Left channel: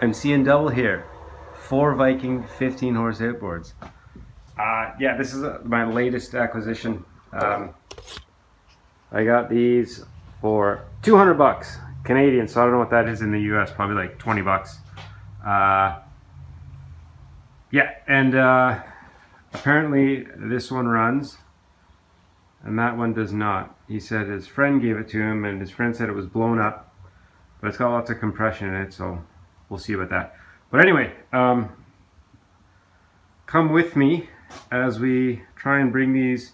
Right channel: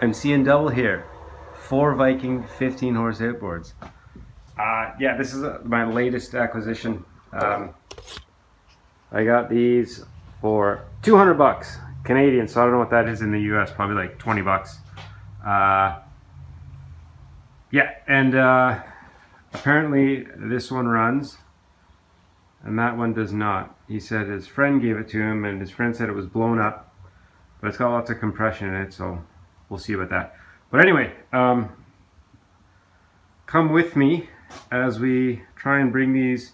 I'm seeing double here. 4 Viking 15 horse outboards. Yeah, this is my latest acquisition. I got these for 200 bucks Canadian, so I don't know what that is in the US, probably like 20 bucks. Yeah, and apparently this one runs and that one does not. He said his friend gave it to him and his friend said it was blown up, but it's got lots of compression in it, so we'll see about that. But anyway, come with me as we try and bring these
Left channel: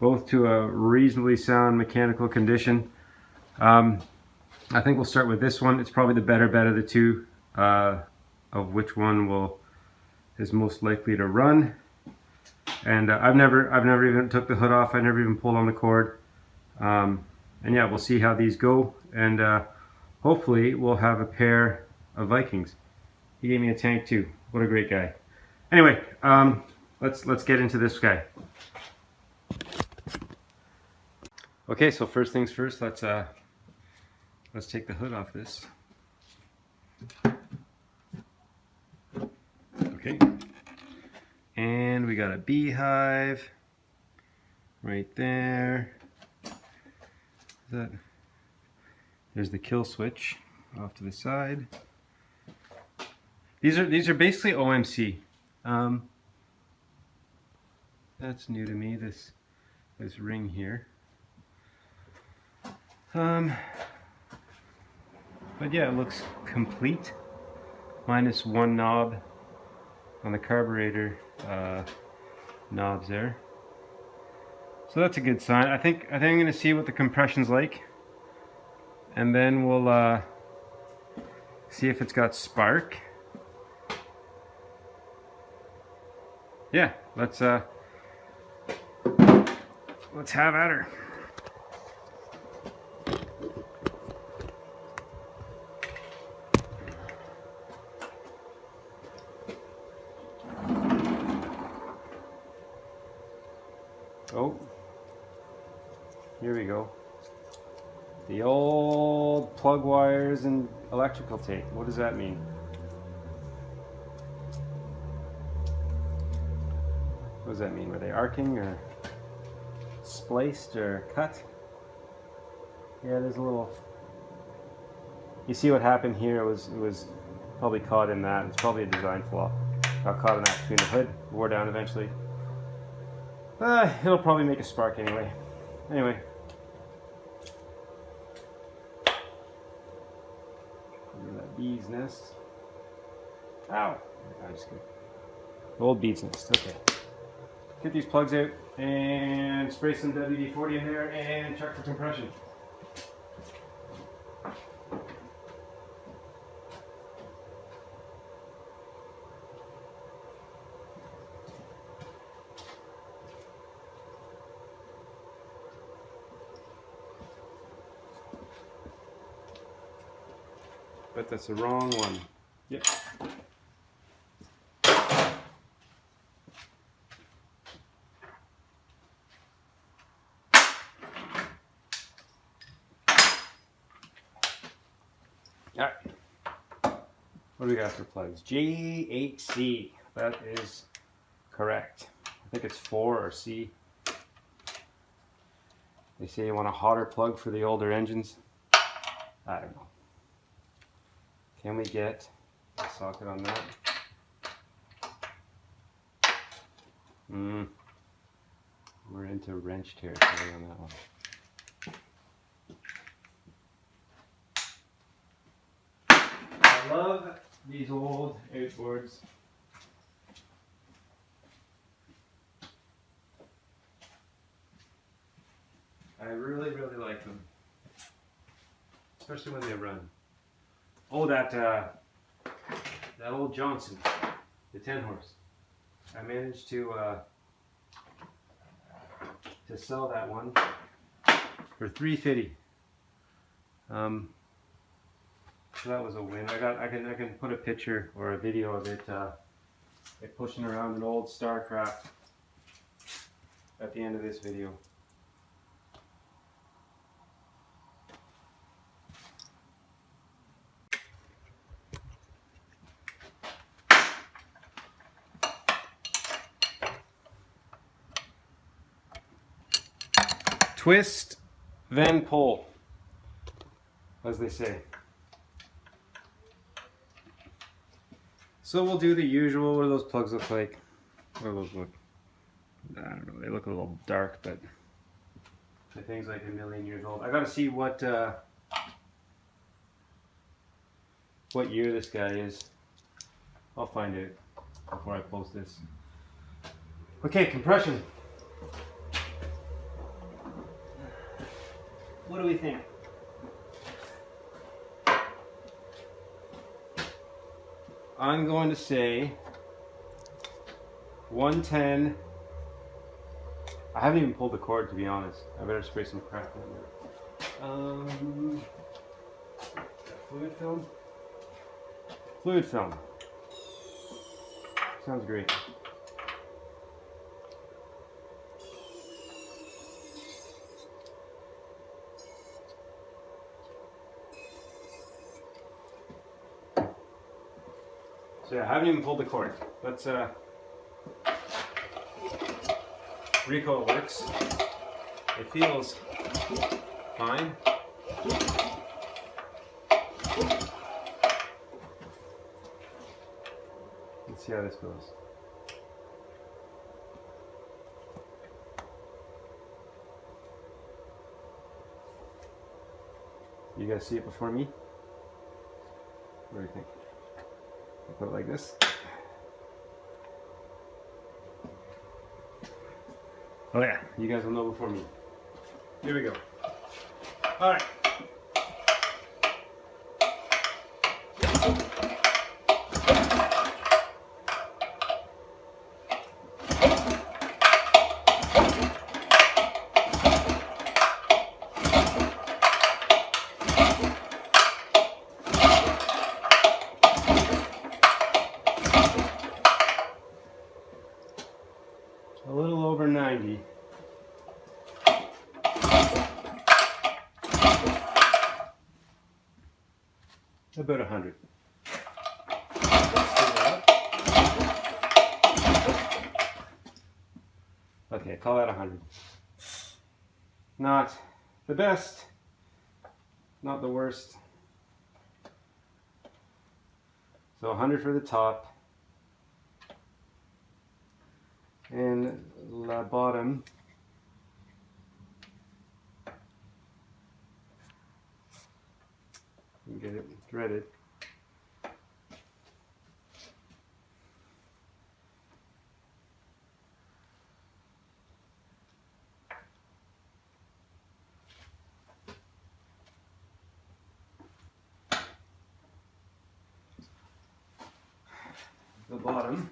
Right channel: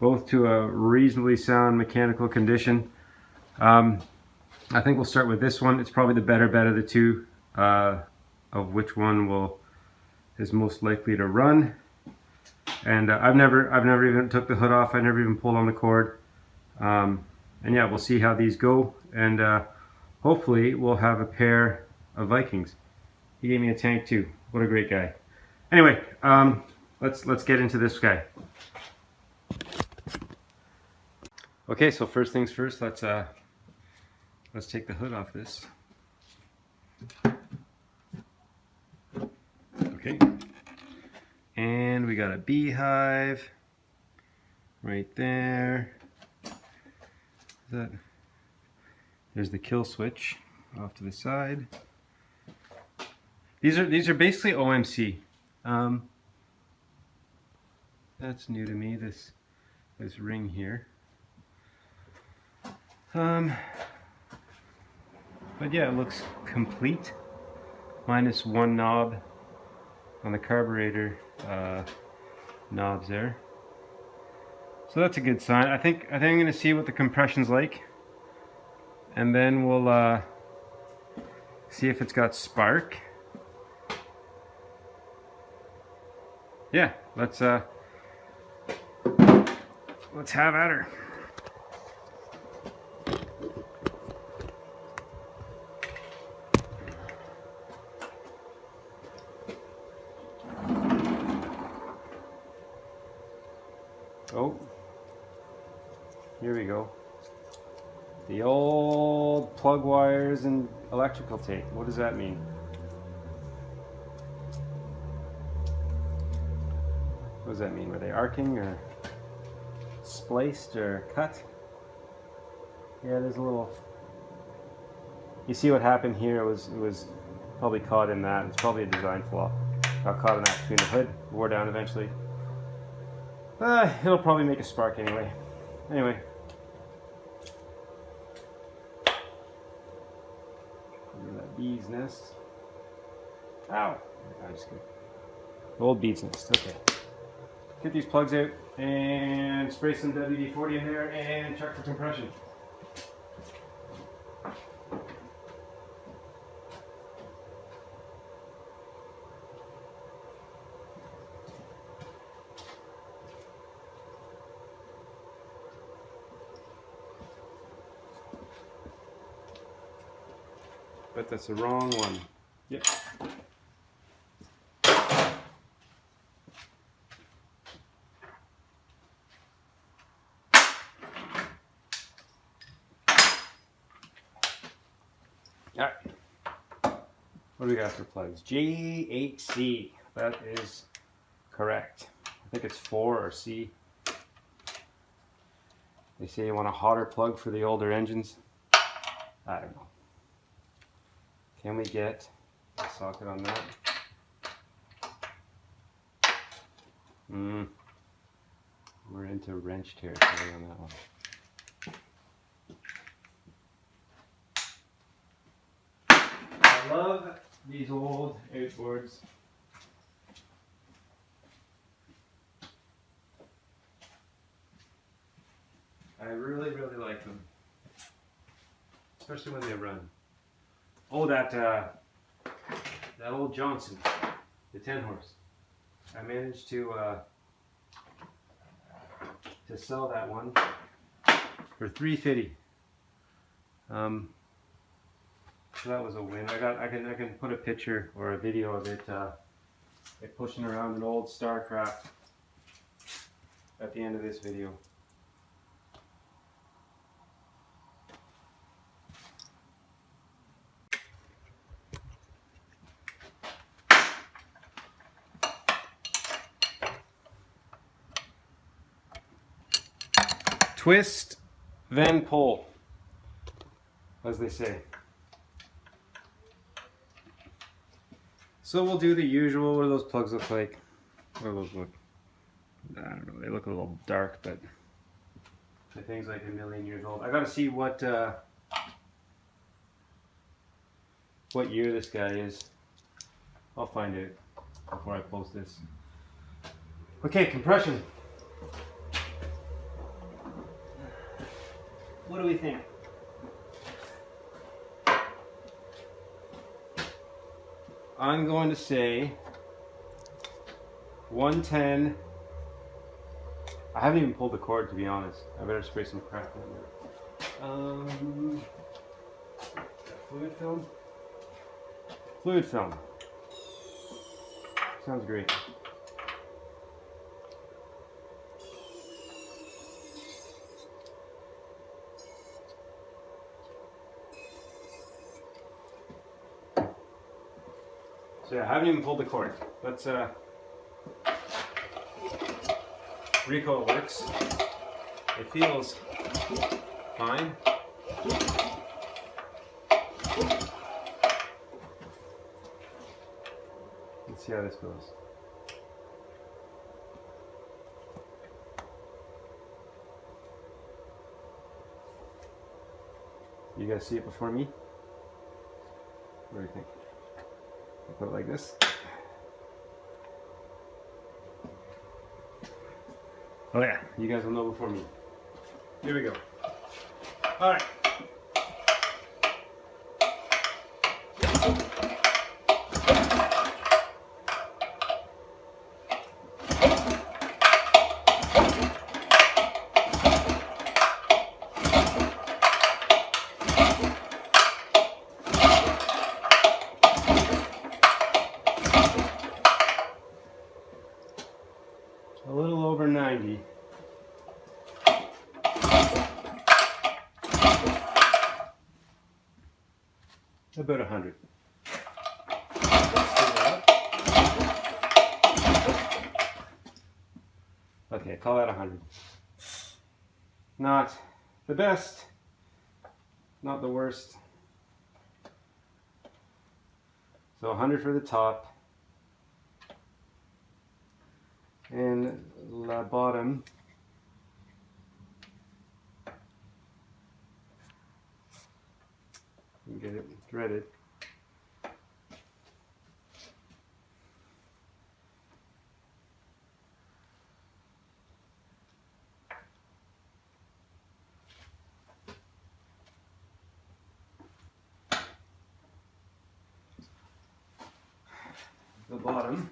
both to a reasonably sound mechanical condition. I think we'll start with this one. It's probably the better bet of the two, of which one is most likely to run. And I've never even took the hood off. I never even pulled on the cord. And yeah, we'll see how these go. And hopefully we'll have a pair of Vikings. He gave me a tank too. What a great guy. Anyway, let's get into this guy. Okay, so first things first, let's take the hood off this. Okay, and we got a beehive right there. There's the kill switch off to the side. These are basically OMC. That's new to me. This ring here. But yeah, it looks complete, minus one knob on the carburetor knobs there. So that's a good sign. I think I'm going to see what the compression's like, and then we'll see if it's got spark. Yeah, let's have at her. Oh, here we go. The old plug wires and electrical tape. What does that mean? What does that mean? Were they arcing or spliced or cut? Yeah, there's a little. You see what happened here? It was probably caught in that. It's probably a design flaw. Got caught in that between the hood. Wore down eventually. It'll probably make a spark anyway. Anyway. Look at that bee's nest. Ow! I just kidding. Old bee's nest. Okay. Get these plugs out and spray some WD-40 in there and check for compression. But that's the wrong one. Yep. Alright. What do we got for plugs? J8C. That is correct. I think it's 4 or C. They say you want a hotter plug for the older engines. I don't know. Can we get a socket on that? We're into wrench territory on that one. I love these old outboards. I really, really like them. Especially when they run. Oh, that old Johnson, the 10 horse. I managed to sell that one for $350. So that was a win. I can put a picture or a video of it pushing around an old Starcraft at the end of this video. twist, then pull, as they say. So we'll do the usual. What do those plugs look like? What do those look? I don't know. They look a little dark, but the thing's like 1,000,000 years old. I gotta see what year this guy is. I'll find out before I post this. Okay, compression. What do we think? I'm going to say 110. I haven't even pulled the cord, to be honest. I better spray some crap on there. Fluid film? Fluid film. Sounds great. So yeah, I haven't even pulled the cord. Let's recoil works. It feels fine. Let's see how this goes. You guys see it before me? What do you think? I'll put it like this. Oh yeah, you guys will know before me. Here we go. All right. A little over 90. About 100. Okay, call that 100. Not the best, not the worst. So 100 for the top. And the bottom, you get it threaded. The bottom.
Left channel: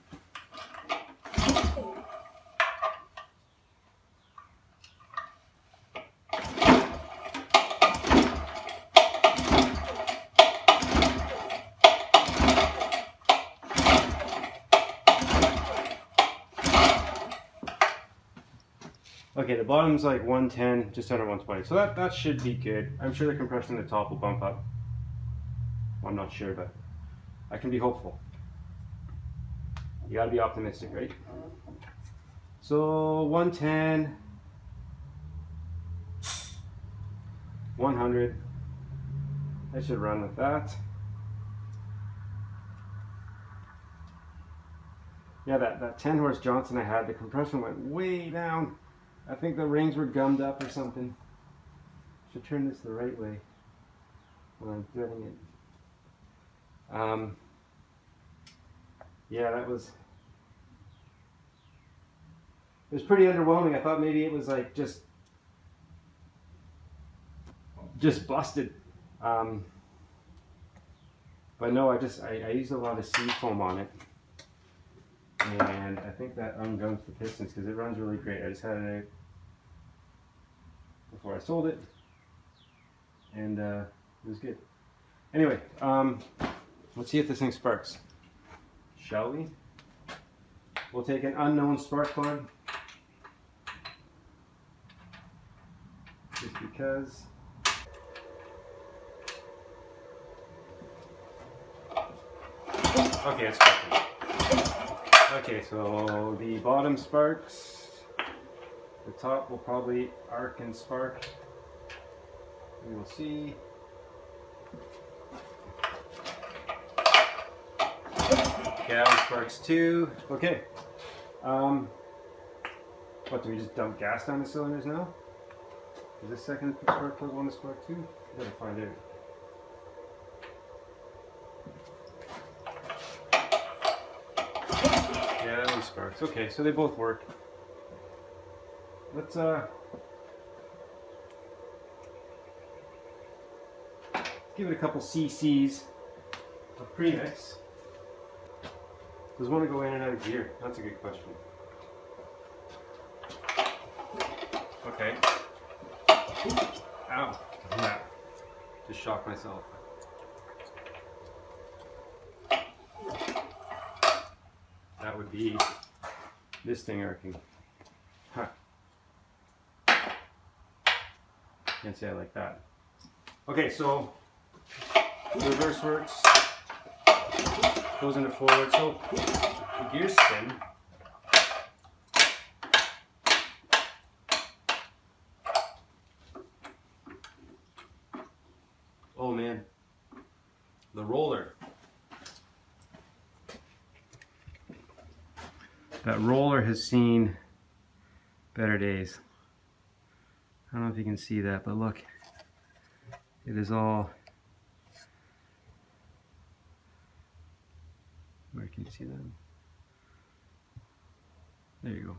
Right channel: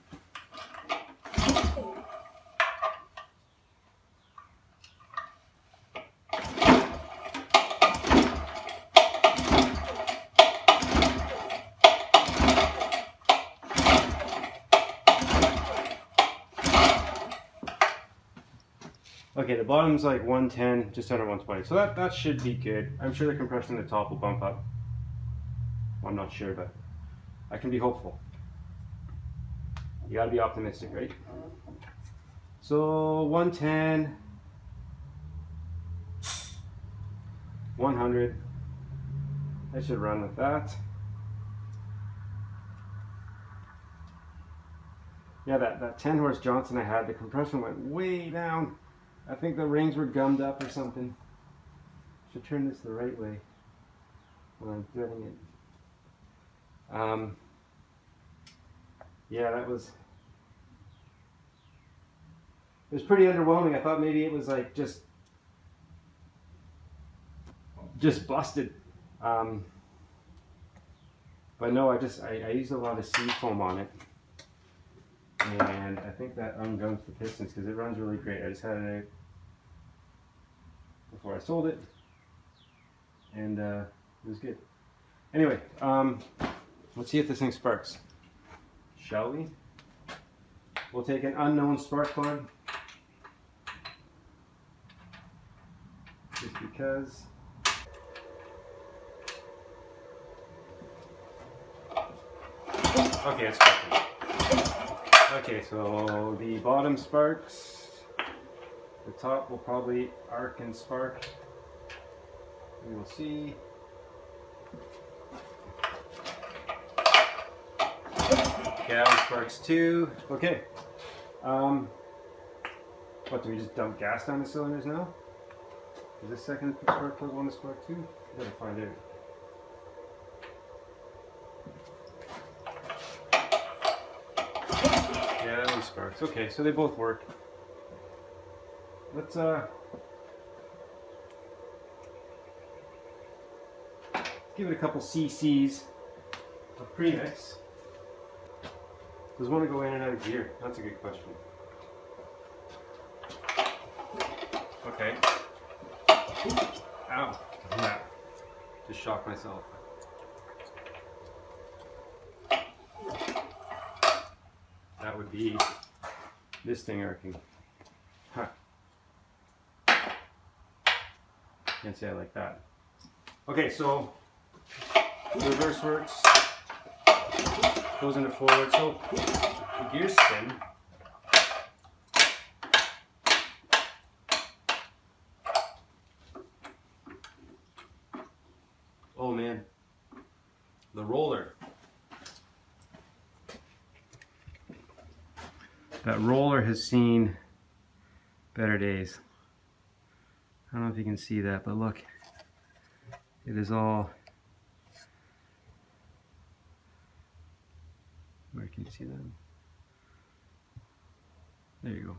Okay, the bottom's like 110, just under 120. So that should be good. I'm sure the compression at the top will bump up. Well, I'm not sure, but I can be hopeful. You gotta be optimistic, right? So 110, 100. I should run with that. Yeah, that 10 horse Johnson I had, the compression went way down. I think the rings were gummed up or something. Should turn this the right way when I'm threading it. Yeah, it was pretty underwhelming. I thought maybe it was like just busted. But no, I used a lot of seafoam on it. And I think that ungums the pistons because it runs really great. I just had it out before I sold it, and it was good. Anyway, let's see if this thing sparks. Shall we? We'll take an unknown spark plug, just because. Okay, it's sparking. Okay, so the bottom sparks. The top will probably arc and spark. We will see. Yeah, it sparks too. Okay. What, do we just dump gas down the cylinders now? Is this second spark plug want to spark too? I gotta find out. Yeah, that one sparks. Okay, so they both work. Let's give it a couple cc's of premix. Does one go in and out of gear? That's a good question. Okay. Ow. Yeah. Just shocked myself. That would be this thing arcing. Huh. Can't say I like that. Okay, so the reverse works. Goes into forward. So the gears spin. Oh man, the roller. That roller has seen better days. I don't know if you can see that, but look, it is all. Where can you see that? There you go.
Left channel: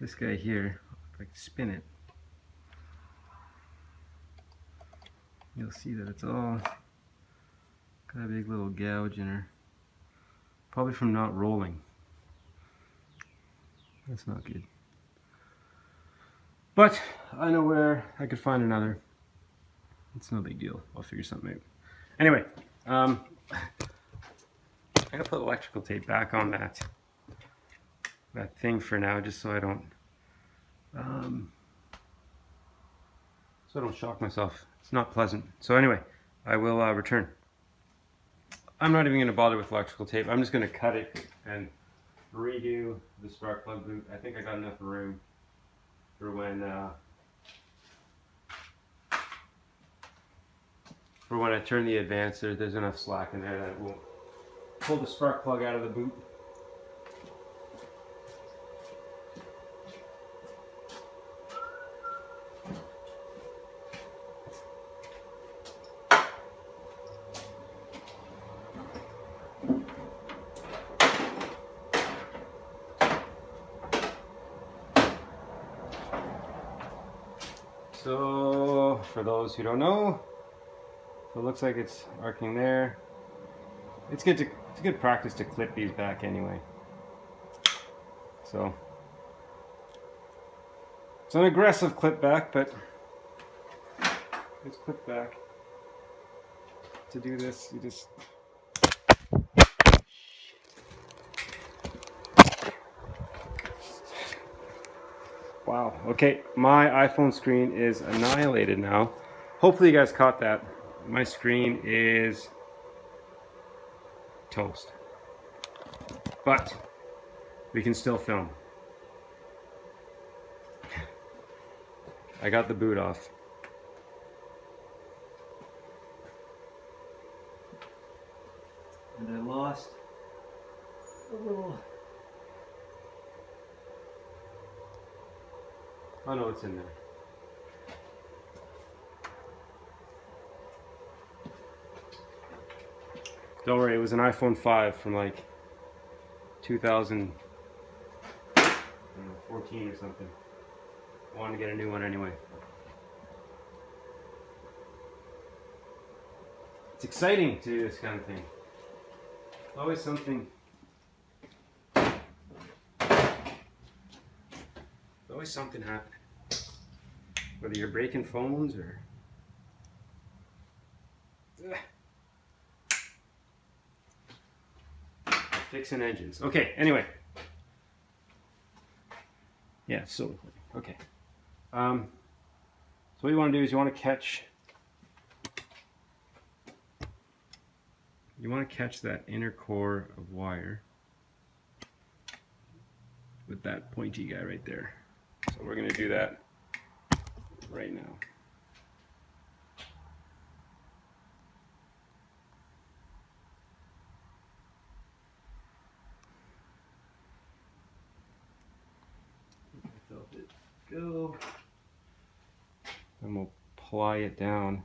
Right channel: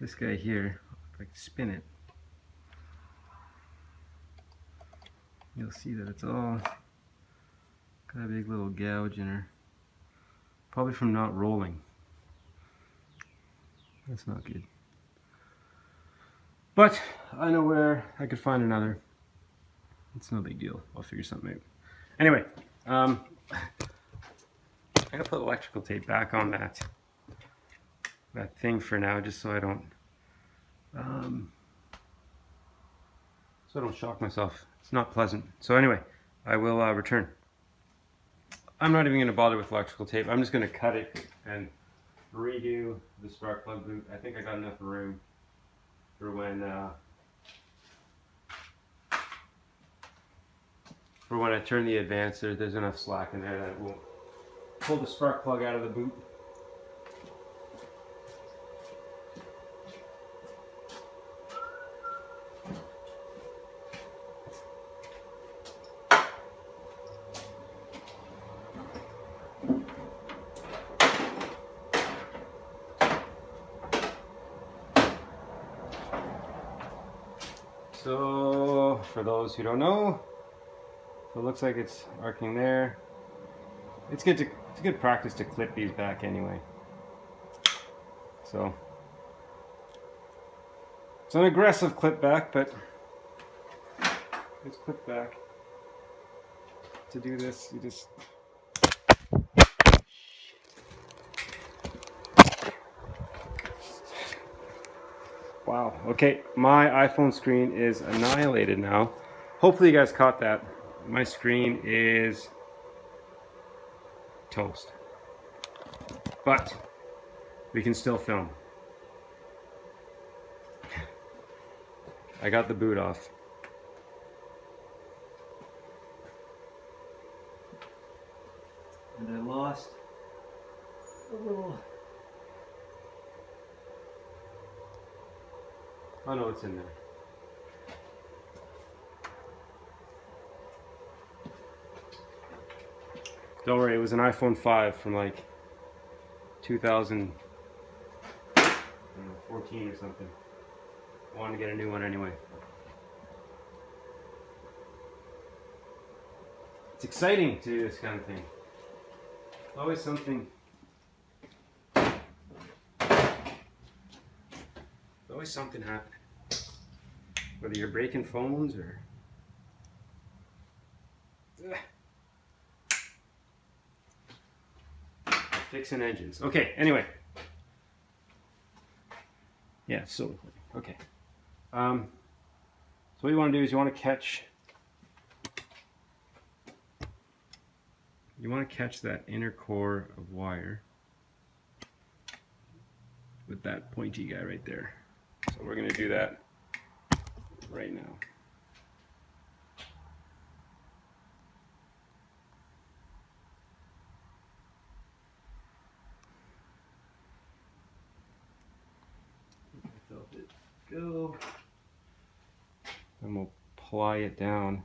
This guy here, if I can spin it, you'll see that it's all got a big little gouge in her. Probably from not rolling. That's not good. But I know where I could find another. It's no big deal. I'll figure something out. Anyway, I'm gonna put electrical tape back on that thing for now, just so I don't shock myself. It's not pleasant. So anyway, I will return. I'm not even gonna bother with electrical tape. I'm just gonna cut it and redo the spark plug boot. I think I got enough room for when I turn the advance. There's enough slack in there that it won't pull the spark plug out of the boot. So, for those who don't know, so it looks like it's arcing there. It's good practice to clip these back anyway. So, it's an aggressive clip back, but it's clip back. To do this, you just. Wow, okay, my iPhone screen is annihilated now. Hopefully you guys caught that. My screen is toast. But we can still film. I got the boot off. And I lost a little. Oh no, it's in there. Don't worry, it was an iPhone 5 from like 2014 or something. I wanted to get a new one anyway. It's exciting to do this kind of thing. Always something. Always something happening. Whether you're breaking phones or fixing engines. Okay, anyway. Yeah, so okay. So what you want to do is you want to catch that inner core of wire with that pointy guy right there. So we're going to do that right now. Let it go. And we'll ply it down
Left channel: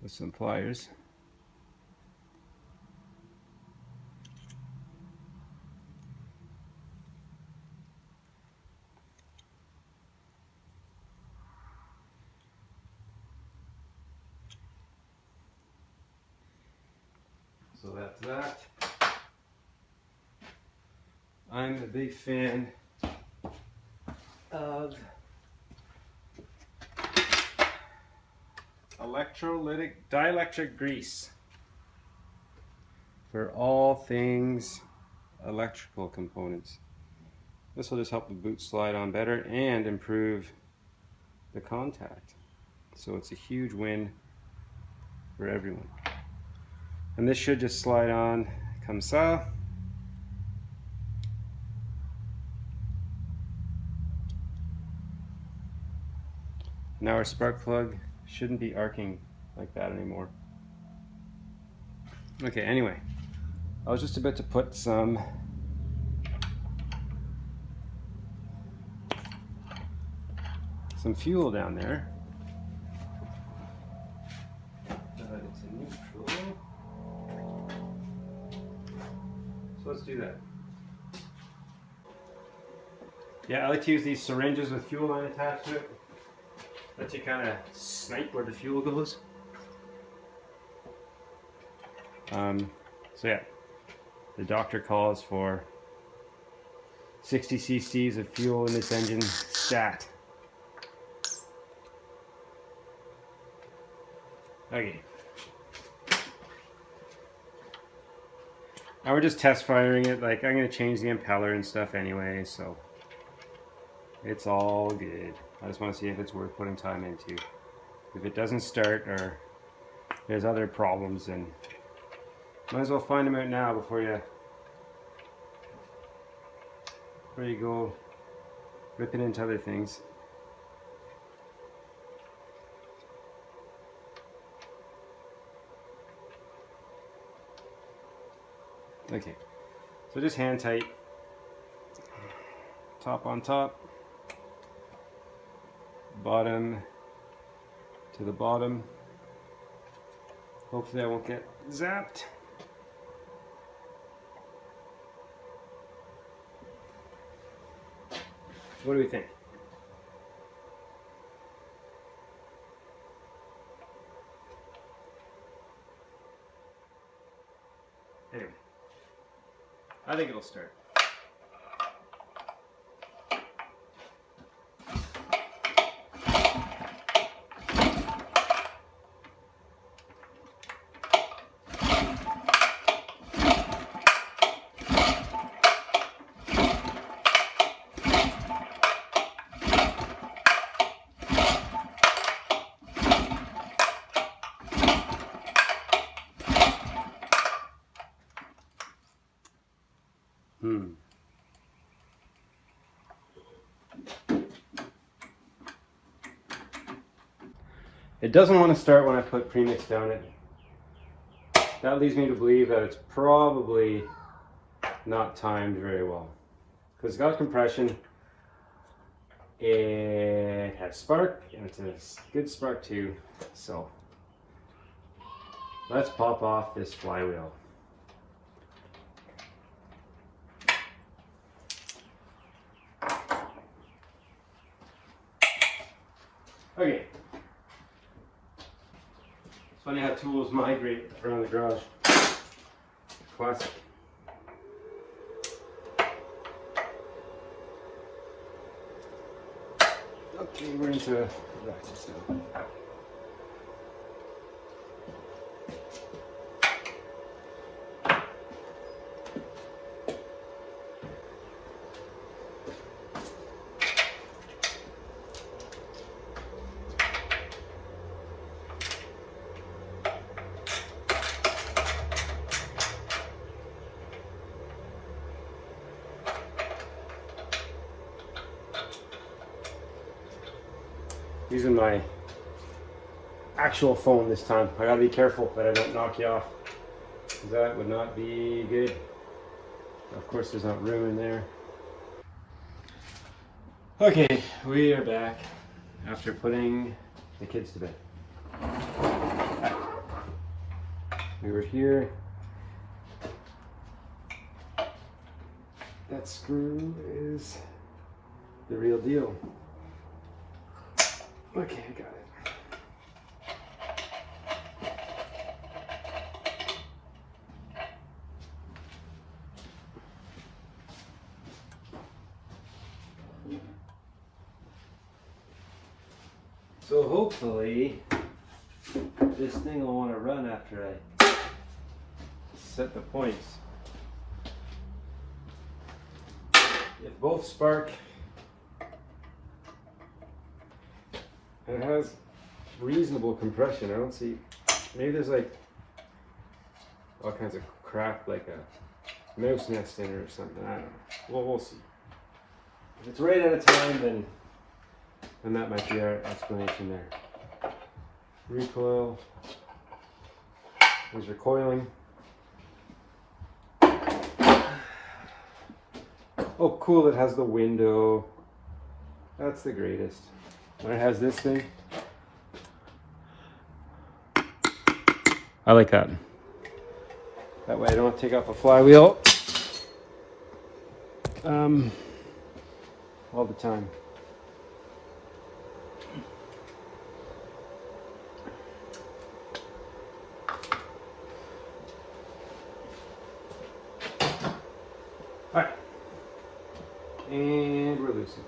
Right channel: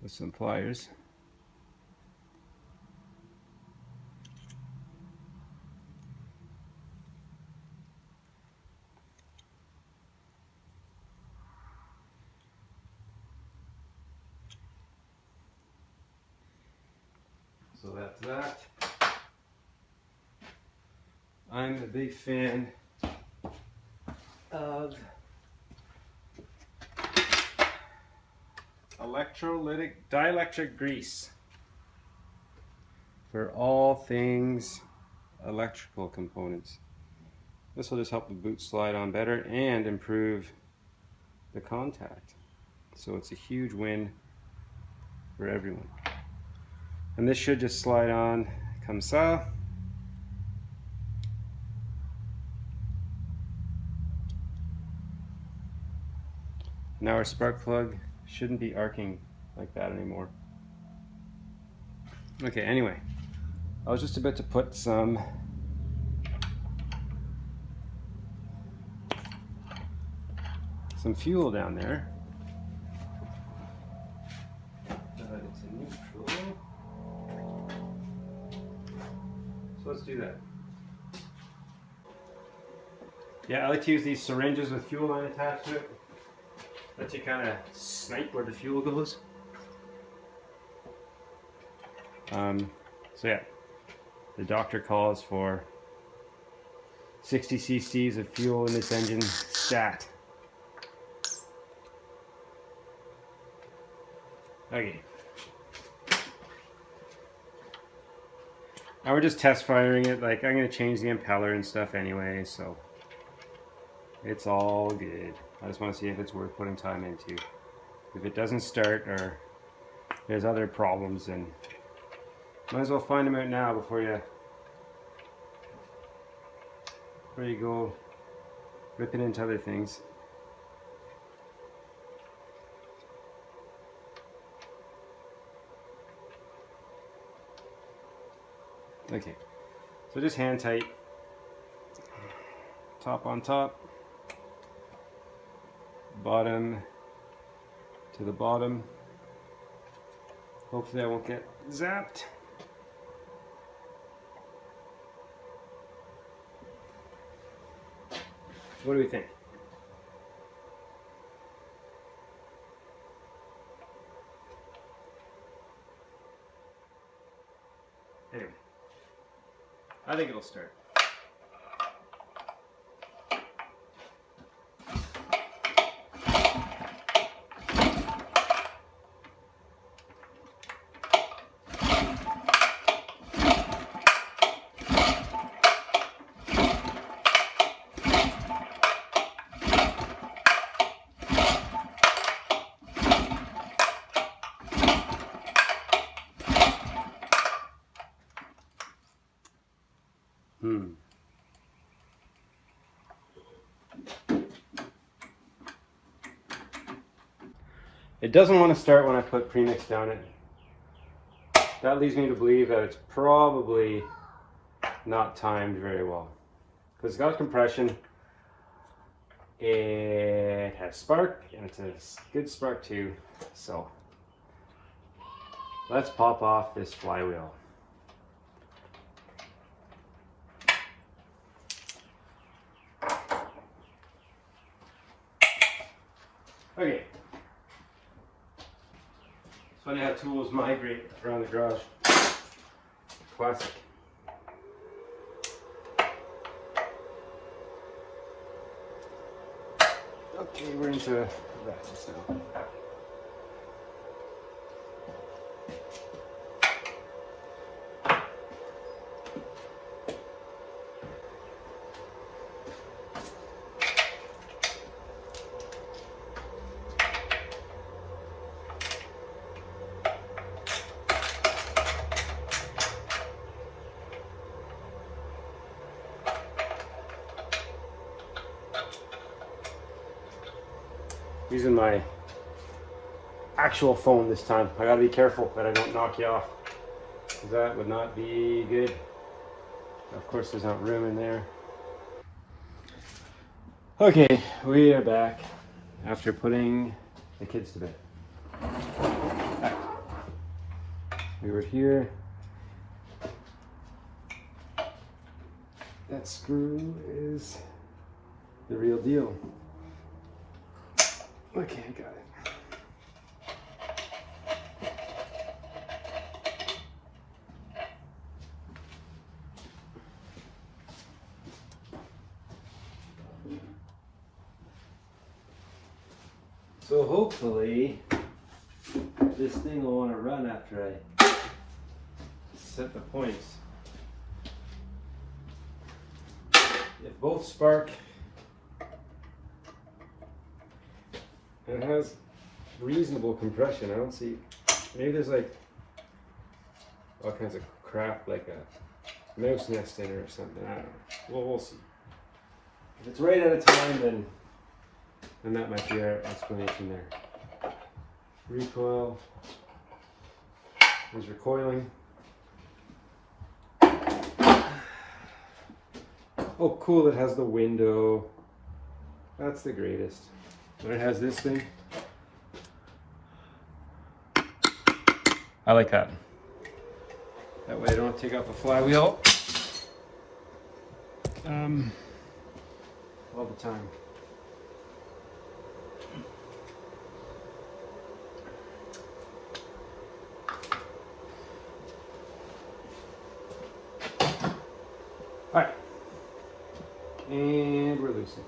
with some pliers. So that's that. I'm a big fan of dielectric grease for all things electrical components. This will just help the boot slide on better and improve the contact. So it's a huge win for everyone. And this should just slide on comme ça. Now our spark plug shouldn't be arcing like that anymore. Okay, anyway, I was just about to put some fuel down there. But it's in neutral. So let's do that. Yeah, I like to use these syringes with fuel line attached to it. Lets you kind of snipe where the fuel goes. So yeah, the doctor calls for 60 cc's of fuel in this engine stat. Okay. Now we're just test firing it. Like, I'm going to change the impeller and stuff anyway, so it's all good. I just want to see if it's worth putting time into. If it doesn't start or there's other problems, then might as well find them out now before you go ripping into other things. Okay, so just hand tight, top on top, bottom to the bottom. Hopefully I won't get zapped. What do we think? Anyway, I think it'll start. It doesn't want to start when I put premix down it. That leads me to believe that it's probably not timed very well. Because it's got compression, it has spark, and it's a good spark too. So let's pop off this flywheel. Okay. Funny how tools migrate around the garage. Classic. Okay, we're into ratchets now. Using my actual phone this time. I gotta be careful that I don't knock you off. That would not be good. Of course, there's not room in there. Okay, we are back after putting the kids to bed. We were here. That screw is the real deal. Okay, I got it. So hopefully this thing will want to run after I set the points. If both spark, and it has reasonable compression. I don't see, maybe there's like all kinds of crap like a mouse nest in it or something. I don't know. Well, we'll see. If it's right at a time, then that might be our explanation there. Recoil. There's your coiling. Oh, cool, it has the window. That's the greatest. And it has this thing. I like that. That way I don't take off a flywheel all the time. All right, and we're loosing.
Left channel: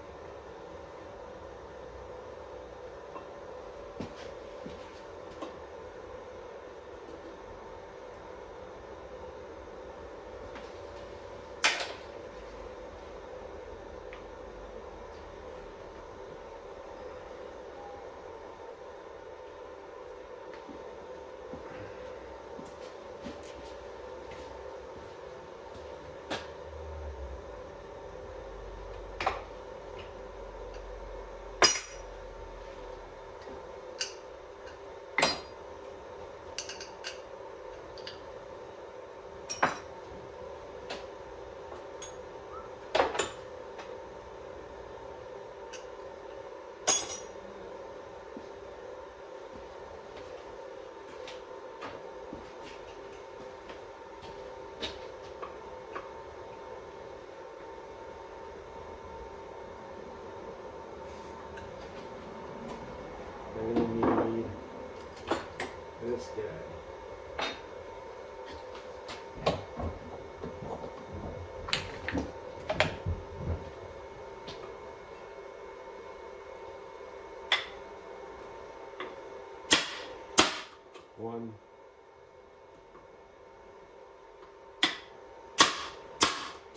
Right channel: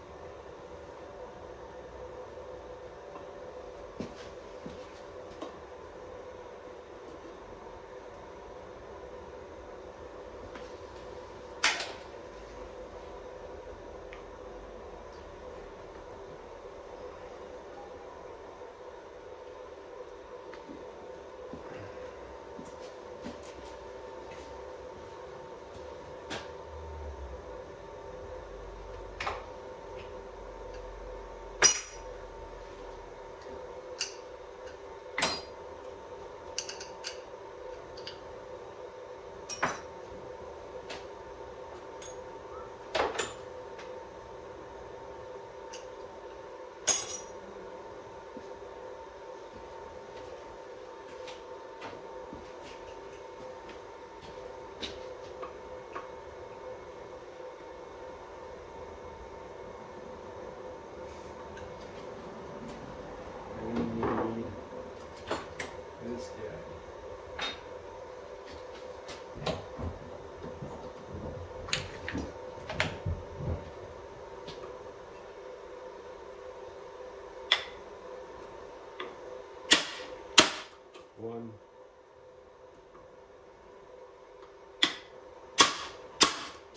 This guy. One.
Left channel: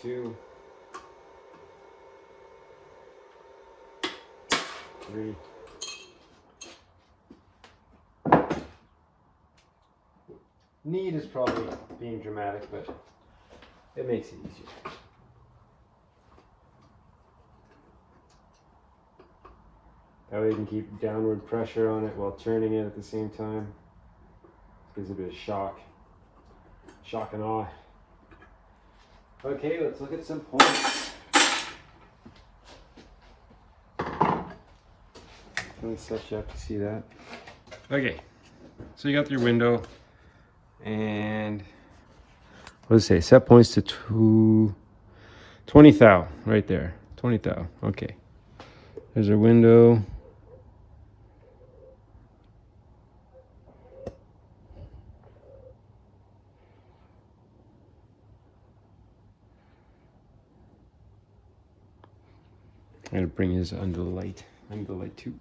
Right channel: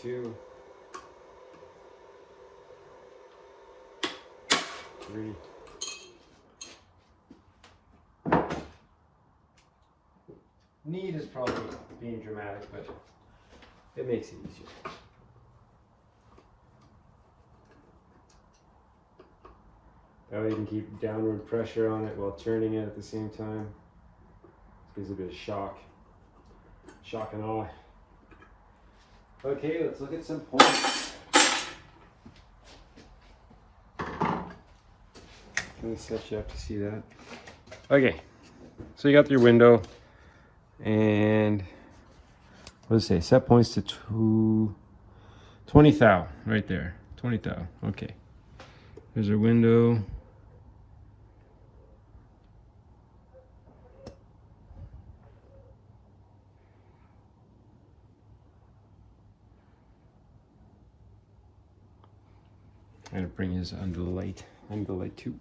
Two. Three. Need is probably being dramatic, but it makes it easier. That way you can keep downward pressure on it while turning it at the same time. Gives a bit of shock and awe. Okay, let's look at some points. Let me set you up to see that. Okay, so you got your window. And what does it say? Set points to 20 thou right there. 20 thou. Okay. There's our window. I'm gonna bring his under the light. Under the light too.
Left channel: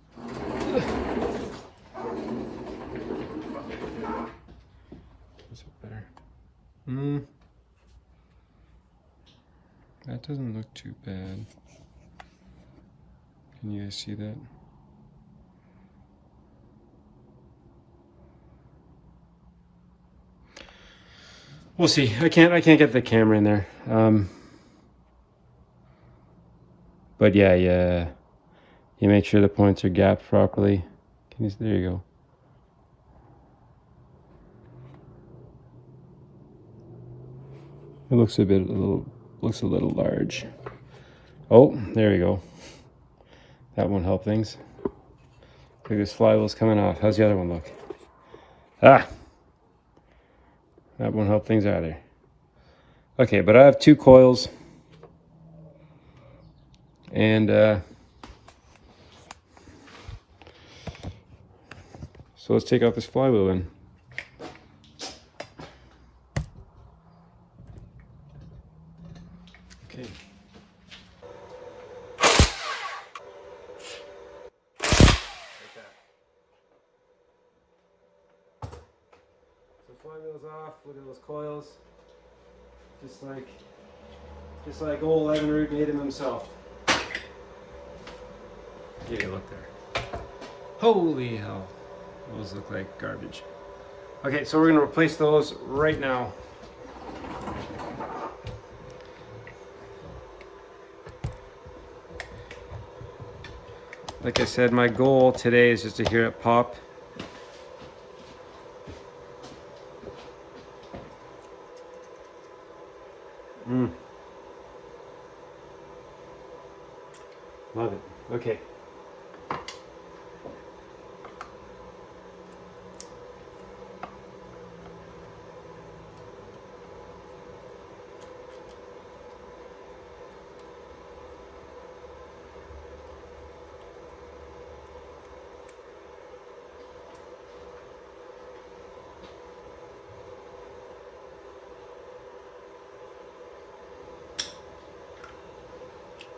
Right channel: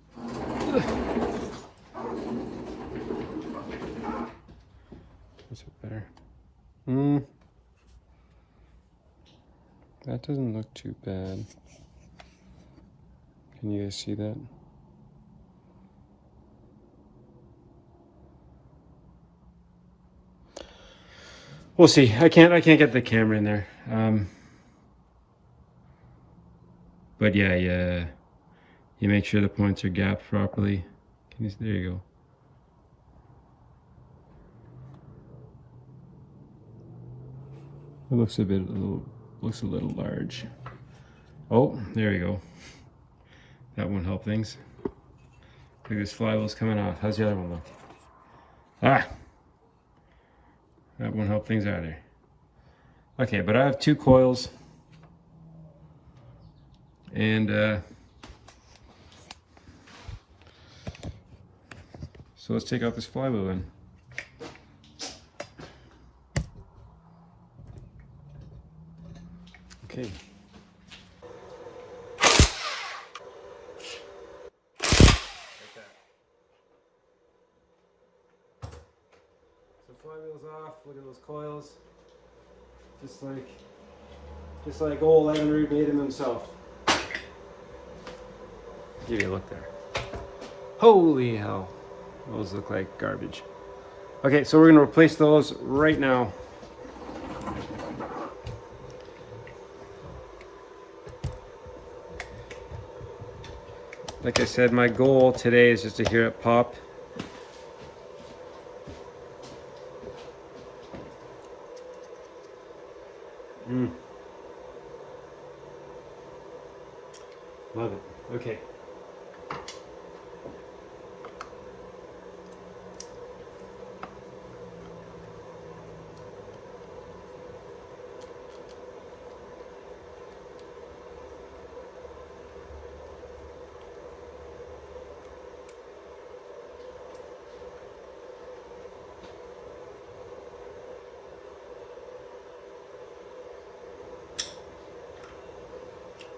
Is it better? That doesn't look too bad. Can you guys see that? We'll see. I can't get the camera in there. But yeah, You make sure the points are gapped properly. There you go. It looks a little large. Oh, there you go. That won't help things. Look, this flywheel's coming off. How's the other one look? Ah! That won't help things either. Okay, but I have 2 coils. And so let's take out this flywheel then. Okay. So flywheel's off. Look at those coils. Just like old Evinrude made him himself. Give you a look there. Holy hell. Those look like garbage. Okay, so we're going to replace those right now. Like I said, my goal today is just to hear it pop. Love it. Okay.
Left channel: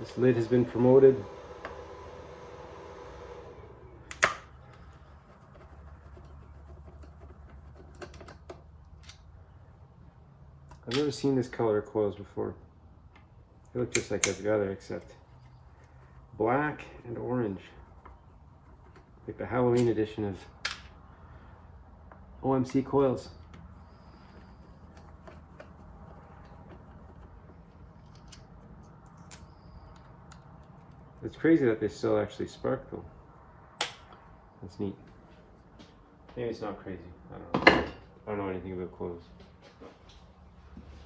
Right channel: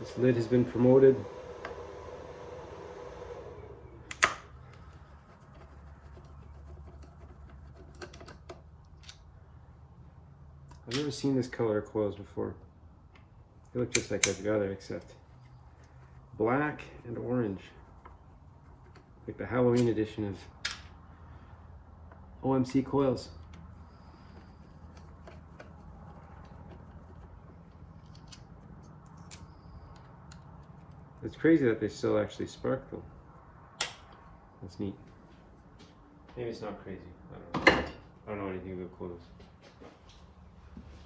This lid has been promoted. I've never seen this color of coils before. They look just like every other except black and orange. Like the Halloween edition of OMC coils. It's crazy that they still actually spark though. That's neat. Maybe it's not crazy. I don't know. I don't know anything about coils.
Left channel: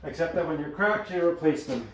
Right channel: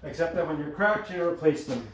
Except that when you're cracked, you replace them.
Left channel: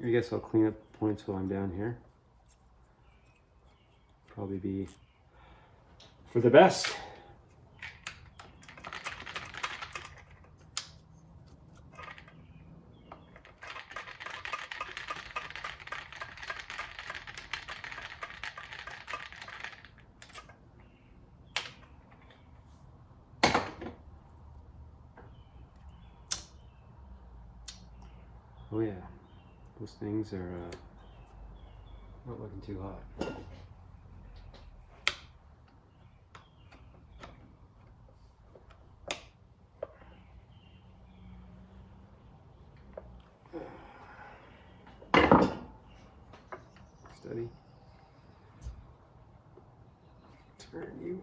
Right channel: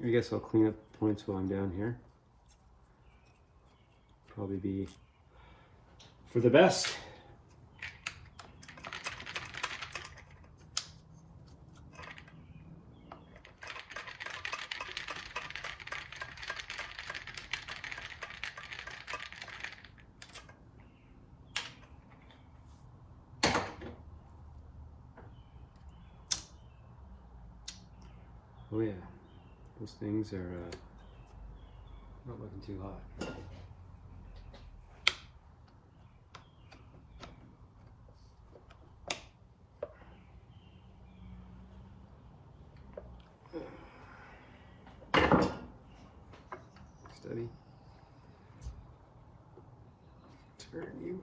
I guess I'll clean up points while I'm down here. Probably be for the best. Oh yeah. Those things are not looking too hot. Steady. Turn you.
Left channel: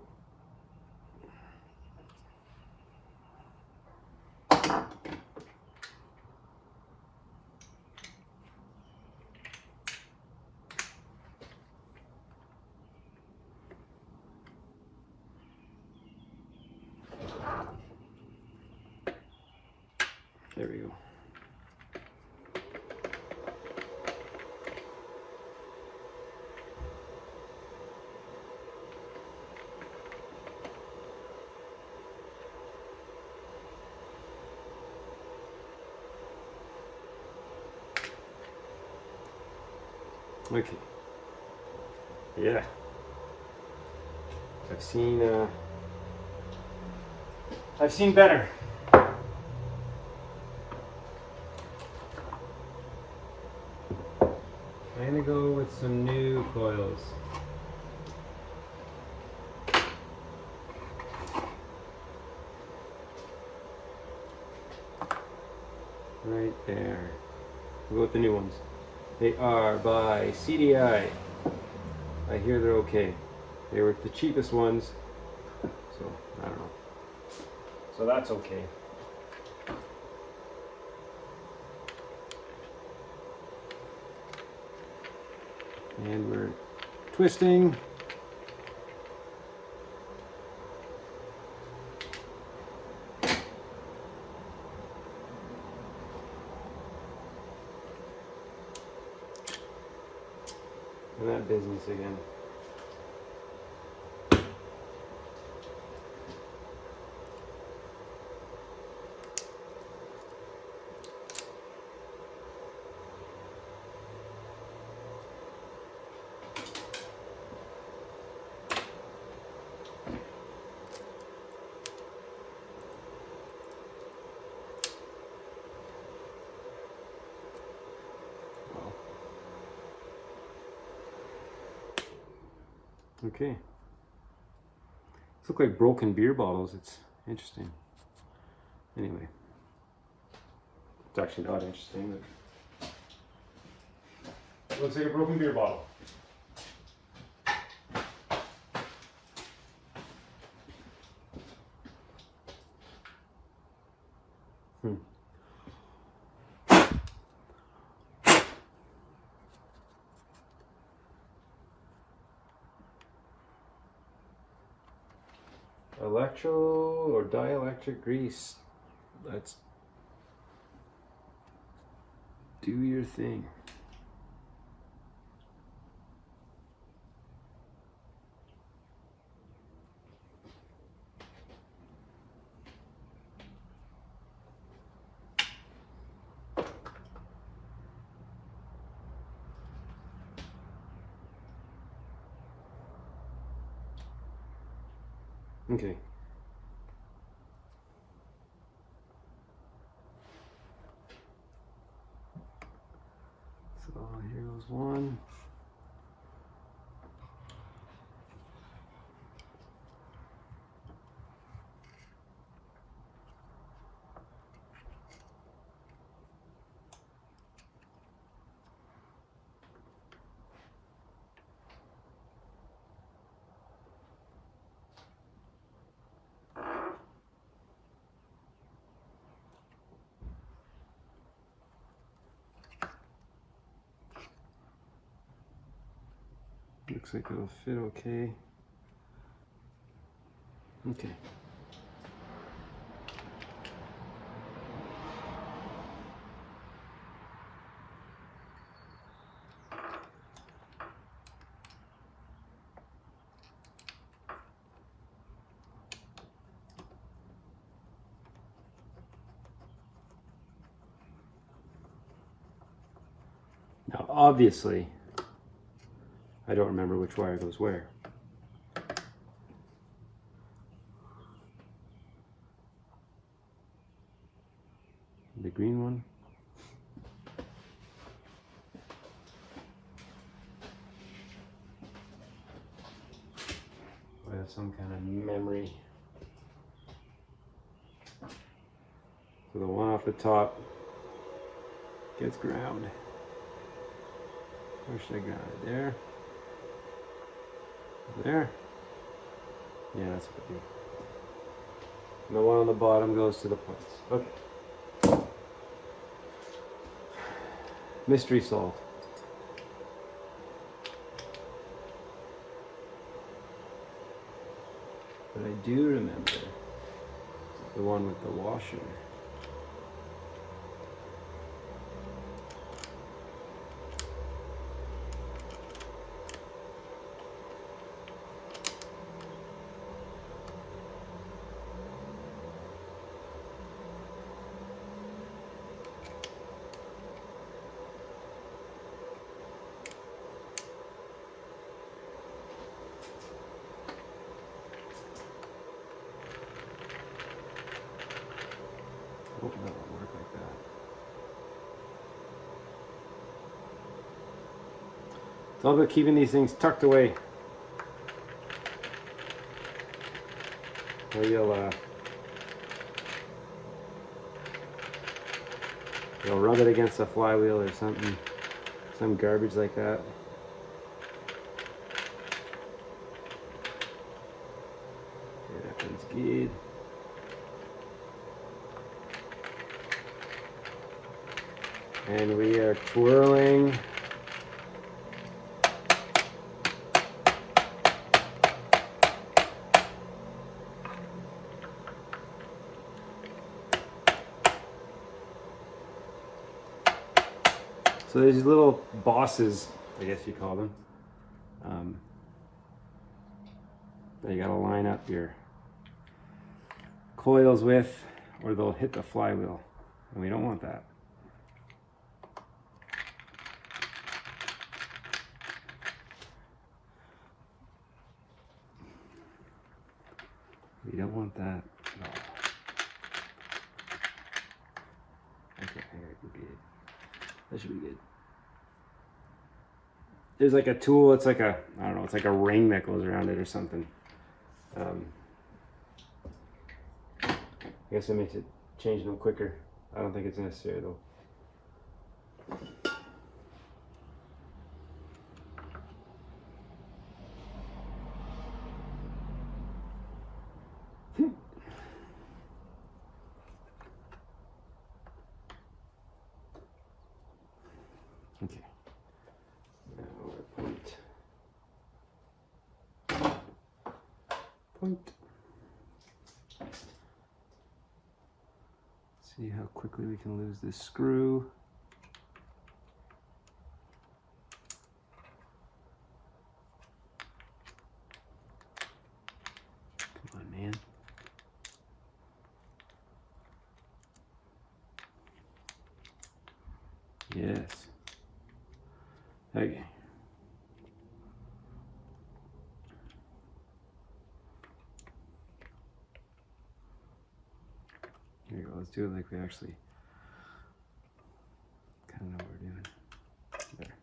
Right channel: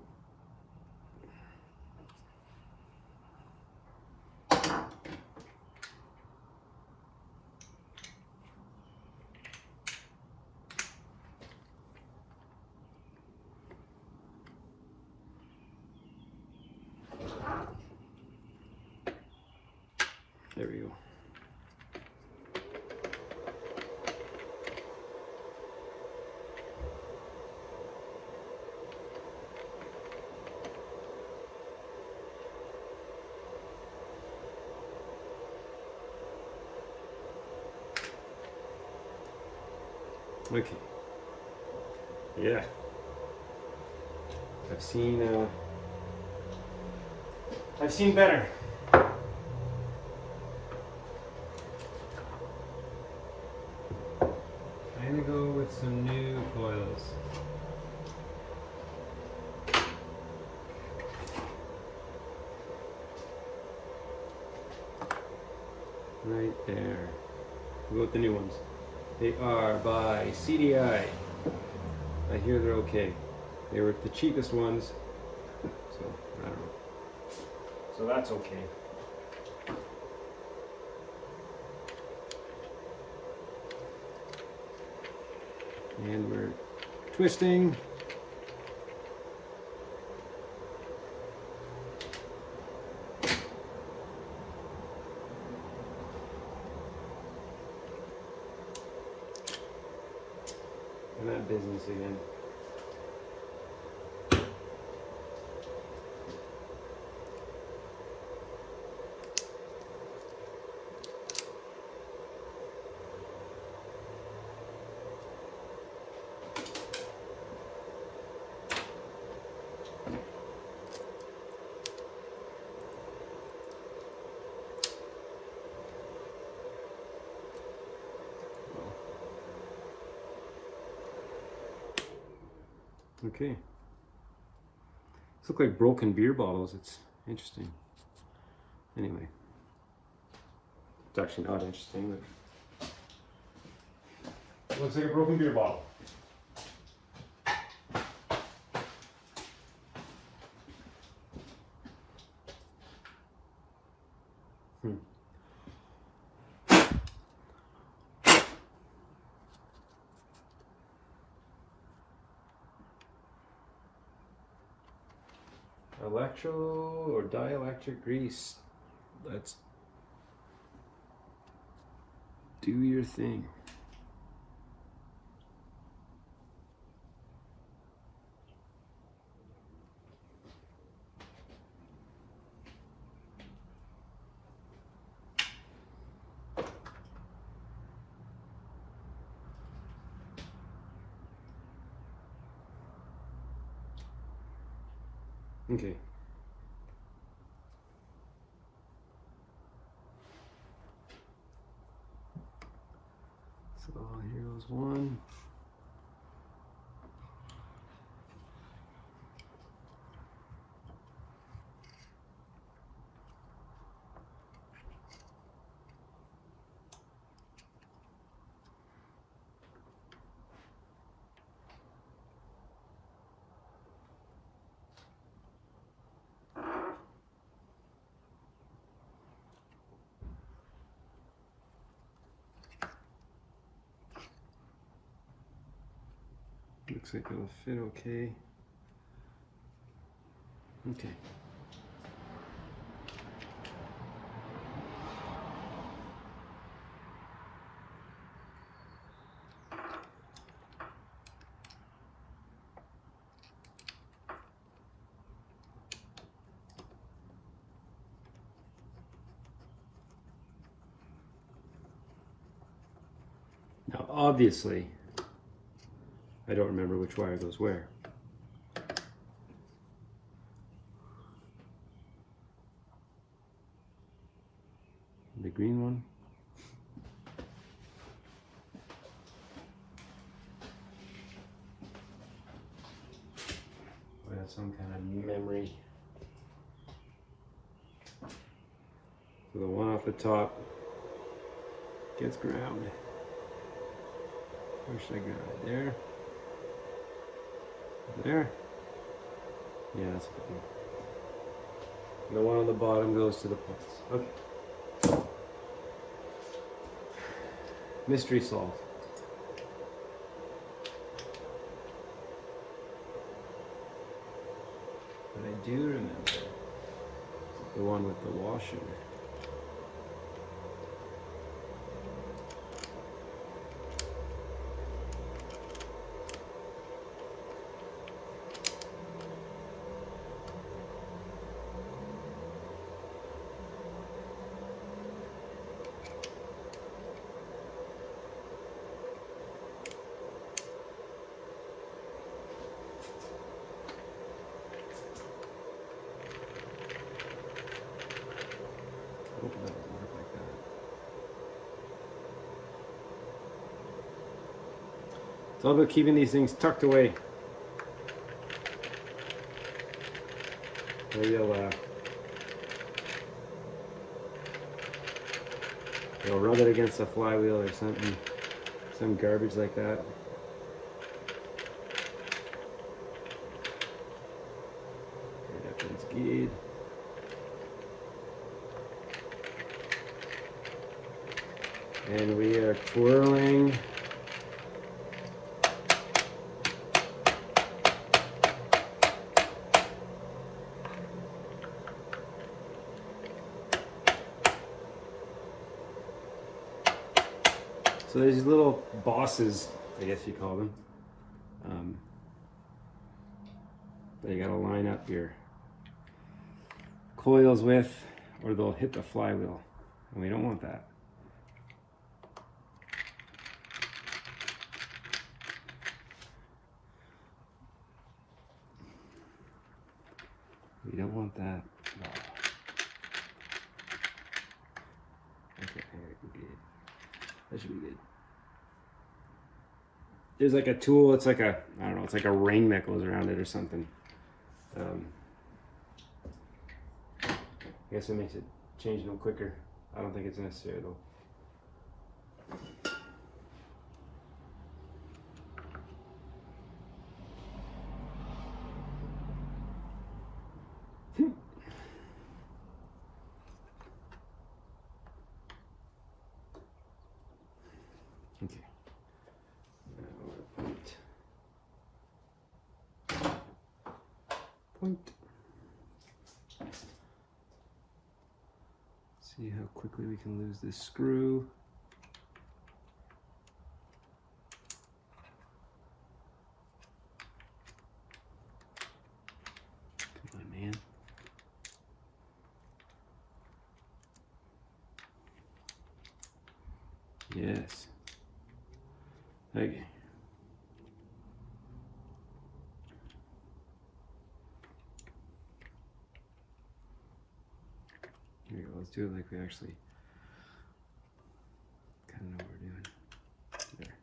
There we go. Okay. Yeah. I've seen I've seen better. I'm gonna go with some new coils. Right there. We'll go with the new ones. They are by CDI. I hear they're okay. They were the cheapest ones, so I don't know. So that's okay. And we're twisting. And that business again. Okay. These look like broken beer bottles. It's interesting. Anyway. It's actually not interesting. But looks like a broken beer bottle. Electro or dielectric grease. Let's do your thing. Okay. So here goes one. Looks like it'll fit okay. Okay. Now, obviously, I don't remember which wire goes where. The green one. I have some kind of memory. So the one off the top gets ground. Where should I ground it? There? There? Yeah, that's what I do. And the one on the bottom goes to the points. Okay. Mystery solved. But I do remember the one with the washer. It's all about keeping these things tucked away. So you'll rub it against a flywheel or something, some garbage like that. Everything's good. And we are twirling. So there's these little bosses, I guess you call them, that you gotta line up your coils with, or they'll hit the flywheel, and we don't want that. We don't want that at all. Okay, I think I can get it. That should be good. There's like a tool, it's like a, I don't know, it's like a ring that goes around it or something. I guess it makes it change them quicker. I don't think it's necessary though. Okay. Point. See how quickly we can lose this screw. Come on, man. Yes. Okay. There you go. Let's do it like we actually kind of know what we're doing. There.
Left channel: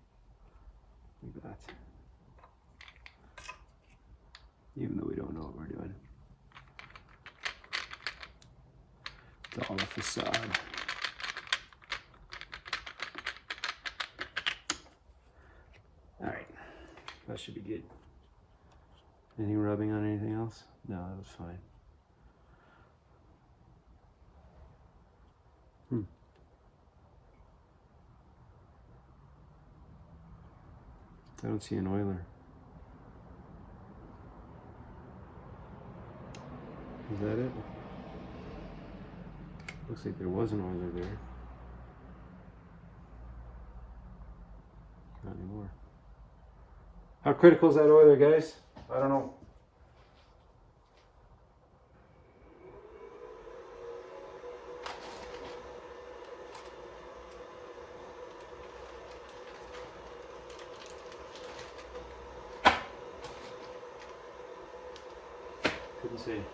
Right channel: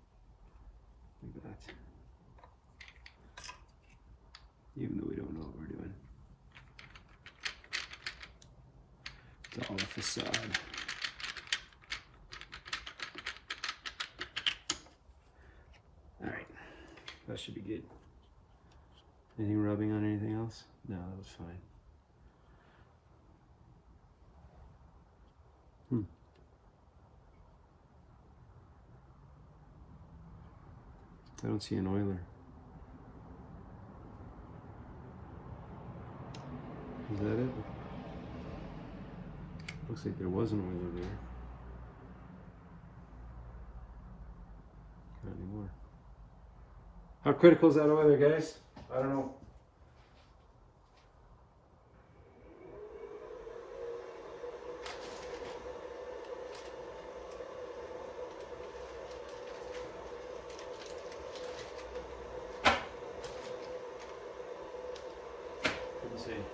Like that. Even though we don't know what we're doing. It's all a facade. Alright. That should be good. Anything rubbing on anything else? No, that was fine. I don't see an oiler. Is that it? Looks like there was an oiler there. Not anymore. How critical is that oiler, guys? I don't know. Couldn't see.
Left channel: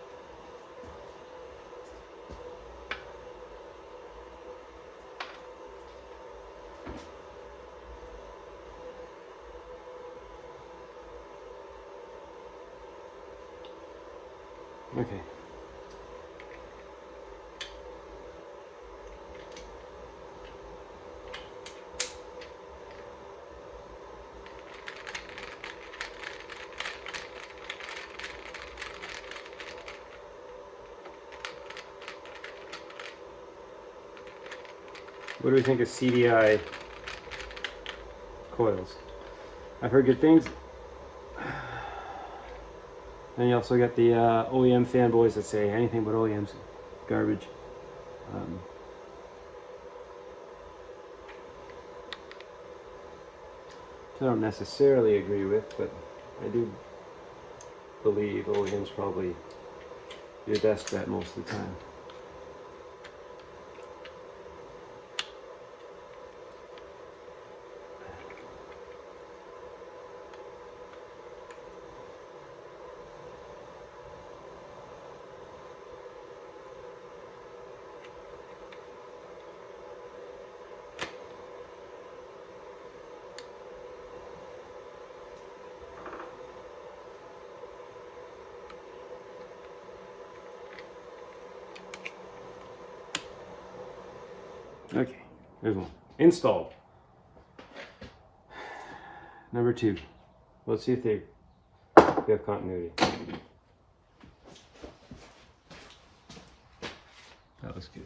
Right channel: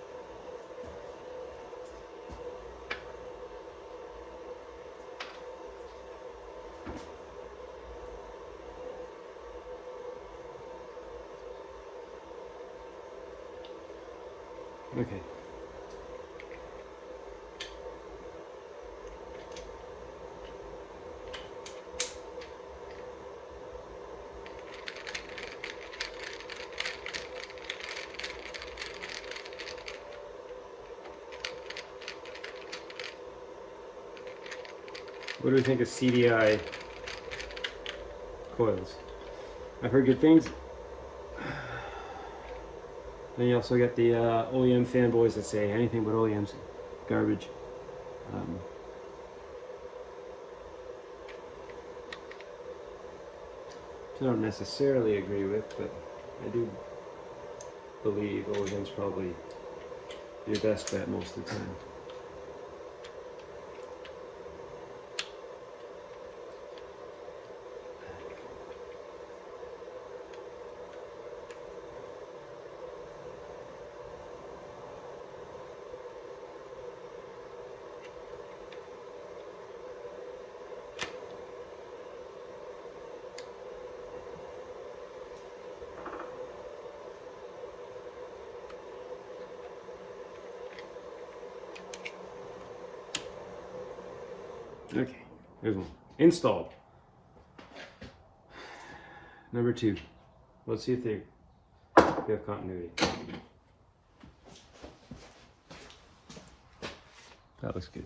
Okay. What do we think of CDI coils? I've heard good things. Then you also get the OEM fanboys that say anything but OEM's garbage. Which I don't necessarily agree with, but I do believe OEM's probably your best bet most of the time. Okay, here's one. Installed. Number 2. Let's see if they have continuity. That looks good.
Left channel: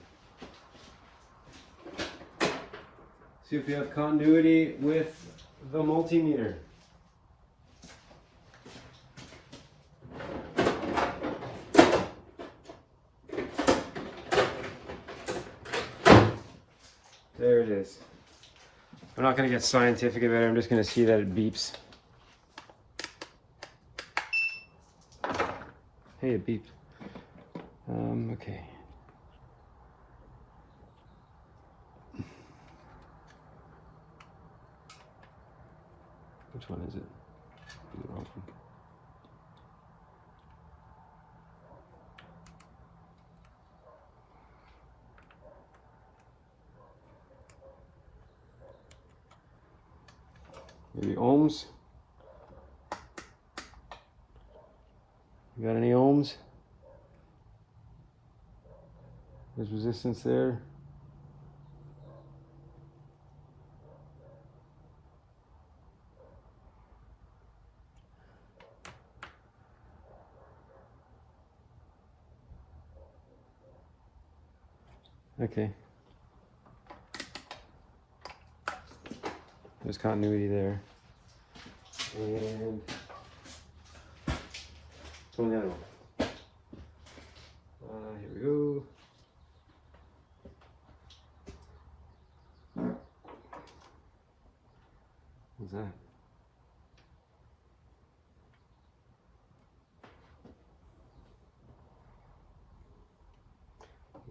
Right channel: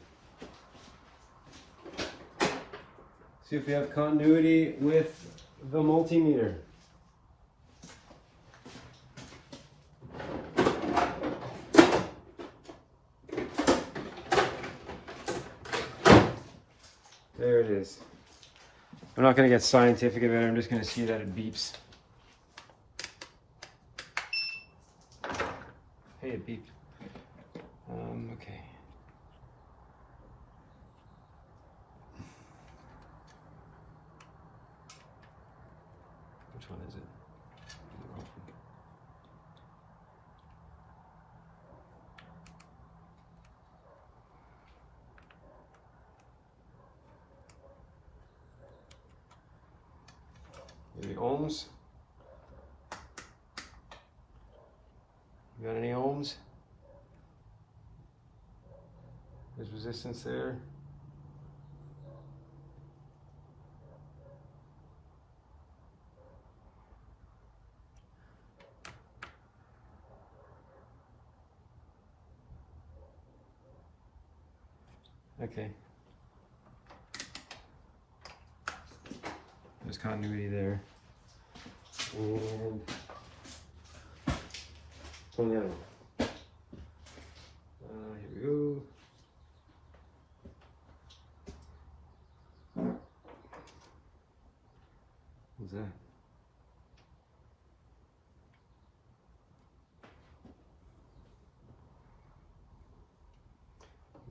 See if we have continuity with the multimeter. There it is. I'm not going to get scientific about it, I'm just going to see that it beeps. Hey, it beeped. Okay. Which one is it? Maybe ohms? You got any ohms? There's resistance there. Okay. There's continuity there. And on the other one. Here we go. What's that?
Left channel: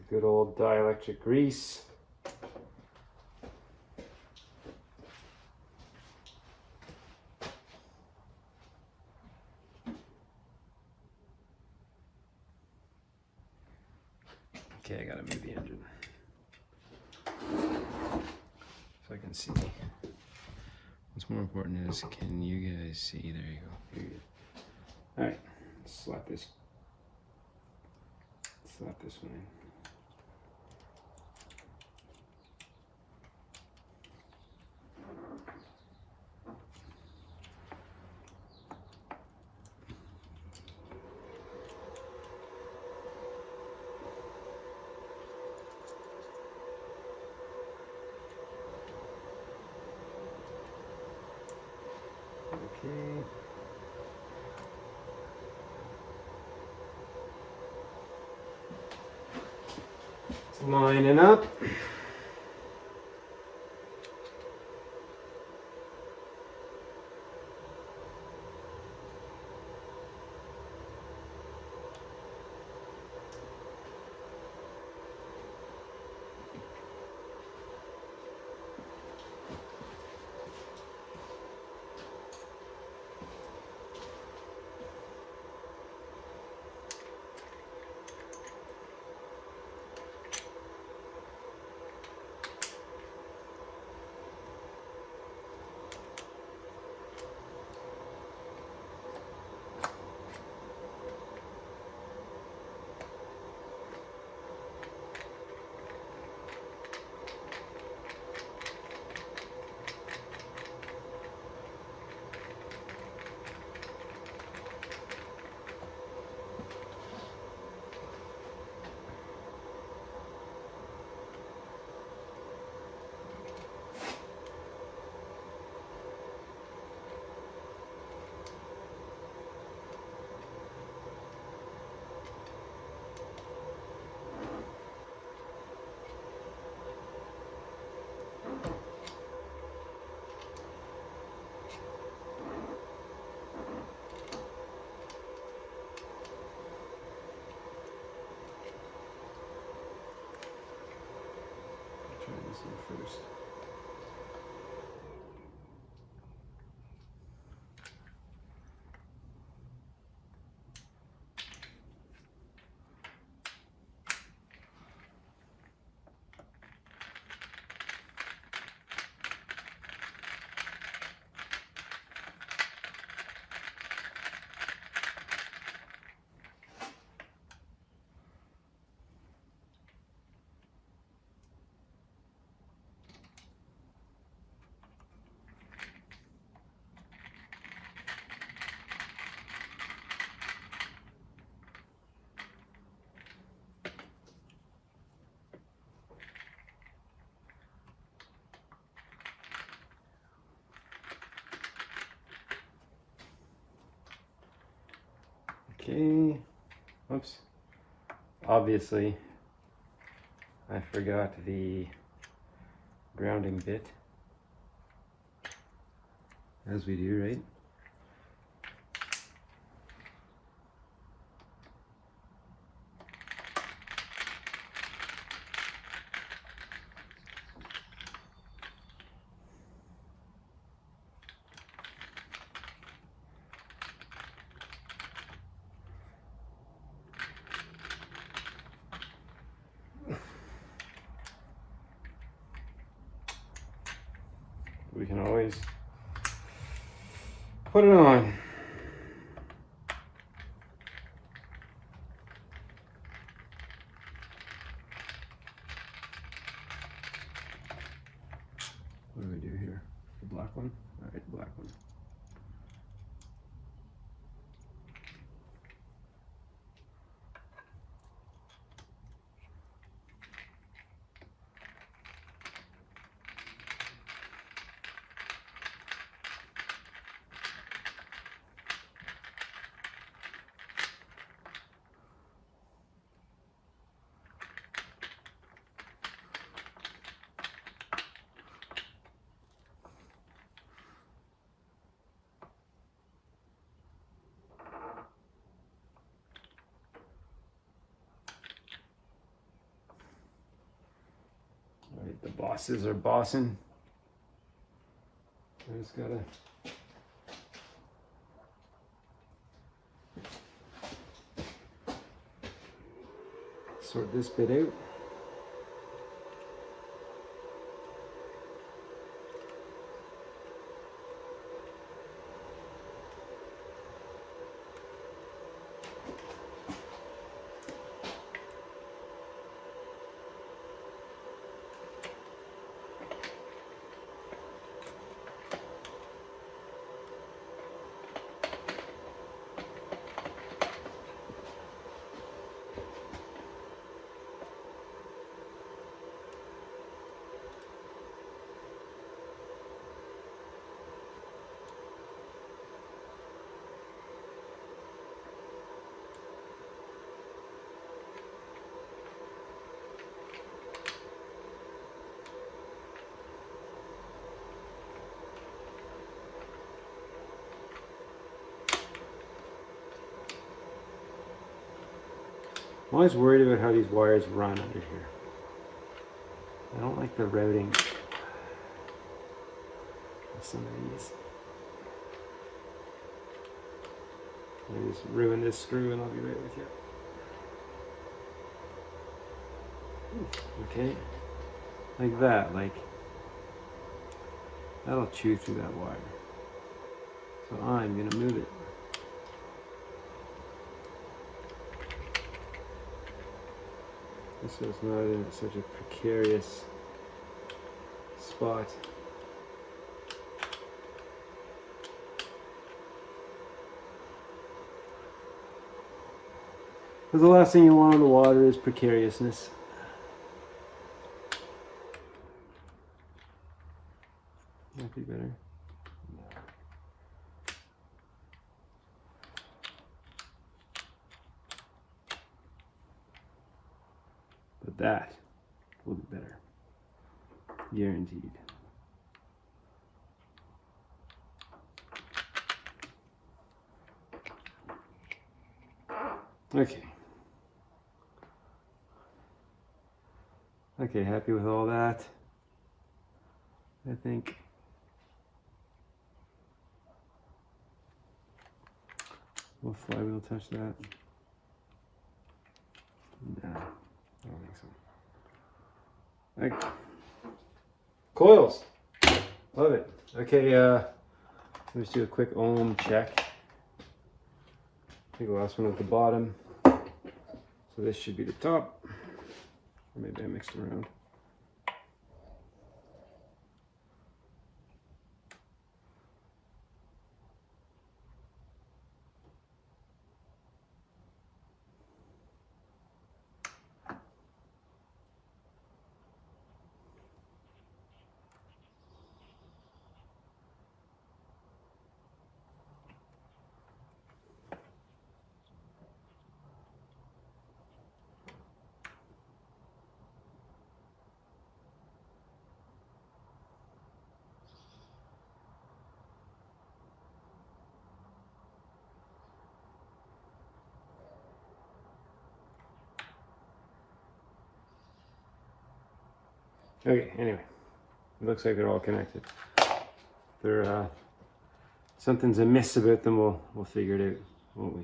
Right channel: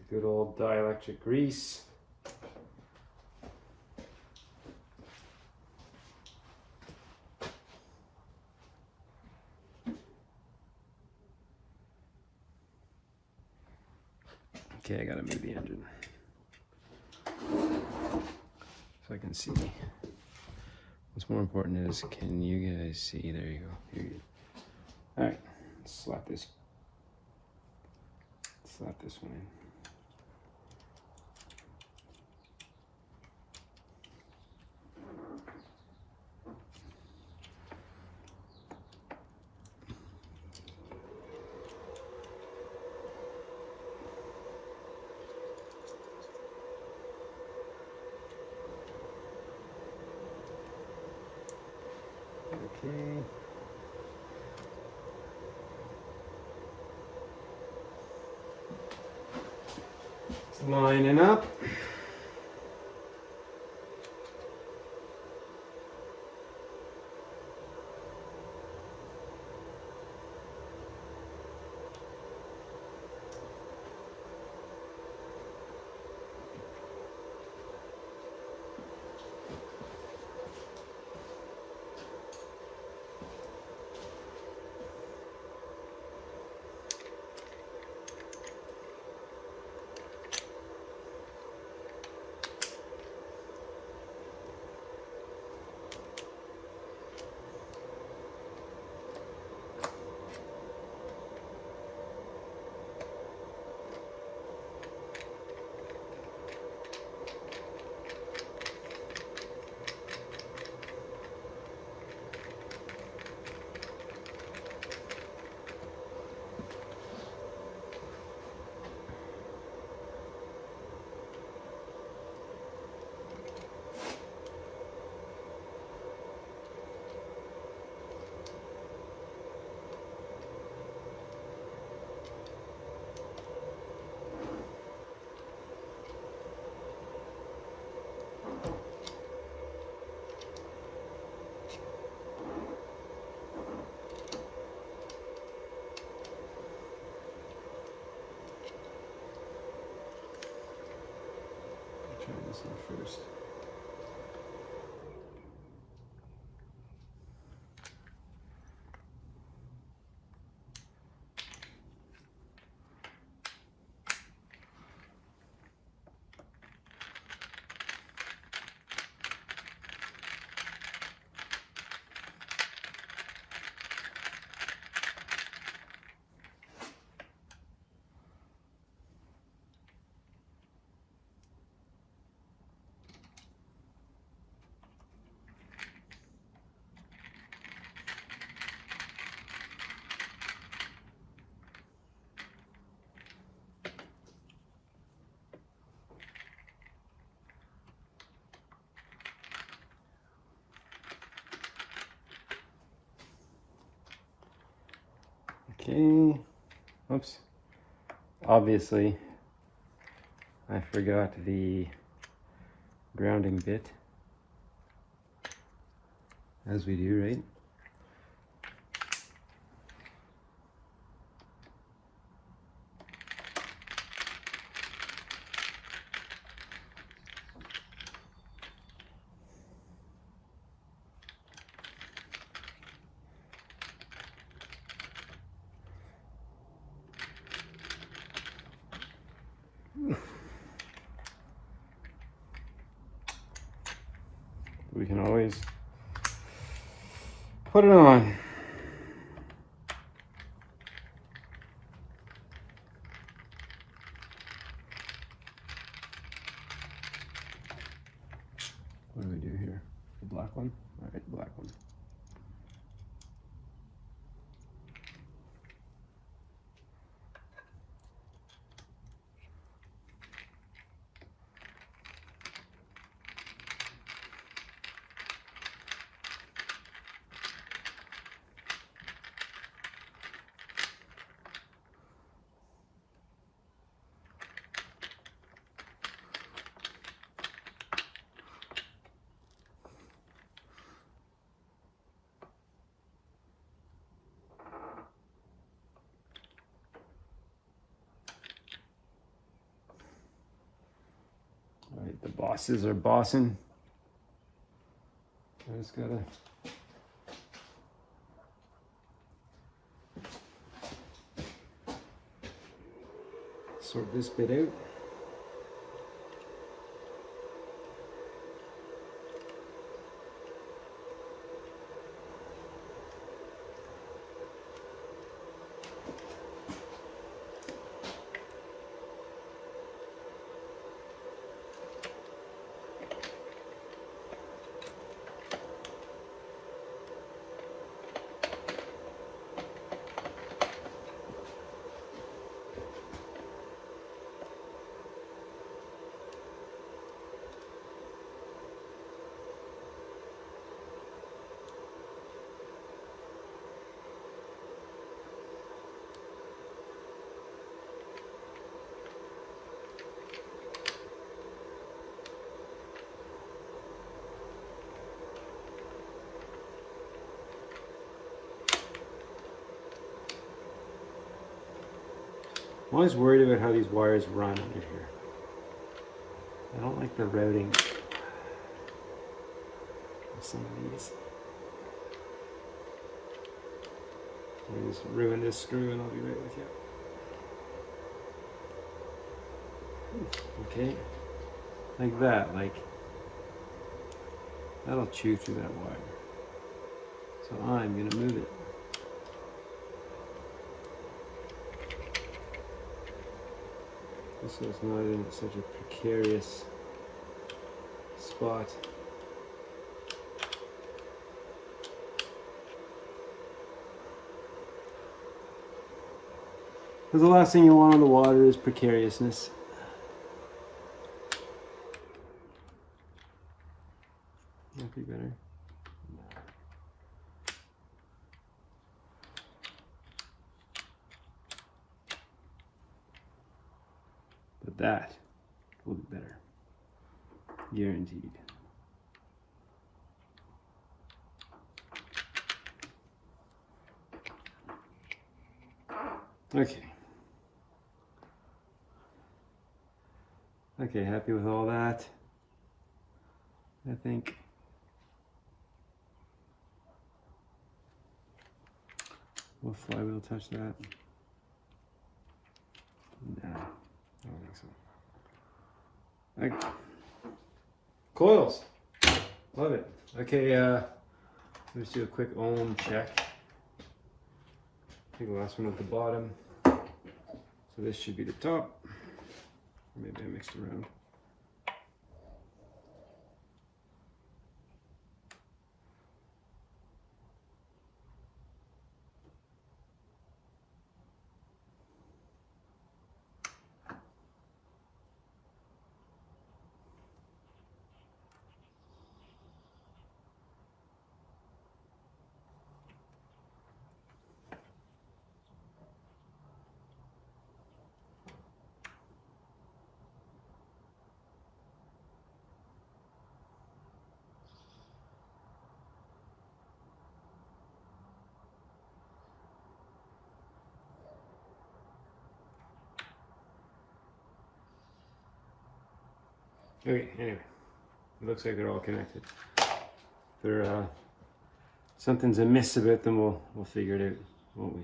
Good old dielectric grease. Okay, I gotta move the engine so I can see. What's more important is, can you guys see? There you go. All right, let's slap this one in. Okay. It's lining up. Try this one first. Okay, oops, obviously I forgot the grounding bit, as we do, right? We can always put it on. What do we do here? The black one? All right, black one. All right, the bosses are bossing. I just gotta sort this bit out. I'm always worried about how these wires run under here. I don't like the routing of some of these. I just ruin this screw and I'll be right with you. Okay, like that, like that'll chew through that wire. So I'm gonna move it. So it's not in such a precarious spot. Because the last thing you want on the water is precariousness. That'd be better. No. But that will be better. Guaranteed. Okay. Okay, happy with all that. I think. Will Flywheel touch that? No, I don't think so. Okay. Coils. Love it. Okay, let's do a quick ohm check. I think the last one at the bottom. So this should be the top. Maybe I mixed it around. Okay, anyway, it looks like they're all connected. If there, something's amiss about them, we'll figure it out, won't we?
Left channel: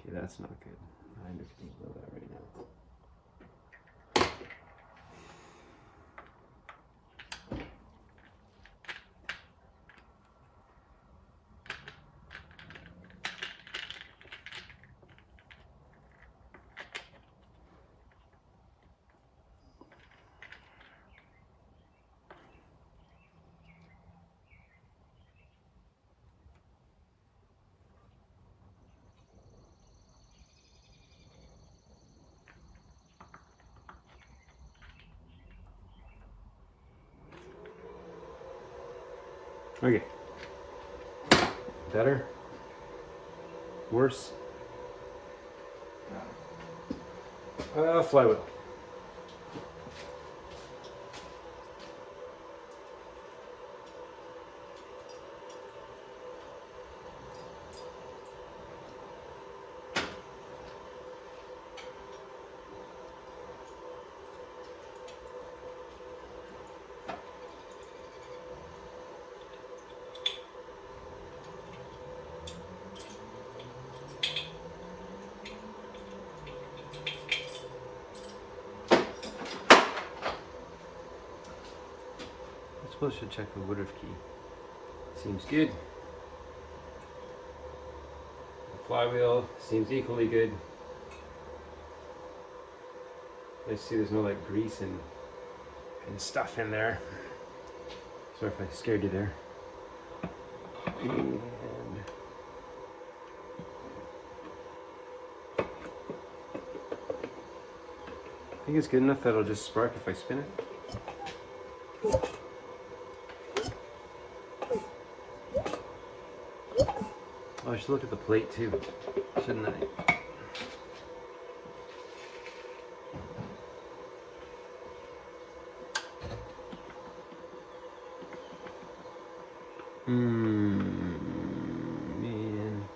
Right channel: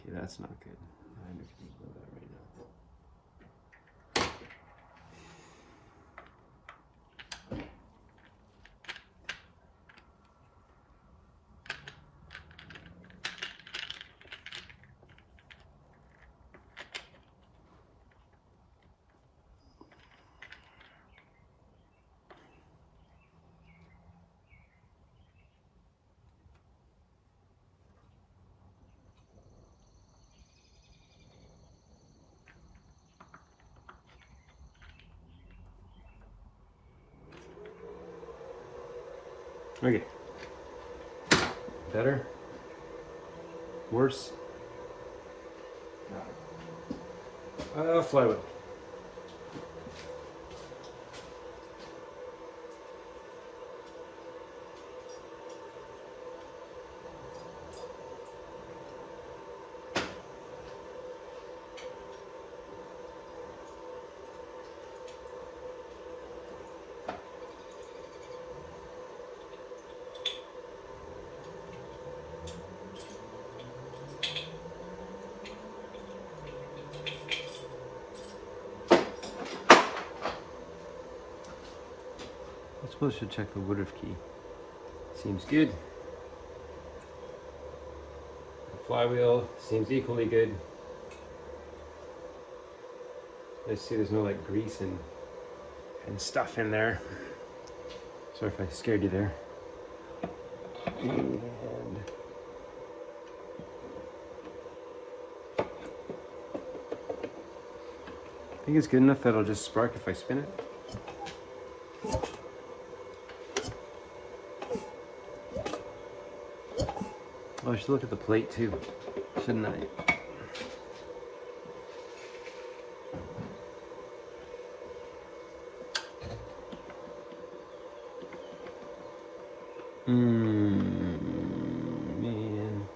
Okay, that's not good. I'm just gonna build that right now. Okay. Better? Worse? Flywheel. I suppose I should check the Woodruff key. Seems good. The flywheel seems equally good. I see there's no like grease and stuff in there. Sorry if I scared you there. And I think it's good enough that it'll just spark if I spin it. Oh, I should look at the plate too, shouldn't I? Man.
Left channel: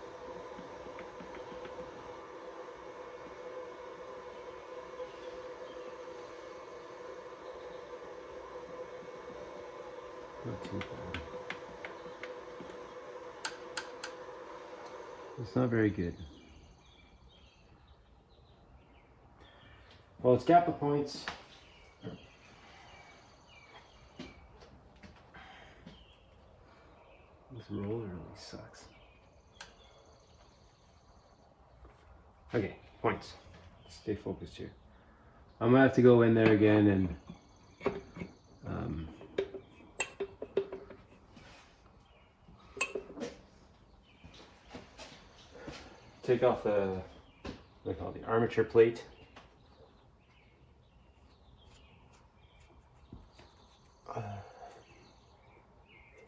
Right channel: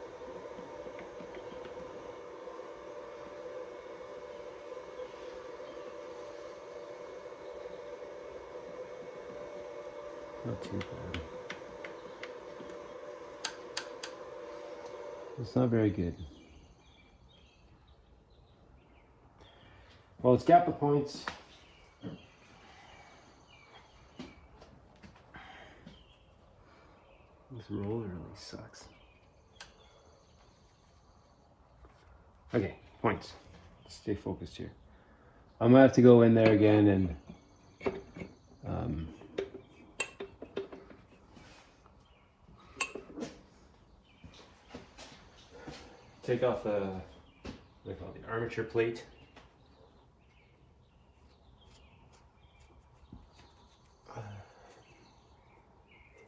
Not too far. It's not very good. Well, it's got the points. This roller really sucks. Okay, points. Stay focused here. I'm gonna have to go in there again and take off the, what do they call it, the armature plate.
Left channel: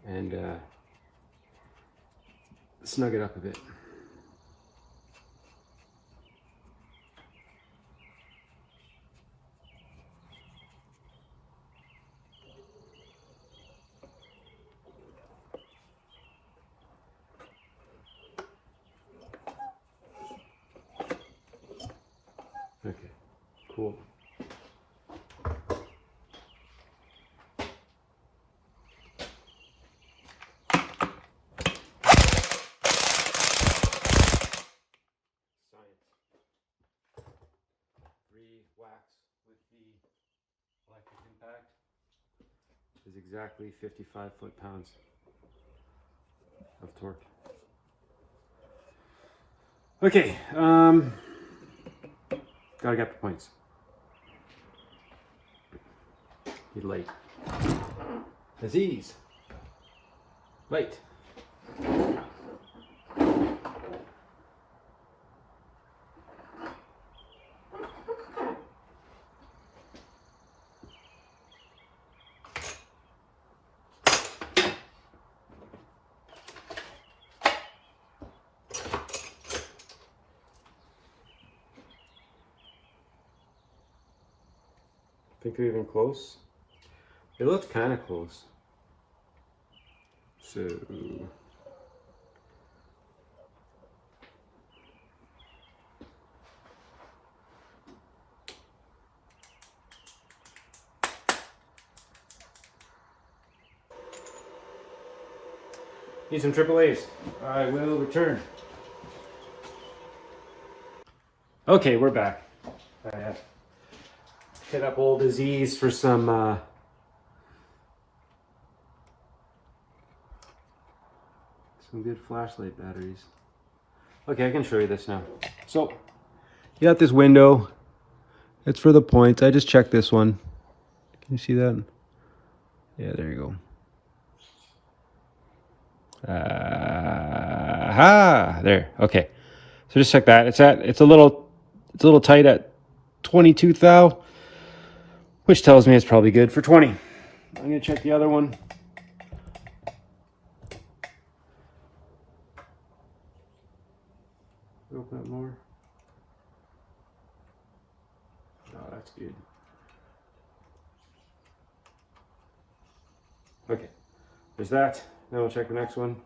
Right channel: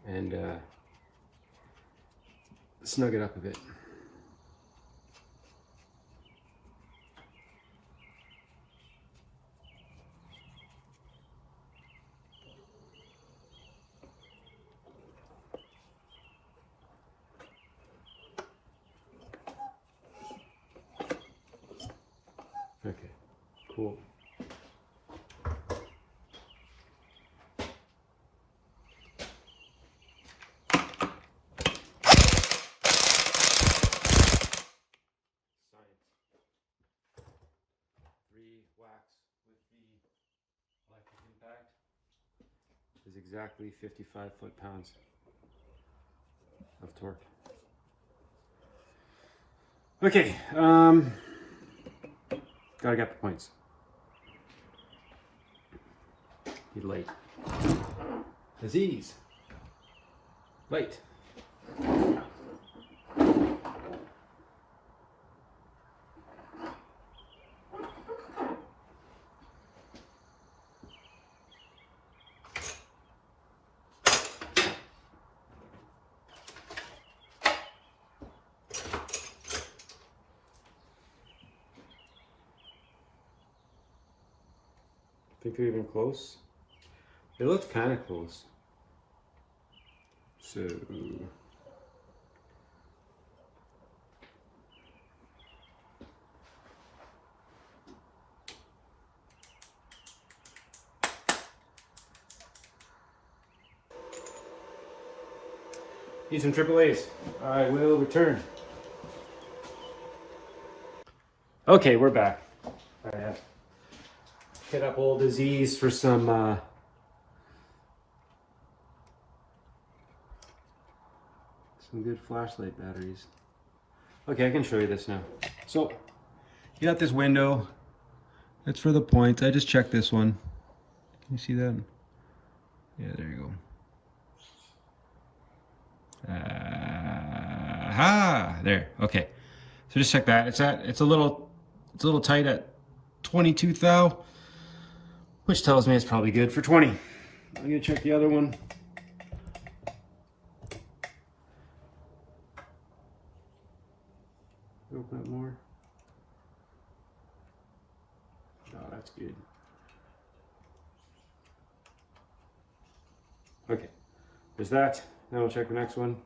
And snug it up a bit. Okay, cool. Wax with the electric impact is exactly 55 foot-pounds of torque. Okay, gotta get the points. Need light. Aziz. Light. Think they're even close? They look kind of close. So Need some AAAs. I will return. Okay, we're back. I have hit up old Aziz for some good flashlight batteries. Okay, I can show you this now. So, you got this window. It's for the points. I just checked this one. Can you see that? Yeah, there you go. There. Okay. So just check that. It's a little tight at 22 thou, which tells me it's probably good for 20. I'm gonna check the other one. Open up more. No, that's good. Okay, there's that. Now we'll check the next one.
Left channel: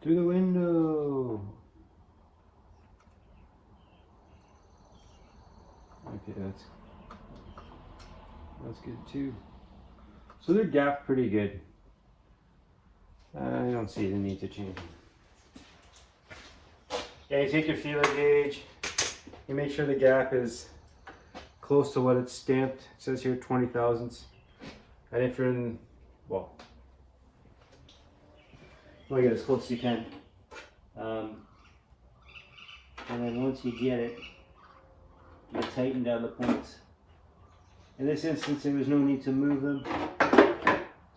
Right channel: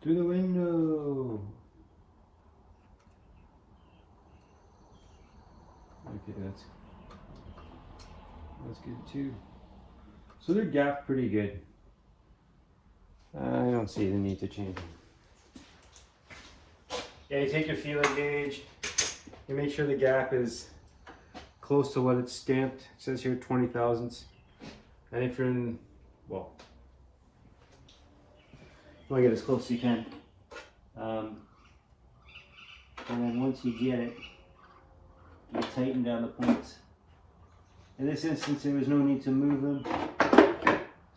Through the window. Okay, that's good too. So they're gapped pretty good. I don't see the need to change them. Yeah, you take your feeler gauge, you make sure the gap is close to what it's stamped. It says here 20 thousandths. And if you're in, well, you want to get as close as you can. And then once you get it, you tighten down the points. In this instance, there was no need to move them,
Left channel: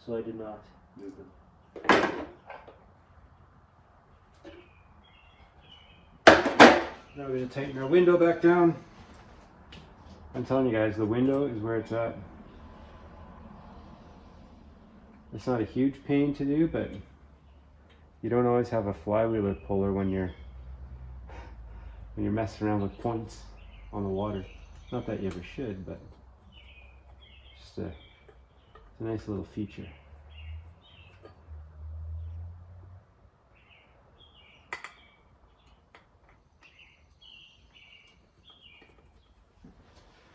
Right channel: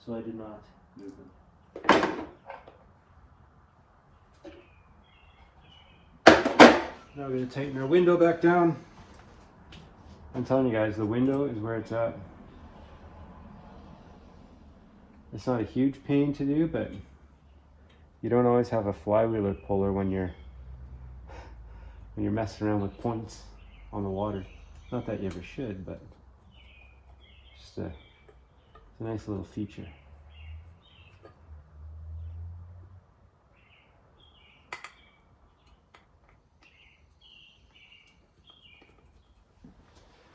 so I did not move them. Now we're going to tighten our window back down. I'm telling you guys, the window is where it's at. It's not a huge pain to do, but you don't always have a flywheel or puller when you're messing around with points on the water. Not that you ever should, but just it's a nice little feature.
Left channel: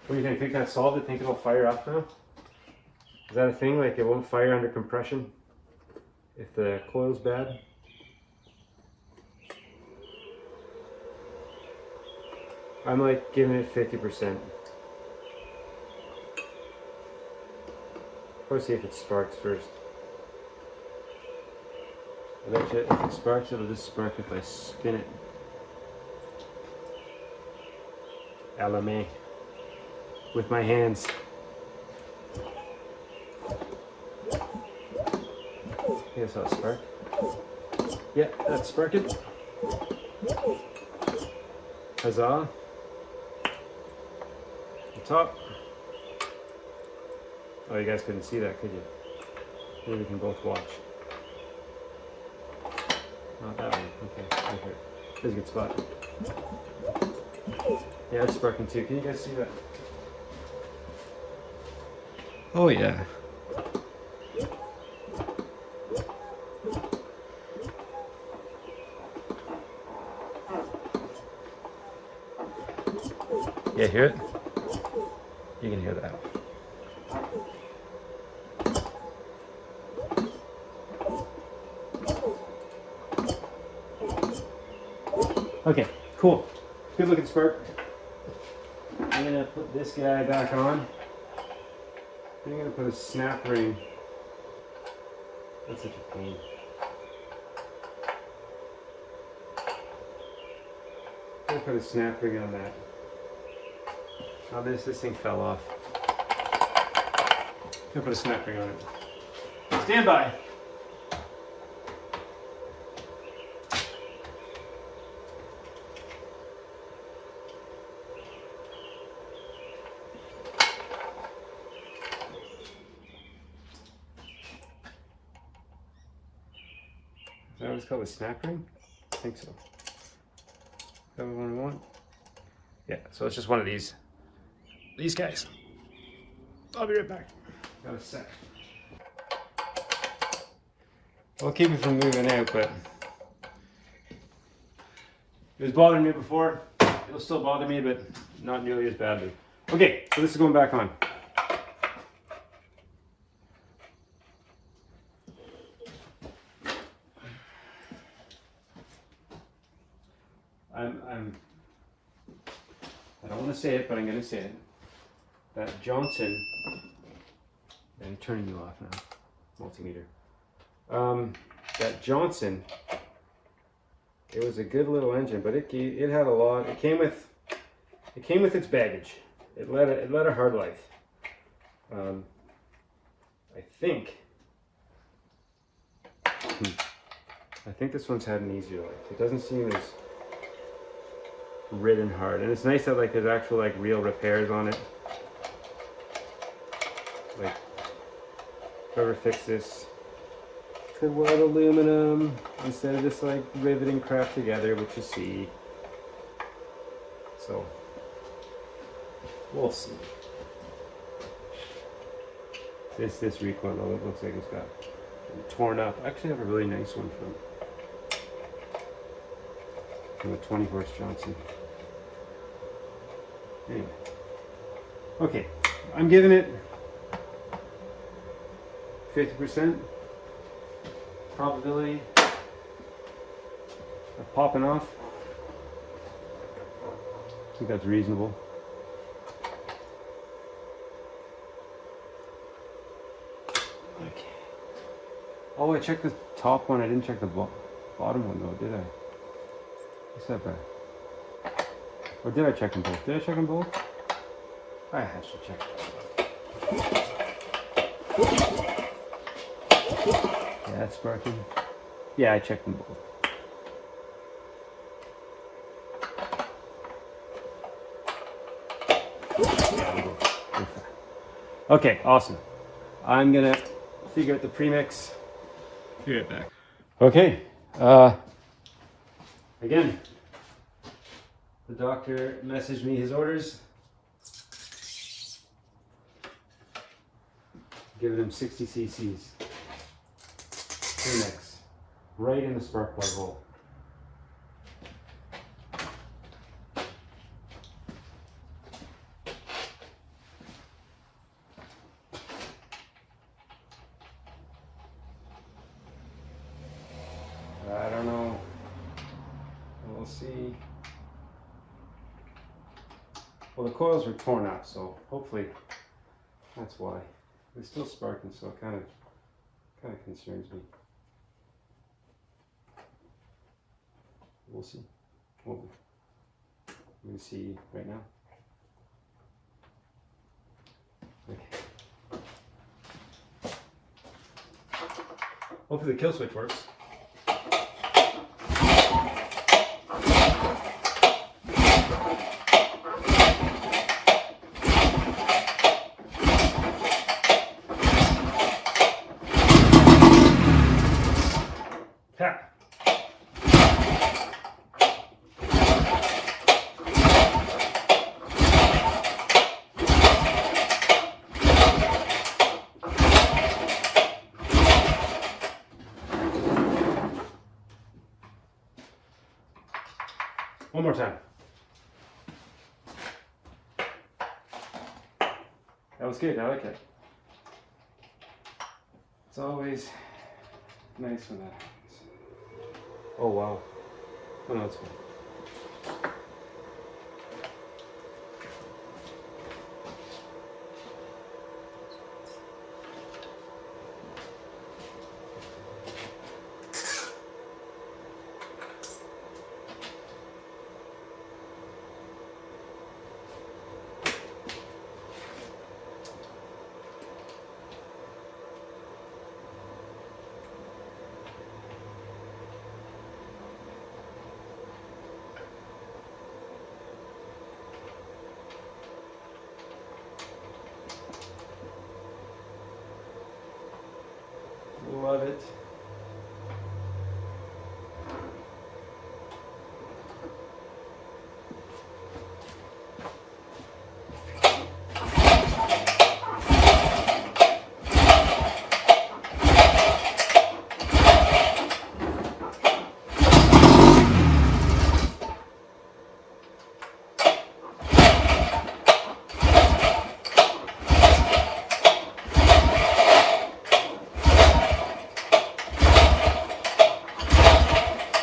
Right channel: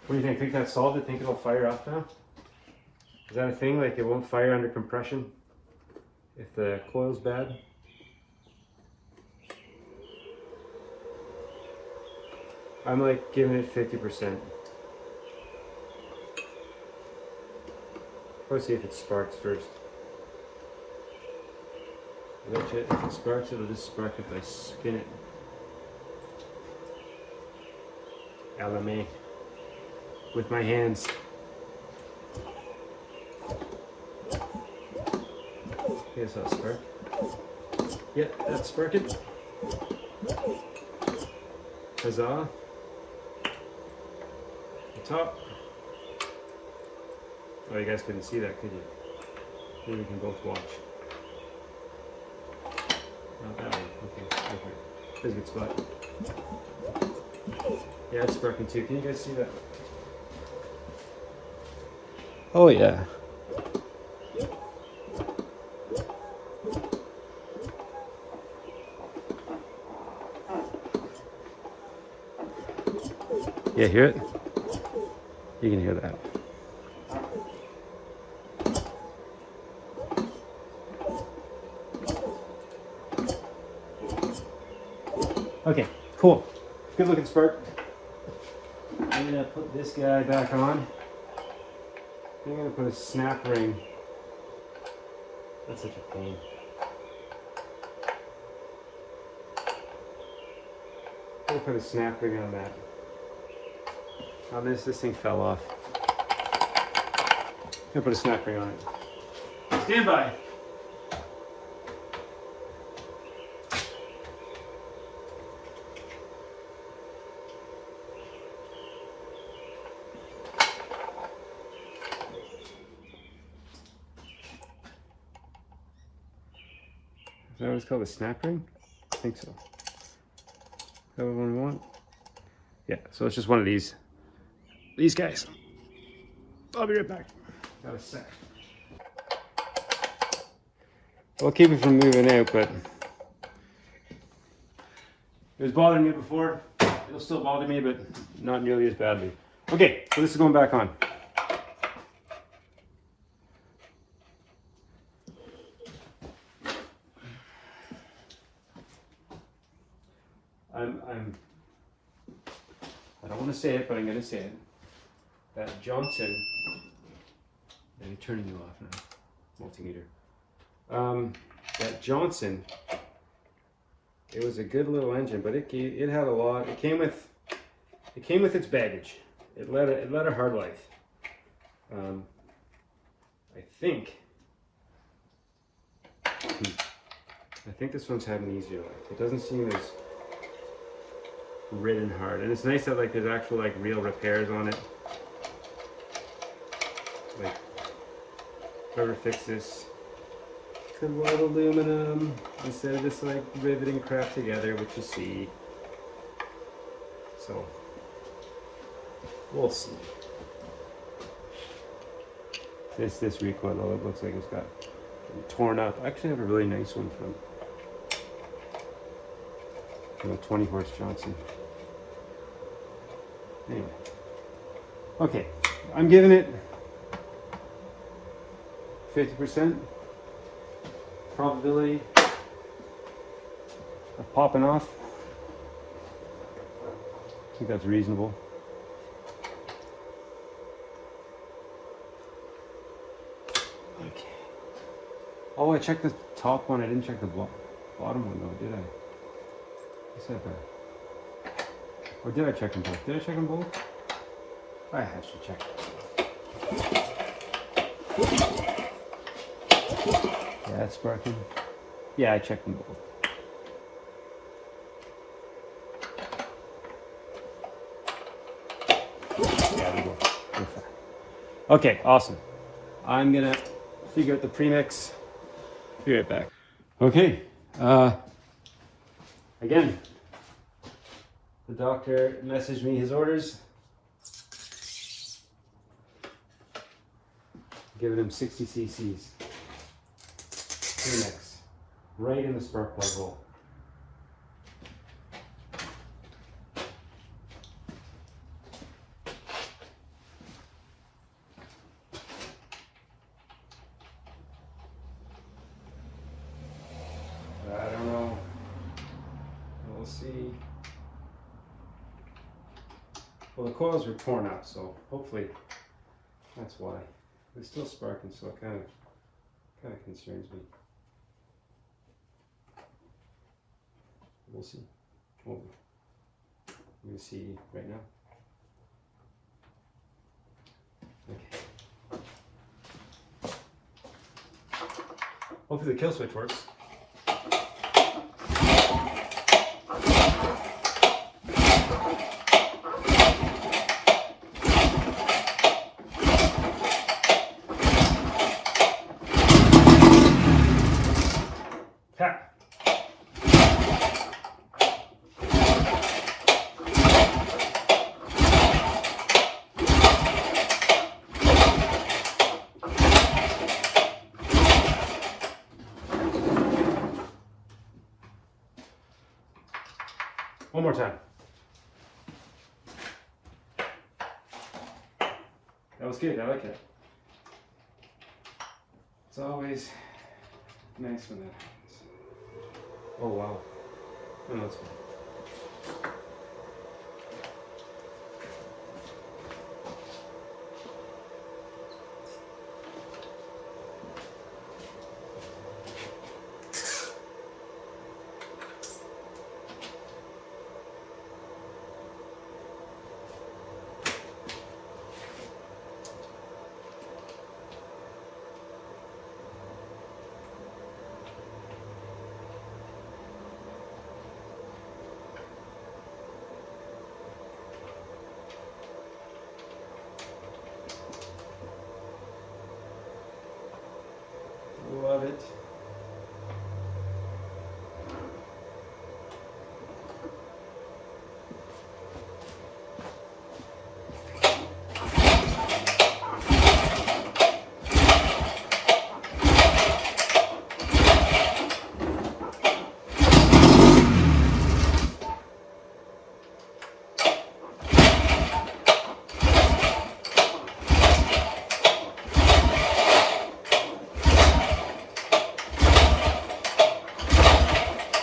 What do you think? Think that's solved it? Think it'll fire up now? Is that a thing? Like it won't fire under compression if the coil's bad? I'm like giving it 50%. Let's see if it sparks first. If it sparks, it'll just spark if I spin it. LMA. With my hands. Here's how it sparked. Yeah, that's sparked. Huzzah. The top. Oh, you guys couldn't see that, could you? Maybe we can both watch. Not that one. Okay, perfect. There's a good spot. Yeah, it's sparking too. Can you guys see that? Oh yeah. You hear it? You can hear that. Okay, cool. Good looking spark. I'm gonna put this guy back on. I'm gonna put a snap ring. That's such a pain. I'm gonna put a snap ring on that. Oh, this thing fell off. I'm gonna put a snap ring on it. Stand by. Is that what's called a snap ring? I think so. Is that what we want? Yeah, so it's just one of these guys. I'll be right back. Got a sec. I'll keep it from moving out, but it was bothering me before. It'll still bother me, but not nearly as badly. Okay, so this is going back on. say it, but I'm gonna say it. That Johnson, I'm turning you off now, multimeter. That Johnson, it was a good little engine, but it had a lot. It came with its baggage. It led a hard life. I think this one's had an easier life. It doesn't seem as ridden hard, and it's nice that like there's actual like real repairs on it. Like whoever fixed this said white aluminum instead of just like riveting crap together, which you see. So we'll see. This recoil though, it looks like it's got torn up. I actually have a really nice one from a 20 horse Johnson. Anyway, okay, I'm giving it 50% probability of popping off. I think that's reasonable. Okay. Oh, I checked the top one. I didn't check the bottom one though, did I? What's that back? Or did I check them both? Did I check them both? I had to check. Yeah, it's sparking. Yeah, I checked them both. There we go. We're fine. Okay, awesome. I'm gonna figure out the premix. Be right back. Okay. Again, the doctor messaged me his orders. Giving him 60 cc's. Premix. Right in the spark plug hole. I don't know. We'll see. Well, the coils were torn up, so hopefully that's why. It's still sparking, so it kind of concerns me. We'll see. Well, I'm going to see right now. Okay. Hopefully the kill switch works. One more time. That was good, I like it. It's always nice when that happens. Oh wow. Oh, that's fine. Love it.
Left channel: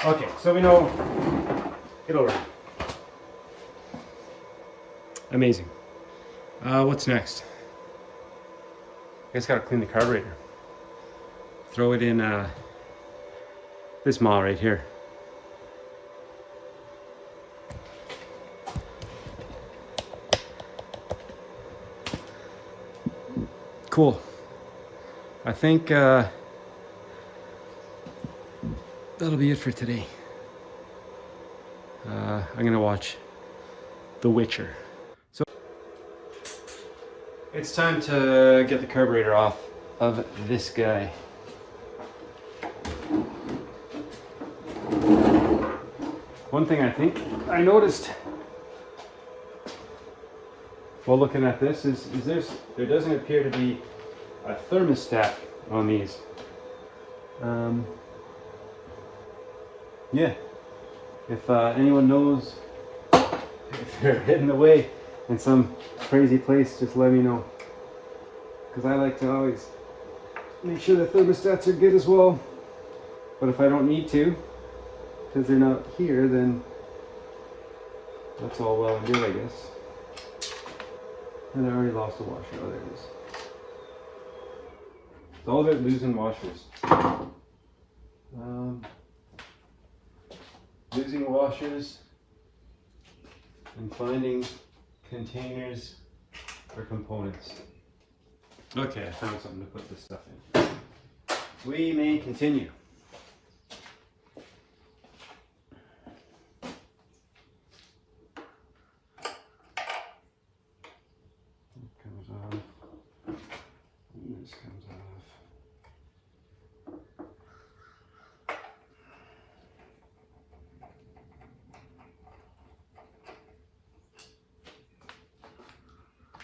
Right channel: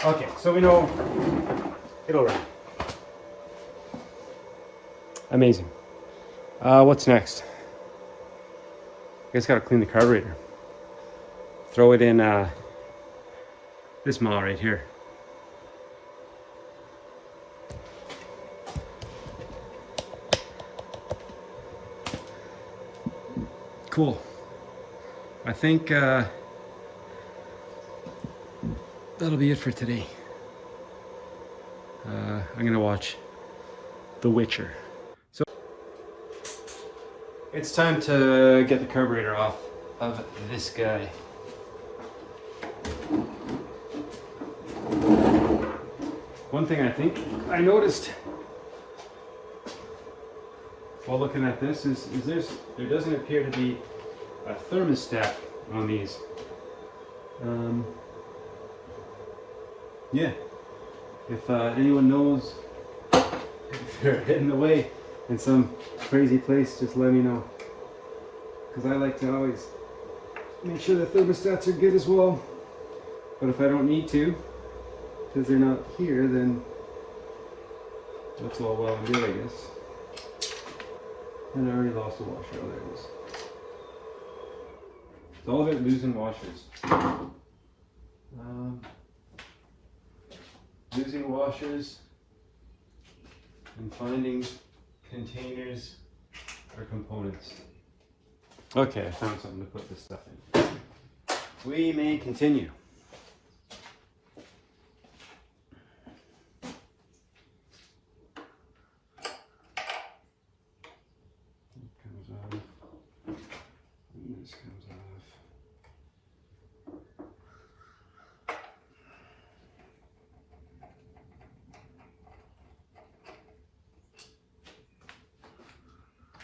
Okay, so we know it'll run. Amazing. What's next? I guess gotta clean the carburetor. Throw it in this mile right here. Cool. I think that'll be it for today. I'm gonna watch The Witcher. So it's time to get the carburetor off of this guy. One thing I think I noticed while looking at this is there doesn't appear to be a thermostat on these. Yeah, if anyone knows if they're hidden away in some crazy place, just let me know, because I like to always make sure the thermostats are good as well. But if I don't need to, because they're not here, then that's all well and good, I guess. And I already lost the washer. Oh, there it is. It's all about losing washers. Losing washers and finding containers or components. Okay, I found something to put this stuff in. We may continue. Comes off. And this comes off.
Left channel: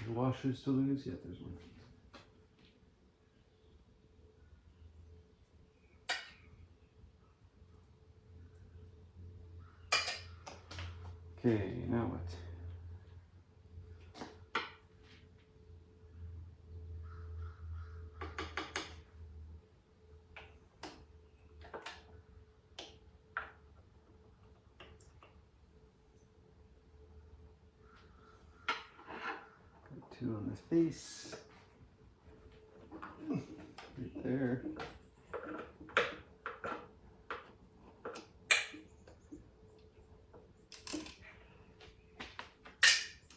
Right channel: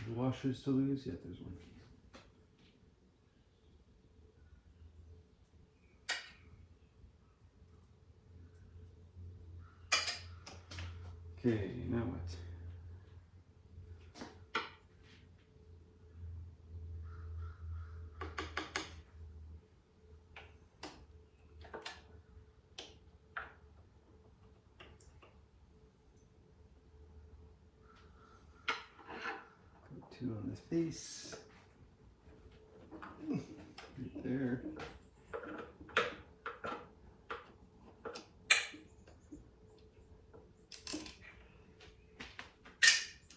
The washers to lose? Yeah, there's one. Okay, now what? Two on the face, right there.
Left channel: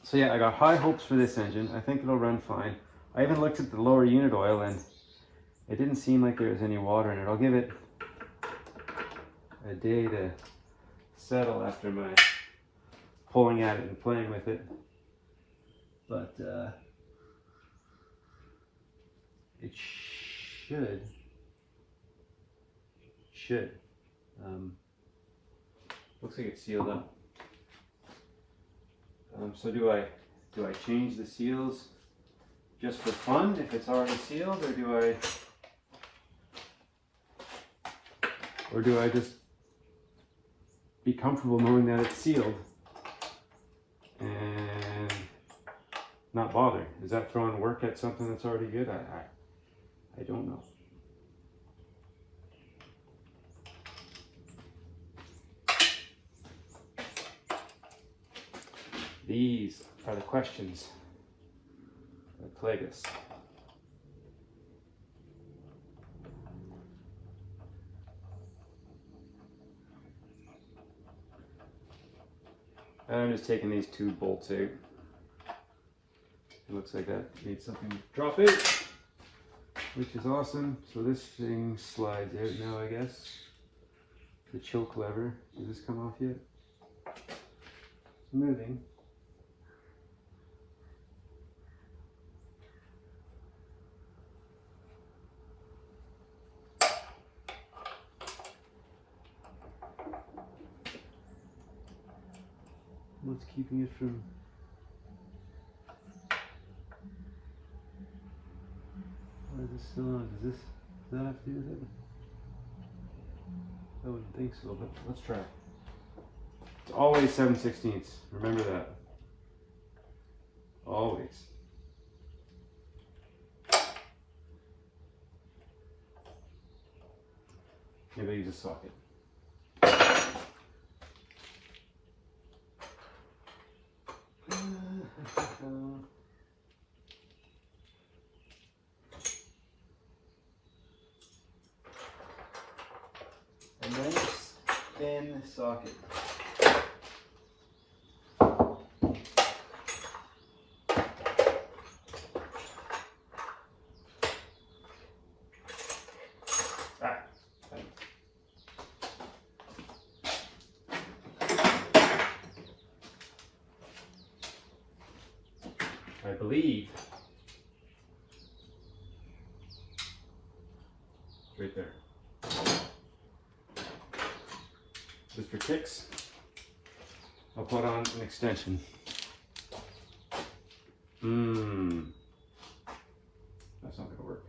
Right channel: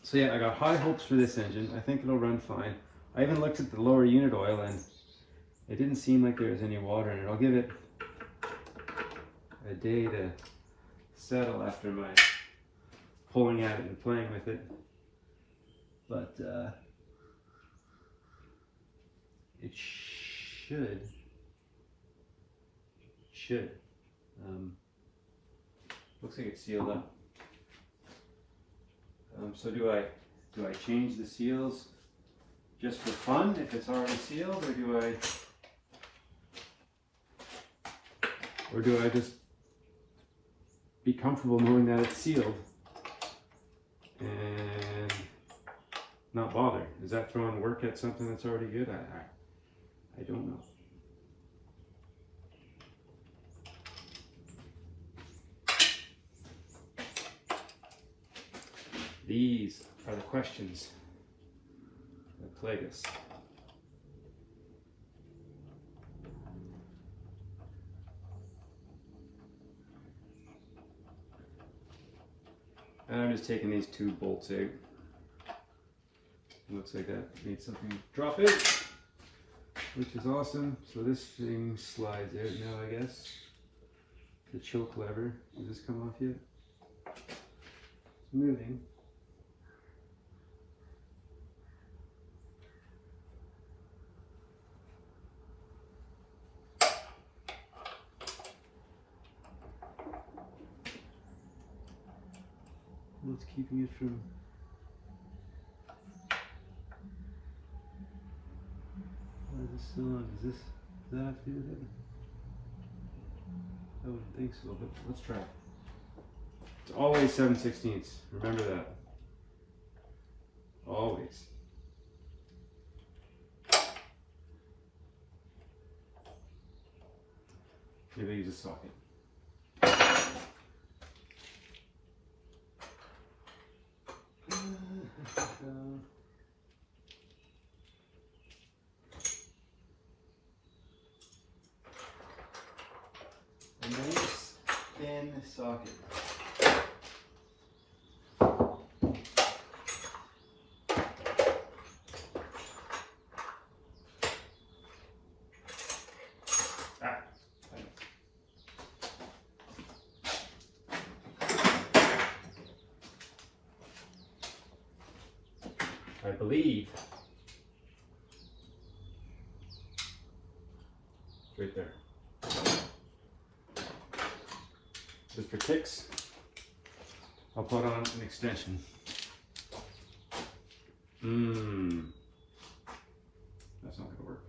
So yeah, I got high hopes for this engine. I think it'll run fine. I even looked at the lower unit oil and it didn't seem like there was any water in it. I'll give it a day to settle after my pulling at it and playing with it. But it should. Looks like it's sealed up. So do I change the seals just for fun if it's already sealed, or do I just be comfortable knowing that it's sealed and not bother? Is that throwing work at something that's already good? I don't know. These are the questions that plague us. I'm just taking these two bolts out. It looks like that needs something to drop in, which is awesome. So this thing slides out now, I guess. The choke lever. Does this come off yet? It's moving. What's keeping it from... Why is this still on? Does that have to do with it? I wouldn't think so, but let's try. It's always 7/16. Remember that. Always. Maybe use a socket. nice thin socket. I believe right there. Just for kicks, I'll put on an extension. That's not gonna work.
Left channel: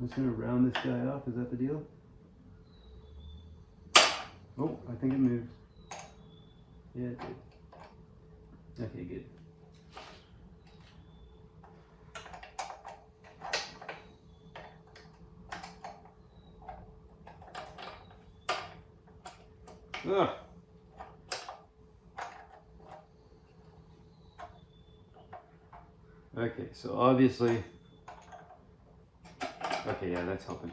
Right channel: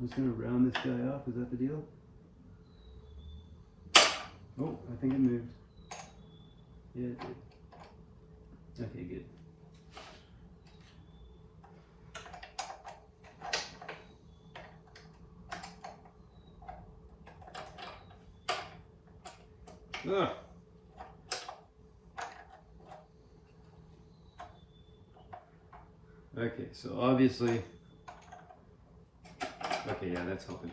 I'm just going to round this guy off. Is that the deal? Oh, I think it moved. Yeah, it did. Okay, good. Ugh. Okay, so obviously, okay, yeah, that's helping.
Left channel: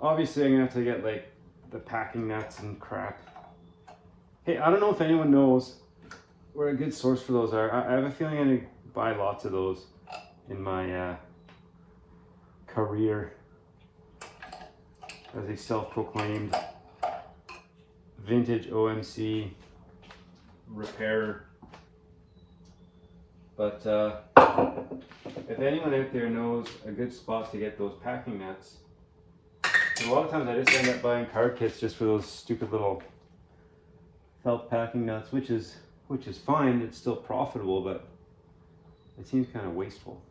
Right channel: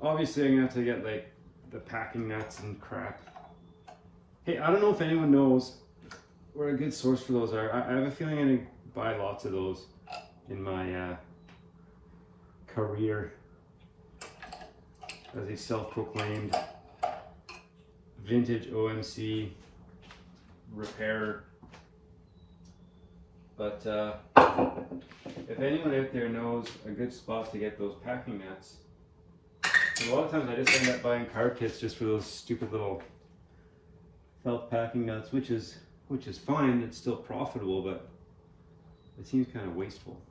Obviously, I'm gonna have to get like the packing nuts and crap. Hey, I don't know if anyone knows where a good source for those are. I have a feeling I'm gonna buy lots of those in my career as a self-proclaimed vintage OMC repairer. But if anyone out there knows a good spot to get those packing nuts, a lot of times I just end up buying carb kits just for those stupid little felt packing nuts, which is fine. It's still profitable, but it seems kind of wasteful.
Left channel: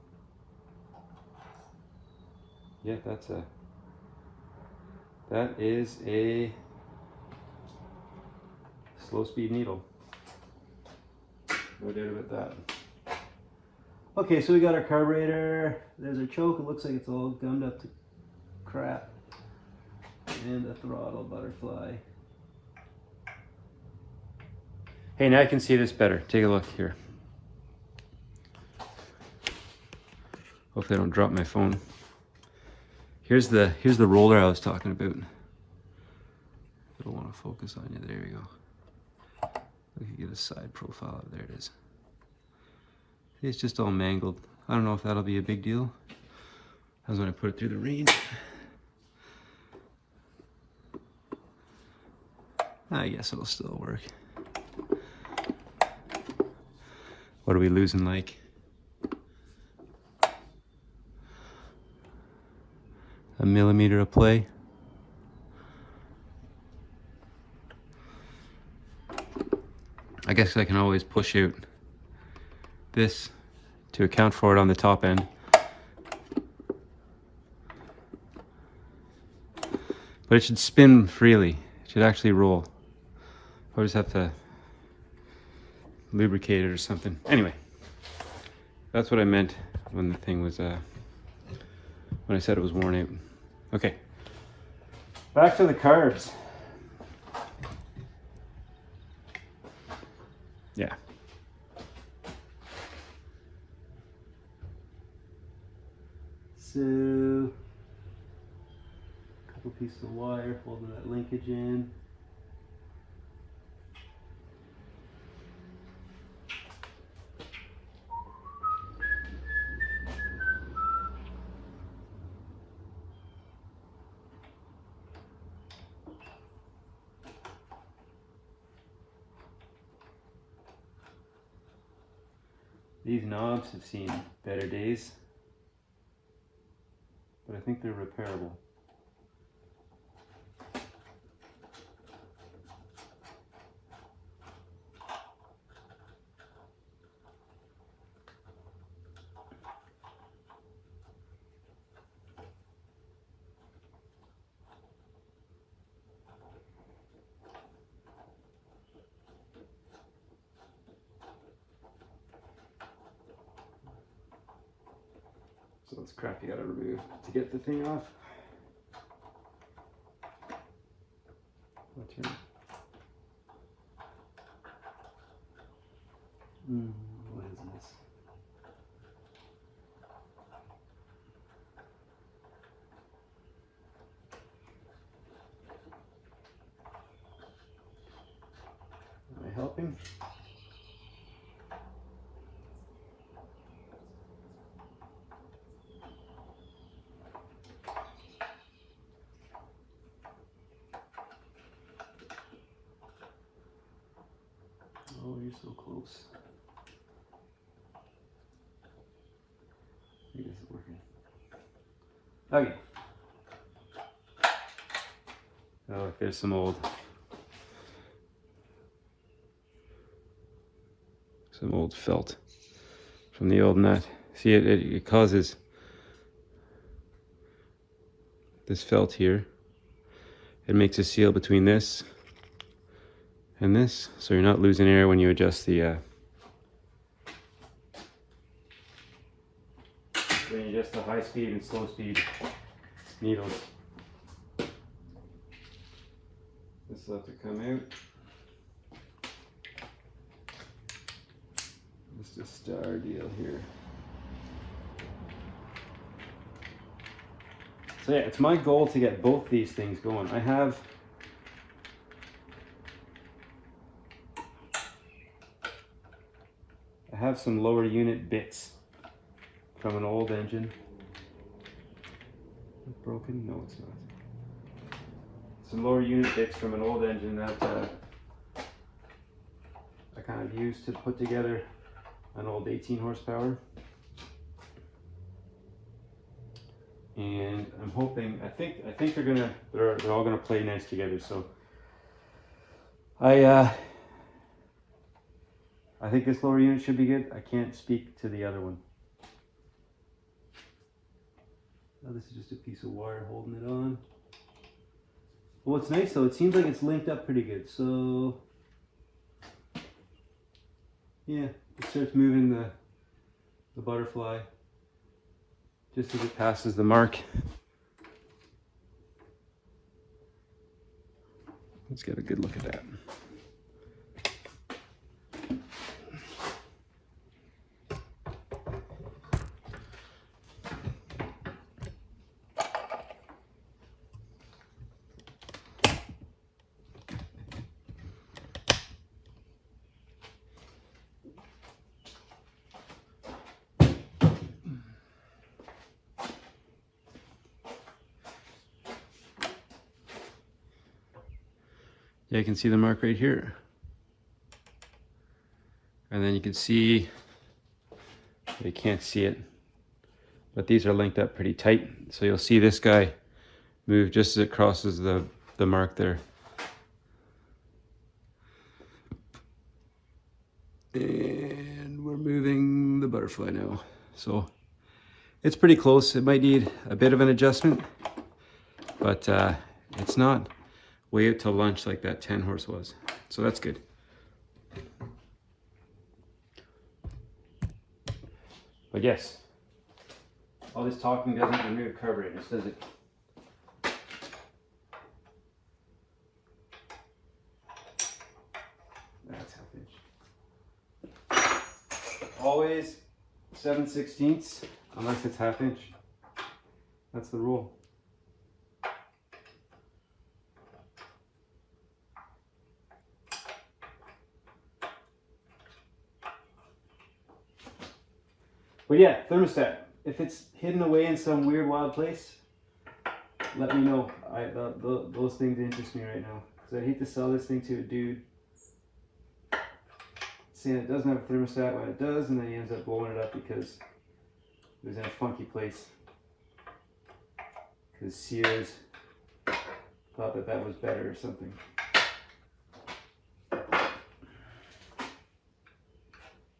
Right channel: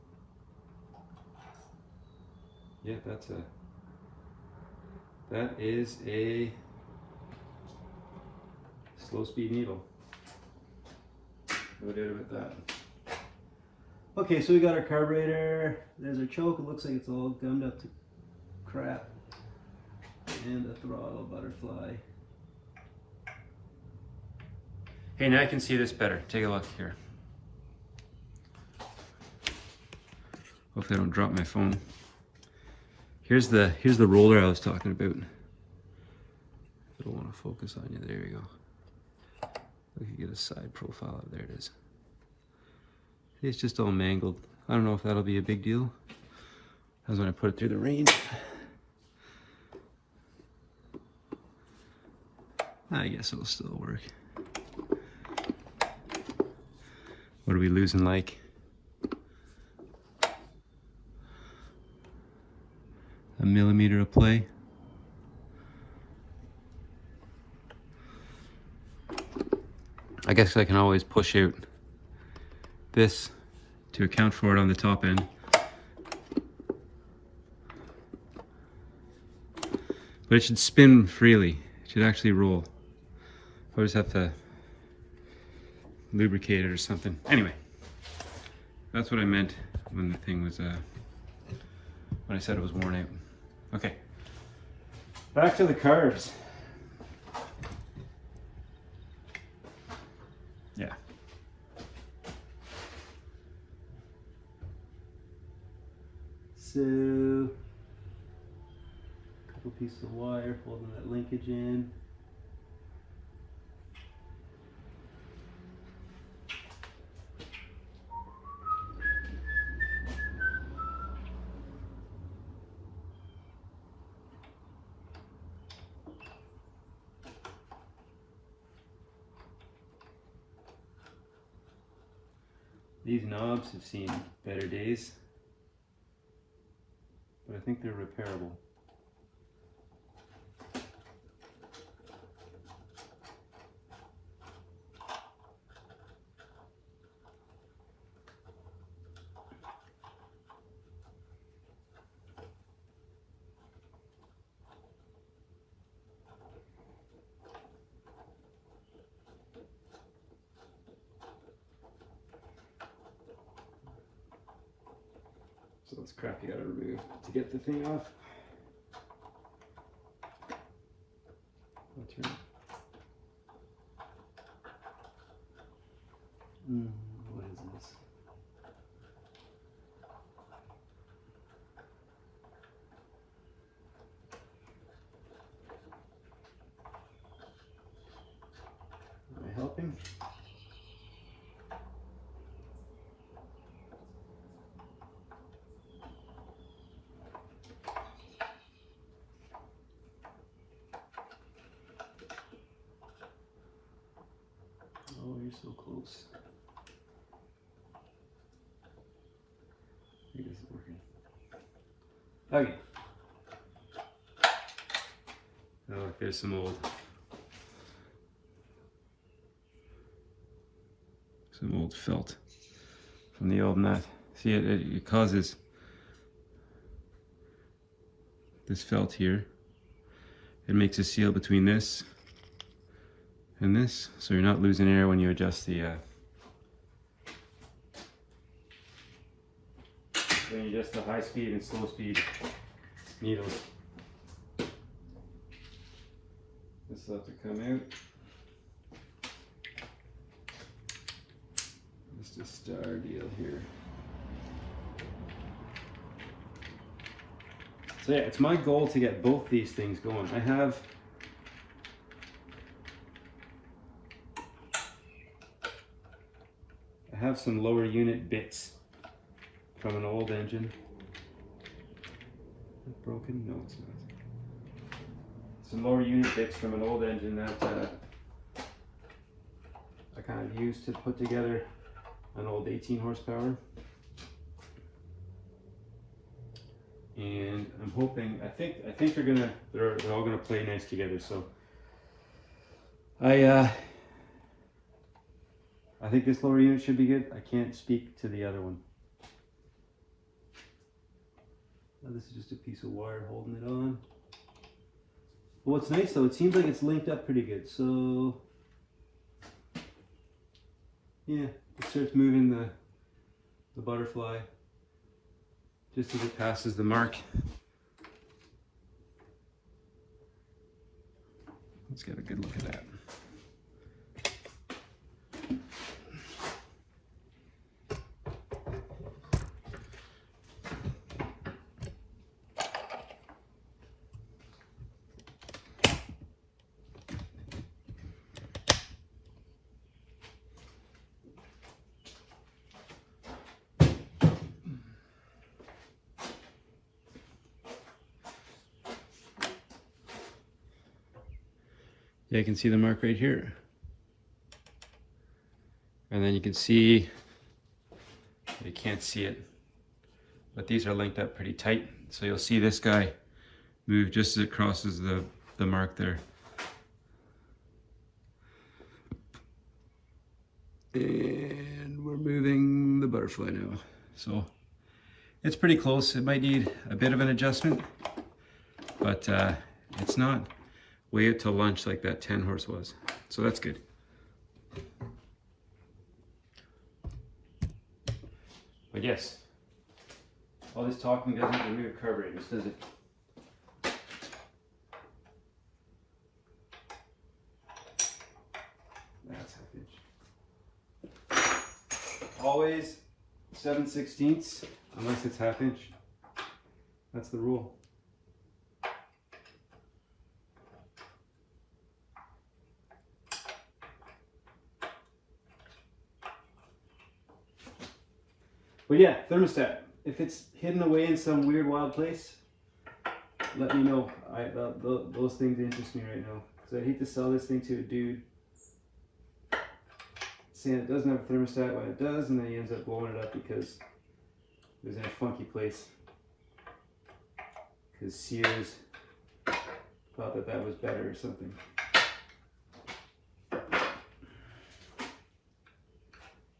Yeah, that is a slow speed needle. No doubt about that. Okay, so we got our carburetor. There's our choke. It looks like it's all gummed up to crap. And the throttle butterfly. Hey, now I can see this better. Take a look here. Hopefully I don't drop my phone. Here's the roller I was talking about. I don't want to focus on you. There we go. We can get a side profile. There it is. It's just all mangled. I don't know if that'll be a big deal. That was when I put it through the range. I guess it'll still work. What are we losing like? A millimeter of play. I guess I can always push out this to account for it on the top end. But it should spin freely. It should actually roll. I'll just have to lubricate it or something. Anyway, that's what I meant when the thing was, when I said it was worn out. Okay, back to the carbs. Yeah. So, a couple pieces of wire holding that linkage in. These knobs have seen better days, but I think they're repairable. So it's crap you gotta remove to get the thing off. I'll turn it. What is this? Am I helping? Oh, you're so close. I think this is working. Okay. Oh, there's some old felt from the old nut. See, it causes this felt here. It makes a seal between this and this, so you're not losing air when you adjust the when you adjust the high speed and slow speed needles. This will have to come out. Just a star deal here. So yeah, it's my goal to get both these things going. I have some lower unit bits from an old engine. Is it broken? No, it's not. Some lower unit bits from an old engine that I kind of used to put together an old 18 horsepower. And I'm hoping, I think they're all gonna play nice together. So I think this lower unit should be good. I can't speak to the other one. Now this is just a piece of wire holding it on. Well, what's nice though, it seems like it's linked up pretty good. So yeah, it starts moving the butterfly just as it passes the mark. Let's get a good look at that. Yeah, you can see the mark right here. And then you can see, you can't see it, but these are linked up pretty tight. So you'll see this guy move just as it crosses the mark there. And we're moving the butterfly now. So it's pretty close. It might need a bit of an adjustment, but it's not way out to lunch like that 10 horse was. So that's good. But yes, all this talking doesn't remove carburetors, does it? That's half inch. Always 7/16 unless it's half inch. That's the rule. But yeah, thermostat. If it's hidden away in some weird, wild place, let me know. Those things interest me right now. Because I'd hate to sell this thing to a dude saying it doesn't have a thermostat when it does, and then he ends up blowing it up because it was in a funky place. Because Shears thought that was better or something.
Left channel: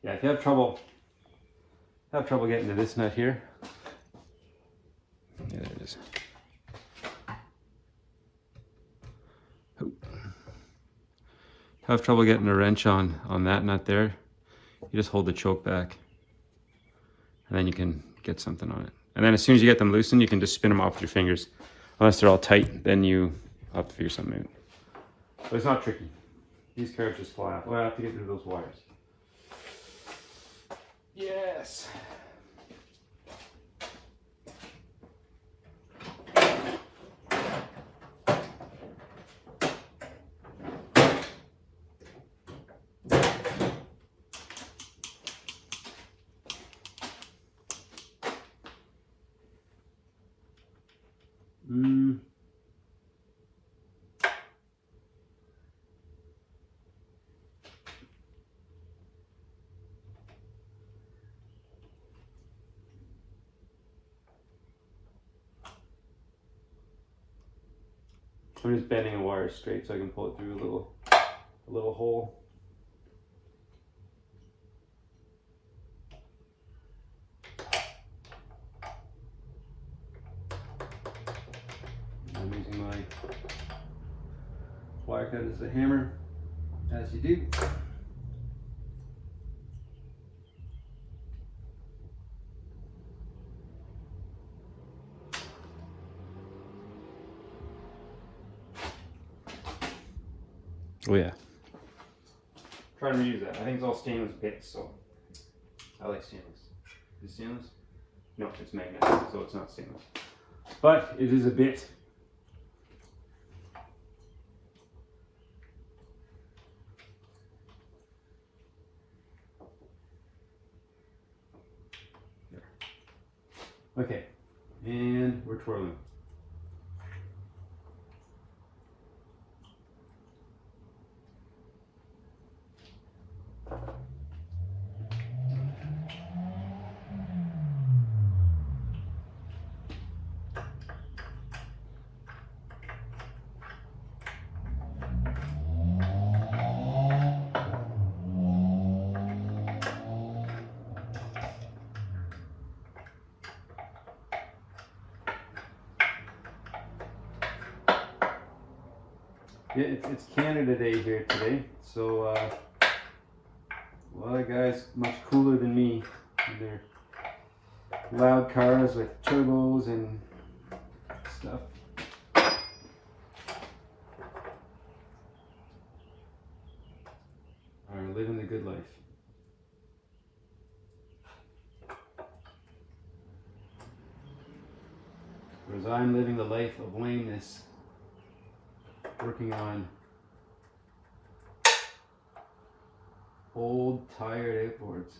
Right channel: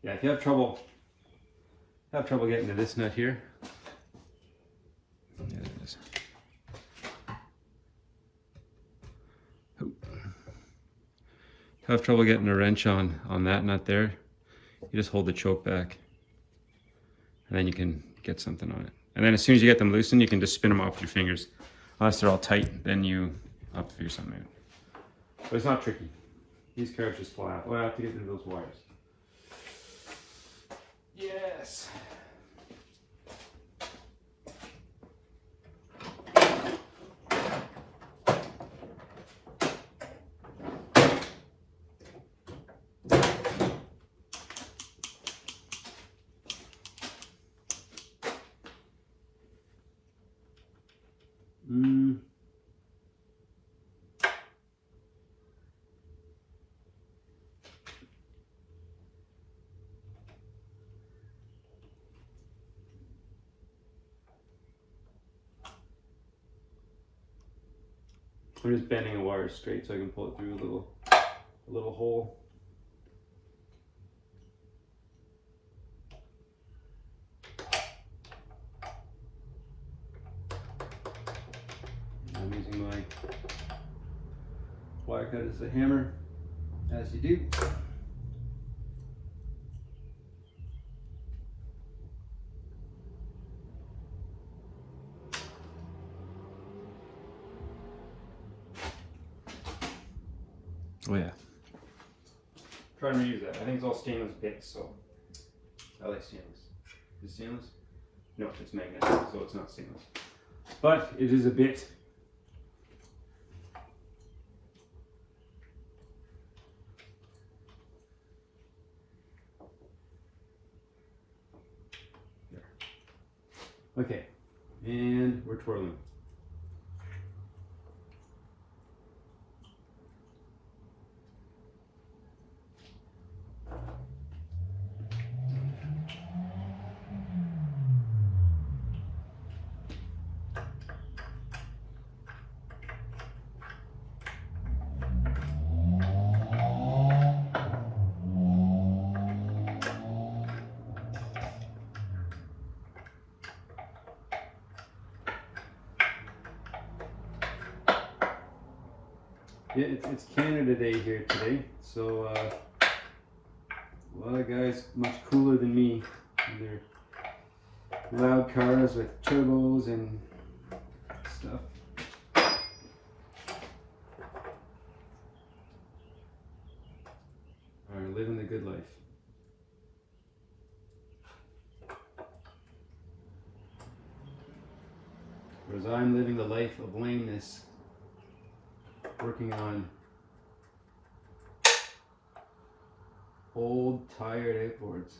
Yeah, if you have trouble getting to this nut here. There it is. Have trouble getting a wrench on that nut there. You just hold the choke back, and then you can get something on it. And then as soon as you get them loosened, you can just spin them off with your fingers. Unless they're all tight, then I'll figure something out. But it's not tricky. These carbs just fly off. Well, I have to get rid of those wires. Yes. I'm just bending a wire straight so I can pull it through a little hole. I'm using my wire cut as a hammer, as you do. Oh yeah. Try and reuse that. I think it's all stainless bits, so I like stainless. Is it stainless? No, it's magnet, so it's not stainless. But it is a bit. There. Okay, and we're twirling. Yeah, it's Canada Day here today, so a lot of guys much cooler than me in their loud cars with turbos and stuff. Are living the good life. Whereas I'm living the life of lameness, working on old, tired outboards.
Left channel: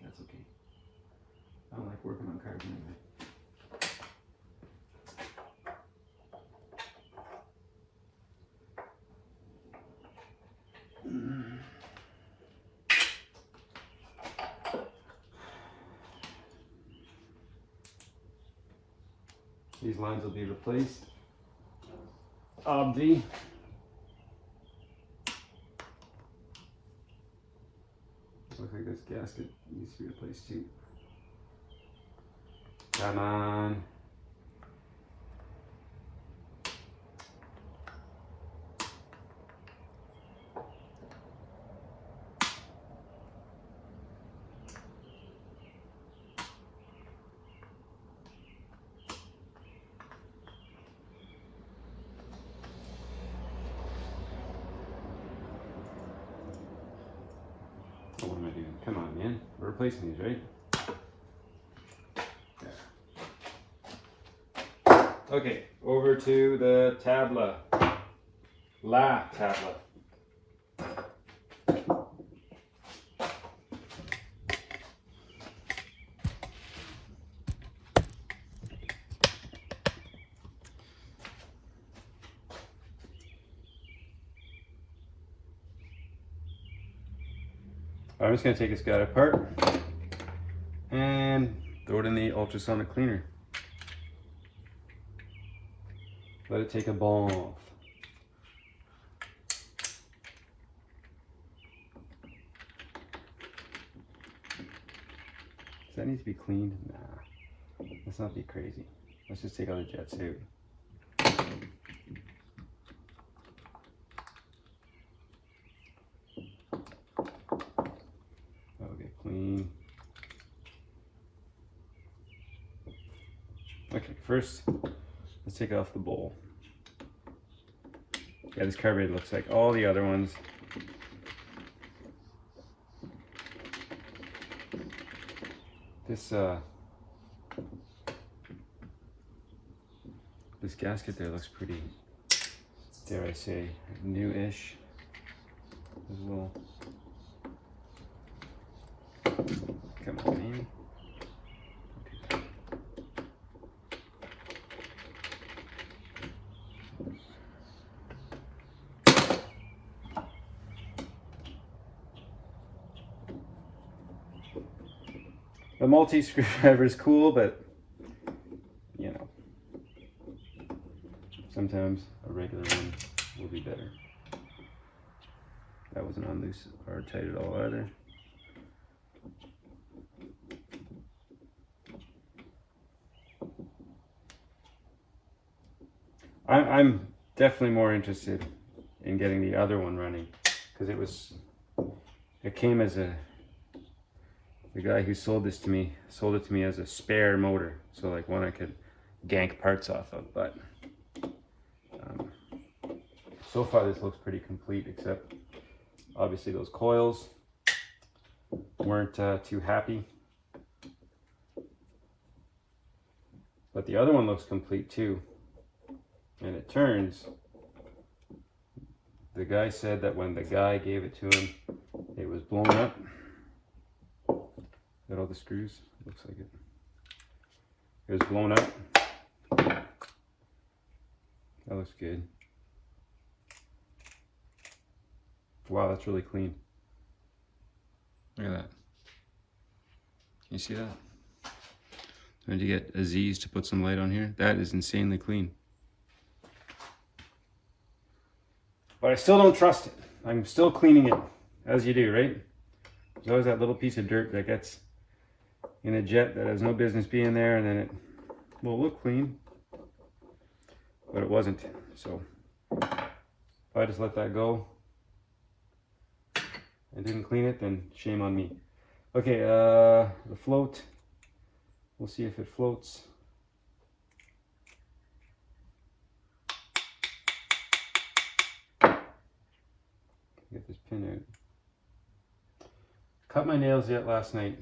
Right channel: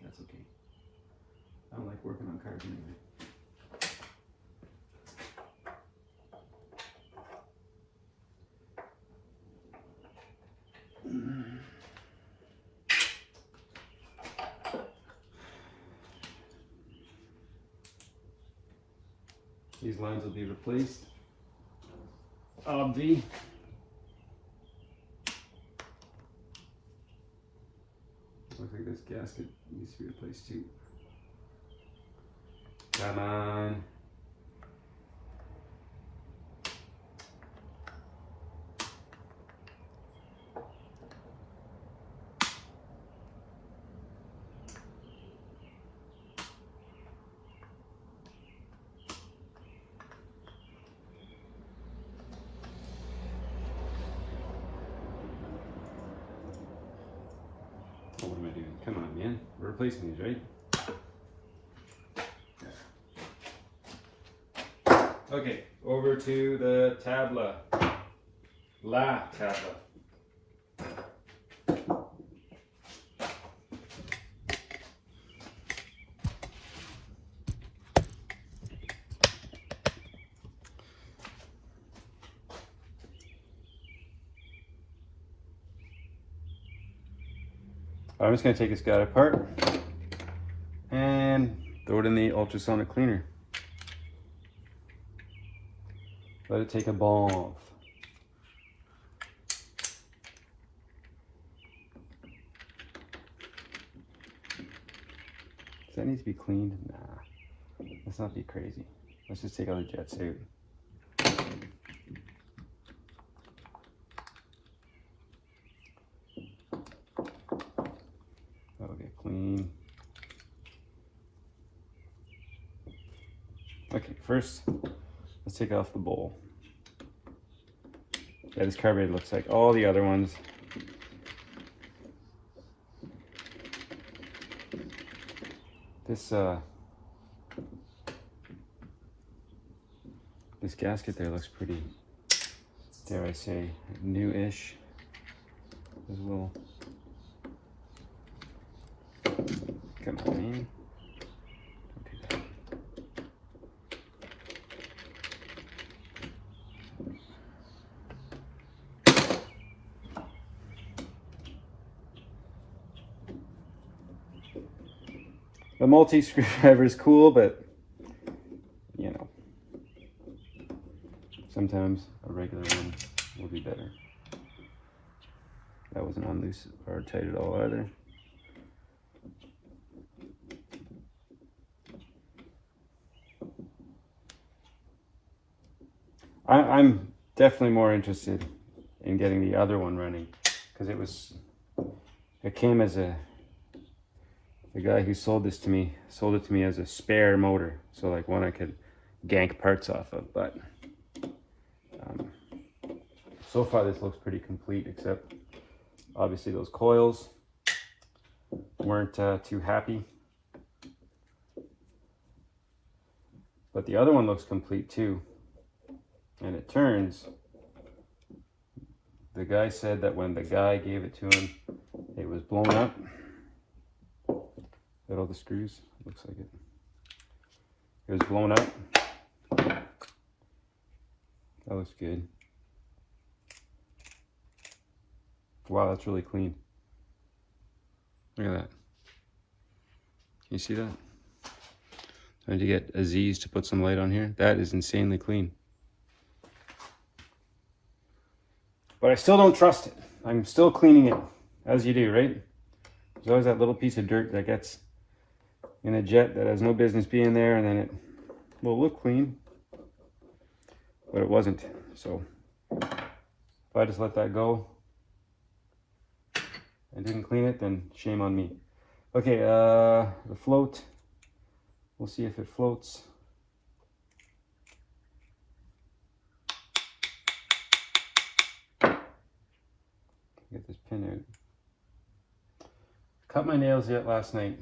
That's okay. I don't like working on cars anyway. These lines will be replaced. Obvi. Looks like this gasket needs to be replaced too. Come on. What am I doing? Come on, man. We're replacing these, right? There. Okay, over to the tabla. La tabla. I'm just going to take this guy apart and throw it in the ultrasonic cleaner. Let it take a bath. Does that need to be cleaned? Nah, let's not be crazy. Let's just take out the jet suit. That'll get clean. first, let's take off the bowl. Yeah, this carburetor looks like all the other ones. This this gasket there looks pretty, dare I say, new-ish as well. Come on in. The multi-screwdriver is cool, but you know, sometimes a regular one will be better. That wasn't on loose or tight at all either. I'm definitely more interested in getting the other one running, because it came as the guy who sold it to me as a spare motor, so like one I could gank parts off of. But so far this looks pretty complete, except obviously those coils weren't too happy. But the other one looks complete too, and it turns. The guy said that when the guy gave it to him, it was blown up. Got all the screws, looks like it. It was blown up. That looks good. Wow, that's really clean. Look at that. You see that? Trying to get Aziz to put some light on here. That is insanely clean. But I still don't trust it. I'm still cleaning it, as you do, right? There's always that little piece of dirt that gets in a jet that has no business being there, and then it will look clean, but it wasn't. So if I just let that go and didn't clean it, then shame on me. Okay, the float, we'll see if it floats. Get this pin out. Cut my nails yet last night.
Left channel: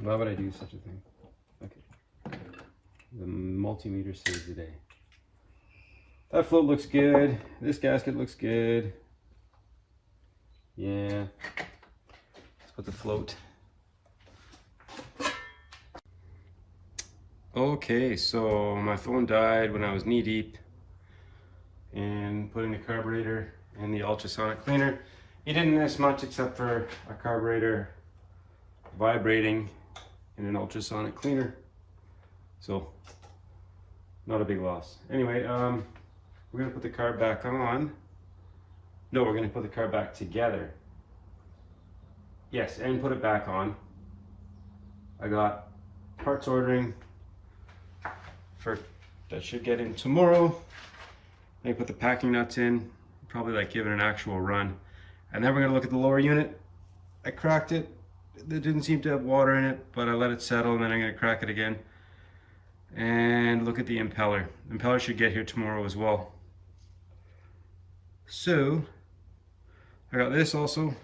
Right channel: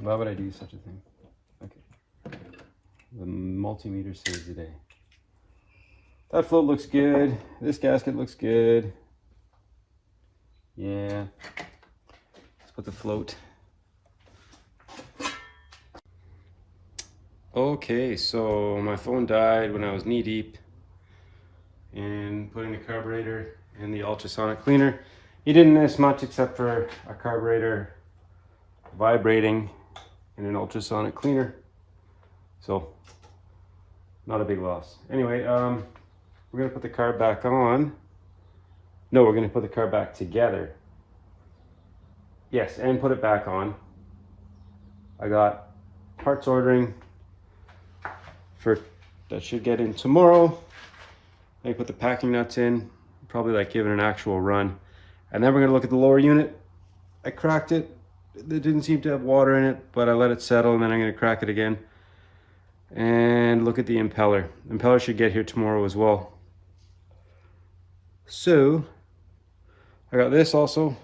Why would I do such a thing? Okay. The multimeter saves the day. That float looks good. This gasket looks good. Yeah. Let's put the float. Okay, so my phone died when I was knee deep in putting the carburetor in the ultrasonic cleaner. You didn't miss much except for a carburetor vibrating in an ultrasonic cleaner, so not a big loss. Anyway, we're gonna put the carb back on. No, we're gonna put the carb back together. Yes, and put it back on. I got parts ordering that should get in tomorrow. I put the packing nuts in, probably like give it an actual run, and then we're gonna look at the lower unit. I cracked it. It didn't seem to have water in it, but I let it settle, and then I'm going to crack it again. And look at the impeller. The impeller should get here tomorrow as well. So, I got this also.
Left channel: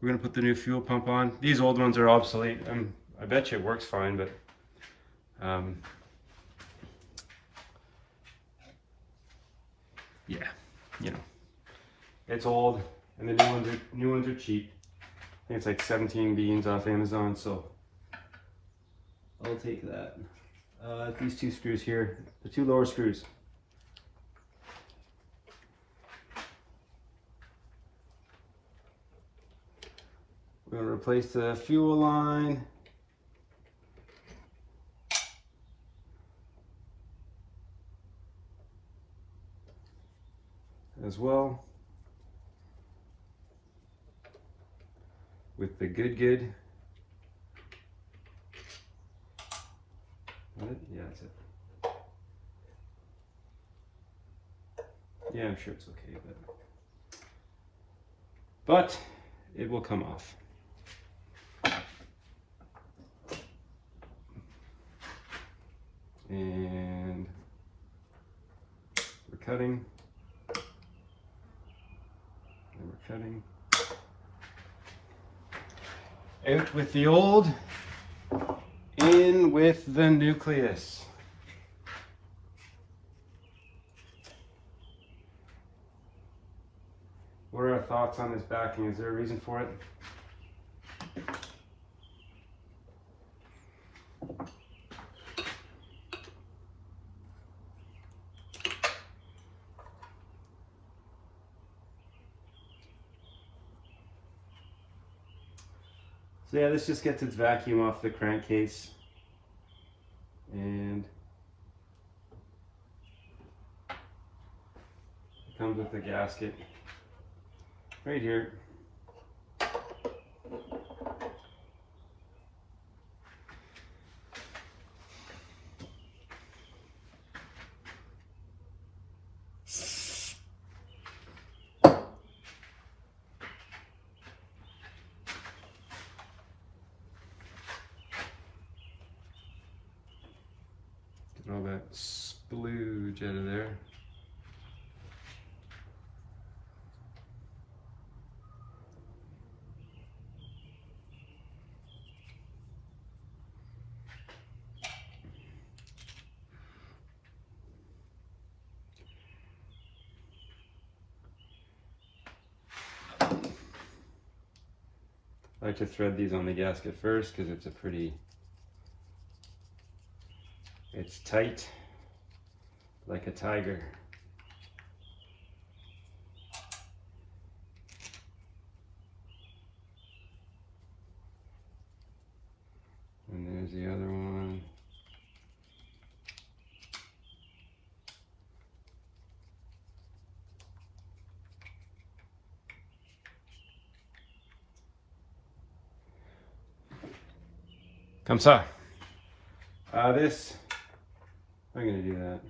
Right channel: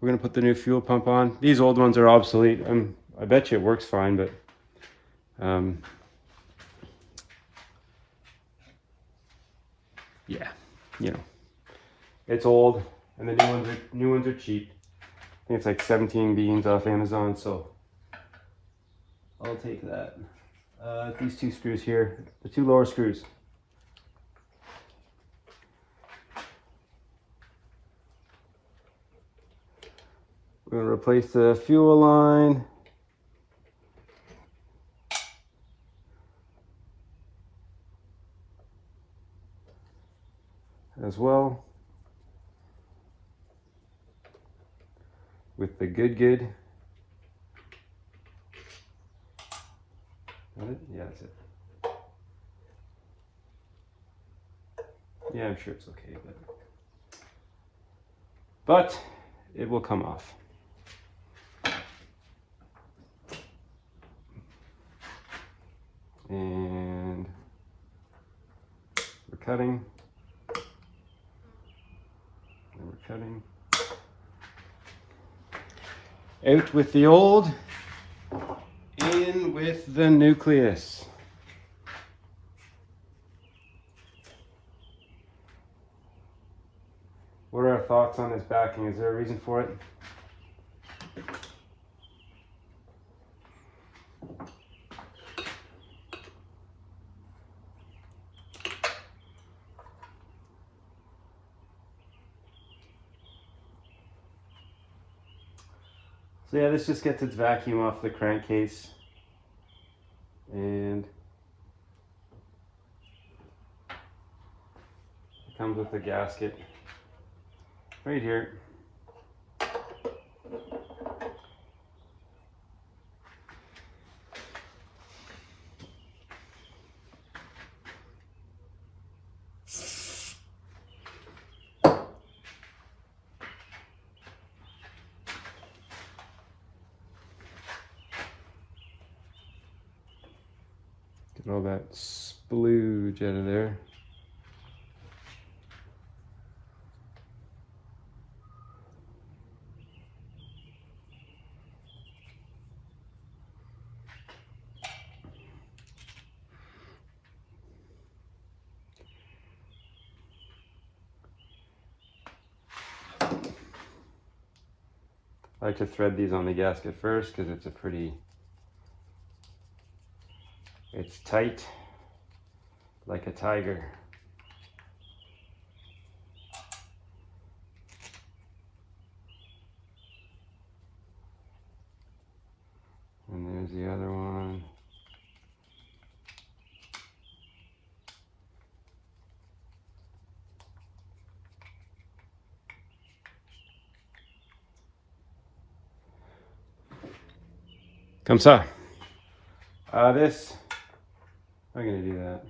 We're going to put the new fuel pump on. These old ones are obsolete. I bet you it works fine, but yeah, you know, it's old, and the new ones are cheap. I think it's like 17 beans off Amazon, so I'll take that. These two screws here, the two lower screws. We're going to replace the fuel line. As well. With the good. Yeah, that's it. Yeah, I'm sure it's okay, but it will come off. And we're cutting. And we're cutting. Out with the old, in with the nucleus. What are our thoughts on this backing? Is there a reason for it? So yeah, this just gets its vacuum off the crankcase, and it comes with a gasket right here. Get all that splooge out of there. I like to thread these on the gasket first because it's tight like a tiger. And there's the other one. Comme ça. This, I'm gonna do that.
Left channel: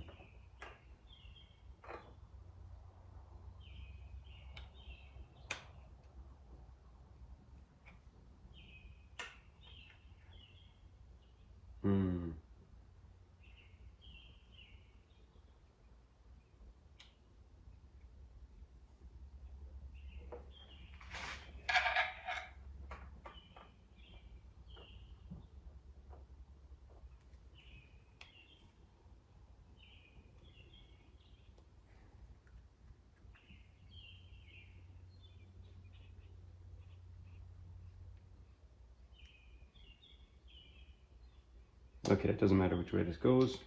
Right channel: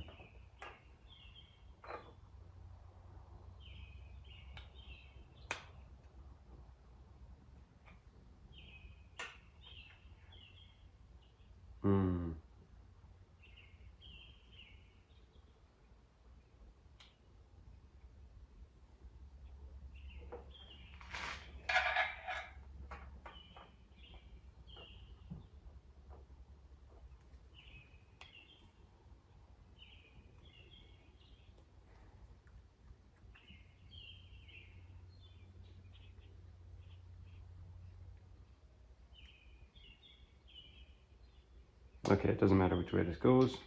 Okay, it doesn't matter which way this goes.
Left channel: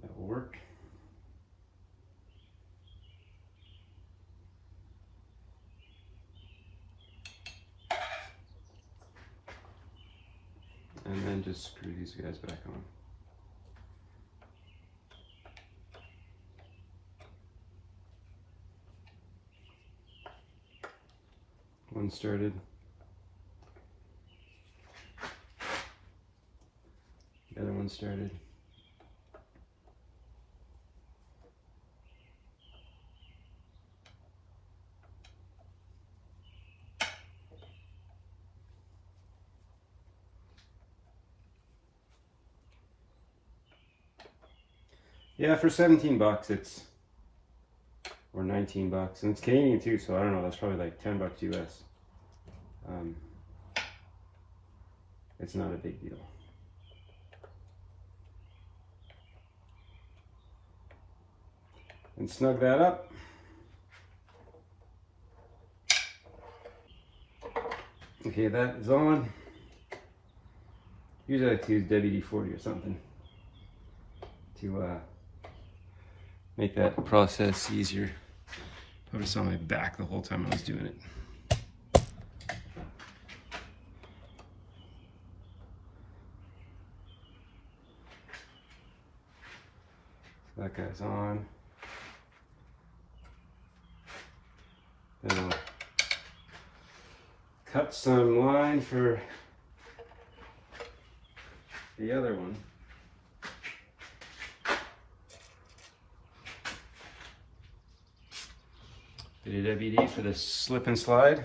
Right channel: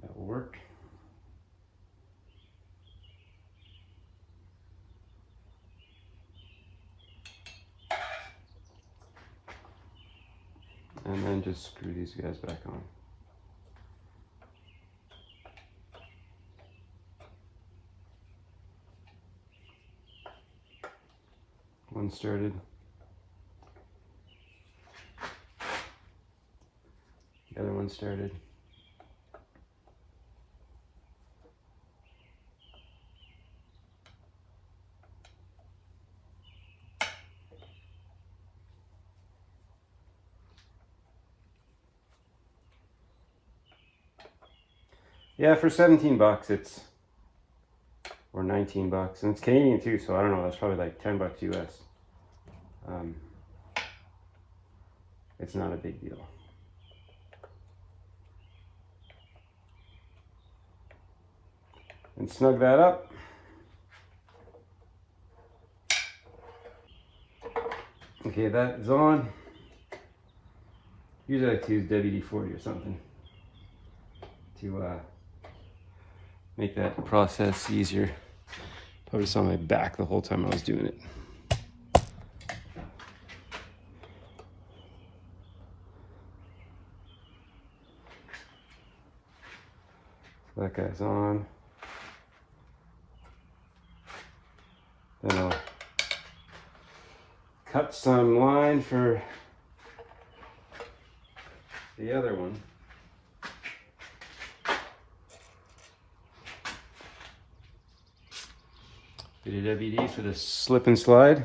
That will work. And then just screw these guys back on. One started. The other one started. Yeah, for 17 bucks it's, or 19 bucks, and it's Canadian too, so I don't know, that's probably like 10 bucks US. It's not a big deal. And snug that up. Okay, that is on. Usually I like to use WD-40 or something to make that process easier. I was on my back the whole time I was doing it. That guy's on. some line for the other one. Bit of WD for the slip and slide.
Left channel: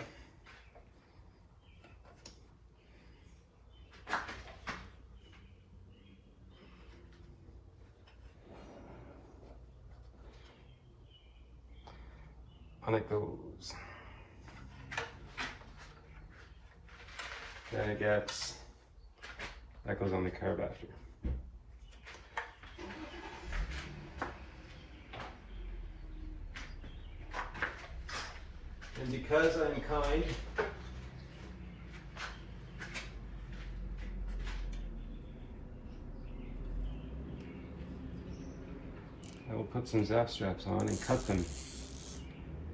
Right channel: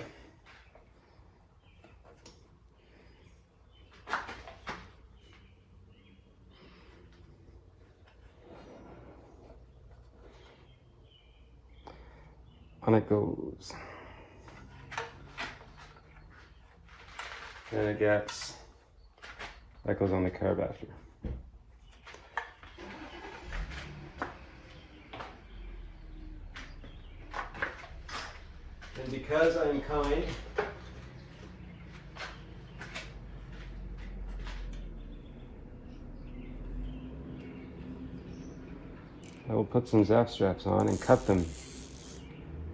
On it goes. Then it gets, that goes on the carb after. And because I'm kind, I will put some zap straps on and cut them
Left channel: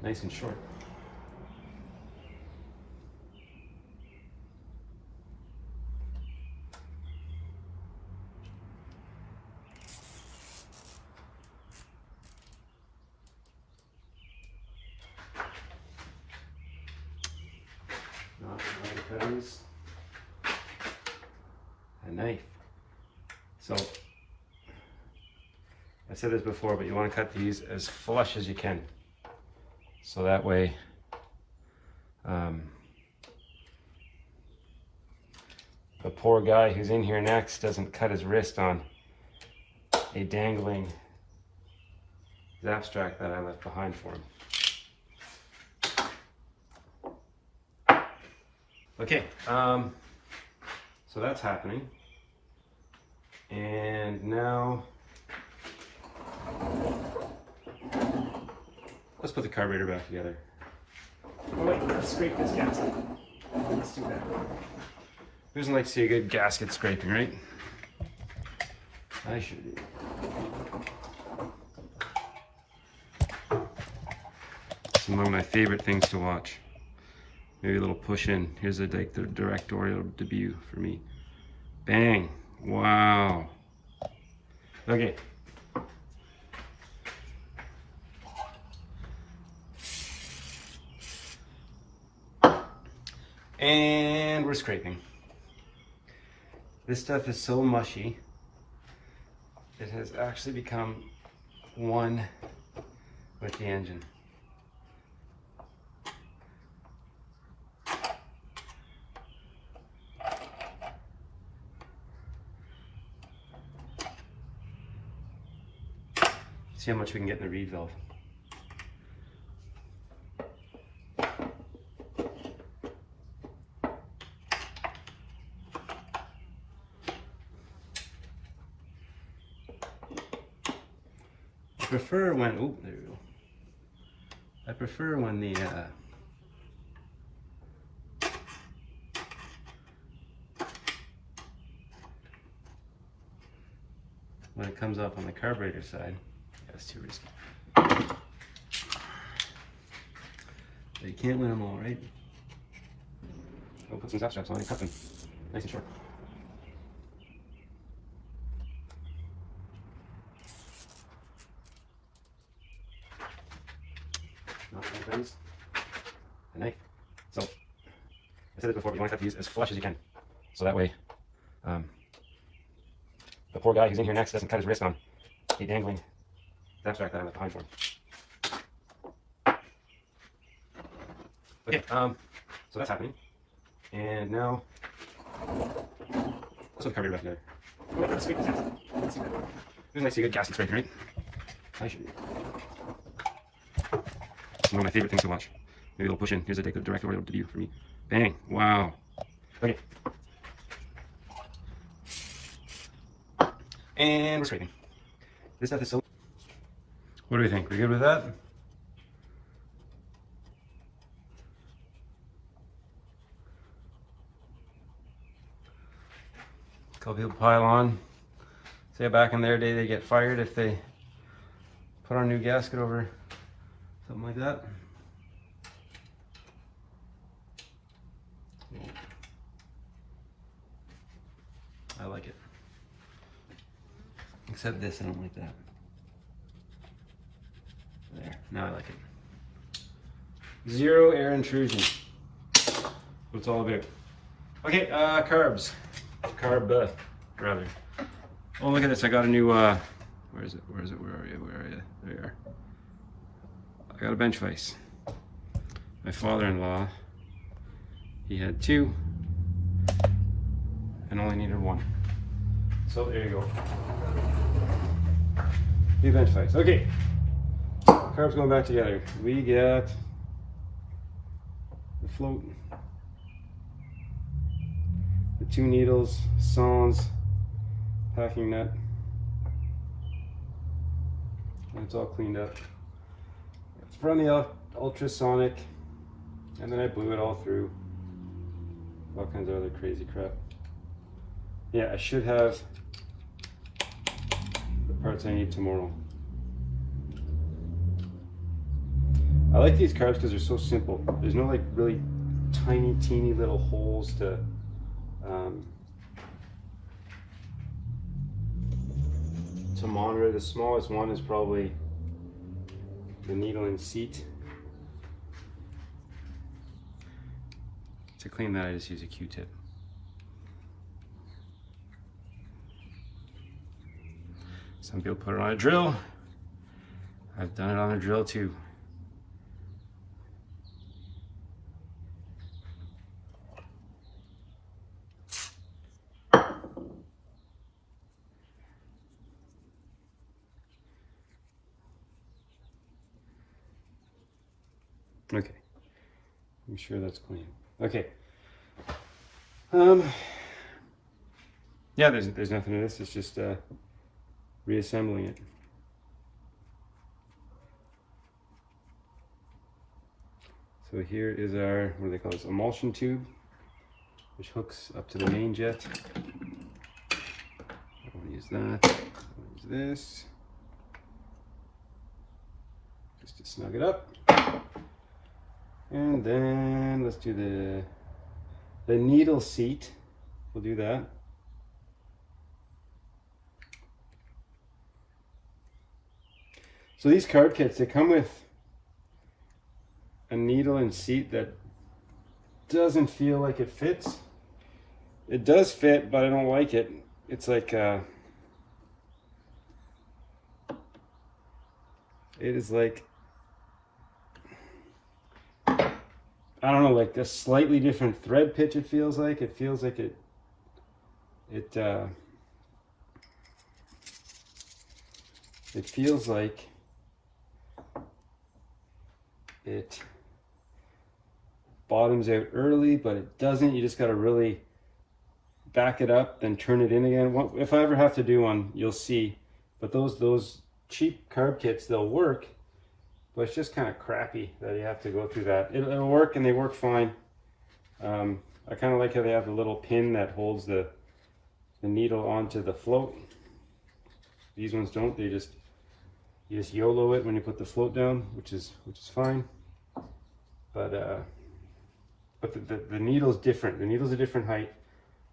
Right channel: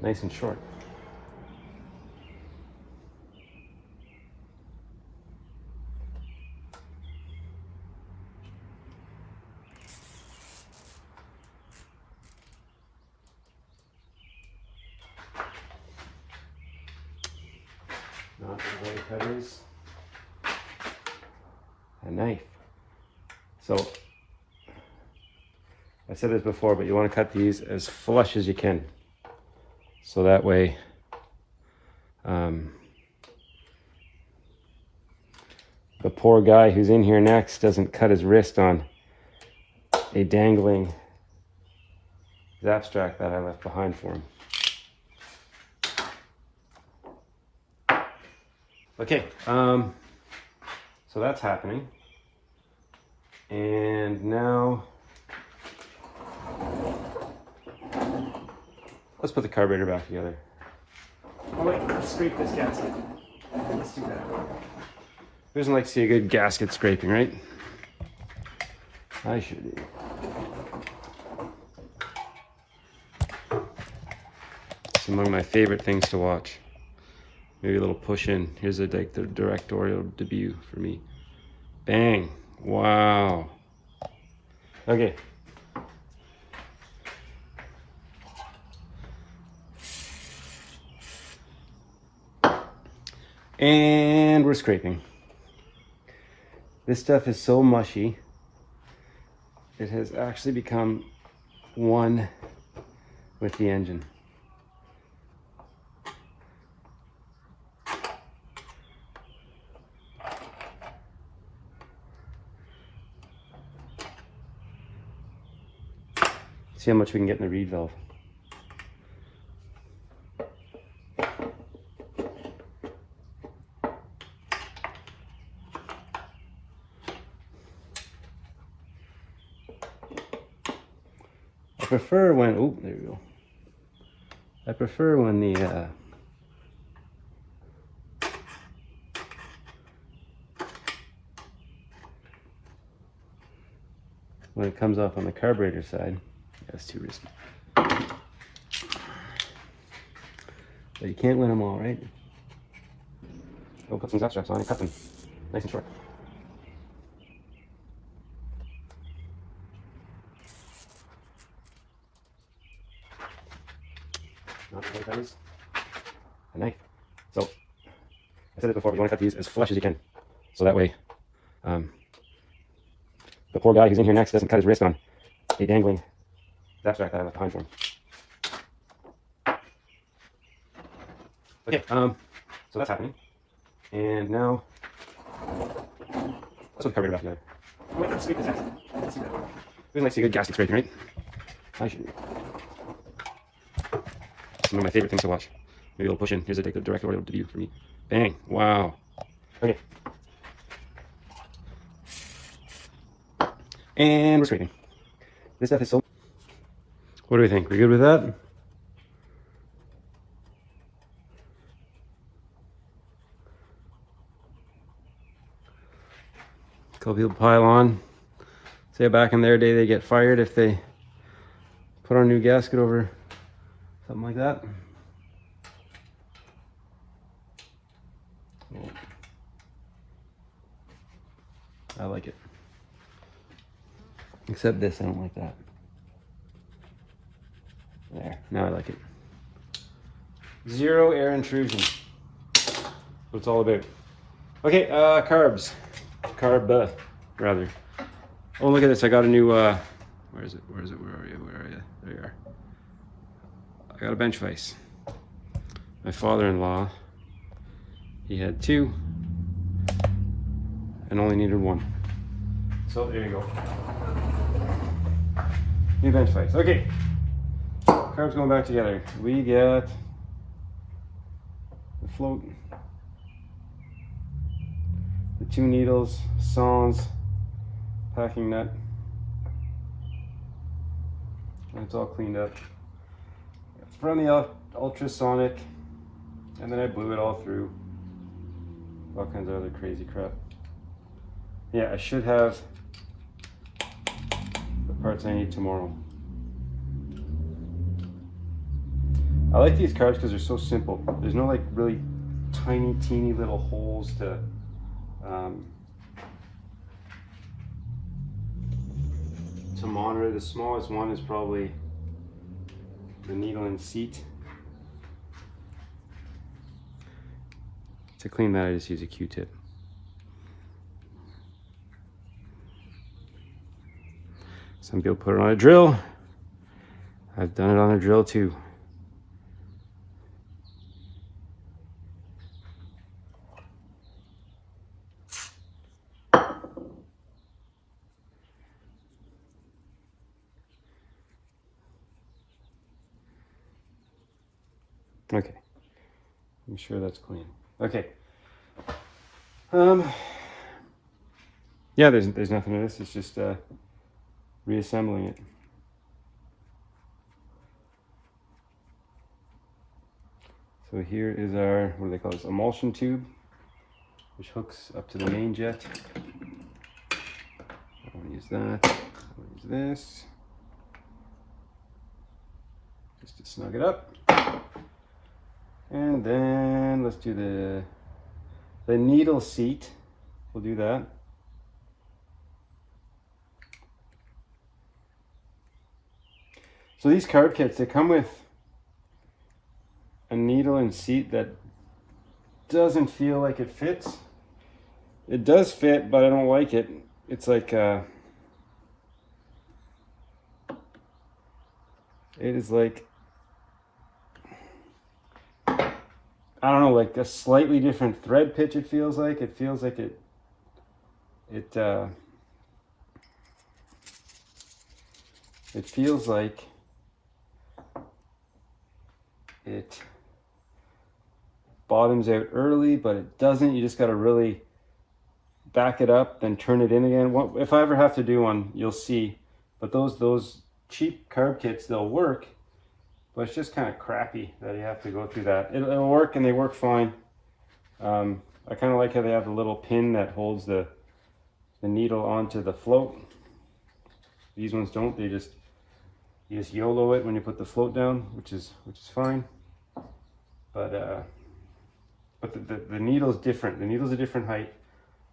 nice and short. Not the cutters. A knife. So, I said this before, but you want to cut these as flush as you can. So that way, the poor guy who's in here next doesn't cut his wrist on a dangling zap strap that I left behind for him. Okay, so that's happening. And now, let's put the carburetor back together. Let's scrape this gasket. Let's do that. Who doesn't like to see a good gasket scraping, right? I should. It's among my favorite things to watch. Maybe a little push in. Here's the directorial debut for me. Bang! Wow. Okay. And we're scraping. This stuff is so mushy, it has actually become one with the engine. See how much we can get in the reed valve. I prefer when, oh, there we go. I prefer when the when it comes off on the carburetor side. That's too risky. But you can't win them all, right? Go put some zap straps on and cut them nice and short. Not really cutters. A knife. So, I said it before, but you want to cut these as flush as you can. So that way, the poor guy who's in here next doesn't cut his wrist on a dangling zap strap that I left behind for him. Okay, so that's happening. And now, let's put the carburetor back together. Let's scrape this gasket. Let's do that. We like to see a good gasket scraping, right? I should. One of my favorite things to watch. Maybe a little push in. Here's a directorial debut for me. Bang! Wow. Okay. And we're scraping. This stuff is so. What do we think? We good with that? A couple people pile on. Say back in their day they get fired if they put on a new gasket over something like that. I like it. Except this, I don't like that. There, now I like it. Zero air intrusion. what it's all about. Okay, carbs. Rather. Oh, look at this. I got a new, where is it? Where are you? There you are. I got a bench vise. My father-in-law, he had 2 and only needed 1. So there you go. New bench vise. Okay. Carbs going back together. We got the float, the 2 needles, saws, packing nut, and it's all cleaned up. It's from the ultrasonic, and then I blew it all through. All kinds of other crazy crap. Yeah, I should have the parts I need tomorrow. I like these carbs because they're so simple. There's no like really tiny, teeny little holes to monitor. The smallest one is probably the needle and seat. To clean that, I just use a Q-tip. Some people put it on a drill. I've done it on a drill too. Okay, I'm sure that's clean. Okay. Yeah, there's nothing to this. It's just reassembling it. So here is our, what do they call this? Emulsion tube, which hooks up to the main jet. I'll use that. I'll use this. Just to snug it up. And then let's do the needle seat. We'll do that. So these card kits, they come with a needle and seat that doesn't feel like it fits. It does fit, but I don't like it. It's like it is like, I don't know, like a slightly different thread pitch. It feels like it feels like it feels like it bottoms out early, but it doesn't. You just got to really back it up, then turn it in again. If I ever have to do one, you'll see. But those cheap carb kits, they'll work. But it's just kind of crappy that you have to go through that. It'll work, and they work fine. I kind of like how they have a little pin that holds the needle onto the float. These ones don't. You just YOLO it when you put the float down, which is fine. But the needle's different. The needle's a different height.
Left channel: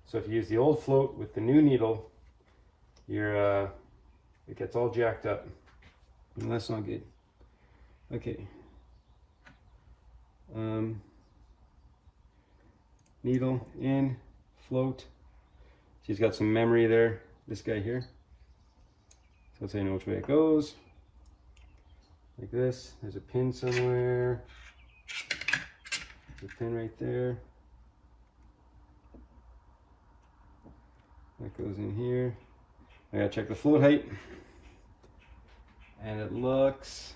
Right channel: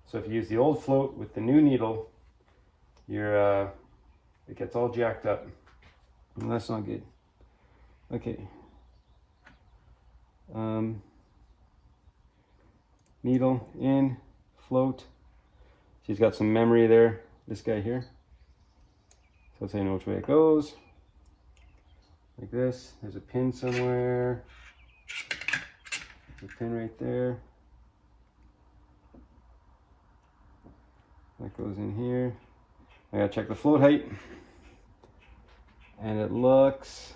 So if you use the old float with the new needle, it gets all jacked up, and that's not good. Okay. Needle in, float. She's got some memory there, this guy here. So let's say I know which way it goes. Like this. There's a pin somewhere. There's a pin right there. That goes in here. I gotta check the float height. And it looks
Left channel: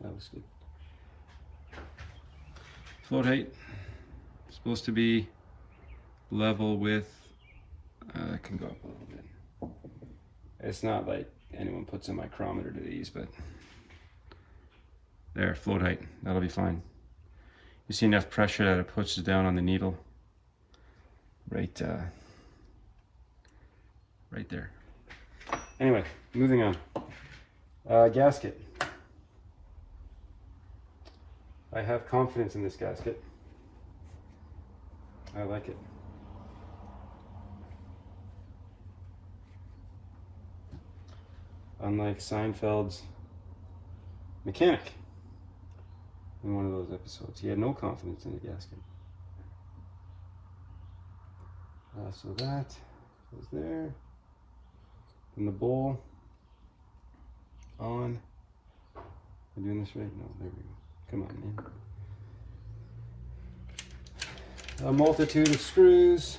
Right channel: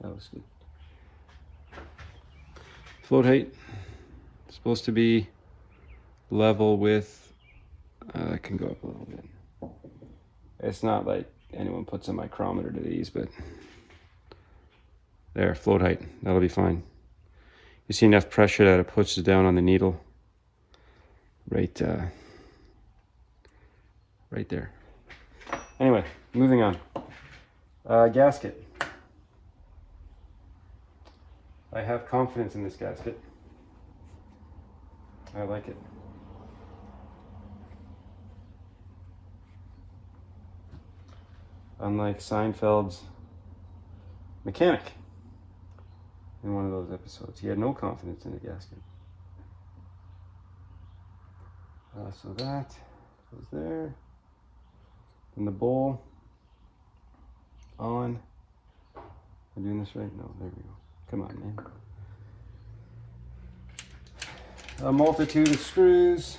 that looks good. Float height is supposed to be level with, it can go up a little bit. It's not like anyone puts a micrometer to these, but there, float height, that'll be fine. You see enough pressure that it pushes down on the needle right there. Anyway, moving on. Gasket. I have confidence in this gasket. I like it. Unlike Seinfeld's mechanic in one of those episodes, he had no confidence in the gasket. So that goes there. And the bowl on. Am I doing this right? No, there we go. Come on, man. A multitude of screws.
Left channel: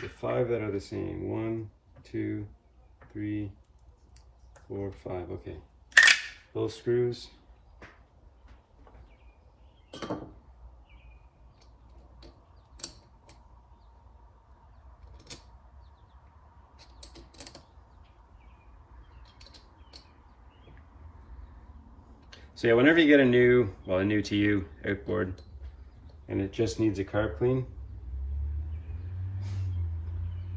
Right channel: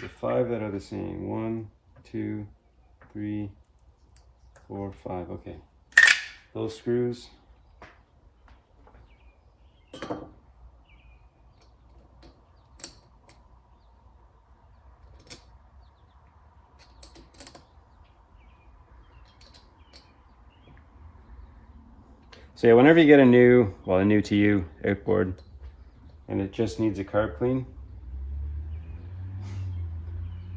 The 5 that are the same. 1, 2, 3, 4, 5. Okay. Those screws. So yeah, whenever you get a new to you outboard and it just needs a carb clean,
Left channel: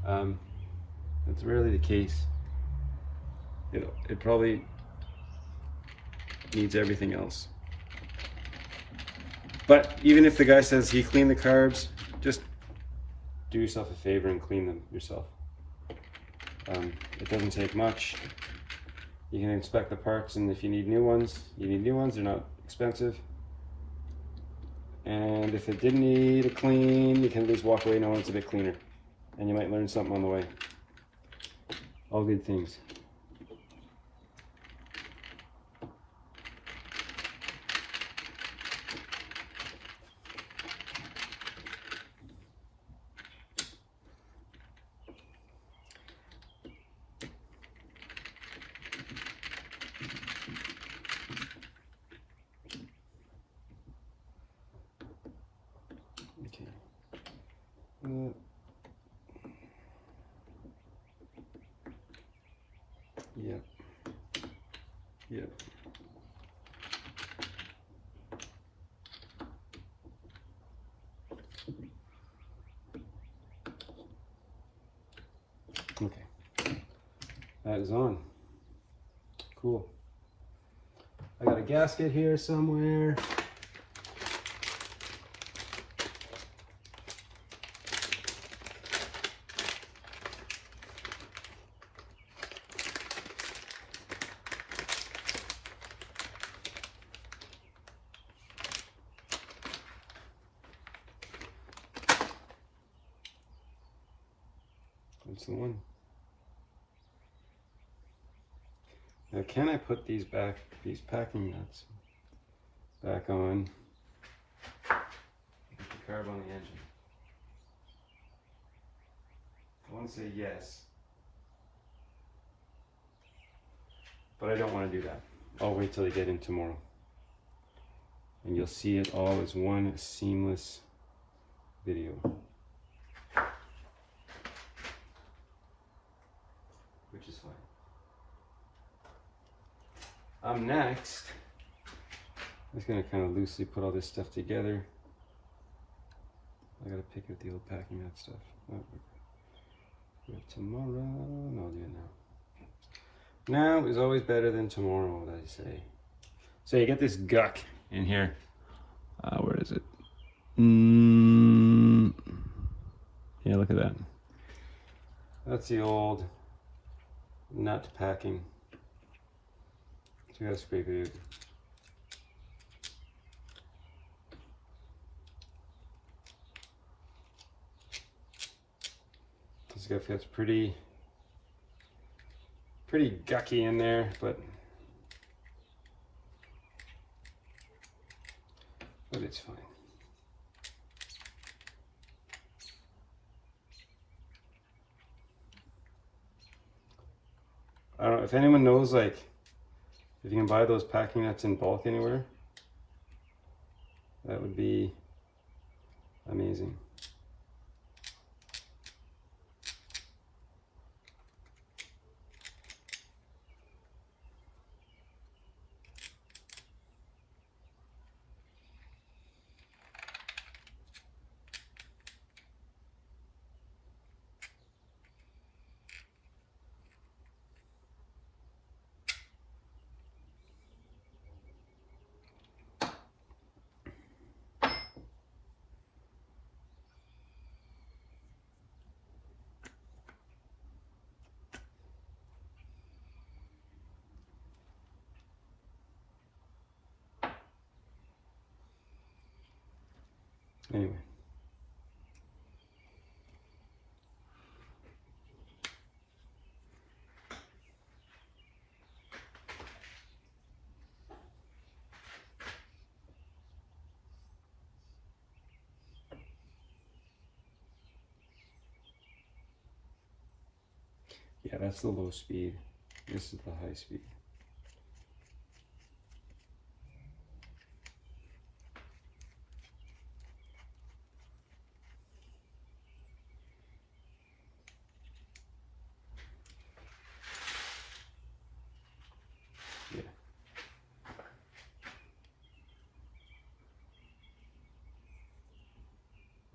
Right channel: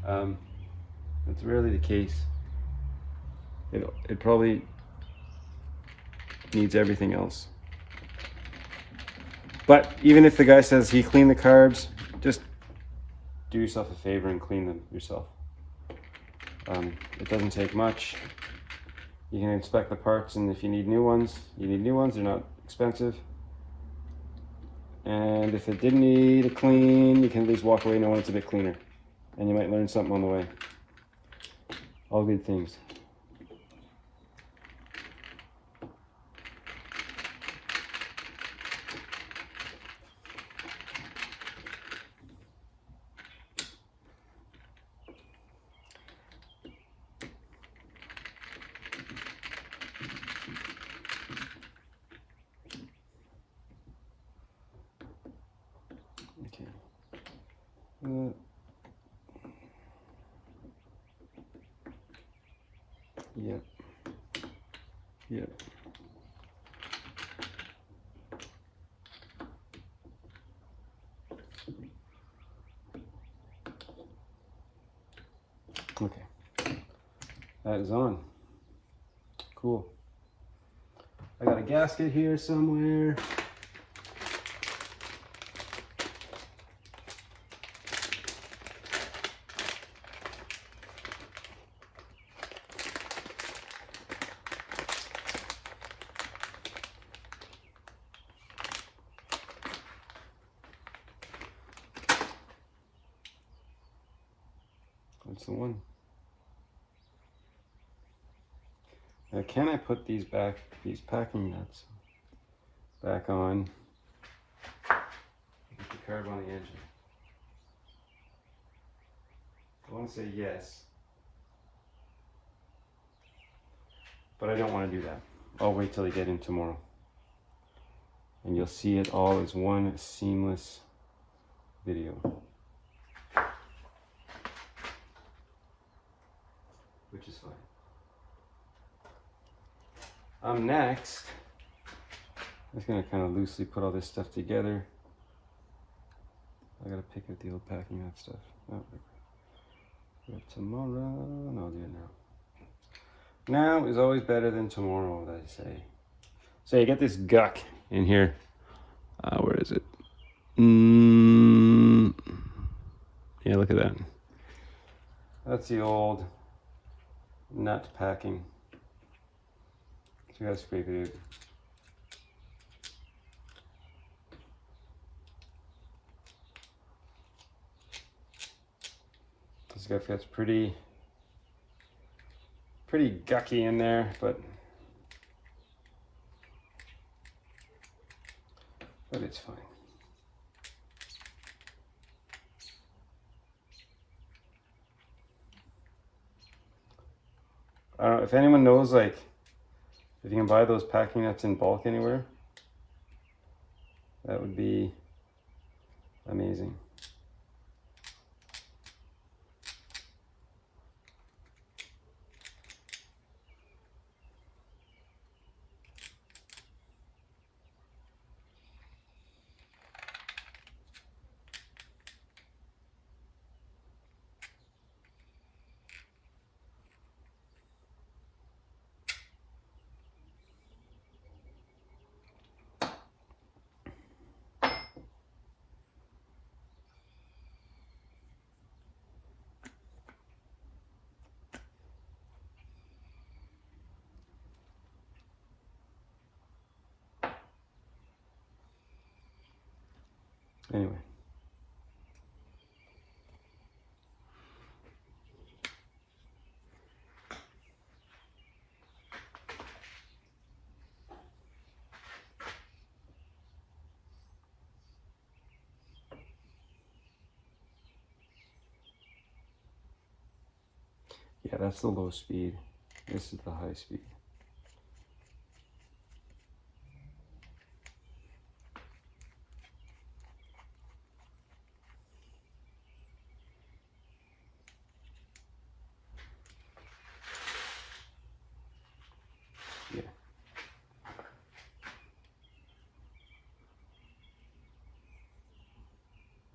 that's rarely the case. It probably needs everything else. But even if the guy says he cleaned the carbs, just do yourself a favor and clean them yourself. It doesn't take much. You can inspect the parts, and if you need new ones, you need new ones. They're not expensive. And if it didn't need a clean, you can just walk away knowing it's a bit cleaner. And you might learn something on the way. All good things. Yep. Yep. Okay. That is on. Cool. I got a gasket here somewhere. That's the one. Now, can I put these packing nuts back on? Get the carb on the engine. I want to say yes, but I don't want to do that. I'll wait till I get in tomorrow, and you'll see it all as one seamless video. Which is fine. Next, I'm just going to kind of loosely put all this stuff together. I got to pick up the old packing nut stuff. Oh, do it tomorrow. No, I'll do it now. Now is always better than tomorrow, what I say. So you get this guck in here. Where is it? Yeah, look at that. That's the old nut packing. So you gotta scrape it out. This stuff gets pretty gucky in there, but it's fine. I don't know if anyone knows, like, if you can buy those packing nuts in bulk anywhere, that would be amazing. Anyway. Yeah, that's the low speed. This is the high speed. Yeah.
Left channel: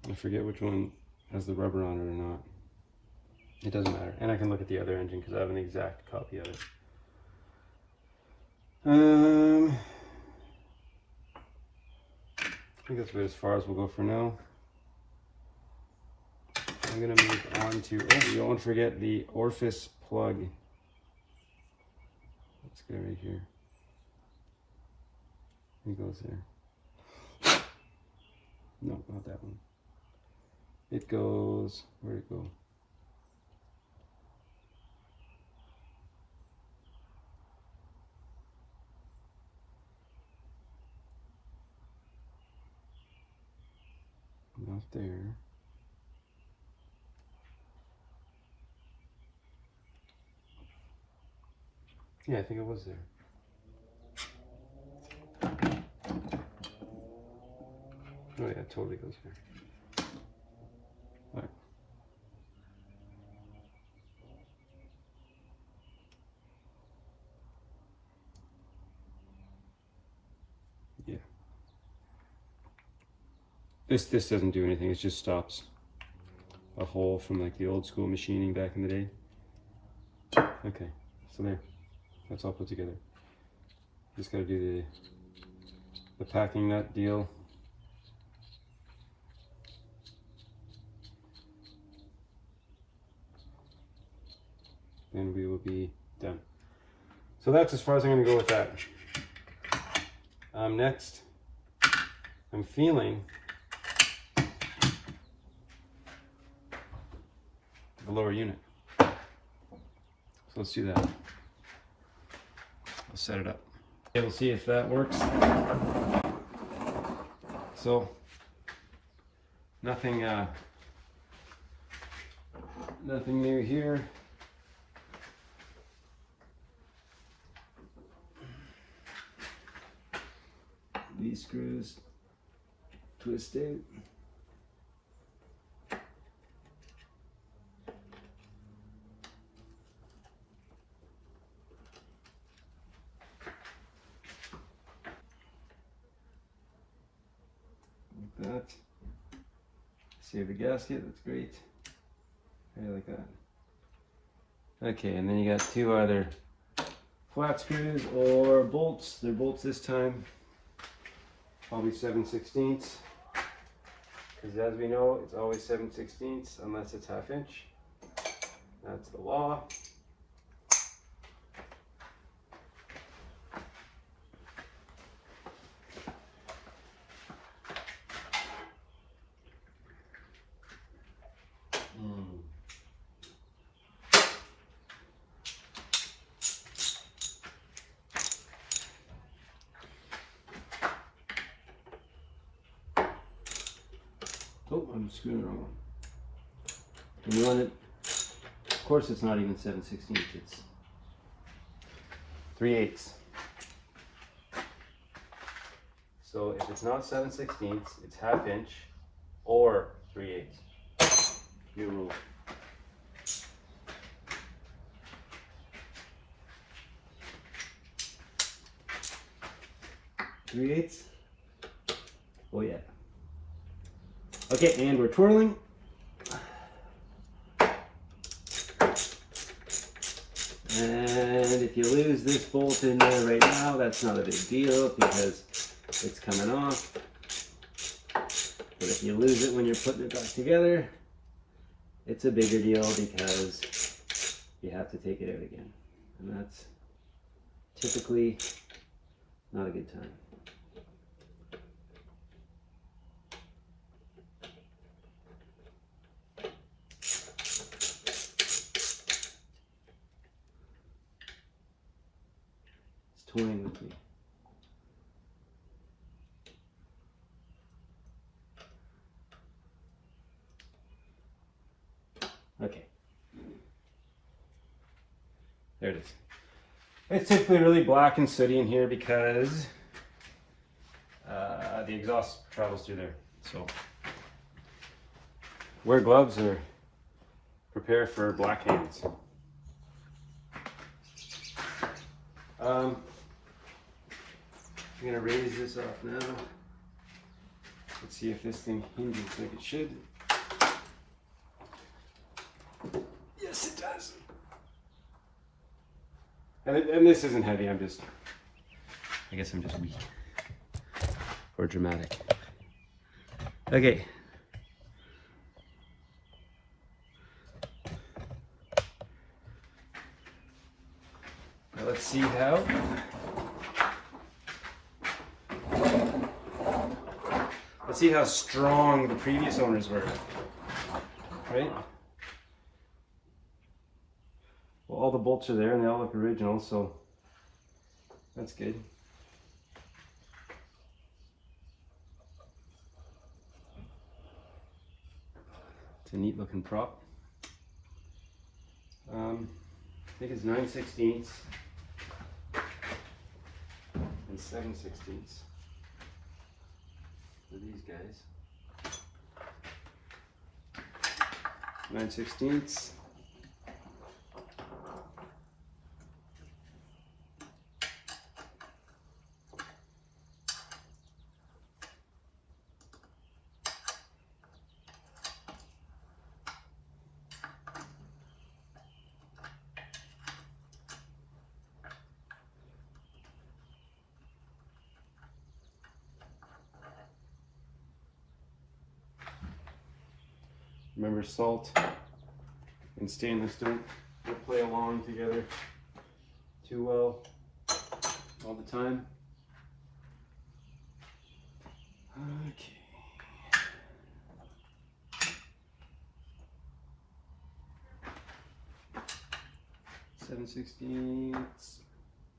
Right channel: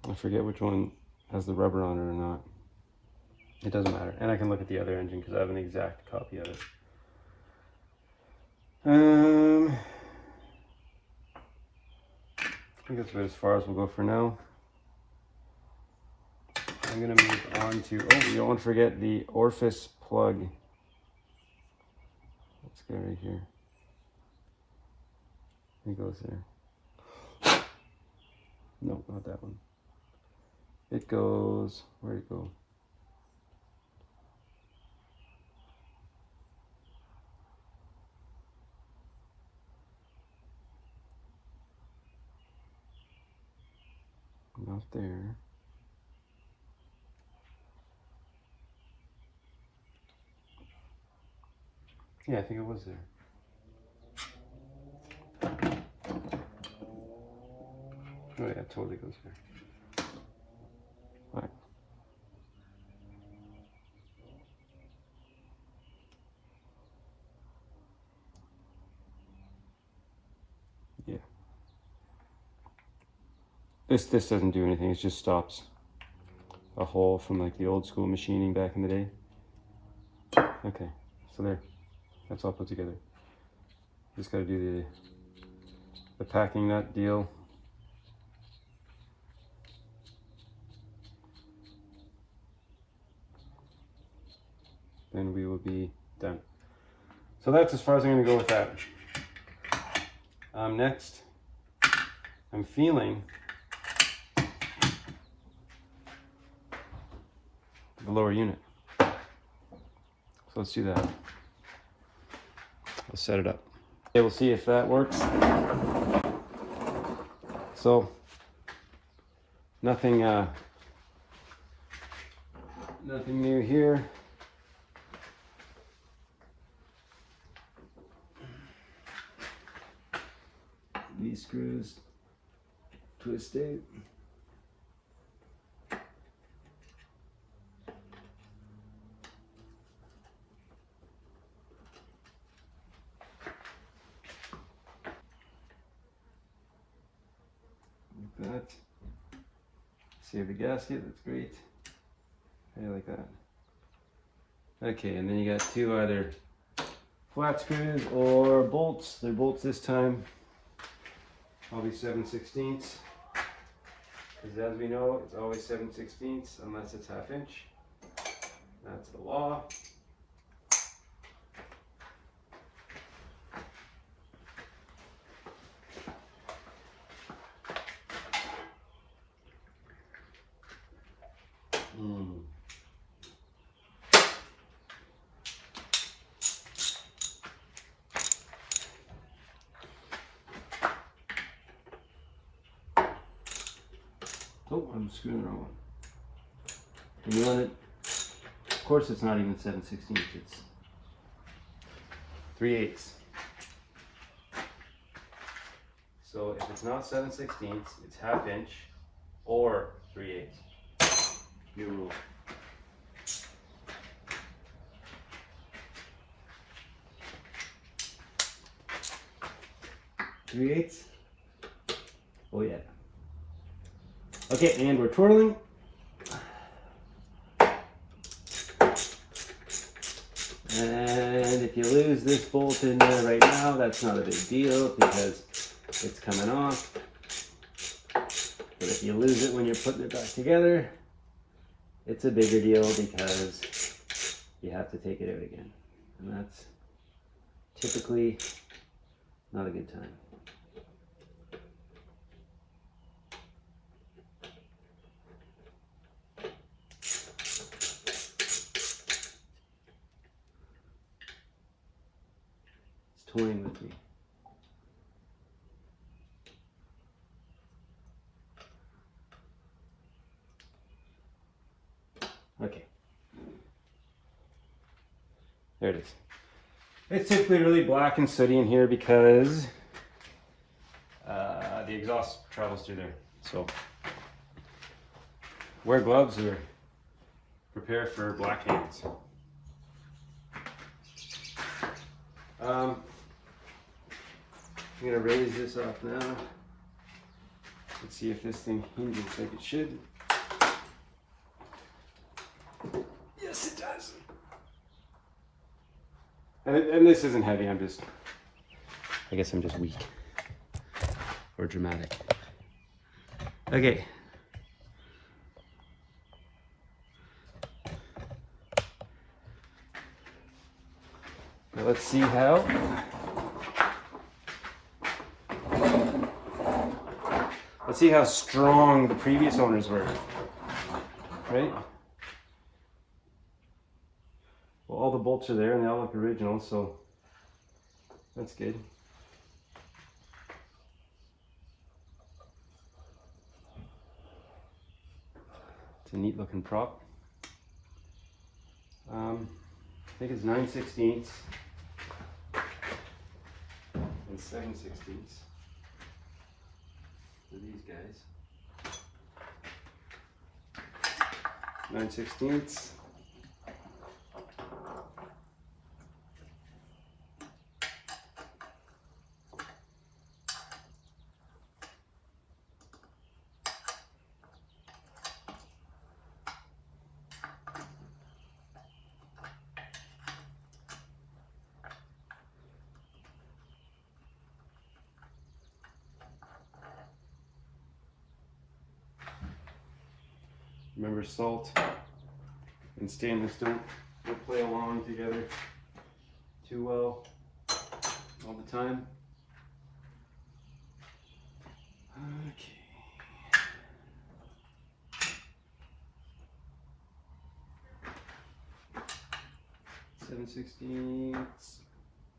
I forget which one has the rubber on it or not. It doesn't matter. And I can look at the other engine because I have an exact copy of it. I think that's about as far as we'll go for now. I'm going to move on to, oh, you don't want to forget the orifice plug. Let's go right here. It goes there. No, not that one. It goes, where'd it go? Not there. Yeah, I think it was there. Oh yeah, it totally goes there. All right. Yeah. This doesn't do anything. It just stops a hole from like the old school machining back in the day. Okay, so there. That's all put together. Just got to do the packing nut deal. Then we will be done. So that's as far as I'm going to go with that. Next, I'm feeling the lower unit. So let's do that. We'll set it up. Okay, we'll see if that works. So nothing new here. These screws twisted. Like that. Save the gasket, that's great. I like that. Okay, and then you got two either flat screws or bolts. They're bolts this time. Probably 7/16. Because as we know, it's always 7/16 unless it's 1/2 inch. That's the law. Oh, I'm screwing the wrong one. And you want it, of course it's not even 7/16, it's 3/8. So if it's not 7/16, it's 1/2 inch or 3/8. New rule. Three-eighths? Oh yeah. Okay, and we're twirling. And if you lose this bolt in there right now, that's not a big deal because it's coming off. But if you lose it when you're putting it back together, it's a bigger deal because you have to take it out again. And that's typically not a good time. There it is. It's typically really black and sooty in here because the exhaust travels through there. So wear gloves or prepare for black hands. I'm gonna raise this off now. Let's see if this thing hinges like it should. Yes, it does. And this isn't heavy, I guess I'm just weak. Or dramatic. Okay. Now let's see how. Let's see how strong the previous owners were. Right? Well, all the bolts are there and they all look original, so that's good. It's a neat looking prop. I think it's 9/16 and 7/16 for these guys. 9/16. Remember, salt and stainless don't play along together too well all the time. Okay. Seven 16ths.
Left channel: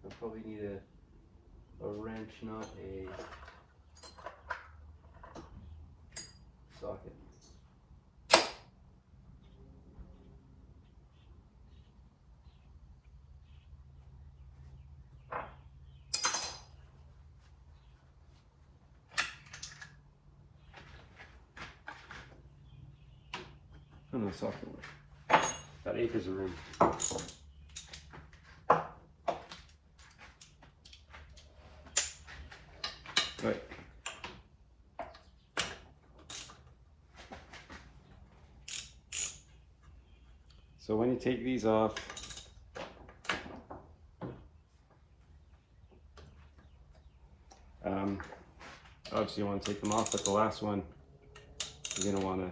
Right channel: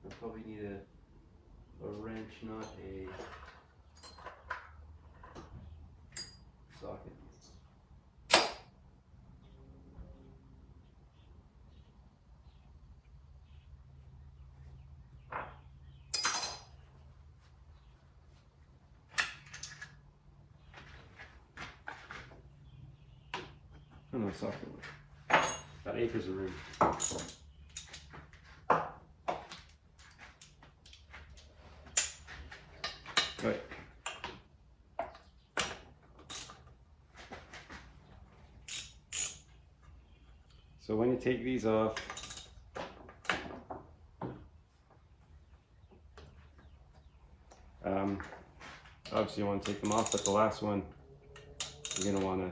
I'll probably need a wrench, not a socket. Oh no, socket one. Got acres of room. Right. So when you take these off, obviously you want to take them off, but the last one you're going to want to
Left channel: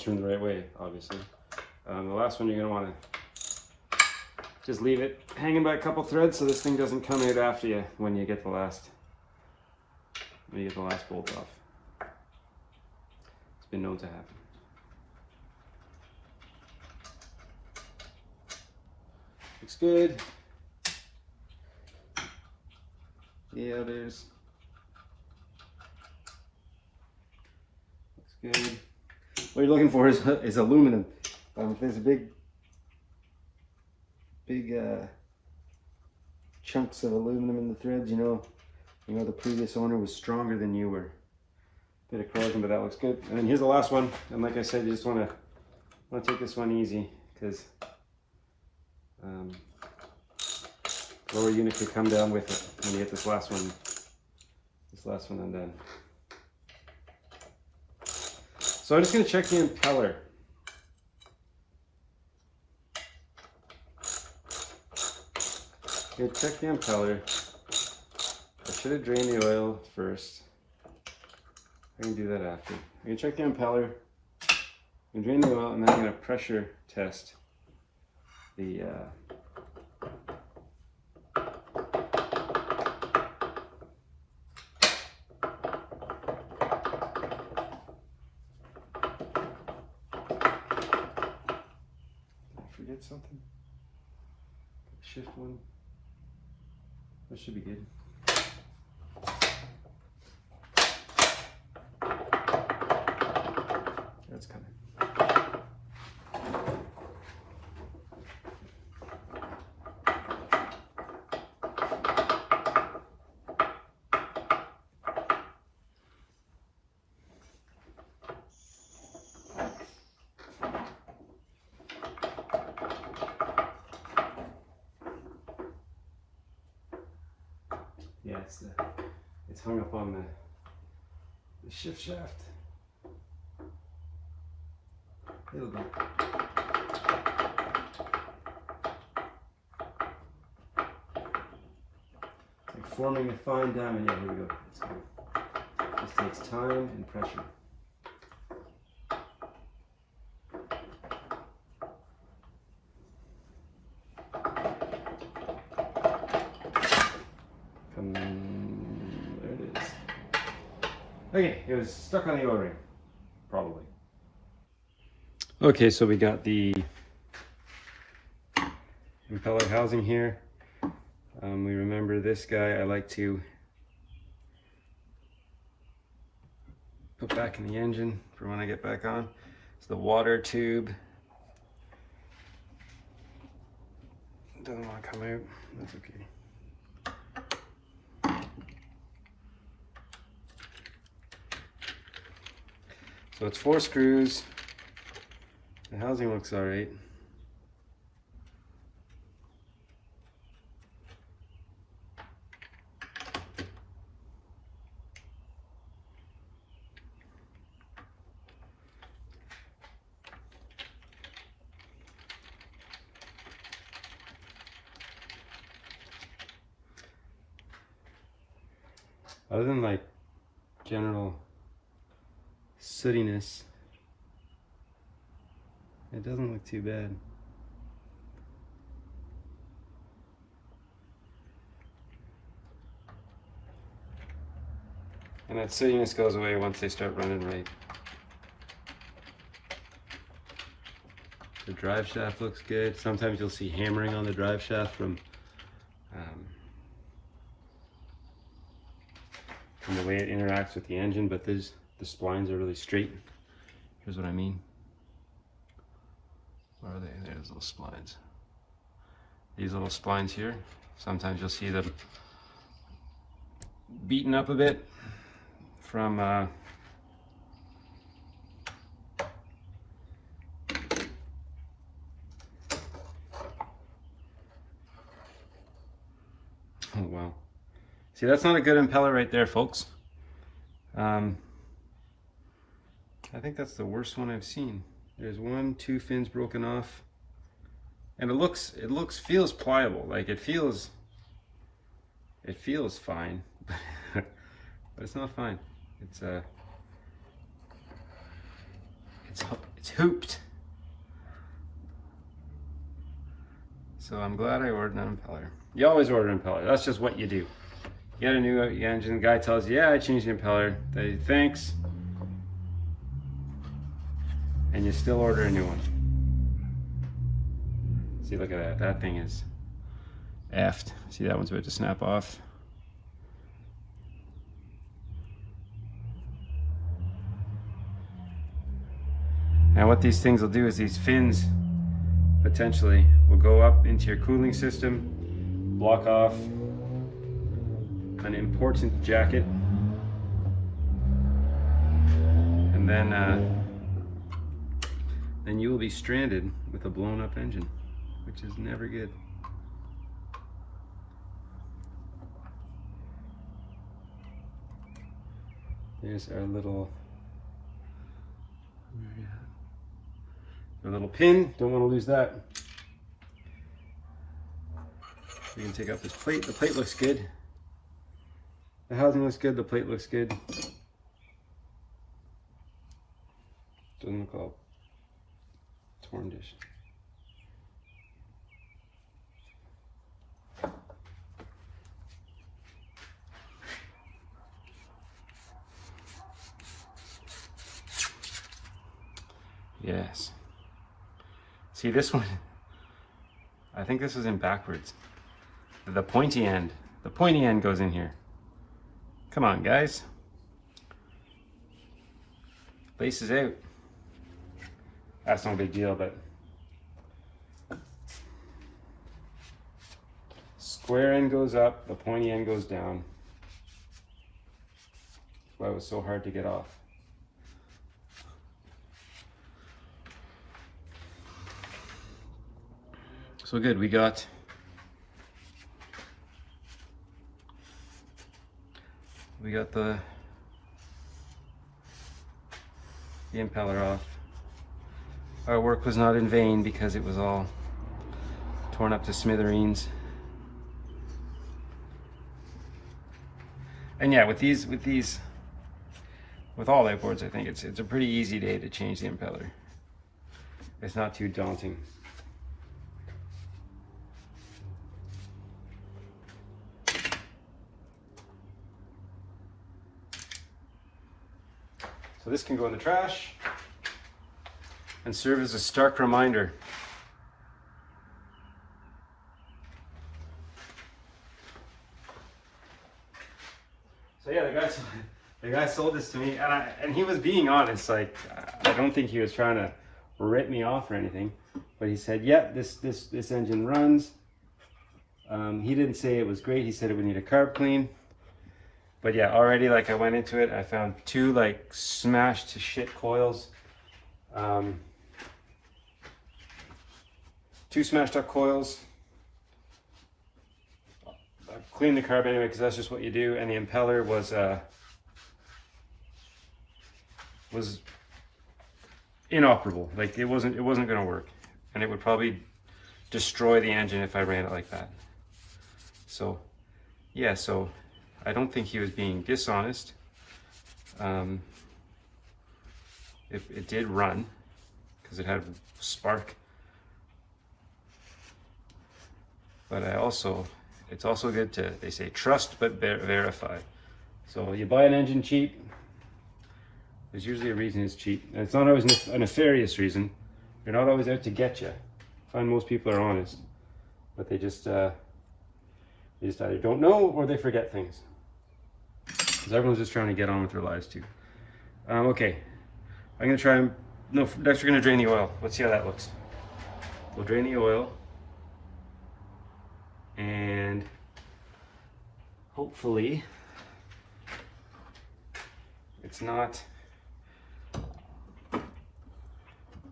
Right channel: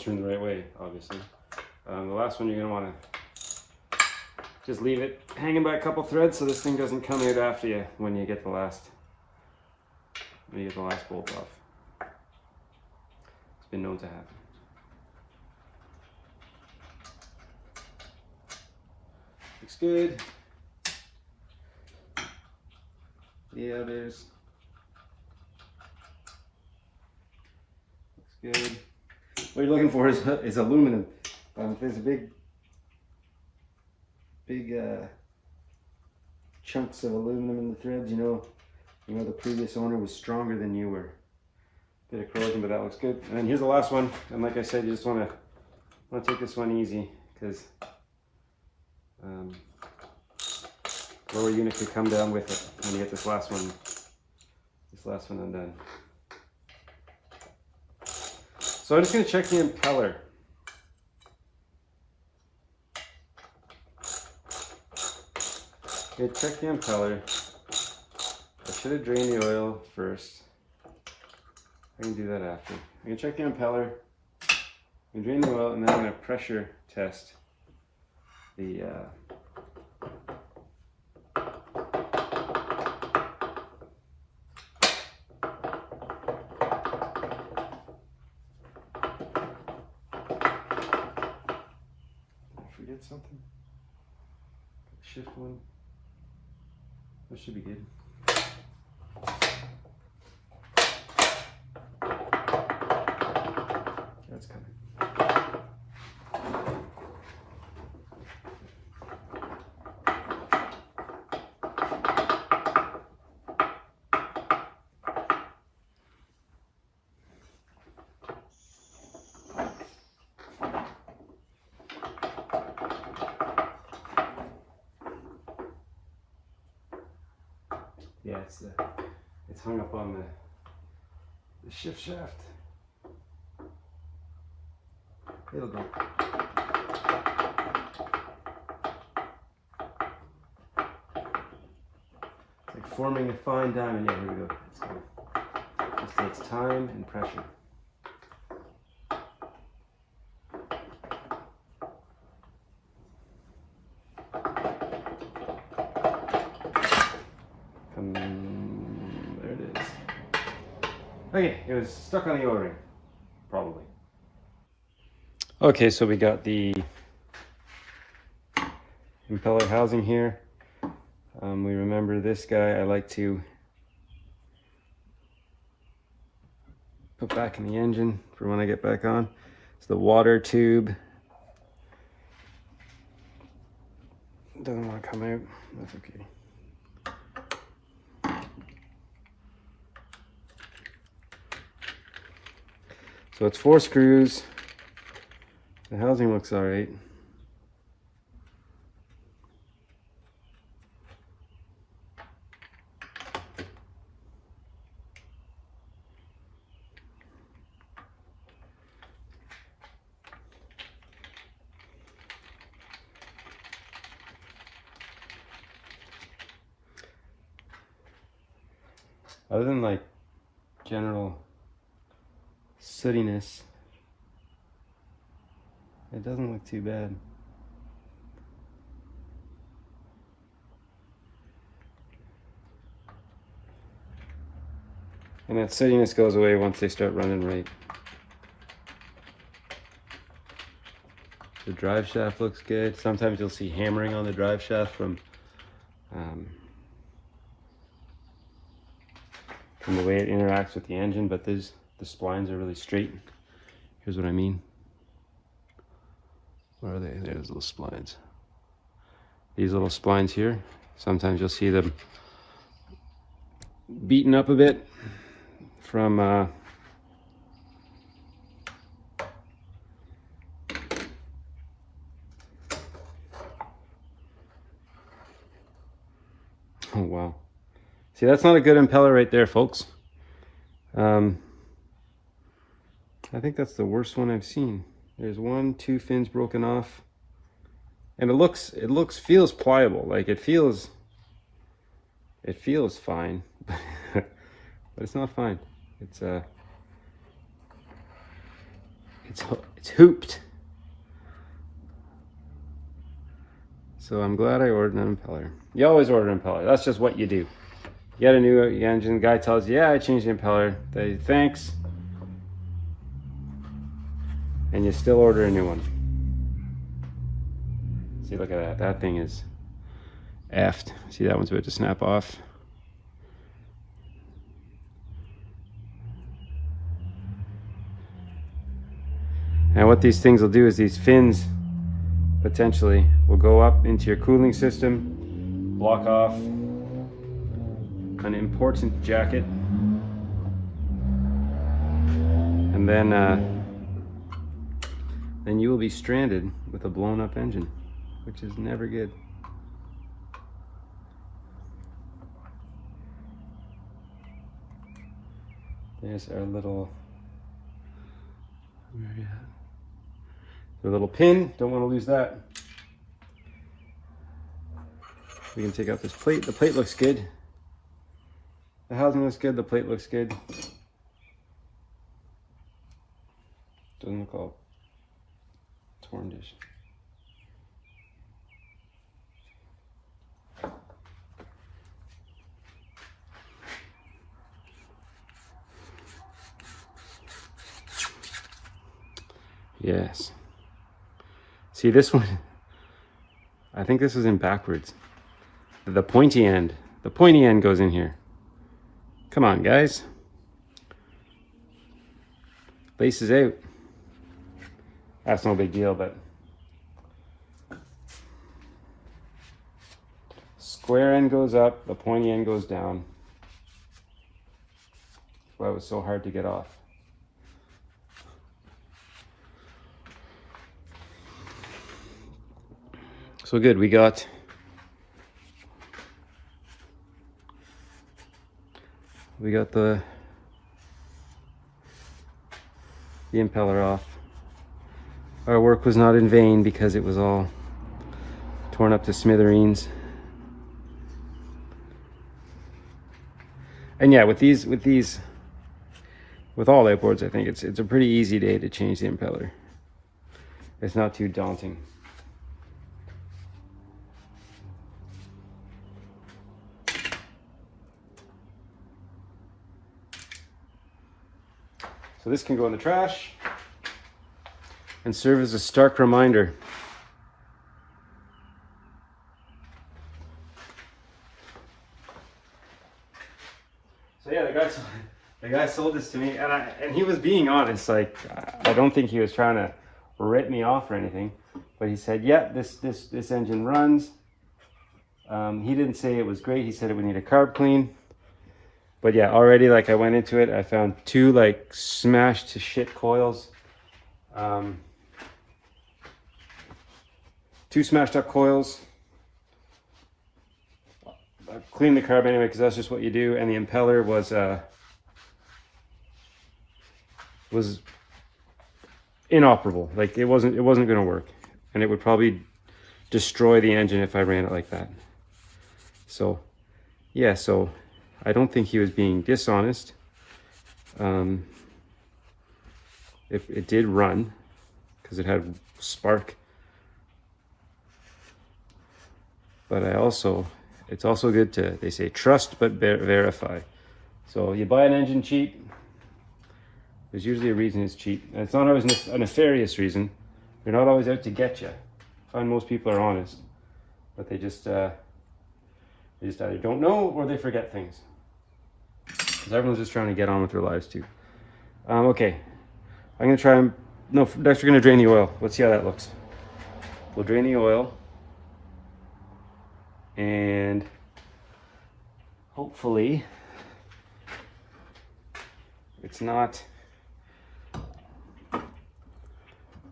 turn the right way, obviously. The last one you're going to want to just leave it hanging by a couple threads so this thing doesn't come out after you when you get the last bolt off. It's been known to happen. Looks good. The others. Looks good. What you're looking for is aluminum. If there's a big chunks of aluminum in the threads, you know the previous owner was stronger than you were. Bit of corrosion, but that looks good. And then here's the last one. And like I said, you just want to take this one easy because lower unit could come down with it when you get this last one undone. So I'm just going to check the impeller. Okay, check the impeller. I should have drained the oil first. I can do that after. I'm going to check the impeller. I'm going to drain the oil and then I'm going to pressure test the forget something? Shift one. That should be good. Yeah, it's hung up on the shift shaft. It'll go. It's like forming a fine diamond. Yeah, here we go. Let's go. This takes time and pressure. There it is. Okay, it was stuck on the O-ring, probably. Okay, so we got the impeller housing here. We remember this guy I like to put back in the engine for when I get back on. It's the water tube. Doesn't want to come out. That's okay. So it's 4 screws. The housing looks all right. Other than like general sootiness, it doesn't look too bad. And that sootiness goes away once they start running right. The drive shaft looks good. Sometimes you'll see hammering on the drive shaft from the way it interacts with the engine, but the splines are really straight. Here's what I mean. Where are they? There's little splines. These little splines here, sometimes you'll see them beaten up a bit from oh wow. See, that's not a good impeller right there, folks. I think that's the worst one I've seen. There's 1, 2 fins broken off, and it feels pliable. Like it feels fine, but it's not fine. It's hooped. So I'm glad I ordered an impeller. You always order an impeller. That's just what you do. You get a new engine, the guy tells you, yeah, I changed the impeller. They thanks. And you still order a new one. See, look at that. That thing is effed. See, that one's about to snap off. Now what these things will do is these fins potentially will go up into your cooling system, block off an important jacket, and then you will be stranded with a blown up engine, which is never good. There's our little pin. Don't want to lose that. You can take out this plate. The plate looks good. The housing looks good. The plate looks good. Doesn't look all torn-ish. Yes. See this one, I think this is in backwards. The pointy end goes in here. Come on, guys. Lace is out. That's no big deal, but square end goes up, the pointy end goes down. That's why it was so hard to get off. So good, we got we got the impeller off. Our work was not in vain because it was all torn up to smithereens. And yeah, with all outboards, I think it's a pretty easy day to change the impeller. It's not too daunting. So this can go in the trash and serve as a stark reminder. So yeah, the guy sold this to me, and he was being honest. Like, I don't think he was trying to rip me off or anything, but he said, "Yeah, this engine runs." He didn't say it was great. He said it would need a carb clean. But yeah, already, like, I went into it, I found two like smashed to shit coils. Two smashed up coils. I cleaned the carb anyway because that's just what you do, and the impeller was inoperable. Like, it wasn't going to work, and it would probably destroy the engine if I ran it like that. So yeah, so I don't think he was being dishonest. It did run because it had spark, but it's also good to, they say, trust but verify. So you buy an engine cheap, there's usually a reason it's cheap. And it's not always a nefarious reason. They're not always out to get you. I find most people are honest, but they just either don't know or they forget things. Because everyone's just trying to get on with their lives too. Okay, I'm gonna try and, no, next we're gonna drain the oil. Let's see how that looks. We'll drain the oil, and hopefully it's not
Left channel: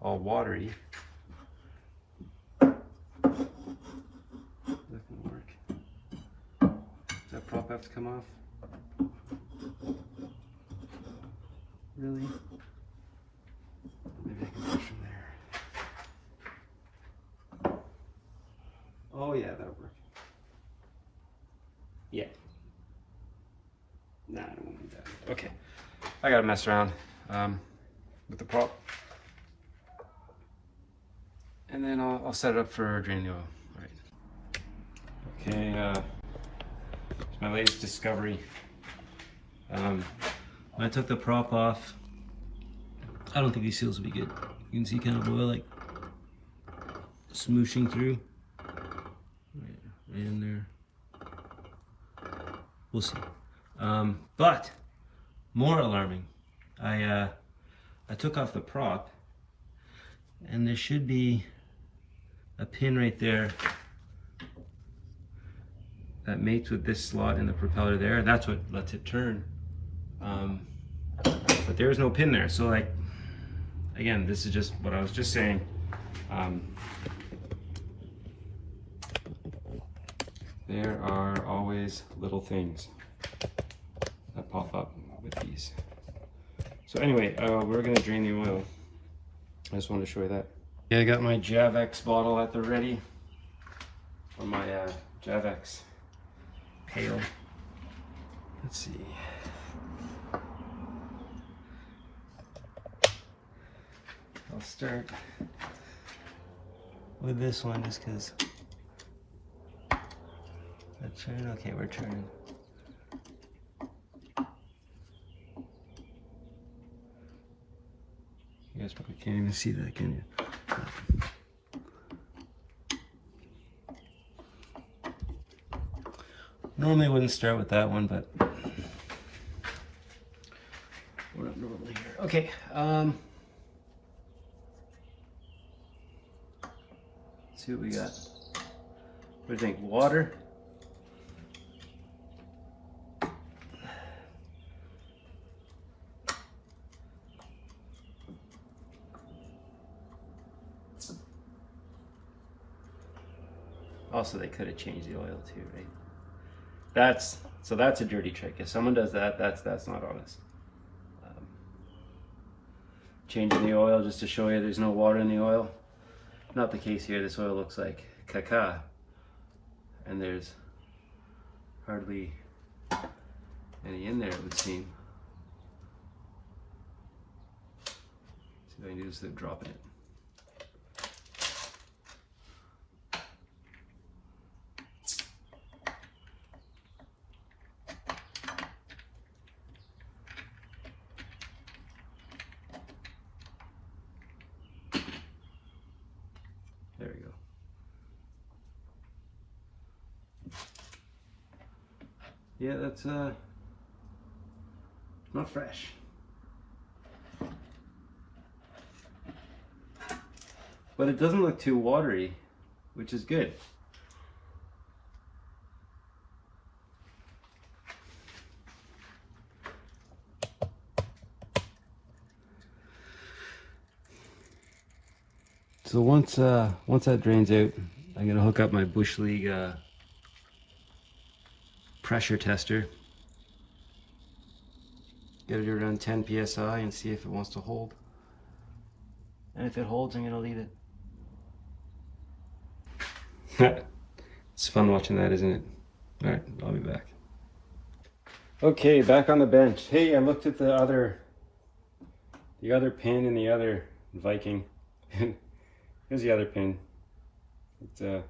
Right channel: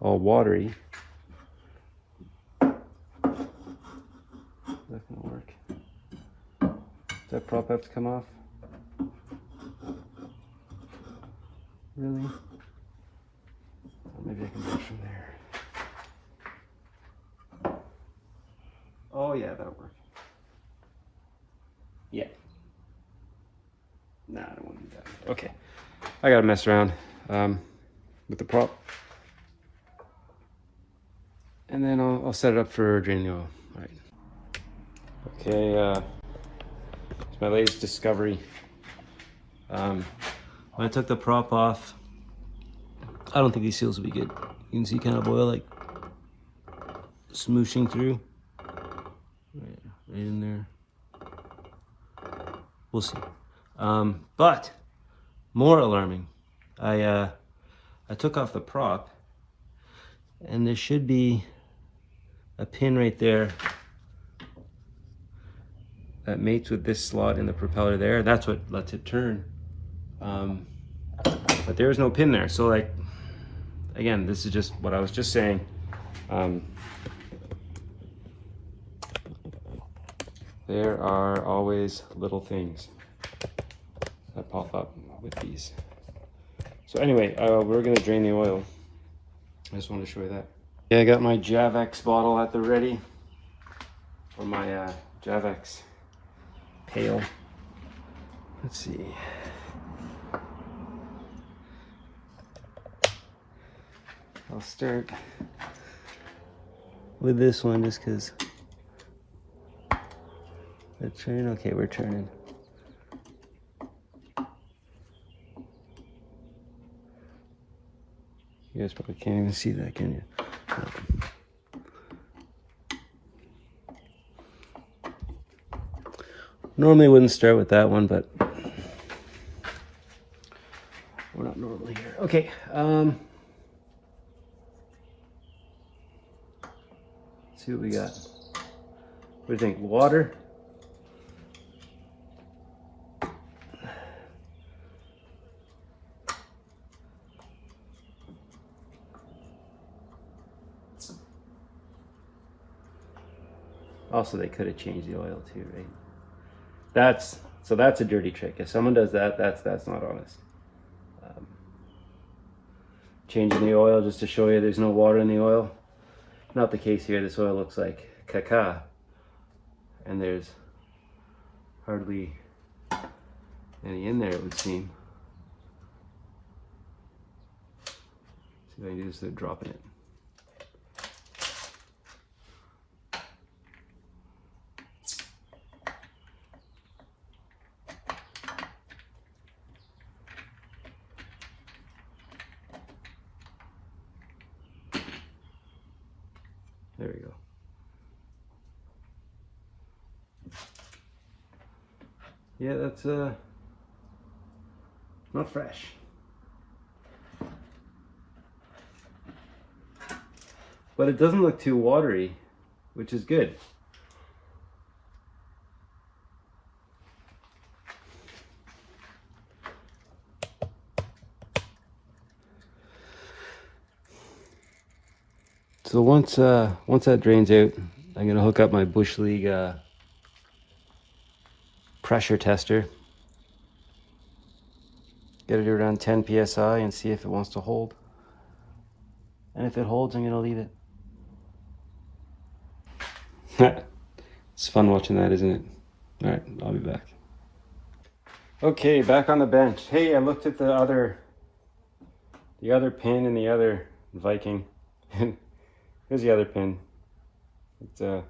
all watery. Is that gonna work? Does that prop have to come off? Really? Maybe I can push from there. Oh yeah, that'll work. Yeah. Nah, I don't want to do that. Okay. I gotta mess around with the prop. And then I'll set it up for draining oil. All right. Okay, it's my latest discovery. When I took the prop off, I don't think these seals will be good. You can see kind of oil like smooshing through. Right in there. We'll see. But more alarming, I took off the prop, and there should be a pin right there that mates with this slot in the propeller there. That's what lets it turn. But there is no pin there. So, like, again, this is just what I was just saying. There are always little things that pop up with these. So anyway, we're gonna drain the oil. I just wanted to show you that. Yeah, I got my Javex bottle at the ready, or my Javex pail. Let's see. I'll start with this one just because the turn. Okay, we're turning. You guys probably can't even see that, can you? Normally I wouldn't start with that one, but we're not normally here. Okay, let's see what we got. What do you think? Water? Also, they could have changed the oil too, right? that's a dirty trick. If someone does that, that's not honest. Changing the oil just to show you there's no water in the oil. Not the case here. This oil looks like caca, and there's hardly any in there, it would seem. So what I do is to drop in it. There we go. Yeah, that's not fresh. But it doesn't look too watery, which is good. So once that drains out, I'm gonna hook up my Bush League pressure tester. Get it around 10 psi and see if it wants to hold. And if it holds, I'm gonna leave it. It's fun watching that, isn't it? All right, I'll be back. Okay, back on the bench. Hey, I looked at the other pin in the other Viking, and here's the other pin. It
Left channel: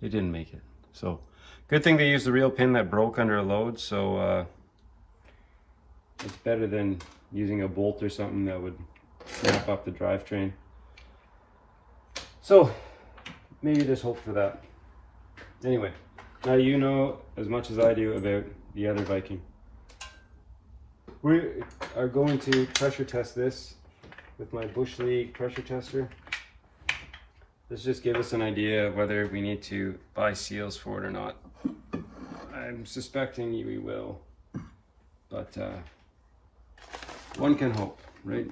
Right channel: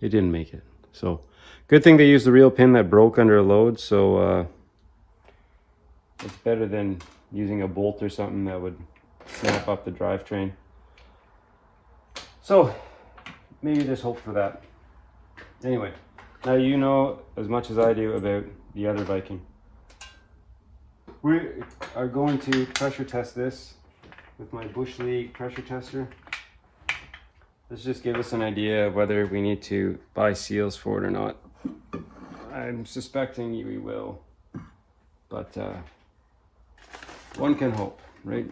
didn't make it. So, good thing they used the real pin that broke under a load. So it's better than using a bolt or something that would snap up the drivetrain. So maybe just hope for that. Anyway, now you know as much as I do about the other Viking. We are going to pressure test this with my Bush League pressure tester. This just give us an idea of whether we need to buy seals for it or not. I'm suspecting we will, but one can hope, right?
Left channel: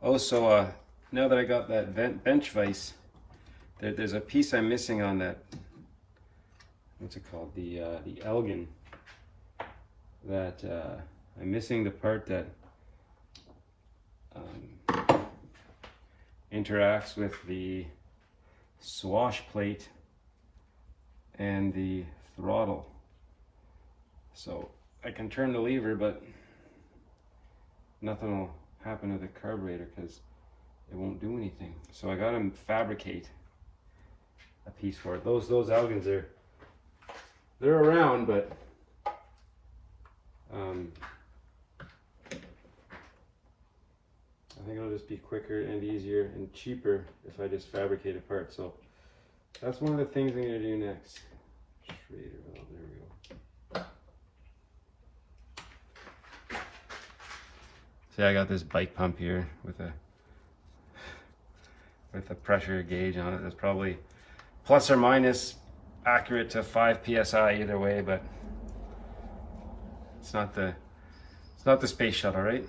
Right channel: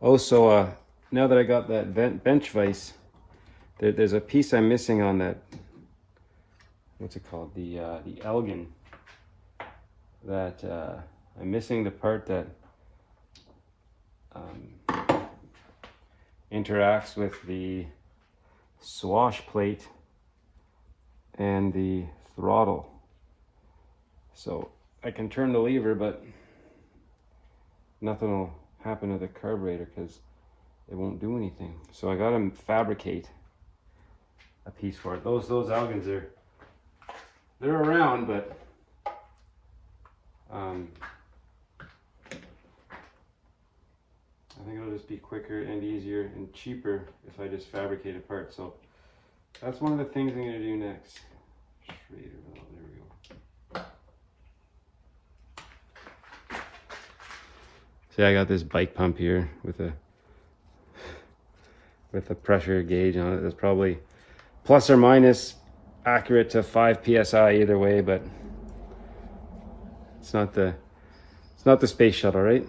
Also, now that I got that bench vise, there's a piece I'm missing on that. What's it called? The Elgin. That I'm missing the part that interacts with the swash plate and the throttle. So I can turn the lever, but nothing will happen to the carburetor because it won't do anything. So I gotta fabricate a piece for it. Those Elgins they're around, but I think it'll just be quicker and easier and cheaper if I just fabricate a part. So that's one of the things I'm gonna do next. Schrader, oh, there we go. See, I got this bike pump here with a pressure gauge on it. That's probably plus or minus accurate to 5 psi either way, but it's not the space shuttle, right?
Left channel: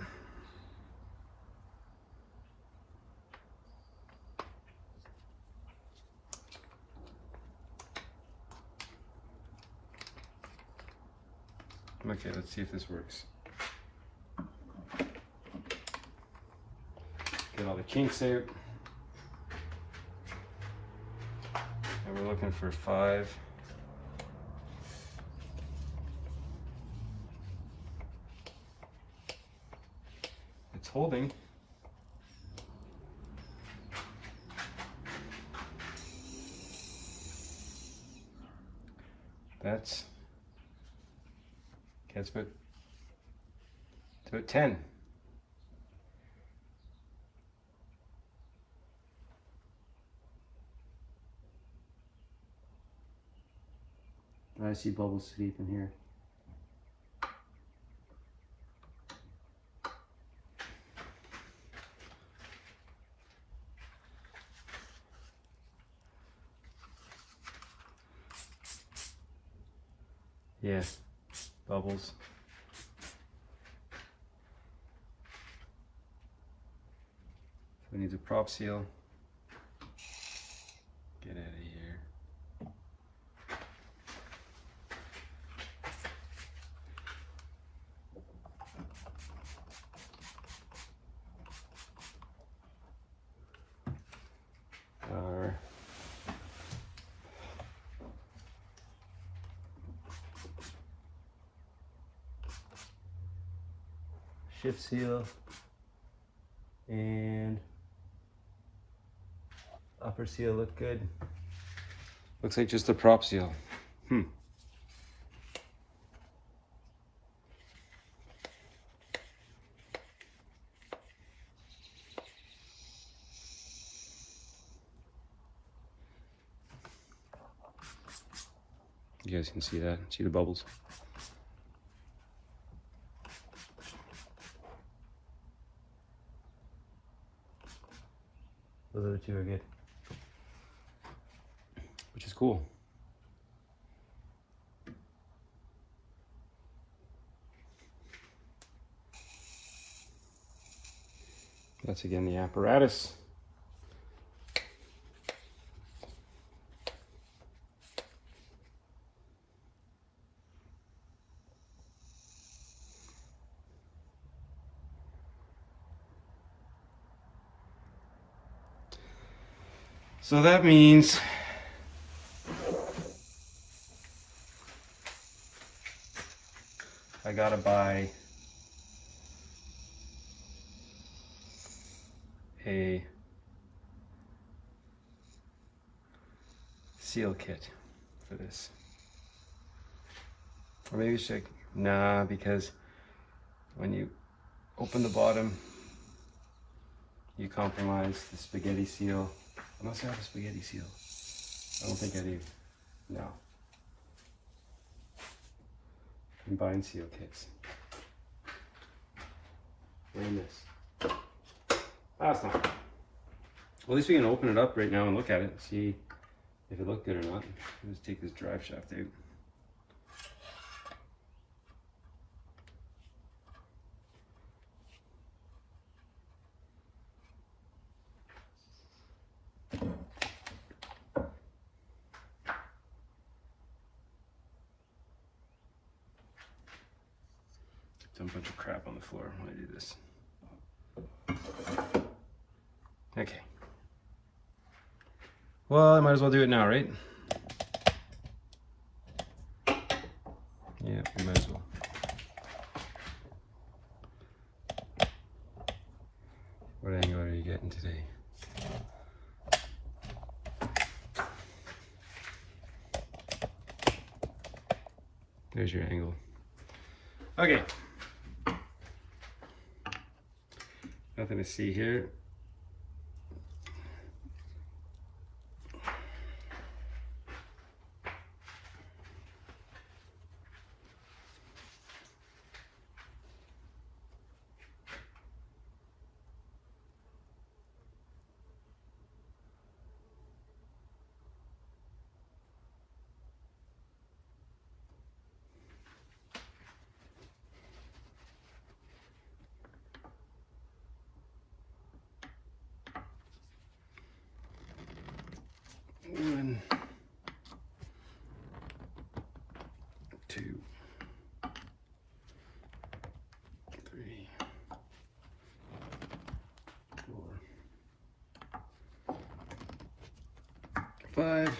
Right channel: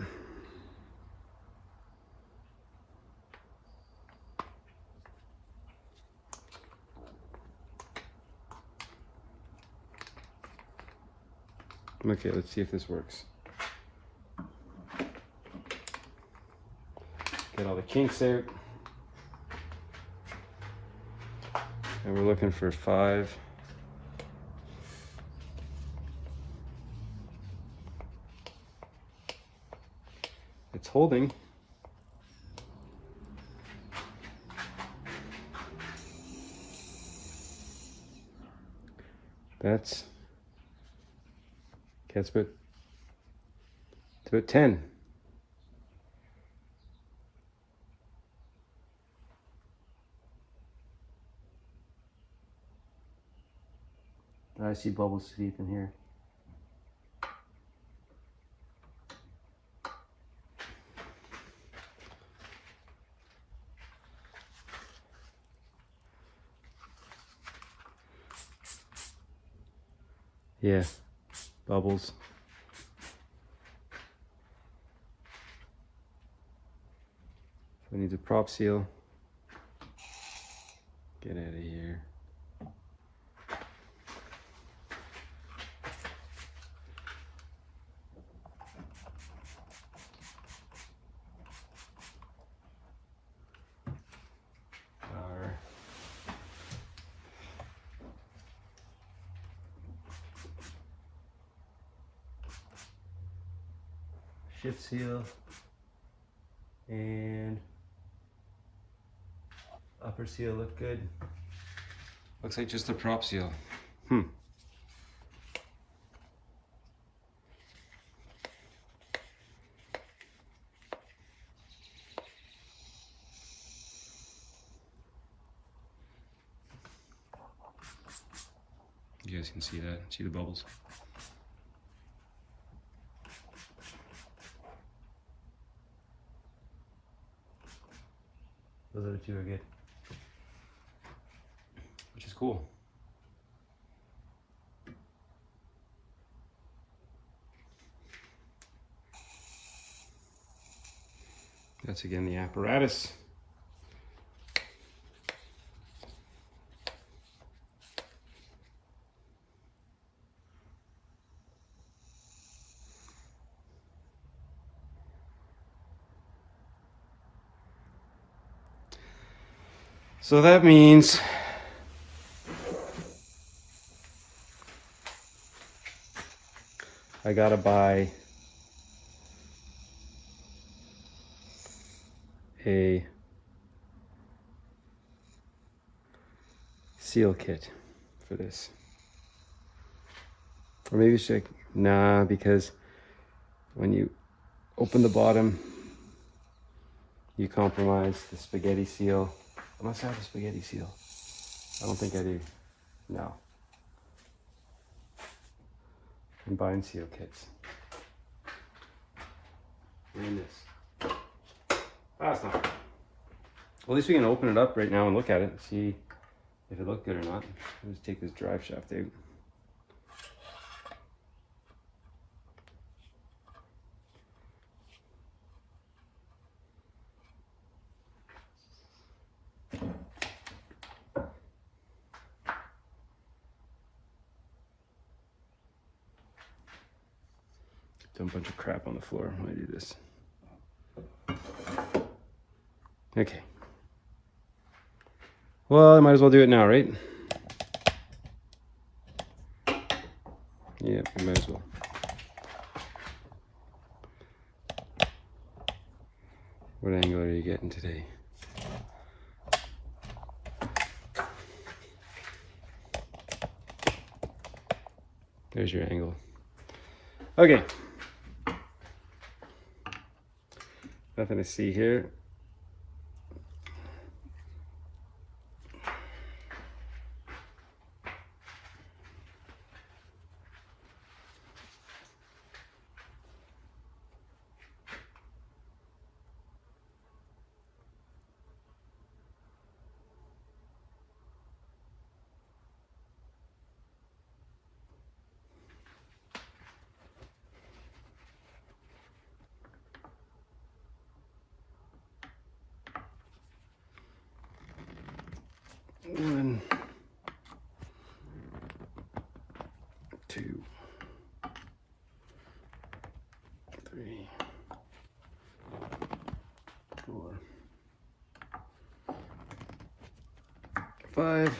Okay, let's see if this works. Get all the kinks out. And we're looking for 5. It's holding. That's about 10. I see bubbles deep in here. Yeah, bubbles. So it needs a prop seal. Get out of here. Our shift seal and upper seal look good. Looks like just a prop seal. You guys can see that. See the bubbles? Those other two are good. Which is cool. That's again the apparatus. So that means I gotta buy a seal kit for this. Or maybe should, nah, because when you open the bottom, you compromise the spaghetti seal. Unless I have a spaghetti seal. I don't think I do. No. Combined seal kits. We're in this. That's not. Well, at least we can open it up right now and look at it, see if it looked good or not. Let's take this drive shaft out. Dump a bunch of crap on the floor when I do this. Okay. Well, I might as well do it now, right? Yeah, I might as well. What angle are you getting today? There's your angle. Okay. Nothing to see here. One, two, three, four, 5,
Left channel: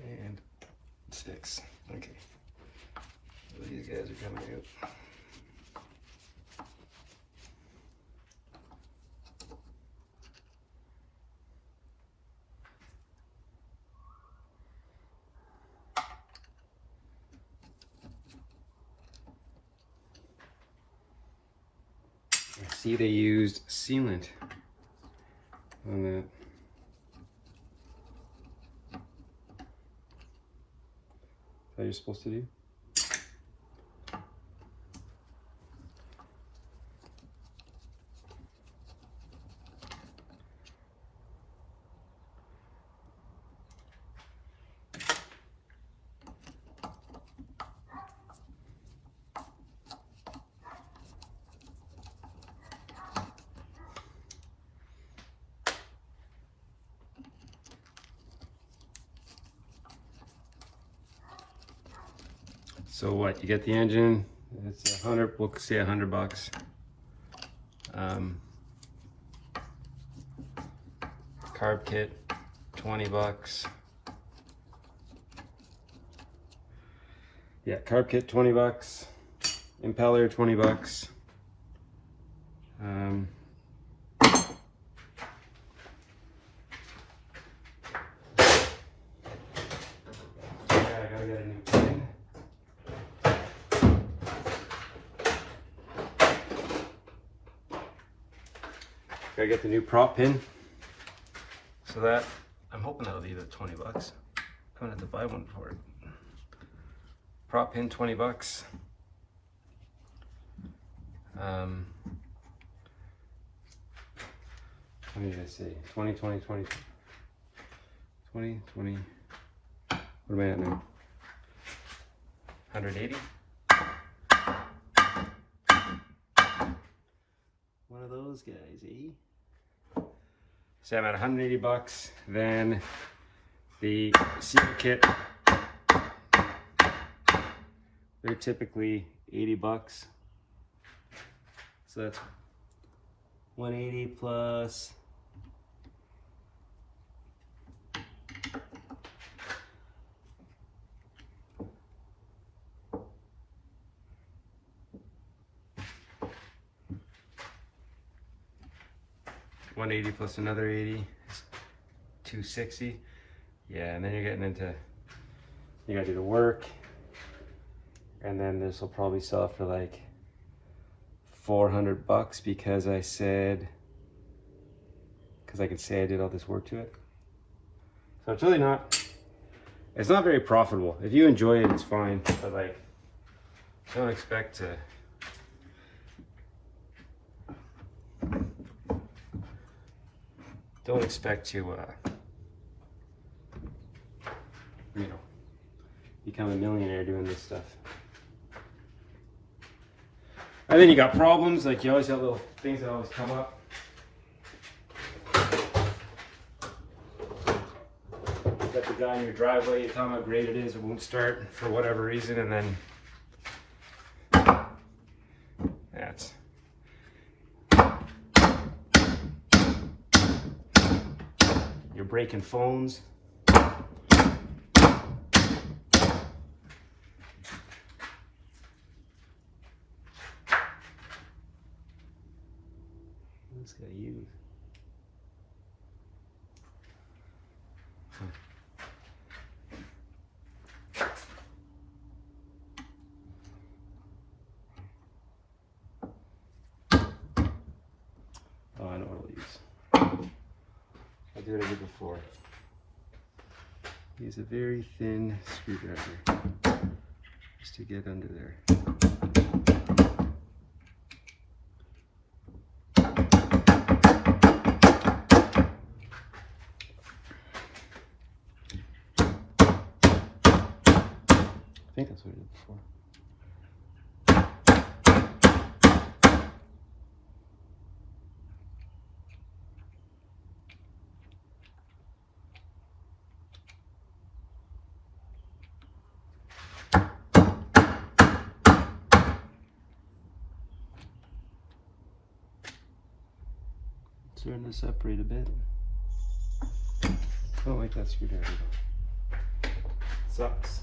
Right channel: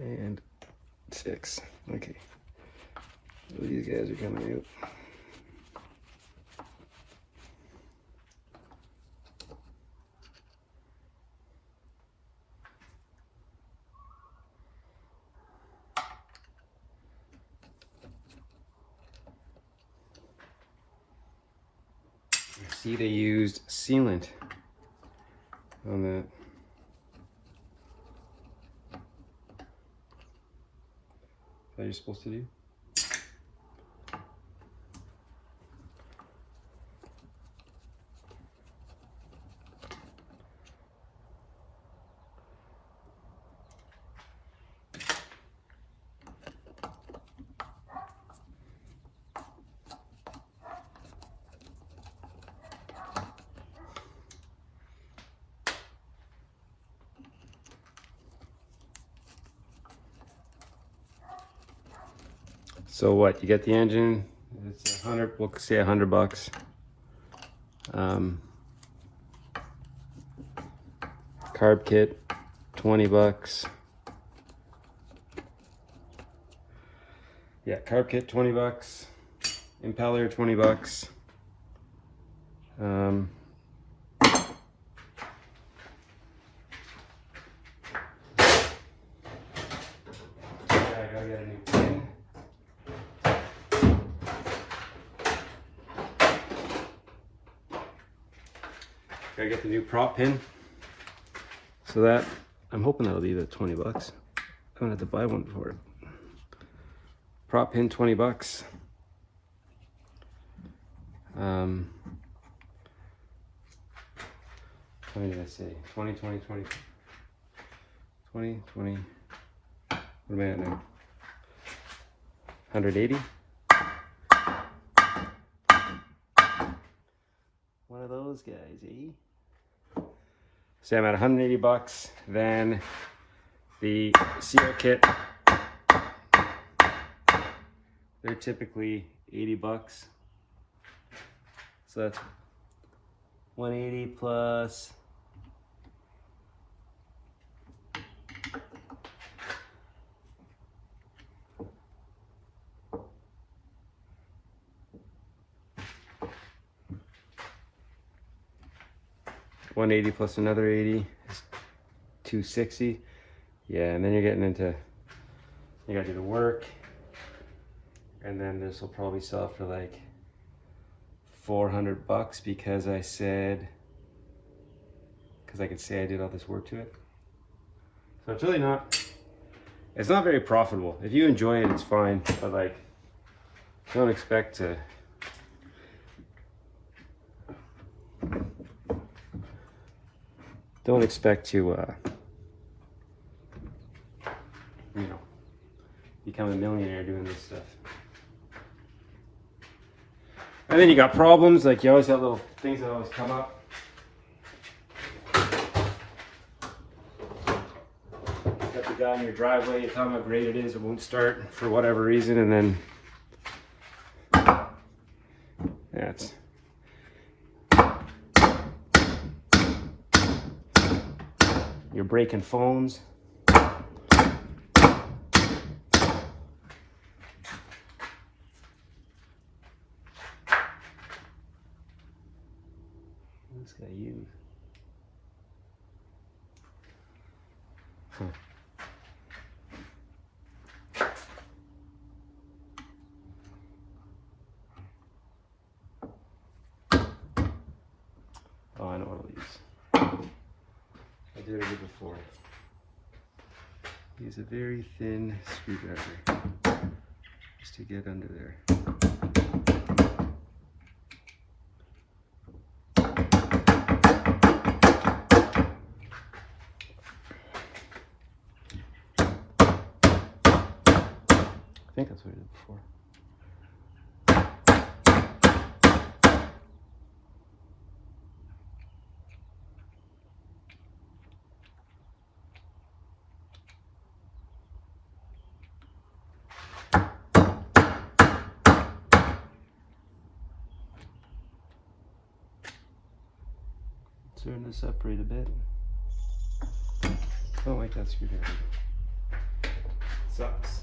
and 6. Okay. So these guys are coming out. See, they used sealant on that. That you're supposed to do? So what, you get the engine, it's 100, we'll say $100. Carb kit, $20. Yeah, carb kit, $20. Impeller, $20. I gotta get a new pin. Gotta get the new prop pin. So that, I'm hoping that'll be the $20. I'm gonna have to buy one for it. Prop pin, $20. What are you gonna say? 20, 20, 20, 20, 20. What am I at now? 180? One of those guys, eh? So I'm at $180. Then the seal kit, they're typically $80. So that's 180 plus $180 plus another 80 is $260. Yeah, and then you're getting into, you gotta do the work, and then this will probably sell for like $400 because I said, because I could say I did all this work to it. So it's really not, it's not very profitable. If you enjoy it, it's fine, but like, don't expect to, you know, become a millionaire doing this stuff. And then you got problems, like you always got little things that always come up. You got the guy in your driveway, you tell him how great it is, it won't start for whatever reason, and then yeah, it's you're breaking phones. This guy use. Oh, I know what I'll use. I did it before. Use a very thin screwdriver just to get under there. I think that's what I did before. Starting to separate a bit. I don't like that screwdriver. Sucks.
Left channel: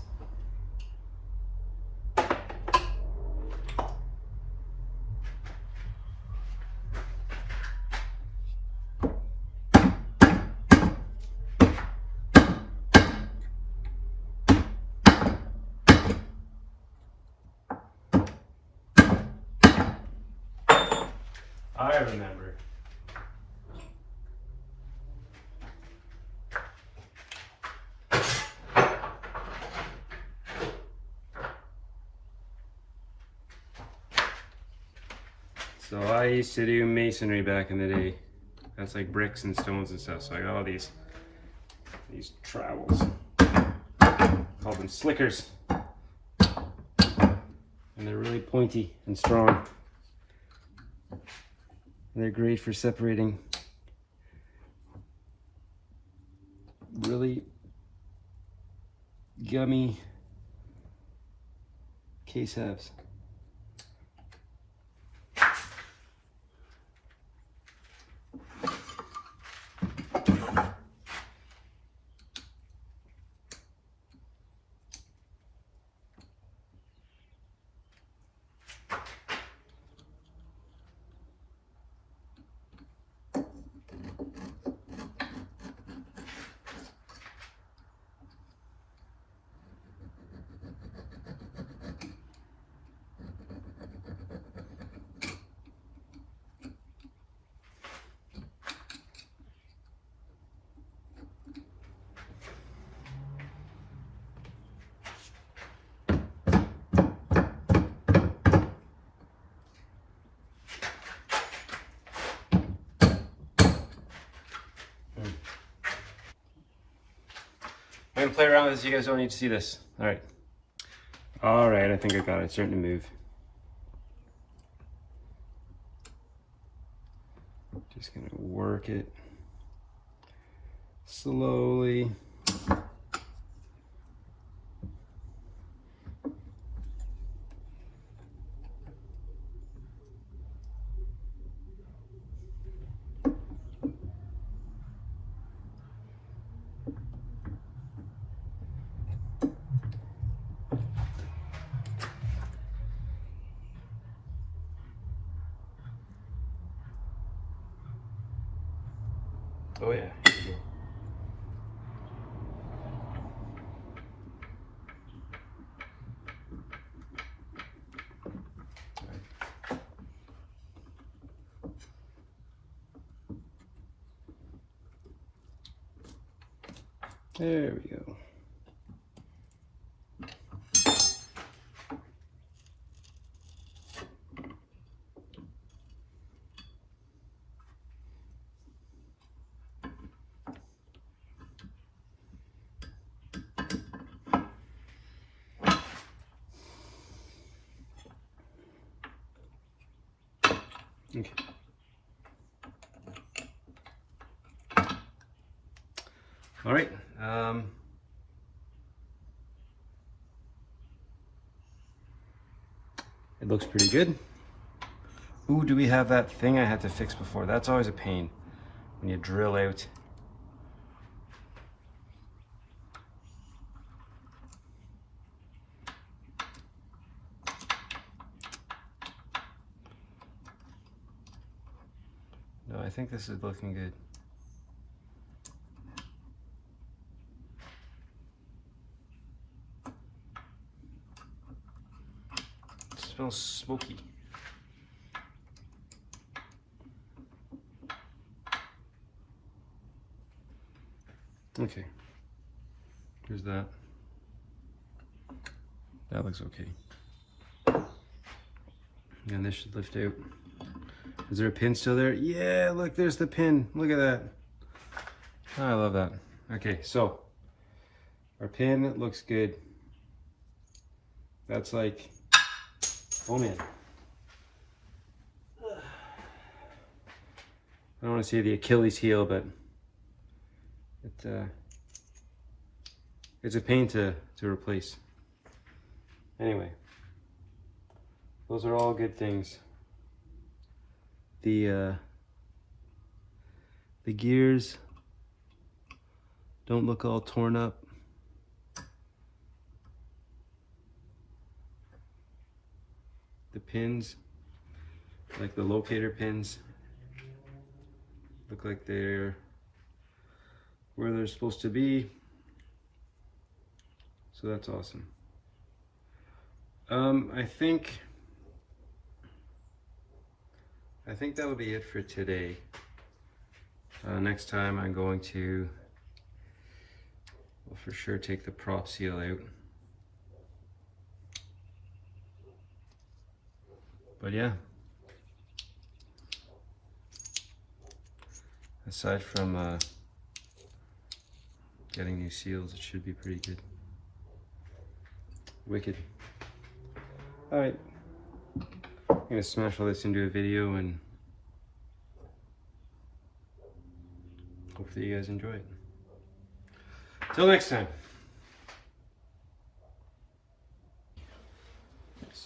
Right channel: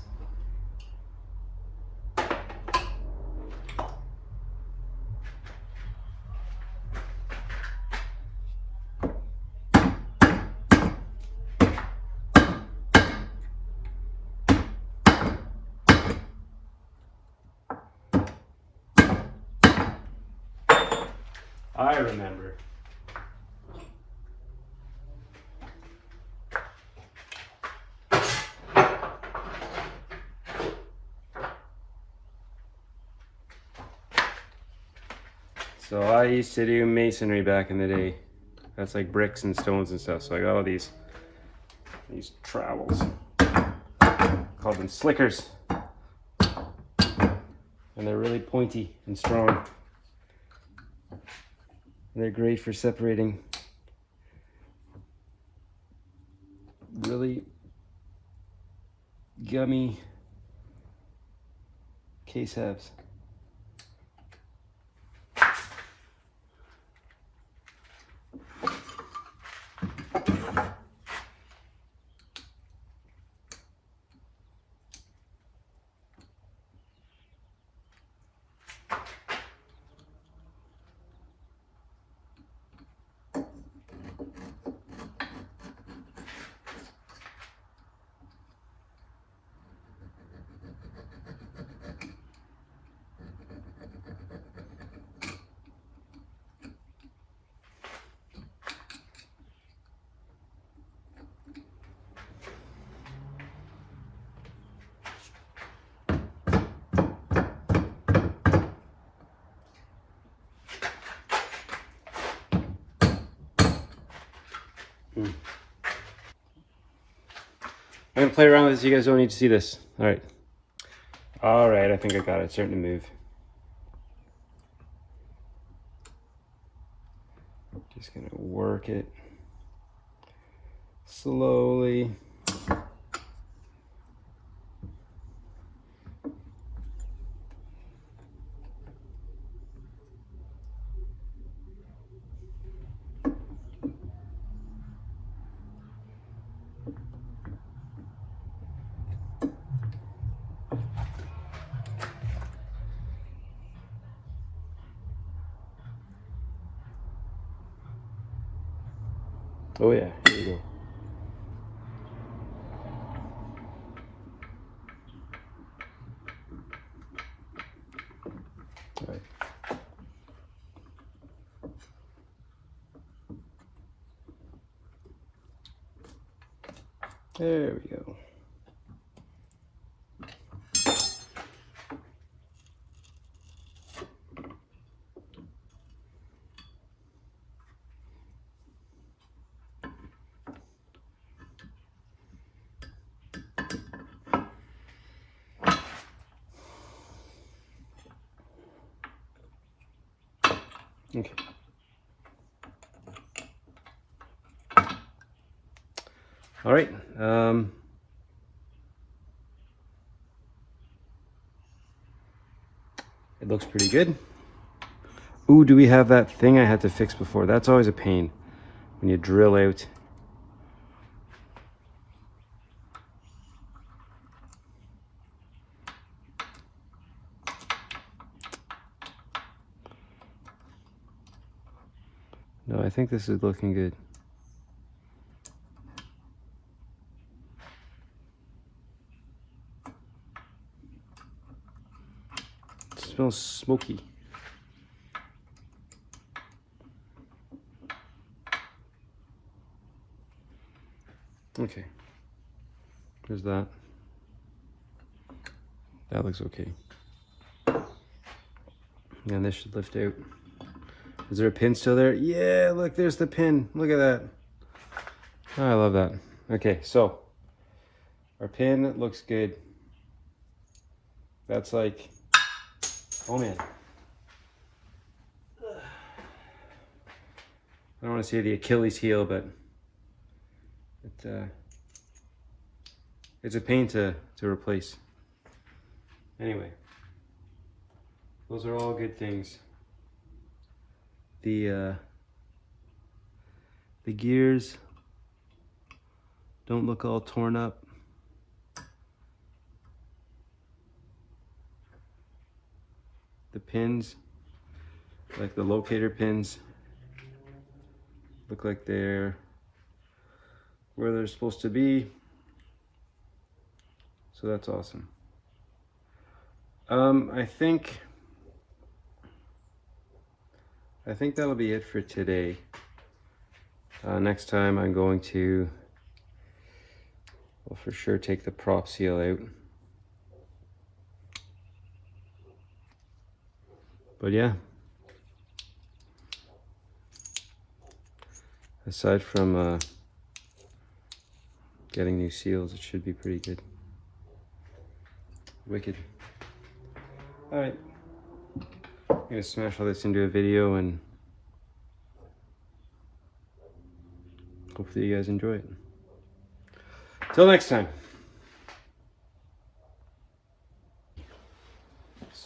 I remember. So I used to do masonry back in the day. That's like bricks and stones and stuff. So I got all these trowels. Call them slickers. And they're really pointy and strong. And they're great for separating really gummy case halves. I'm gonna play around with this. You guys don't need to see this. All right. All right, I think I got it. It's starting to move. Just gonna work it slowly. Oh yeah, here you go. All right. There we go. Okay. All right. It looks pretty good. Ooh, do we have that thing I had to fix before? That's always a pain when you drill out. No, I think this is looking good. It smells smoky. Okay. There's that. That looks okay. And this should lift out. Is there a pin still there? Yeah, look, there's the pin. Look at that. Oh, I love that. Okay, so our pin looks good. That's like, oh man. I don't want to say the Achilles heel, but it's a pain to replace. Anyway, those are all good things. The gears don't look all torn up. The pins, like the locator pins, look like they're where they're supposed to be. So that's awesome. I think that'll be it for today. Next time I'm going to, well, for sure take the prop seal out. But yeah, aside from getting new seals, it should be pretty good. Wicked. All right, I'm gonna smash all this into a video and hopefully you guys enjoy it. Till next time.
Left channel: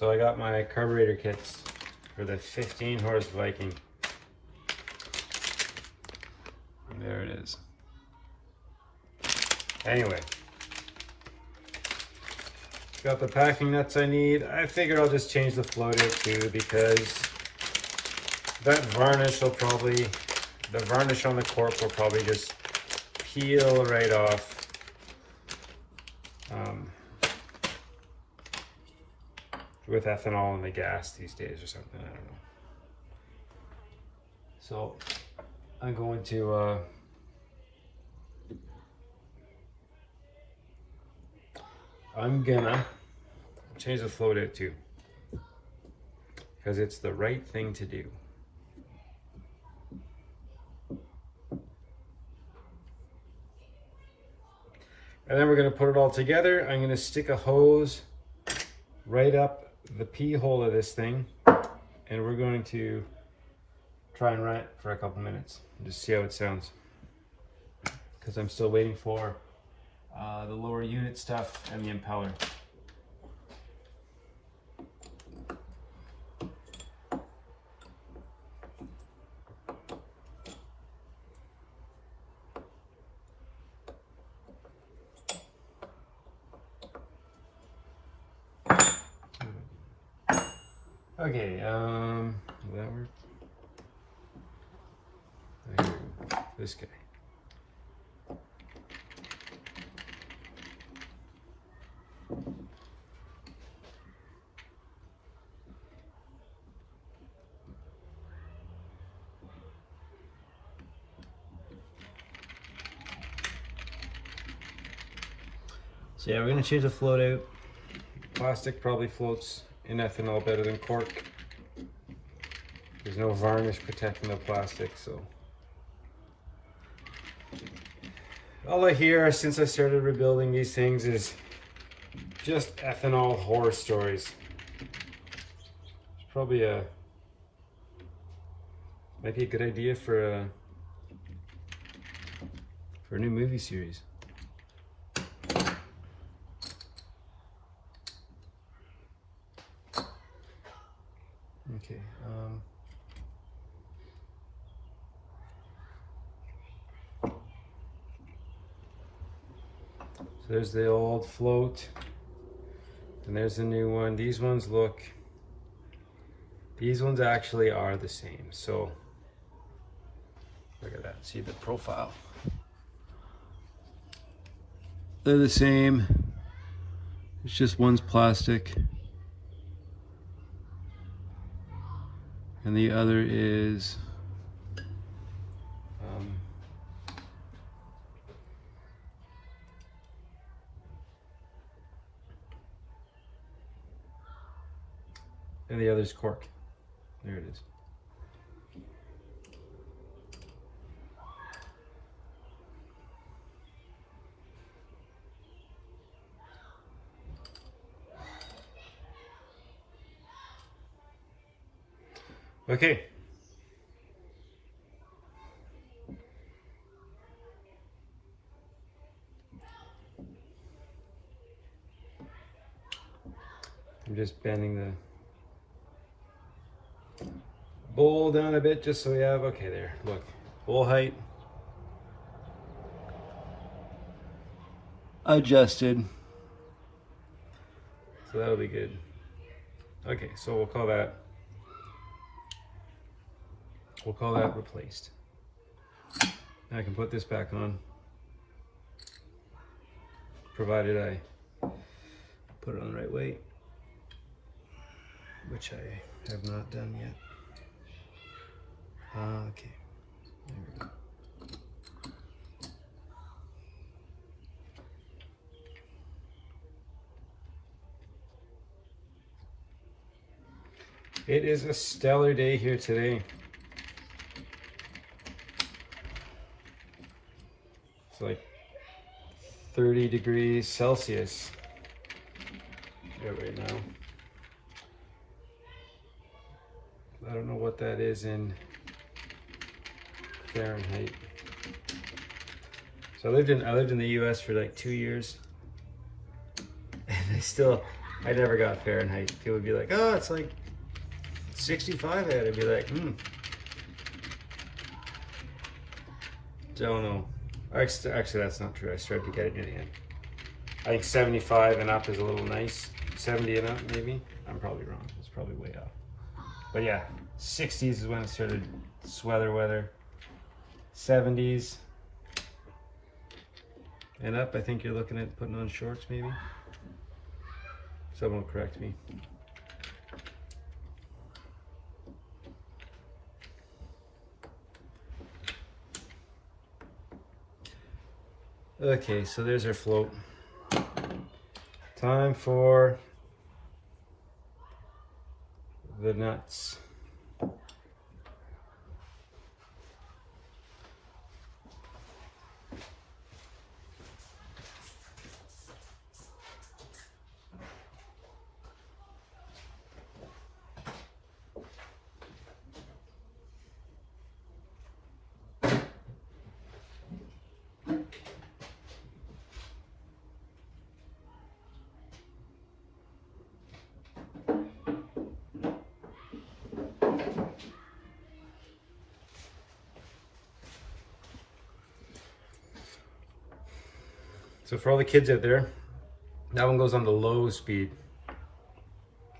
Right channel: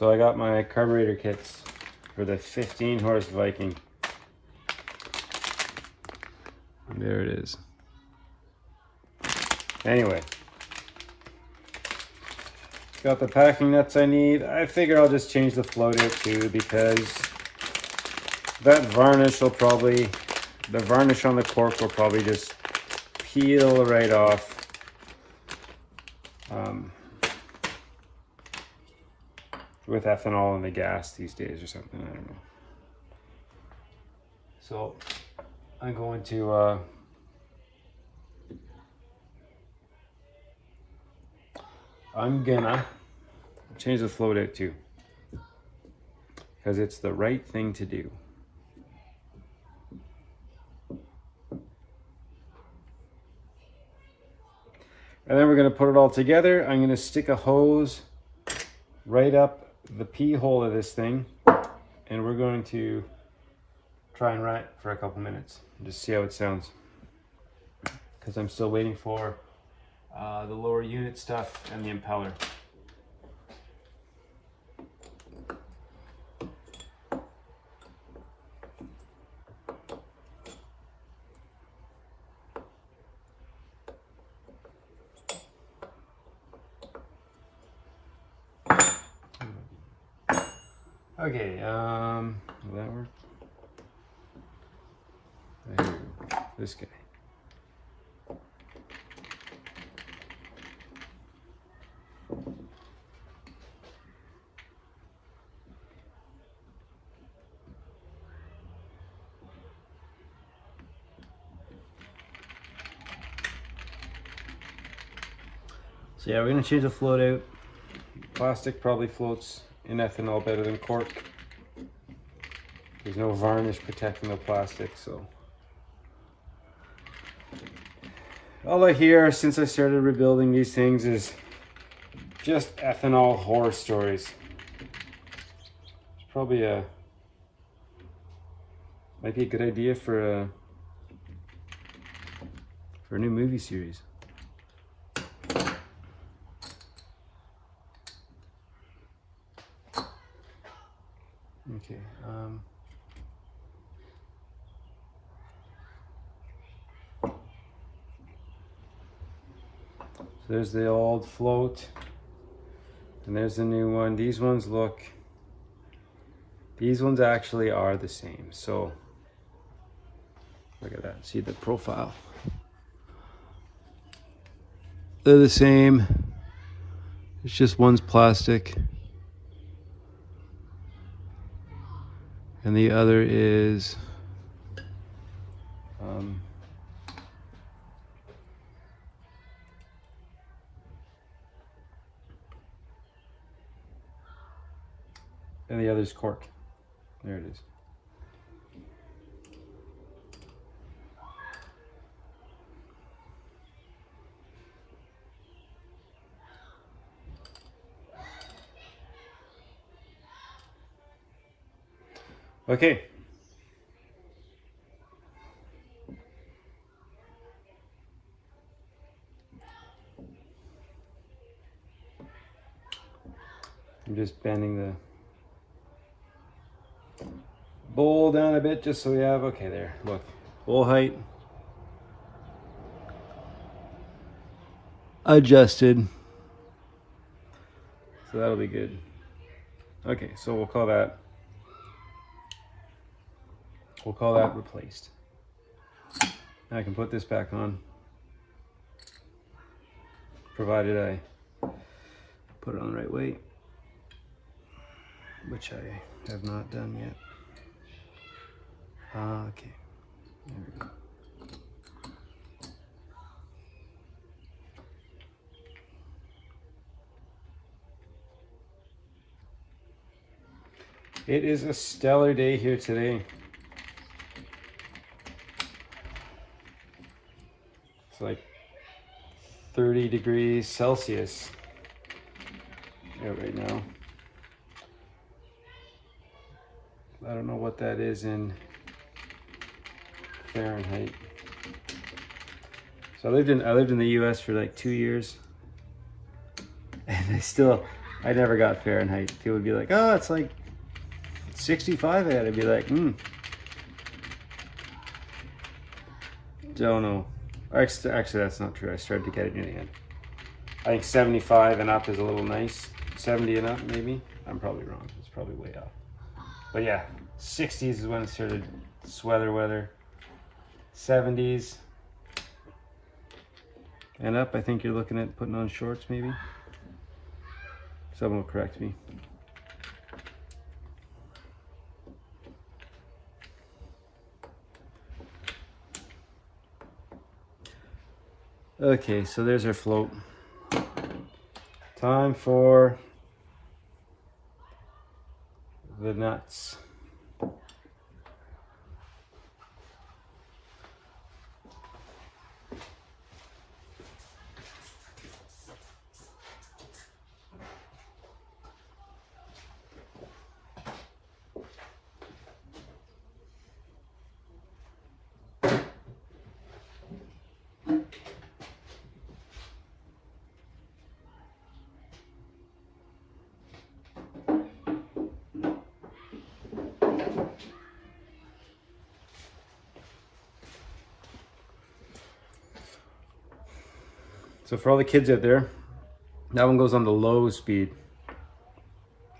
So I got my carburetor kits for the 15 horse Viking. And there it is. Anyway, got the packing nuts I need. I figure I'll just change the float out too, because that varnish will probably, the varnish on the cork will probably just peel right off. With ethanol in the gas these days or something, I don't know. So I'm going to I'm gonna change the float out too, because it's the right thing to do. And then we're going to put it all together. I'm going to stick a hose right up the pee hole of this thing, and we're going to try and run it for a couple minutes and just see how it sounds, because I'm still waiting for the lower unit stuff and the impeller. Okay, will that work? Here we go. This guy. So yeah, we're gonna change the float out. Plastic probably floats in ethanol better than cork. There's no varnish protecting the plastic, so. All I hear since I started rebuilding these things is just ethanol horror stories. Probably might be a good idea for a new movie series. Okay. So there's the old float, and there's the new one. These ones actually are the same. So look at that. See the profile. They're the same. It's just one's plastic, and the other is and the other's cork. There it is. Okay. I'm just bending the bowl down a bit just so we have, okay, there, look, bowl height adjusted, so that'll be good. Okay, so we'll call that replaced. Now I can put this back on, provided I put it on the right way, which I have not done yet. Okay, there we go. It is a stellar day here today. It's like 30 degrees Celsius right now. I don't know what that is in Fahrenheit. So I lived in the US for like 2 years, and I never got Fahrenheit. People would be like, oh, it's like 65 at it. I'd be like, don't know. Actually, that's not true. I started to get it near the end. I think 75 and up is a little nice. 70 and up, maybe. I'm probably wrong. It's probably way off. But yeah, 60s is when it started sweater weather. 70s and up, I think you're looking at putting on shorts, maybe. Someone will correct me. Okay, so there's our float. Time for the nuts. So for all the kids out there, that one goes on the low speed,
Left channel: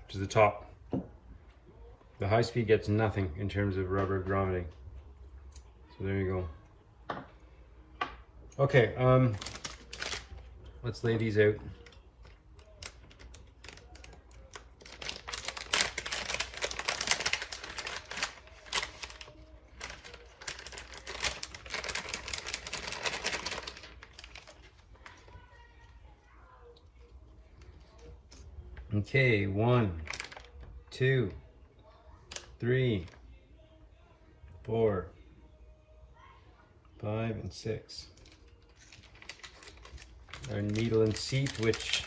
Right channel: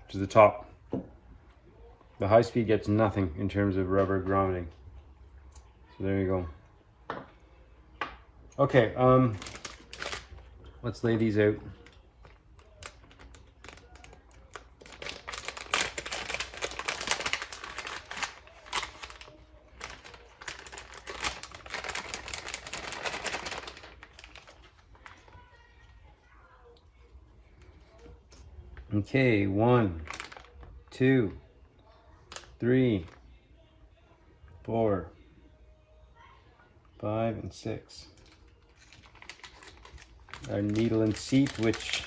which is the top. The high speed gets nothing in terms of rubber grommeting. So there you go. Okay, let's lay these out. Okay, 1, 2, 3, 4, 5, and 6. Our needle and seat, which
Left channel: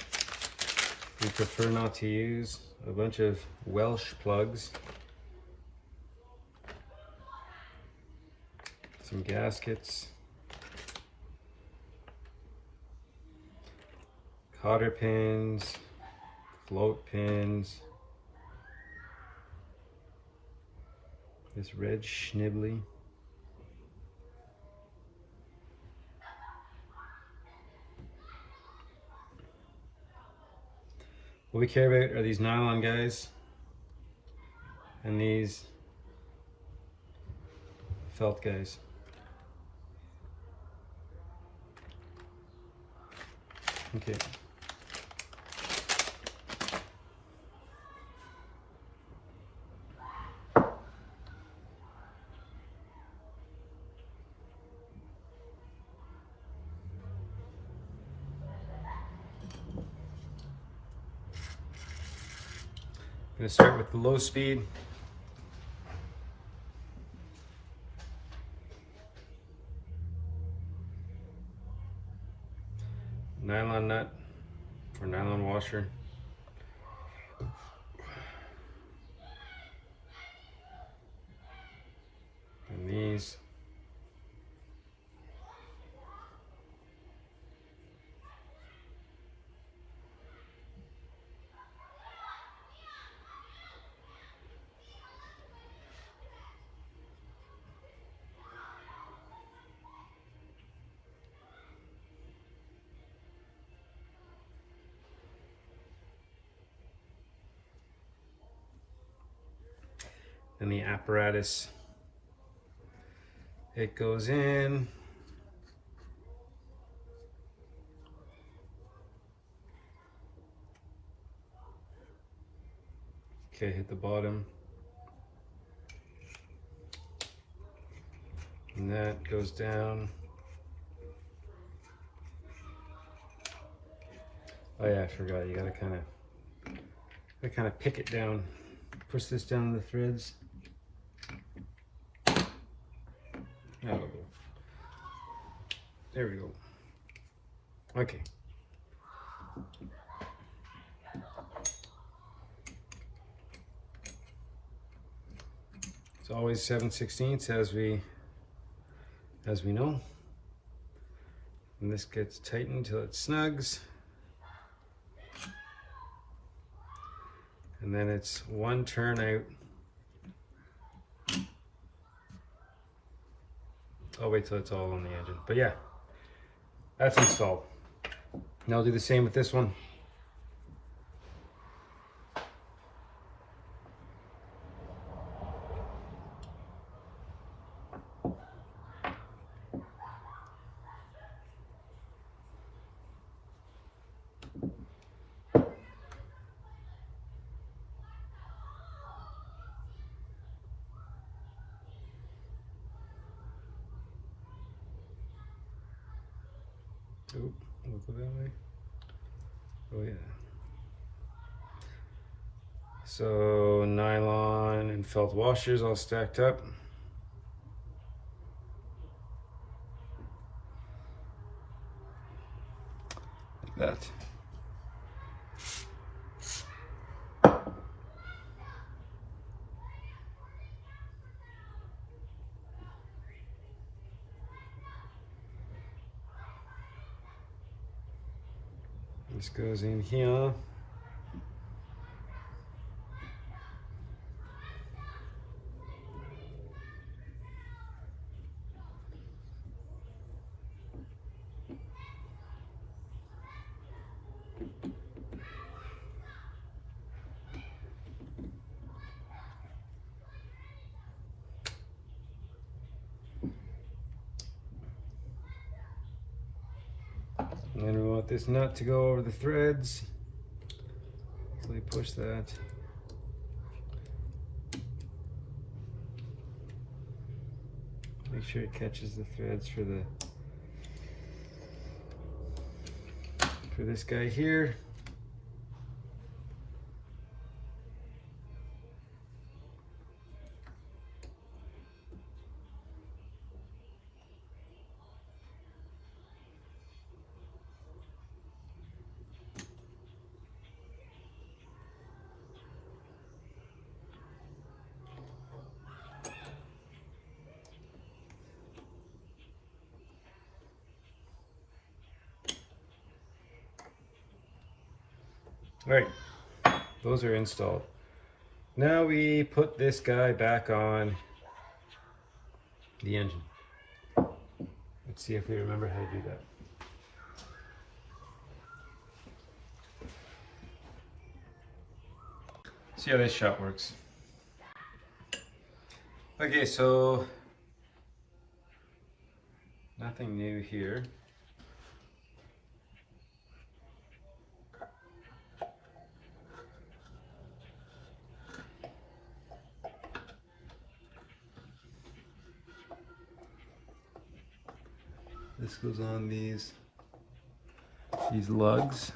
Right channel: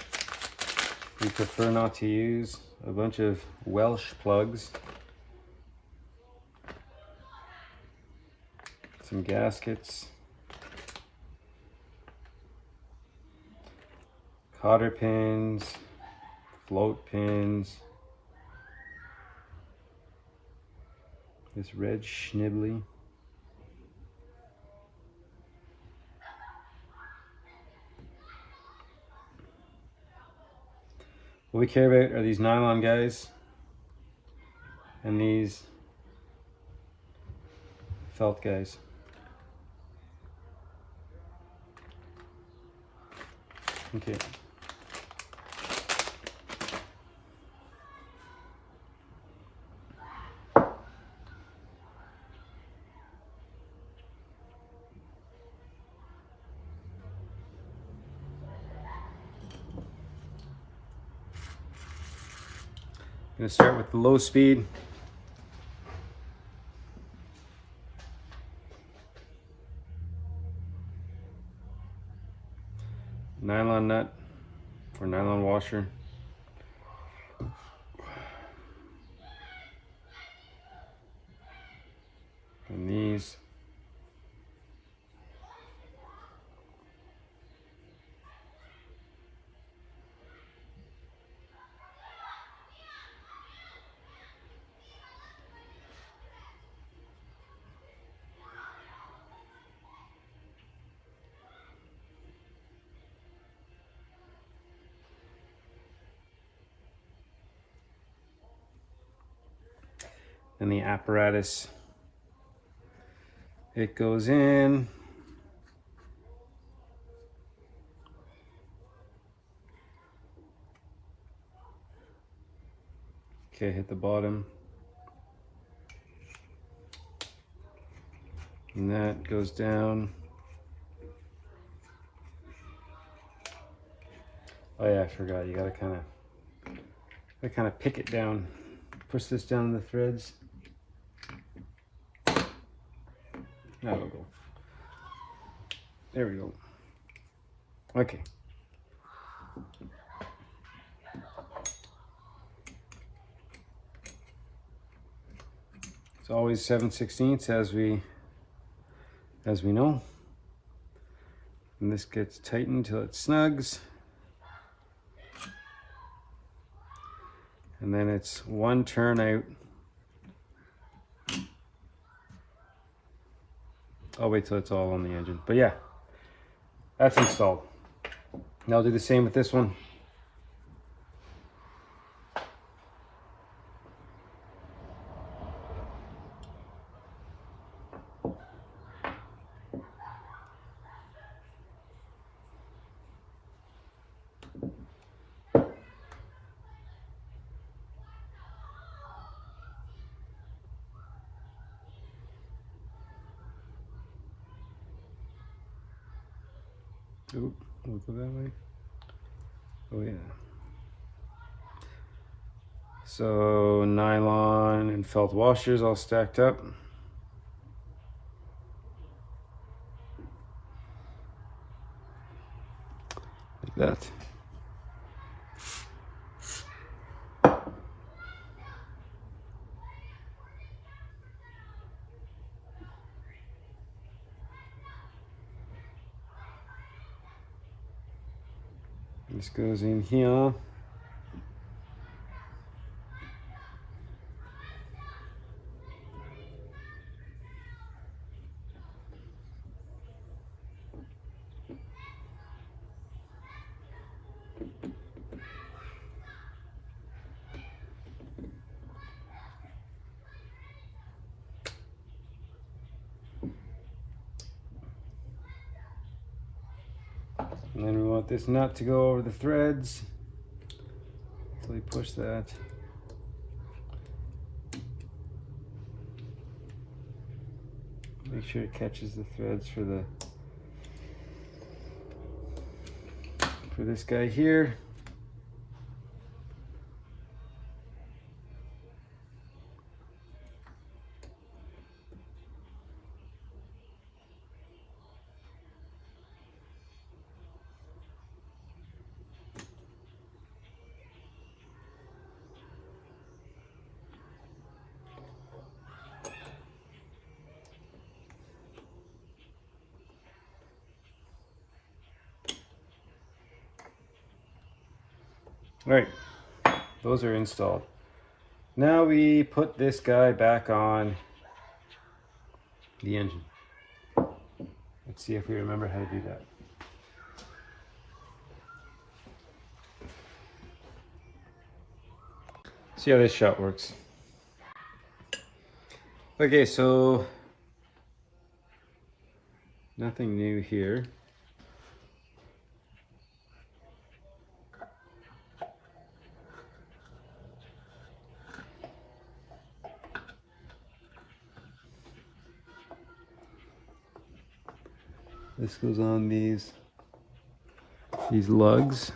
we prefer not to use. A bunch of Welsh plugs. Some gaskets. Cotter pins. Float pins. This red schnibbly. What we care about are these nylon guys and these felt guys. Okay. I'm going to start with the low speed. Nylon nut or nylon washer. And these. And the apparatus, it goes in. Okay, hit the bottom. And that goes down. Oh yeah, I forgot, you gotta kind of pick it down. Push this down the threads. That'll go. There we go. Okay. It's always 7/16 as we know. And this gets tightened till it snugs. And then it's one turn out. I'll wait till it's all on the engine. But yeah, that's installed. Now I'll do the same with this one. Oop, we'll go that way. Oh yeah. So nylon and felt washers all stacked up. Like that. This goes in here. And then we want this nut to go over the threads. So we push that. Make sure it catches the threads for this guy here. All right, those are installed. Now we put this guy back on the engine. Let's see if we remember how to do that. See how this shot works. Okay, so nothing new here. This goes on these lugs.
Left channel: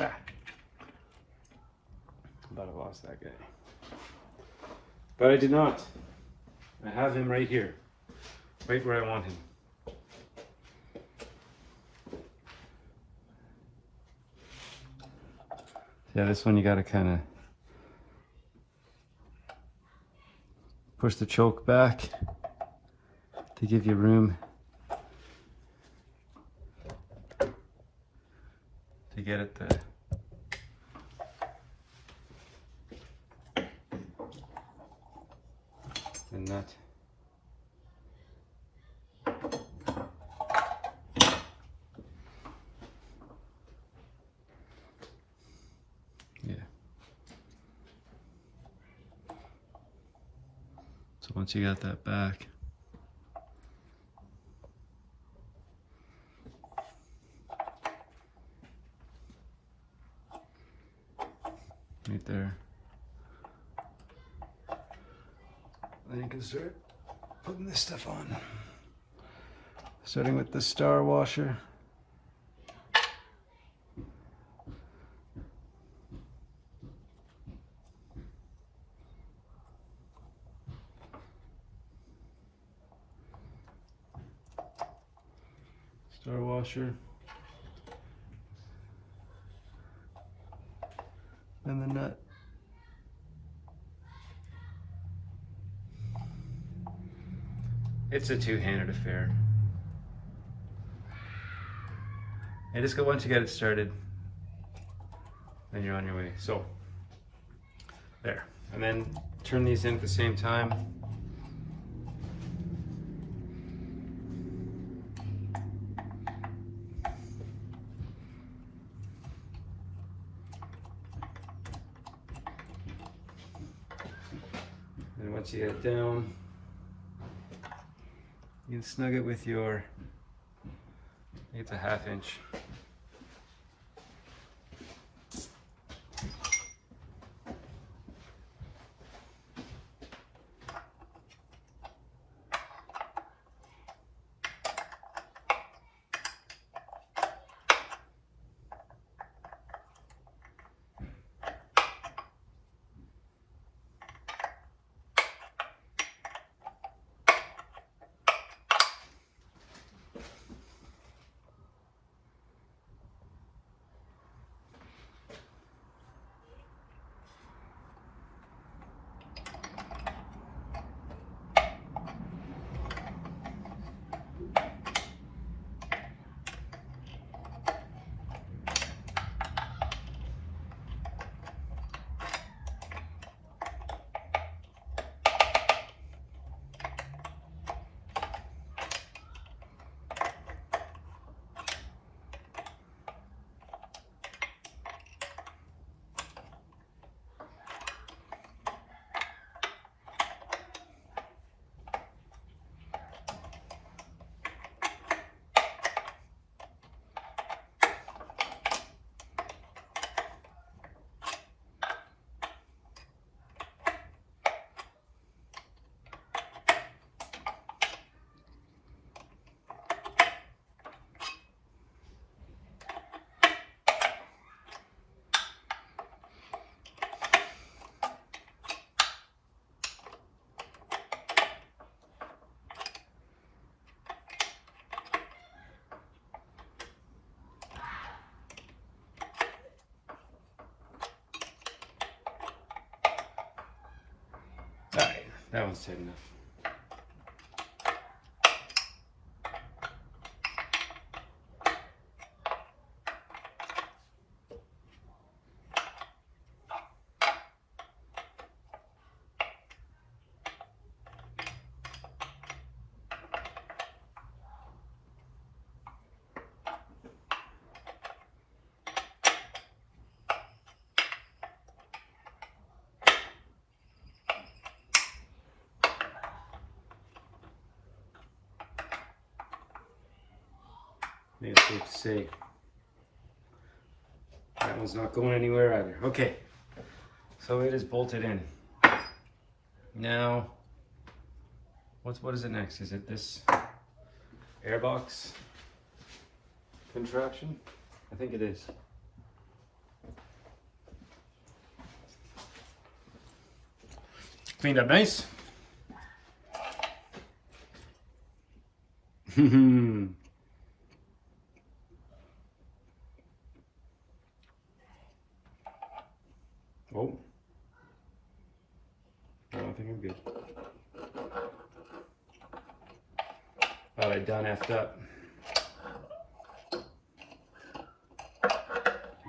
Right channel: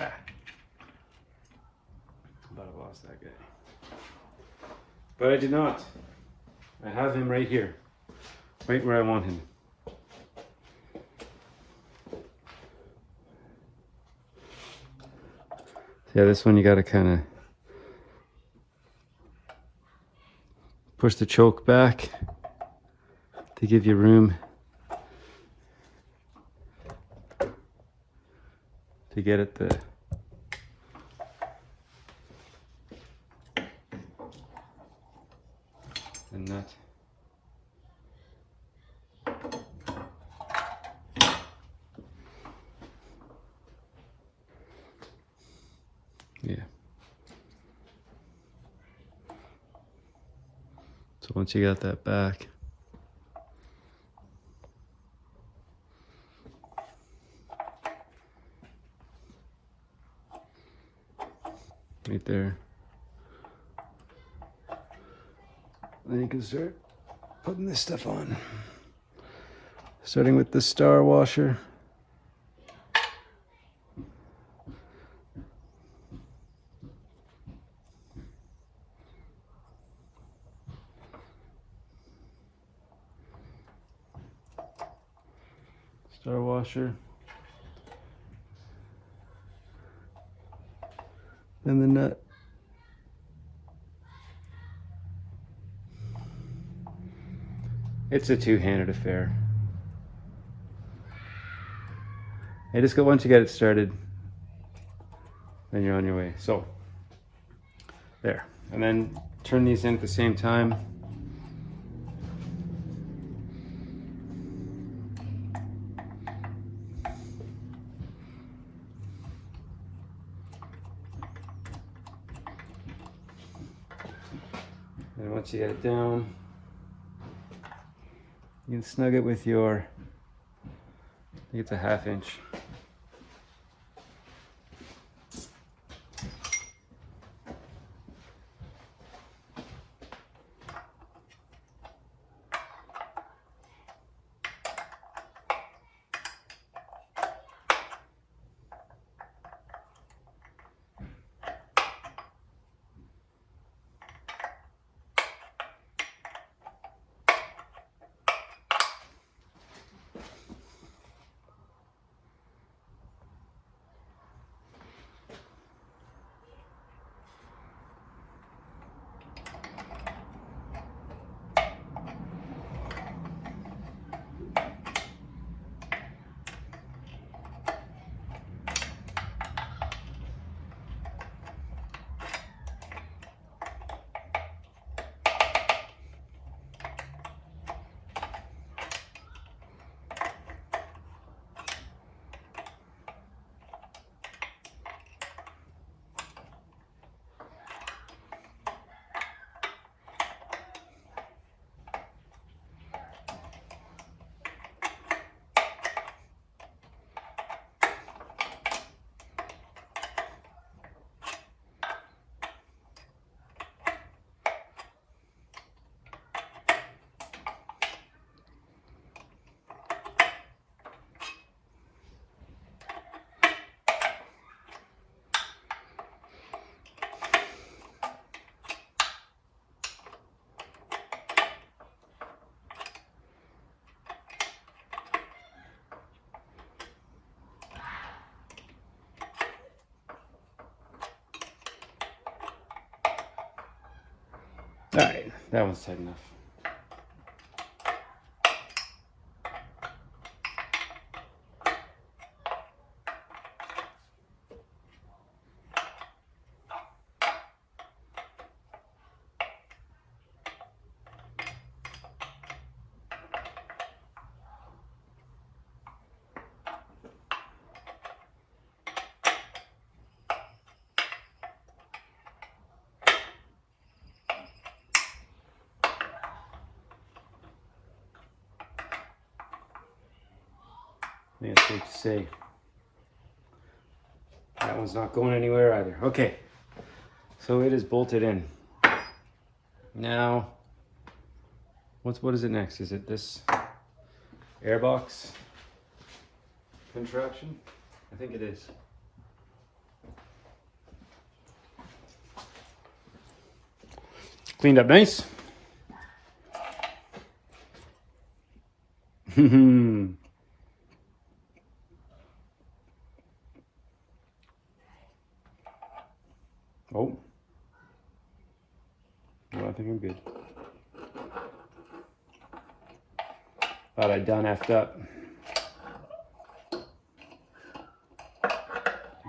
Ah. I thought I lost that guy. But I did not. I have him right here. right where I want him. Yeah, this one you gotta kind of push the choke back to give you room to get at the nut. Yeah. So once you got that back, right there, then you can start putting this stuff on. Starting with the star washer. Star washer. Then the nut. It's a two-handed affair. And just once you get it started, then you're on your way. So, there. And then turn these in at the same time. And once you get it down, you can snug it with your, I think it's a 1/2 inch. Alright, that one's tight enough. I think it's safe to say that one's not going anywhere either. Okay, so it is bolted in. Now, what is it next? Is it this Airbox contraption? I think it is. Cleaned up nice. Oh. No, I think I'm good. Thought I'd done effed up.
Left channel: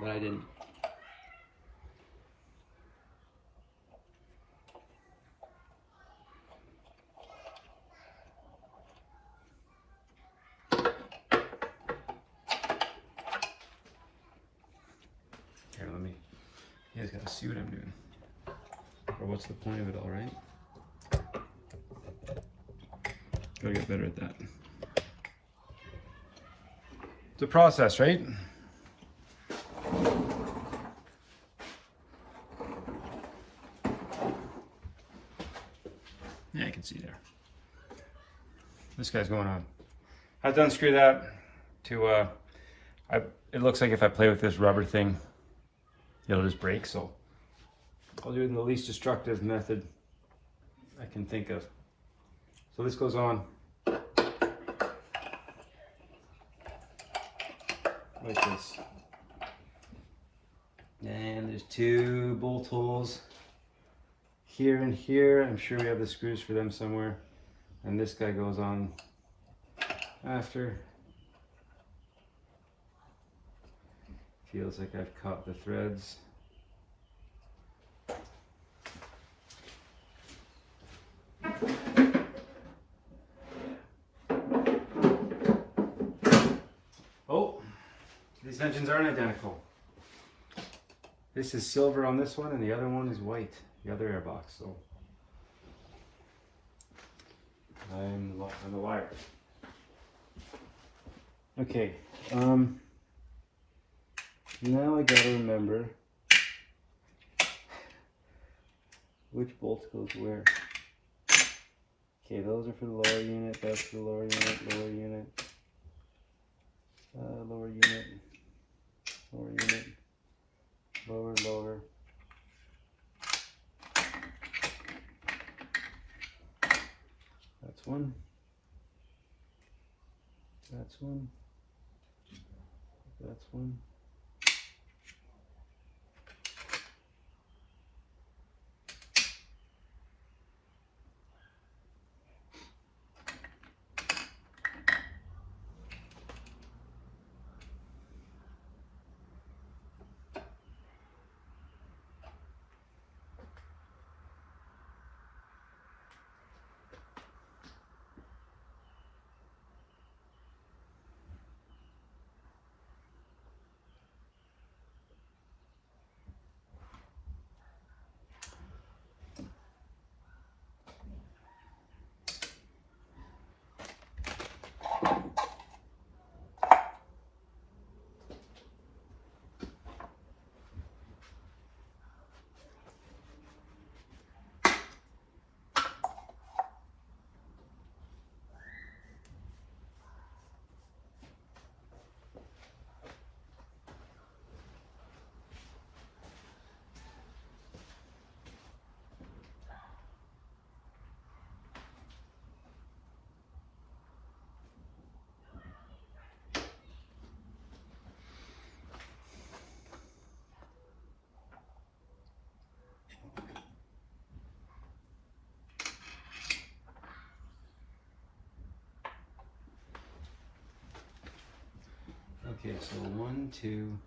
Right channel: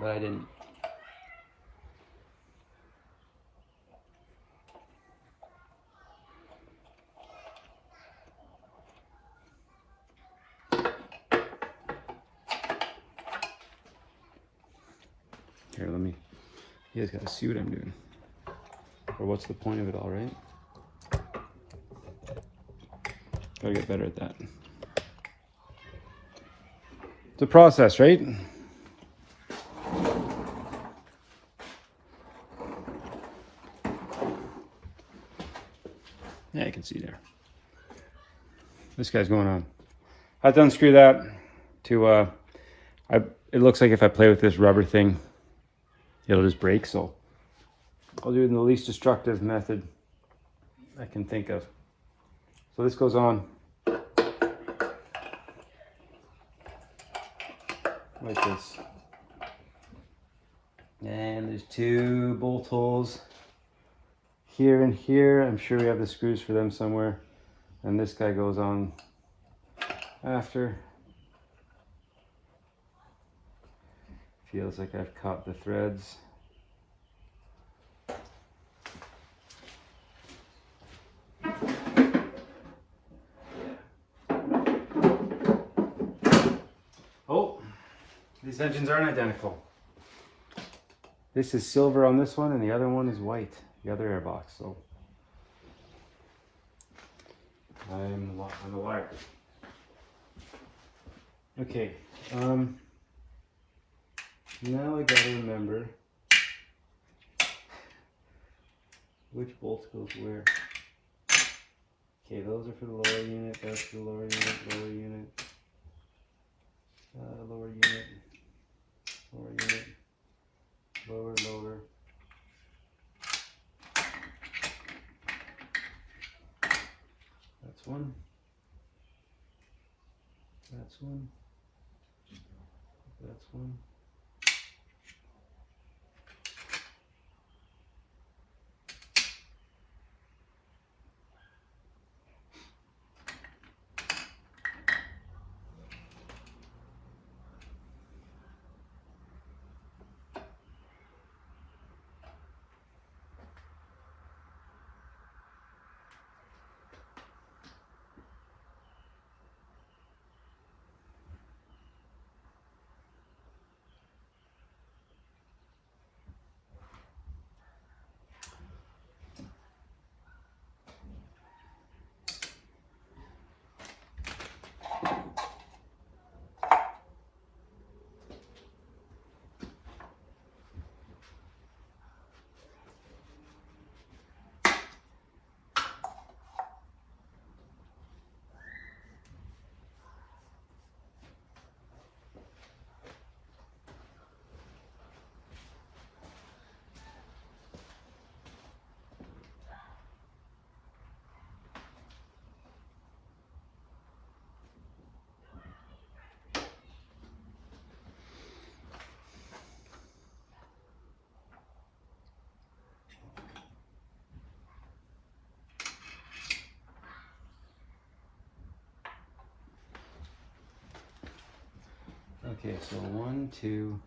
But I didn't. Here, let me. You guys gotta see what I'm doing. Or what's the point of it all, right? Gotta get better at that. It's a process, right? Yeah, you can see there. This guy's going on. I have to unscrew that to, it looks like if I play with this rubber thing, it'll just break, so I'll do it in the least destructive method I can think of. So this goes on like this. And there's 2 bolt holes here and here. I'm sure we have the screws for them somewhere. And this guy goes on after. Feels like I've caught the threads. Oh, these engines aren't identical. This is silver on this one and the other one is white, the other airbox. So I'm a liar. Okay, now I gotta remember which bolt goes where. Okay, those are for the lower unit, that's for the lower unit, lower unit, lower unit, lower unit, lower, lower. That's one. That's one. That's one. Okay, so 1, 2.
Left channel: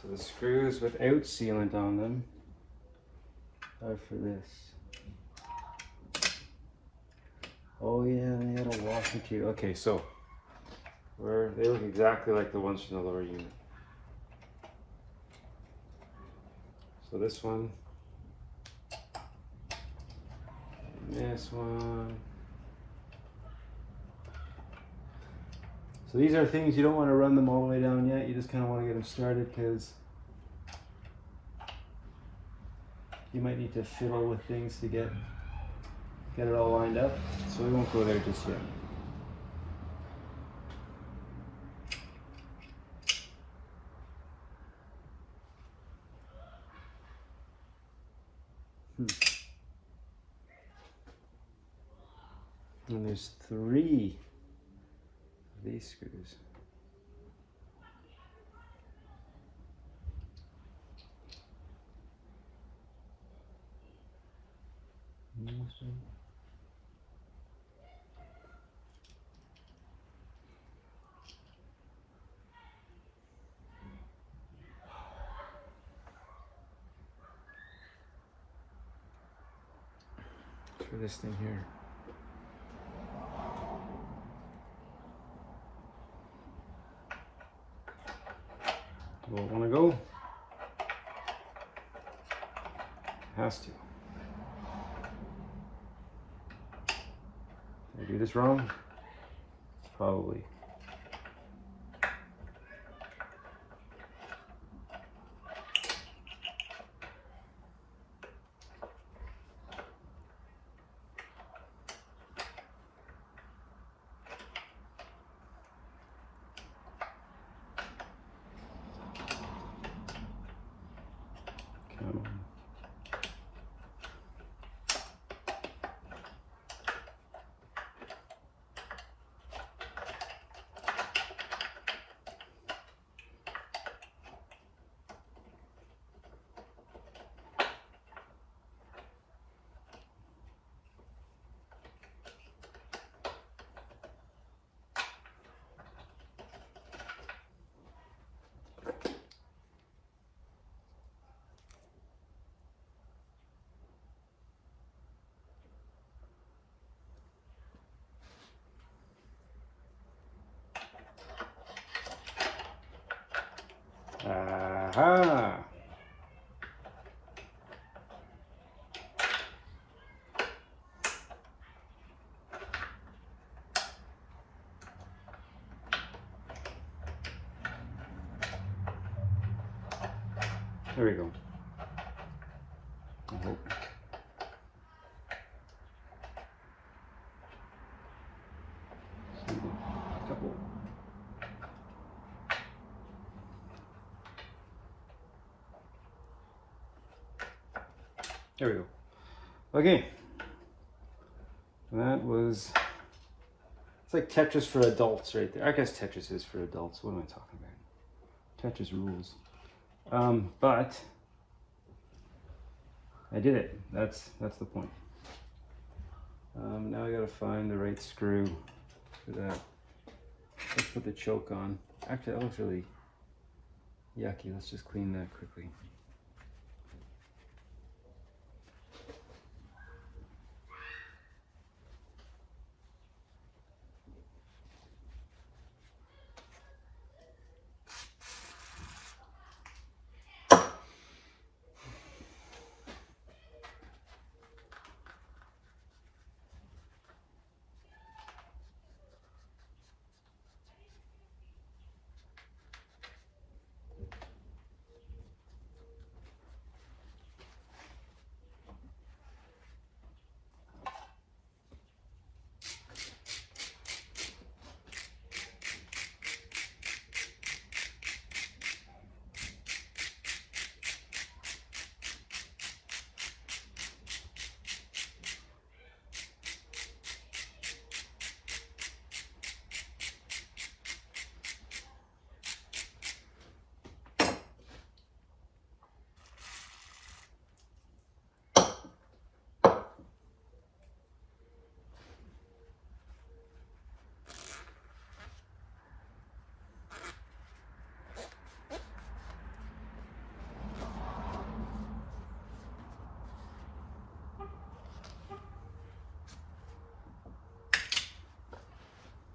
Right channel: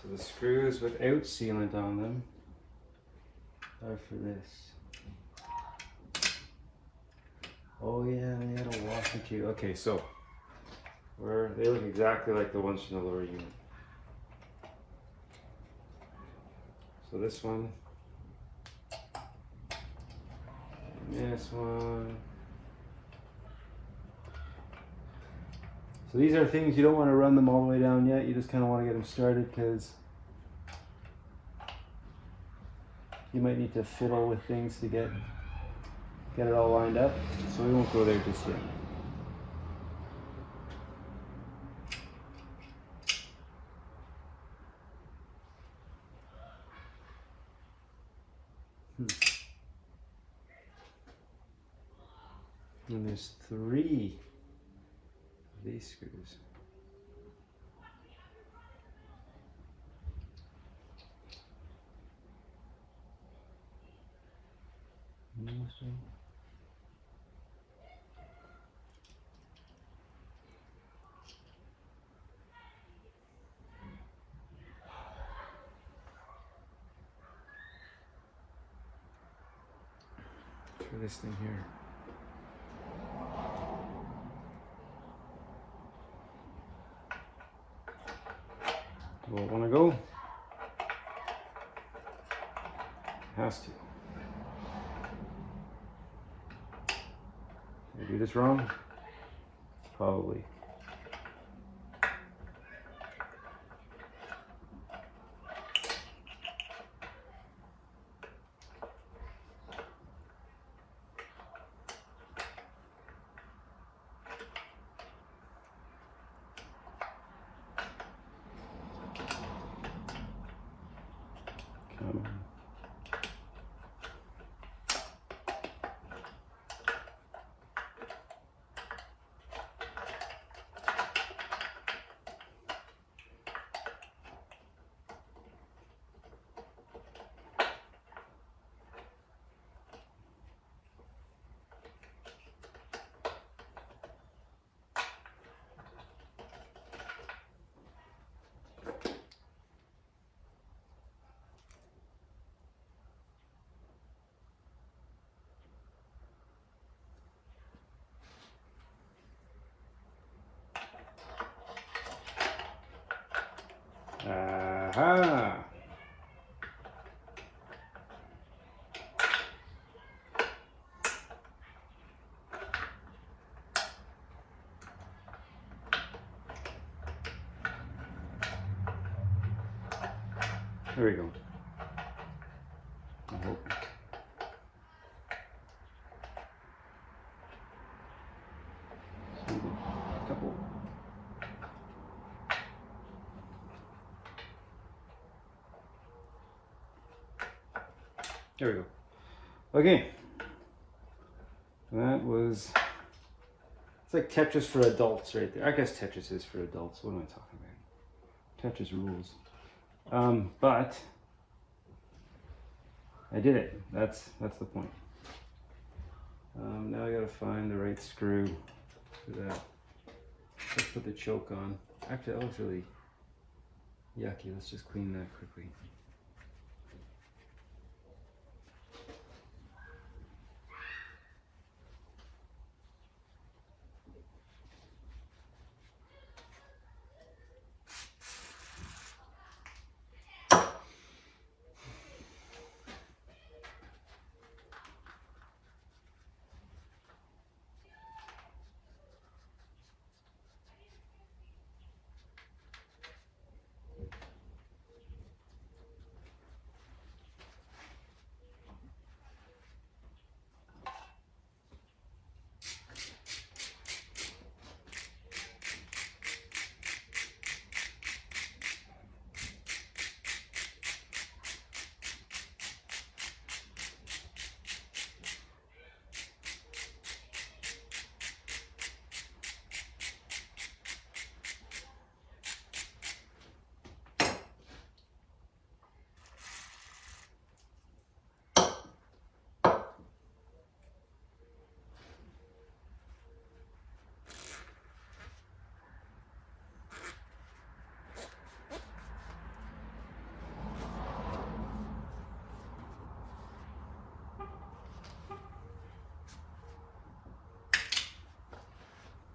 So the screws without sealant on them are for this. Oh yeah, they had a washer too. Okay, so they look exactly like the ones from the lower unit. So this one, and this one. So these are things you don't want to run them all the way down yet. You just kind of want to get them started because you might need to fiddle with things to get it all lined up, so we won't go there just yet. And there's 3 of these screws. For this thing here. Will it want to go? It has to. Did I do this wrong? Probably. Come on. Aha! There we go. I hope. Couple. There we go. Okay. That was, it's like Tetris for adults right there. I guess Tetris is for adults. What am I talking about? Tetris rules. But I did it. That's the point. Now I gotta find the right screw for that. Let's put the choke on. Actually, that looks really yucky. Let's just clean that quickly.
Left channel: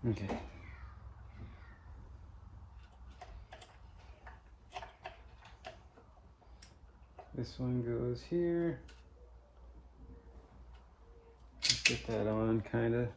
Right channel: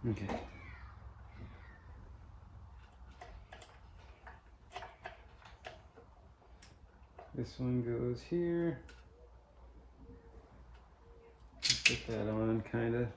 Okay. This one goes here. Get that on, kind of.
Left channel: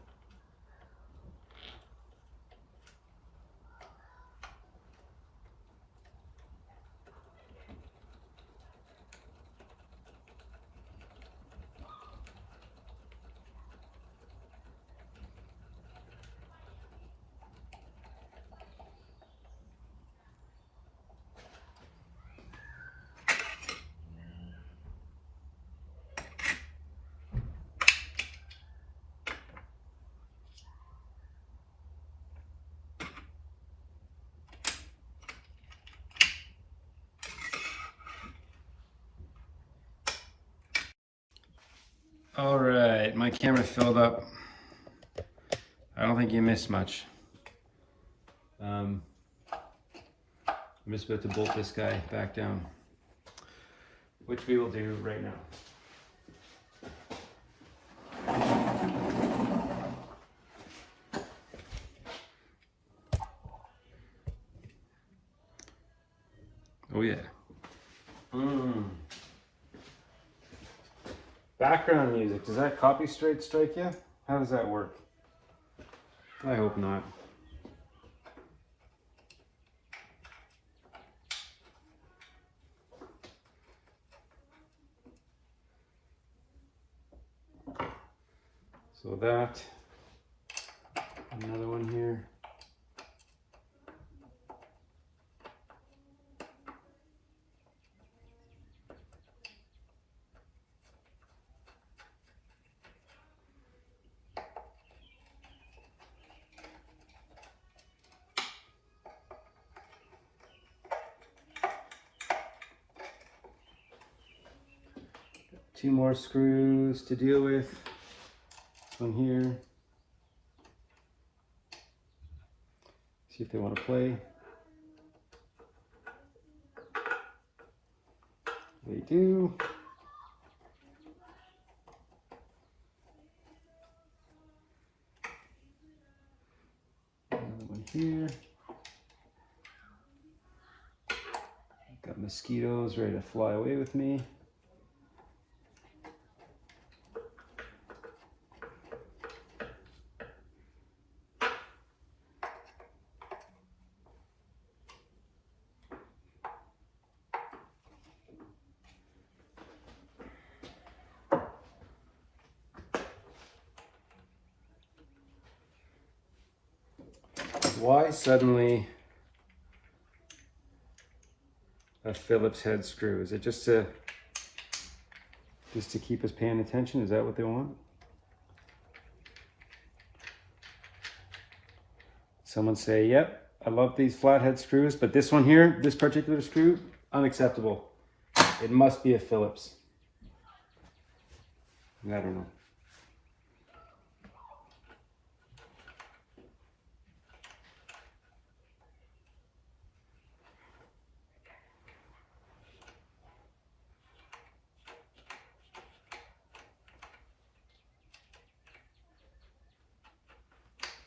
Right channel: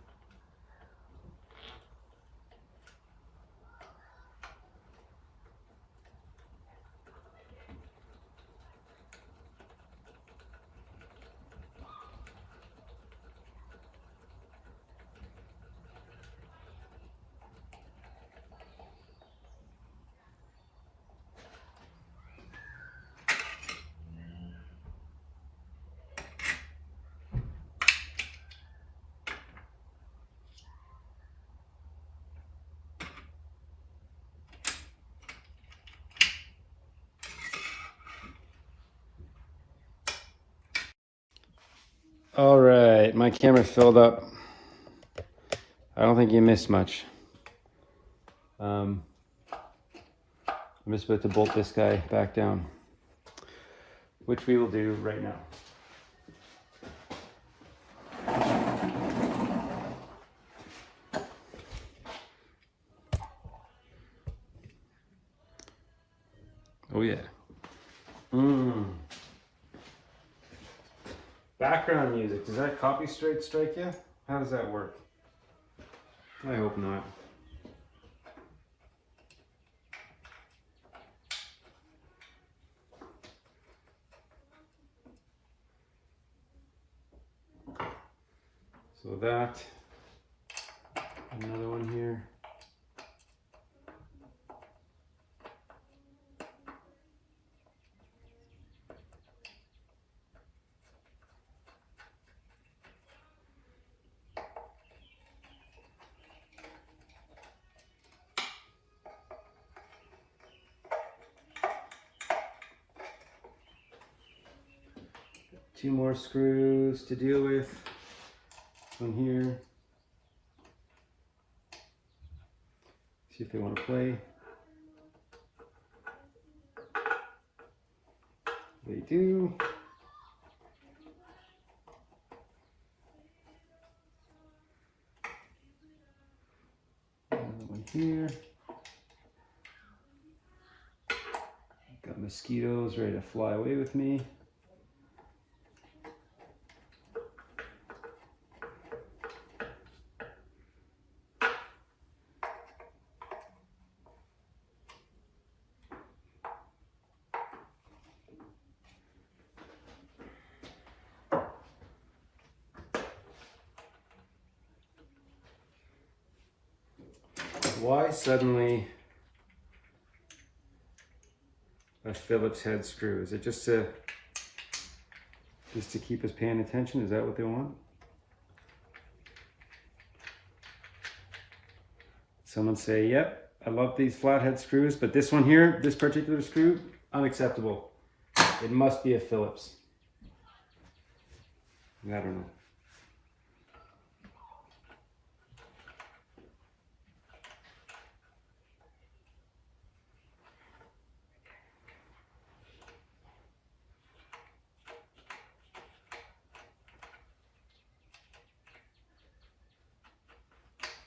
All right, my camera's filled up. I don't think you missed much. I'm just about to bolt this guy back down, which we will do right now. Oh yeah. Background music, does that copyright strike you? How does that work? I hope not. So that, another one here. Two more screws to deal with. One here. See if they want to play. They do. Another one here. Got mosquitoes ready to fly away with me. Why suddenly a Phillips head screw? Is it just to keep us paying attention? Is that what they want? Someone say, yep, I love these flathead screws, but this one here, this particular screw, unacceptable. It must be a Phillips. I don't know.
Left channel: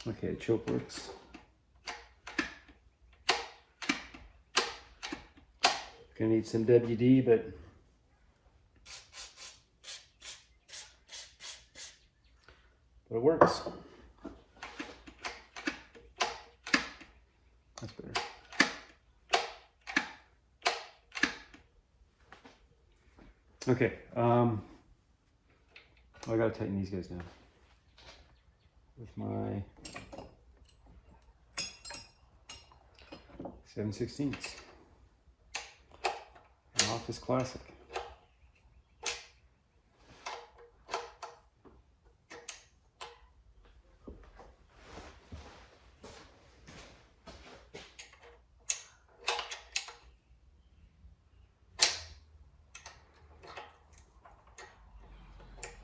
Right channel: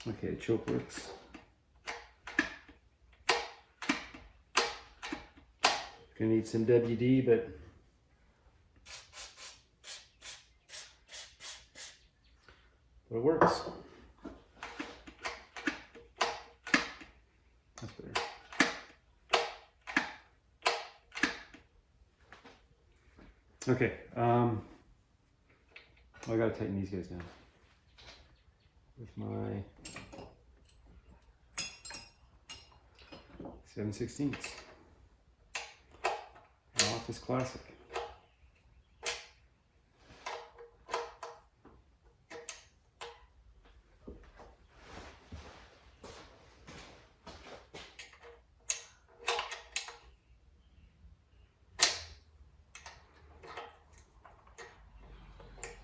Okay, choke works. Gonna need some WD, but it works. That's better. Okay, I gotta tighten these guys down with my 7/16. Office Classic.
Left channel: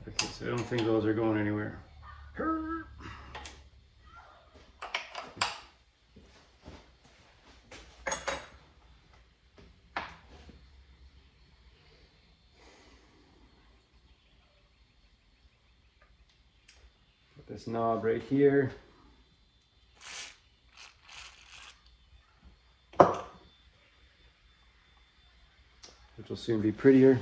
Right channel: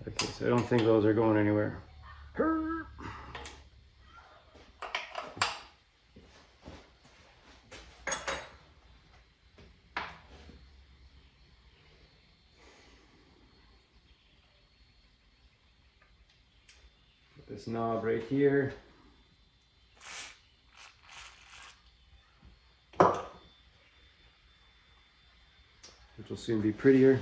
Okay, so I don't think those are going anywhere. This knob right here. Which will soon be prettier.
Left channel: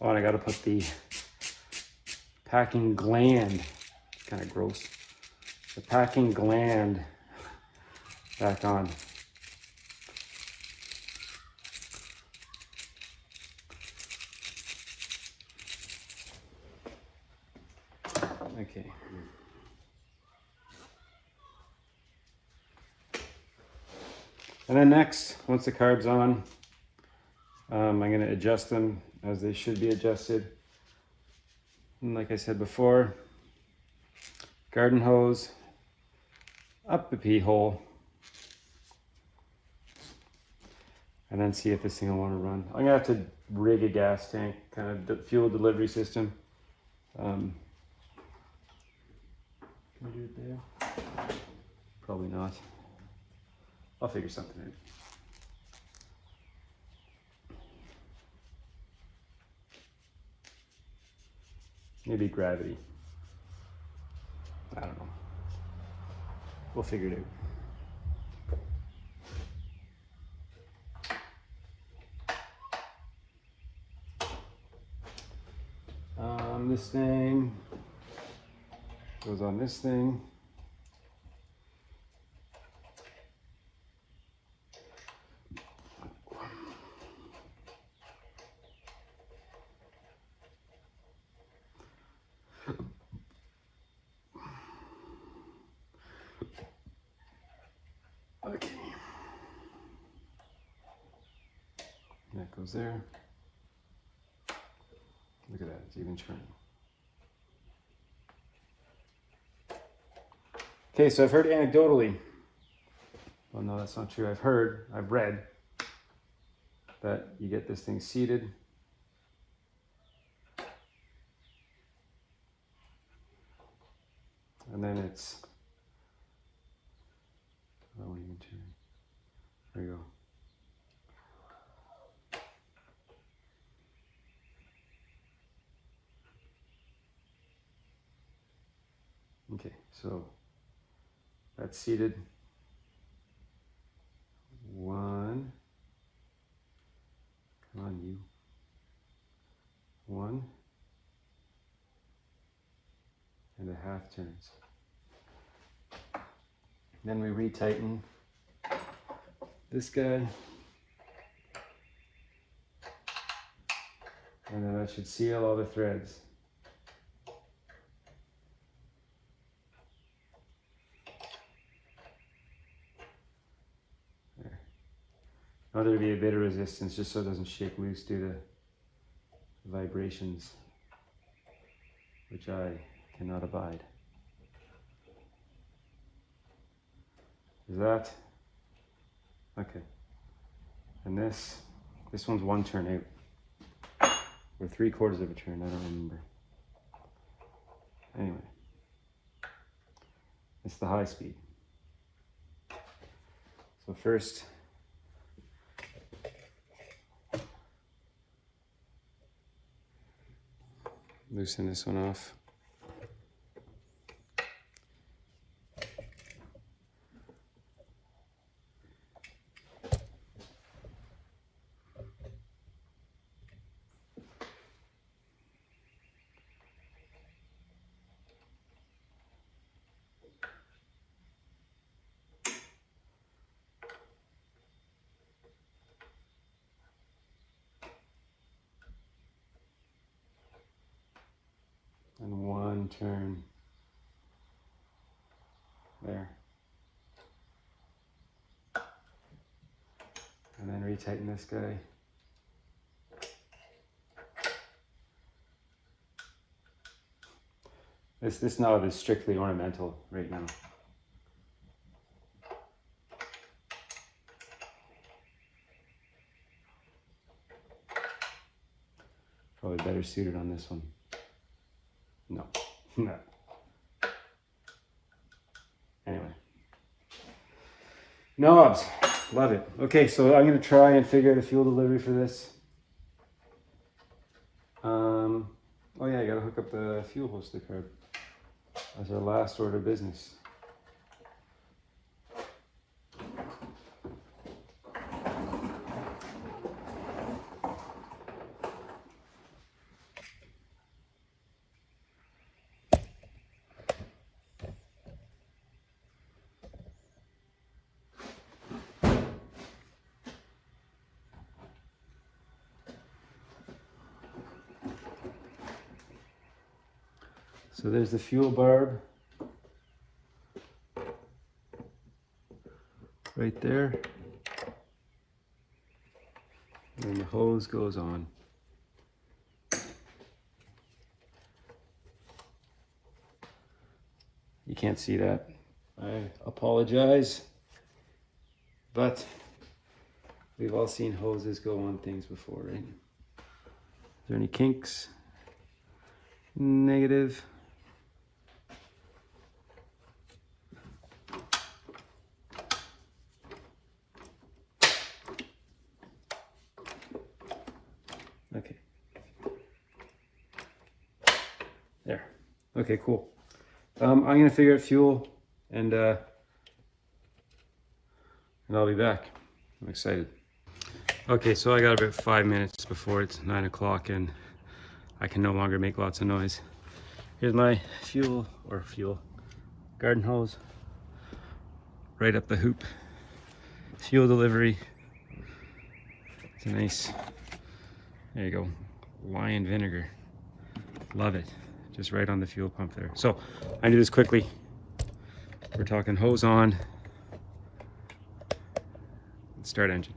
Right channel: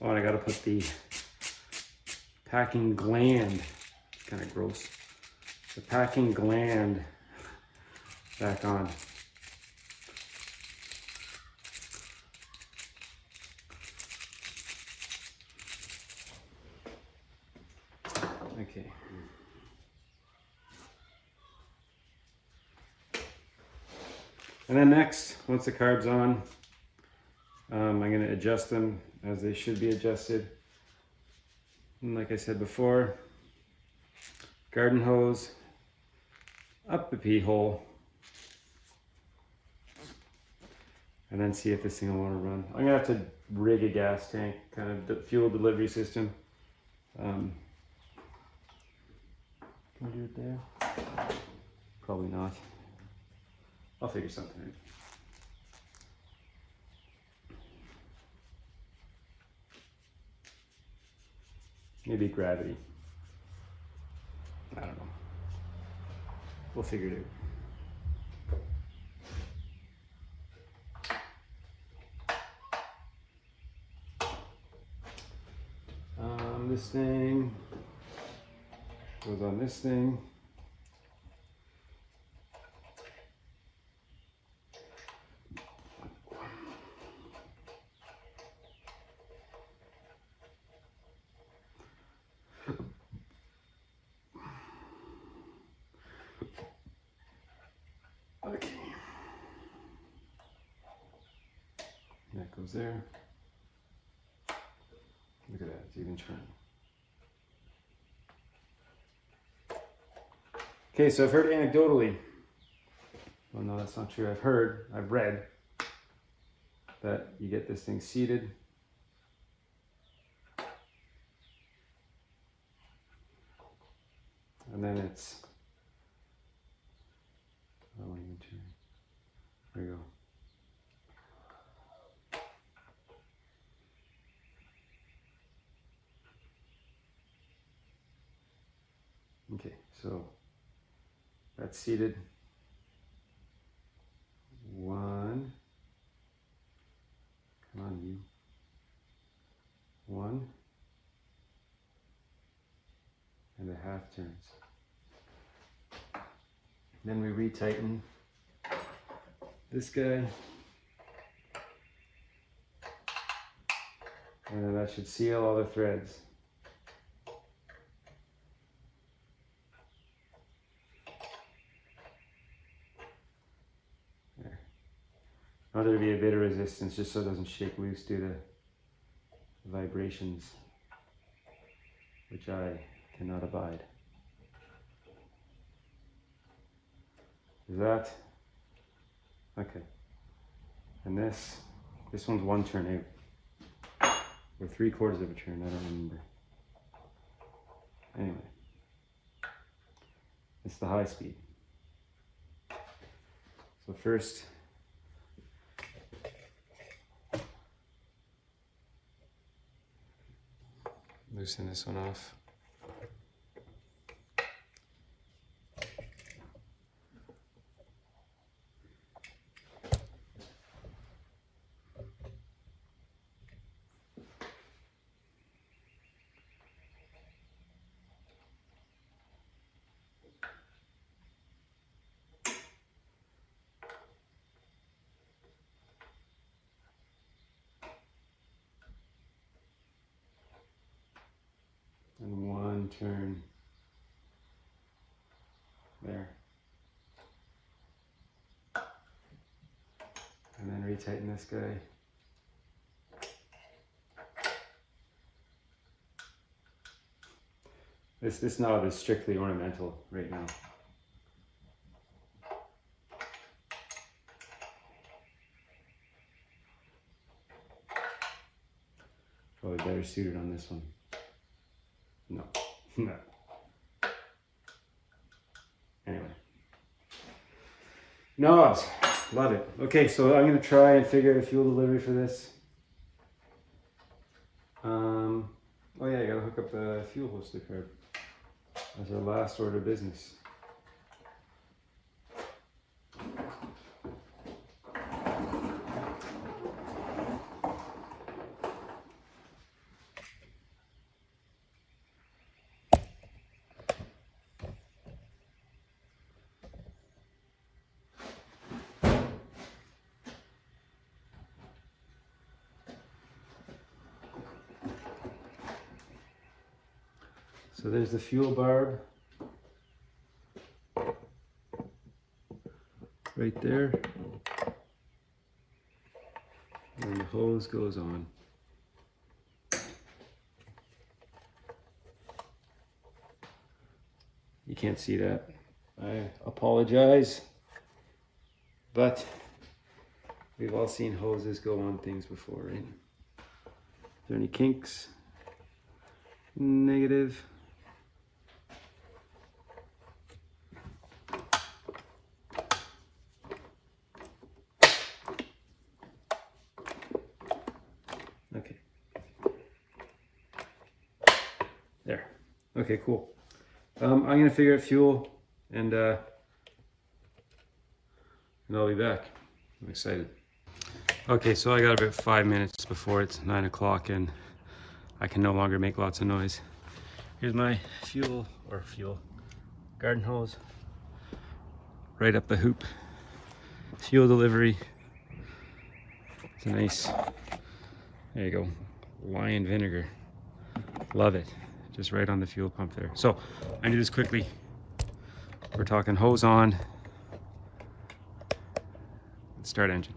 Oh, and I gotta put the packing gland, kind of gross. The packing gland back on. Okay. And then next, once the carb's on, I'm going to adjust them as they should be adjusted. And like I said before, garden hose up the pee hole, and then see if this thing will want to run. I'm gonna have to rig a gas tank, kind of fuel delivery system. Can I do it there? Probably not. I'll figure something out. Maybe gravity. I don't know. We'll figure it out. This thing goes on this thing. Okay. That goes there. Look at that, it's even turning. Okay, so I've heard anecdotally, well no, that's not true. I've read that you get this thing seated. And then it's, I won't even turn. There you go. Okay, so that's seated. One. Come on, you. One. And a half turns. Then we retighten this guy. And then that should seal all the threads. There. Now there'll be a bit of resistance just so it doesn't shake loose due to vibrations, which I cannot abide. Is that okay? And this one's one turn out, or 3/4 of a turn. I don't remember. Anyway, it's the high speed. So first, loosen this one off. And one turn there. And then retighten this guy. This knob is strictly ornamental right now. Probably better suited on this one. No, no. Anyway. Knobs, love it. Okay, so I'm gonna try and figure out a fuel delivery for this. Oh yeah, I gotta hook up the fuel hose to the carb as our last order of business. So there's the fuel barb right there, and the hose goes on. can't see that, I apologize. But we've all seen hoses go on things before, right? Is there any kinks? Negative. Okay. There. Okay, cool. I'm gonna figure out fuel and I'll be back. I'm excited. Okay, so I got about 5 minutes before it's 9 o'clock and I can no longer make lots of noise. Here's my fuel garden hose. Right up the hoop. Fuel delivery. It's a nice, there you go, lion vinegar. Love it. Just right on the fuel pump there. So I do this quickly. We're talking hose on. Let's start engine.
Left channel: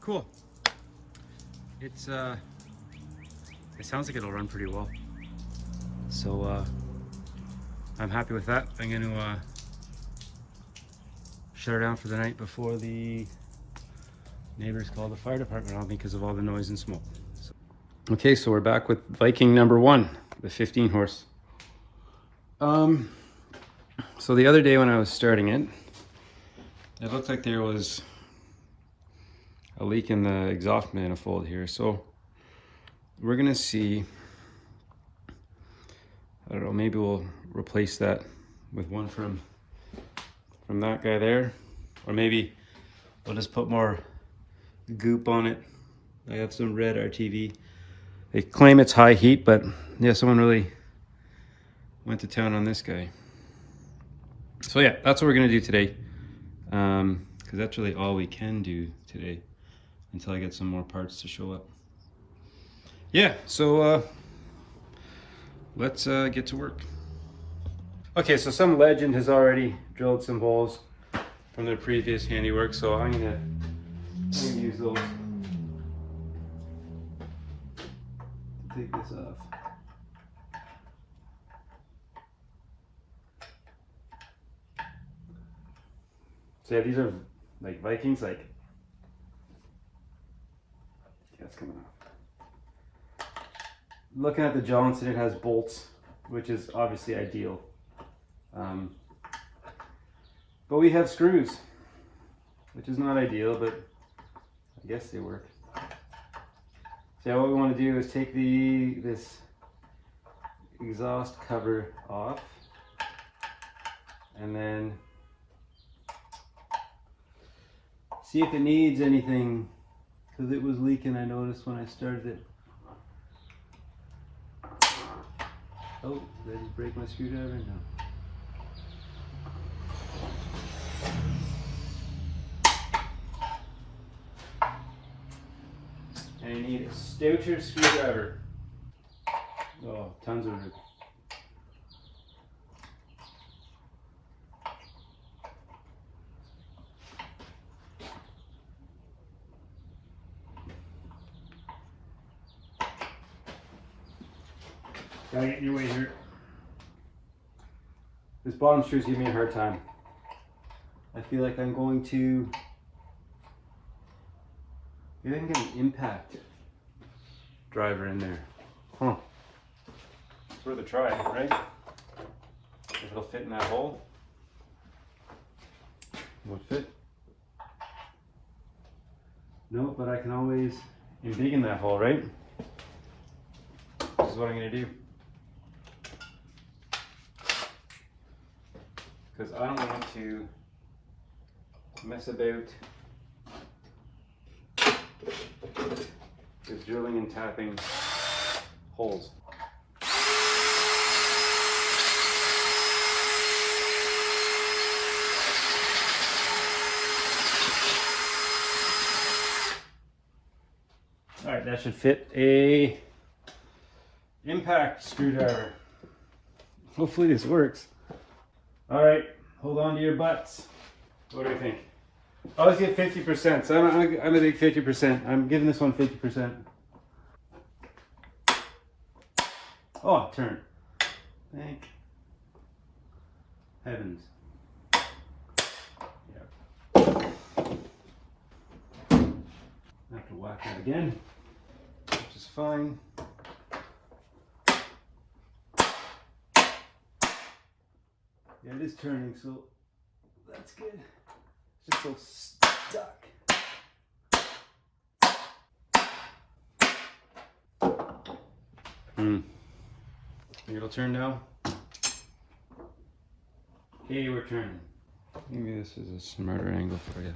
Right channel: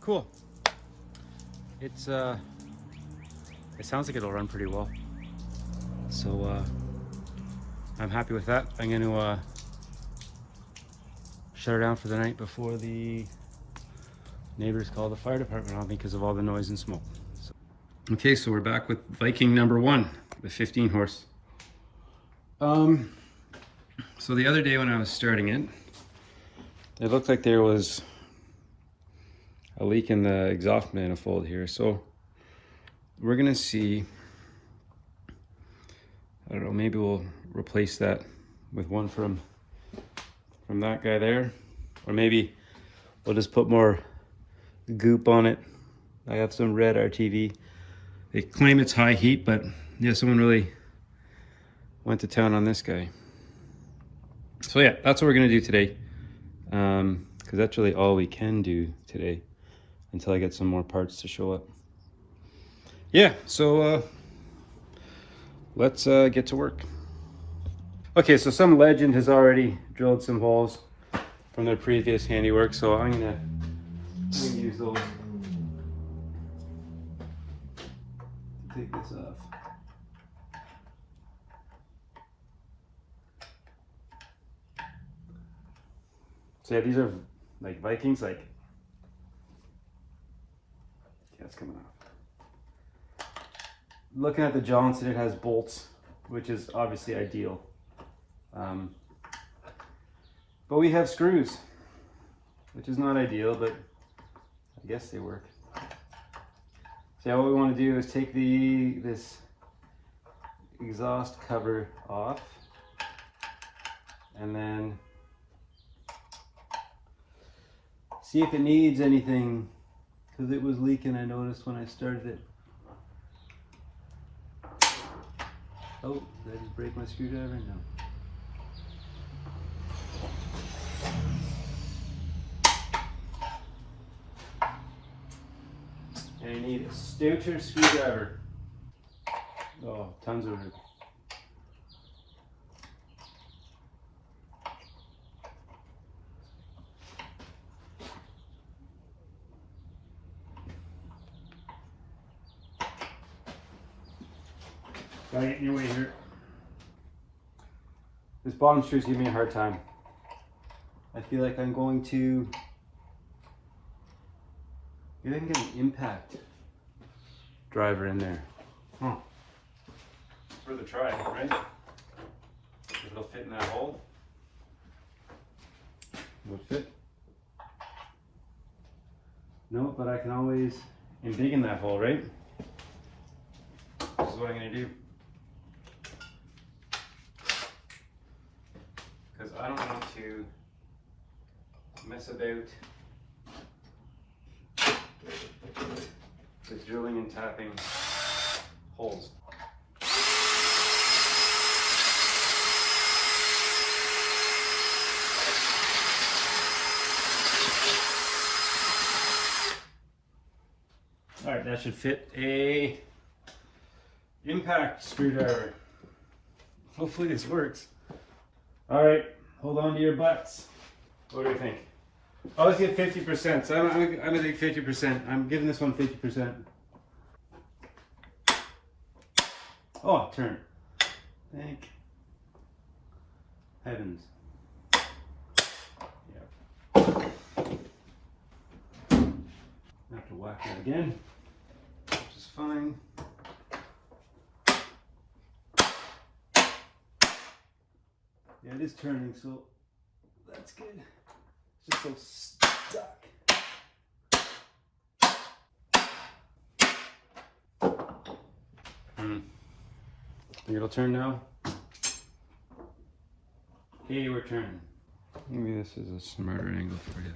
Cool. It sounds like it'll run pretty well. So I'm happy with that. I'm going to shut her down for the night before the neighbors call the fire department on me because of all the noise and smoke. So, okay, so we're back with Viking number 1, the 15 horse. So the other day when I was starting it, it looked like there was a leak in the exhaust manifold here. So we're gonna see, I don't know, maybe we'll replace that with one from that guy there, or maybe we'll just put more goop on it. I have some red RTV. They claim it's high heat, but yeah, someone really went to town on this guy. So yeah, that's what we're gonna do today, because that's really all we can do today until I get some more parts to show up. Yeah, so let's get to work. Okay, so some legend has already drilled some holes from their previous handiwork, so I'm gonna use those to take this off. So yeah, these are like Vikings, like, yeah, it's coming off. Looking at the Johnson, it has bolts, which is obviously ideal. But we have screws, which is not ideal, but I guess they work. So yeah, what we want to do is take this exhaust cover off. and then see if it needs anything, because it was leaking, I noticed when I started it. Oh, did I just break my screwdriver? No. And you need a Stoucher screwdriver. Oh, tons of room. Gotta get in your way here. This bottom screw is giving me a hard time. I feel like I'm going to, maybe I can get an impact driver in there. Huh. It's worth a try, right? If it'll fit in that hole. Will it fit? No, but I can always embiggen that hole, right? This is what I'm gonna do. Because I don't want to mess about just drilling and tapping holes. All right, that should fit a impact screwdriver. Hopefully this works. All right, hold on to your butts. What do you think? I always get 50%, so I'm gonna take 50%. I'm giving this one 50%. Oh, it turned. Thank heavens. Yep. I have to whack that again, which is fine. Yeah, it is turning, so that's good. It's just so stuck. Think it'll turn now? Okay, we're turning. Maybe this is a smarter angle for you.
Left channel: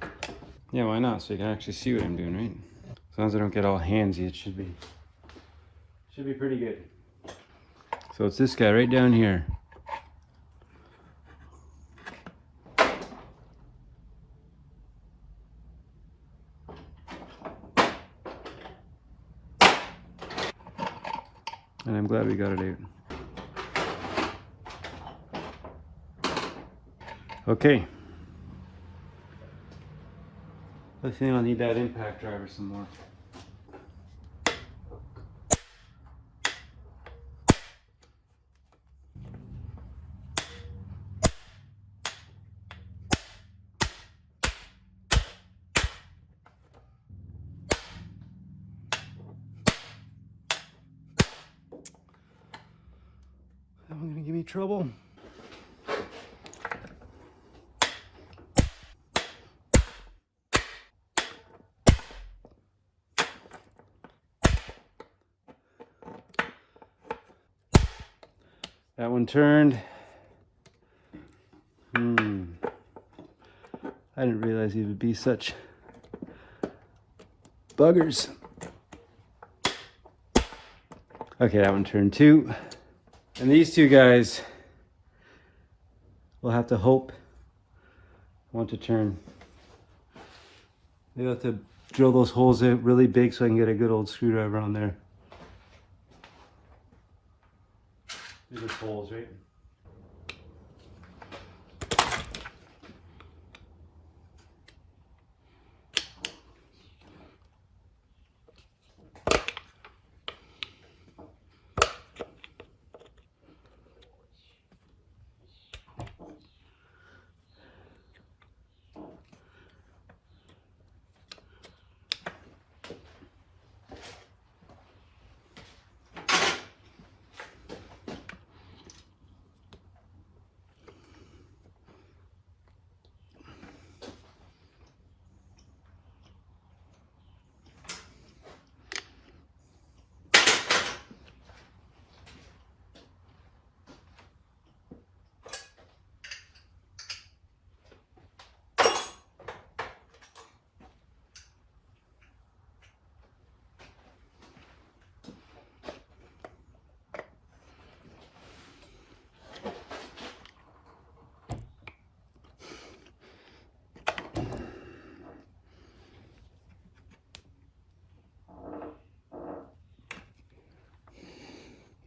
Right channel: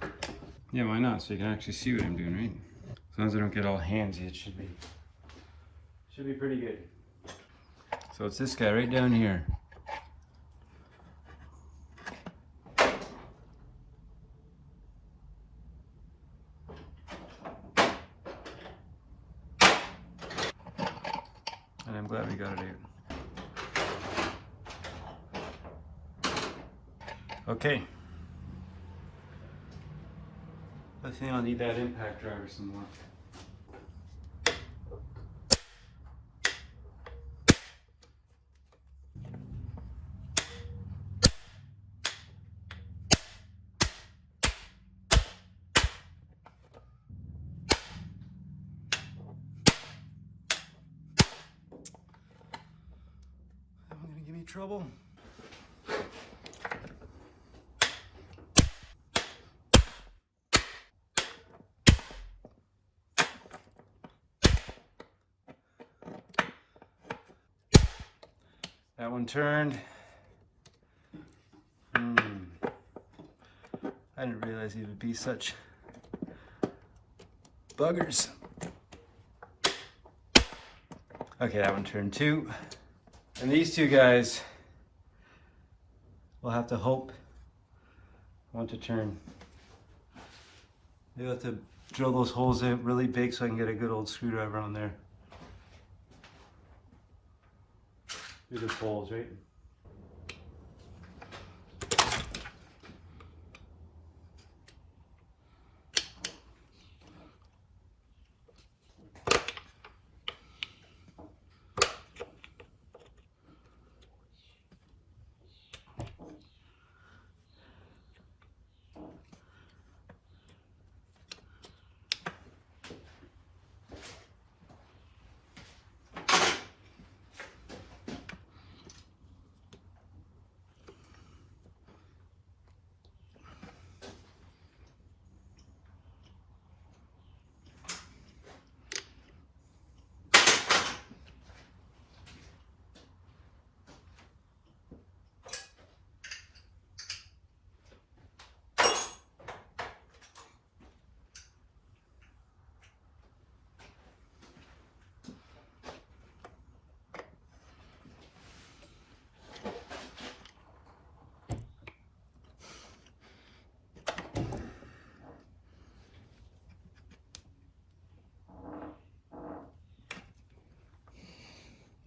Yeah, why not? So you can actually see what I'm doing, right? As long as I don't get all handsy, it should be pretty good. So it's this guy right down here. And I'm glad we got it out. Okay. I think I'll need that impact driver some more. That one's gonna give me trouble. That one turned. I didn't realize he would be such buggers. Okay, that one turned too. And these two guys will have to hope want to turn. They have to drill those holes out really big so I can get a good old screwdriver on there. These are holes, right?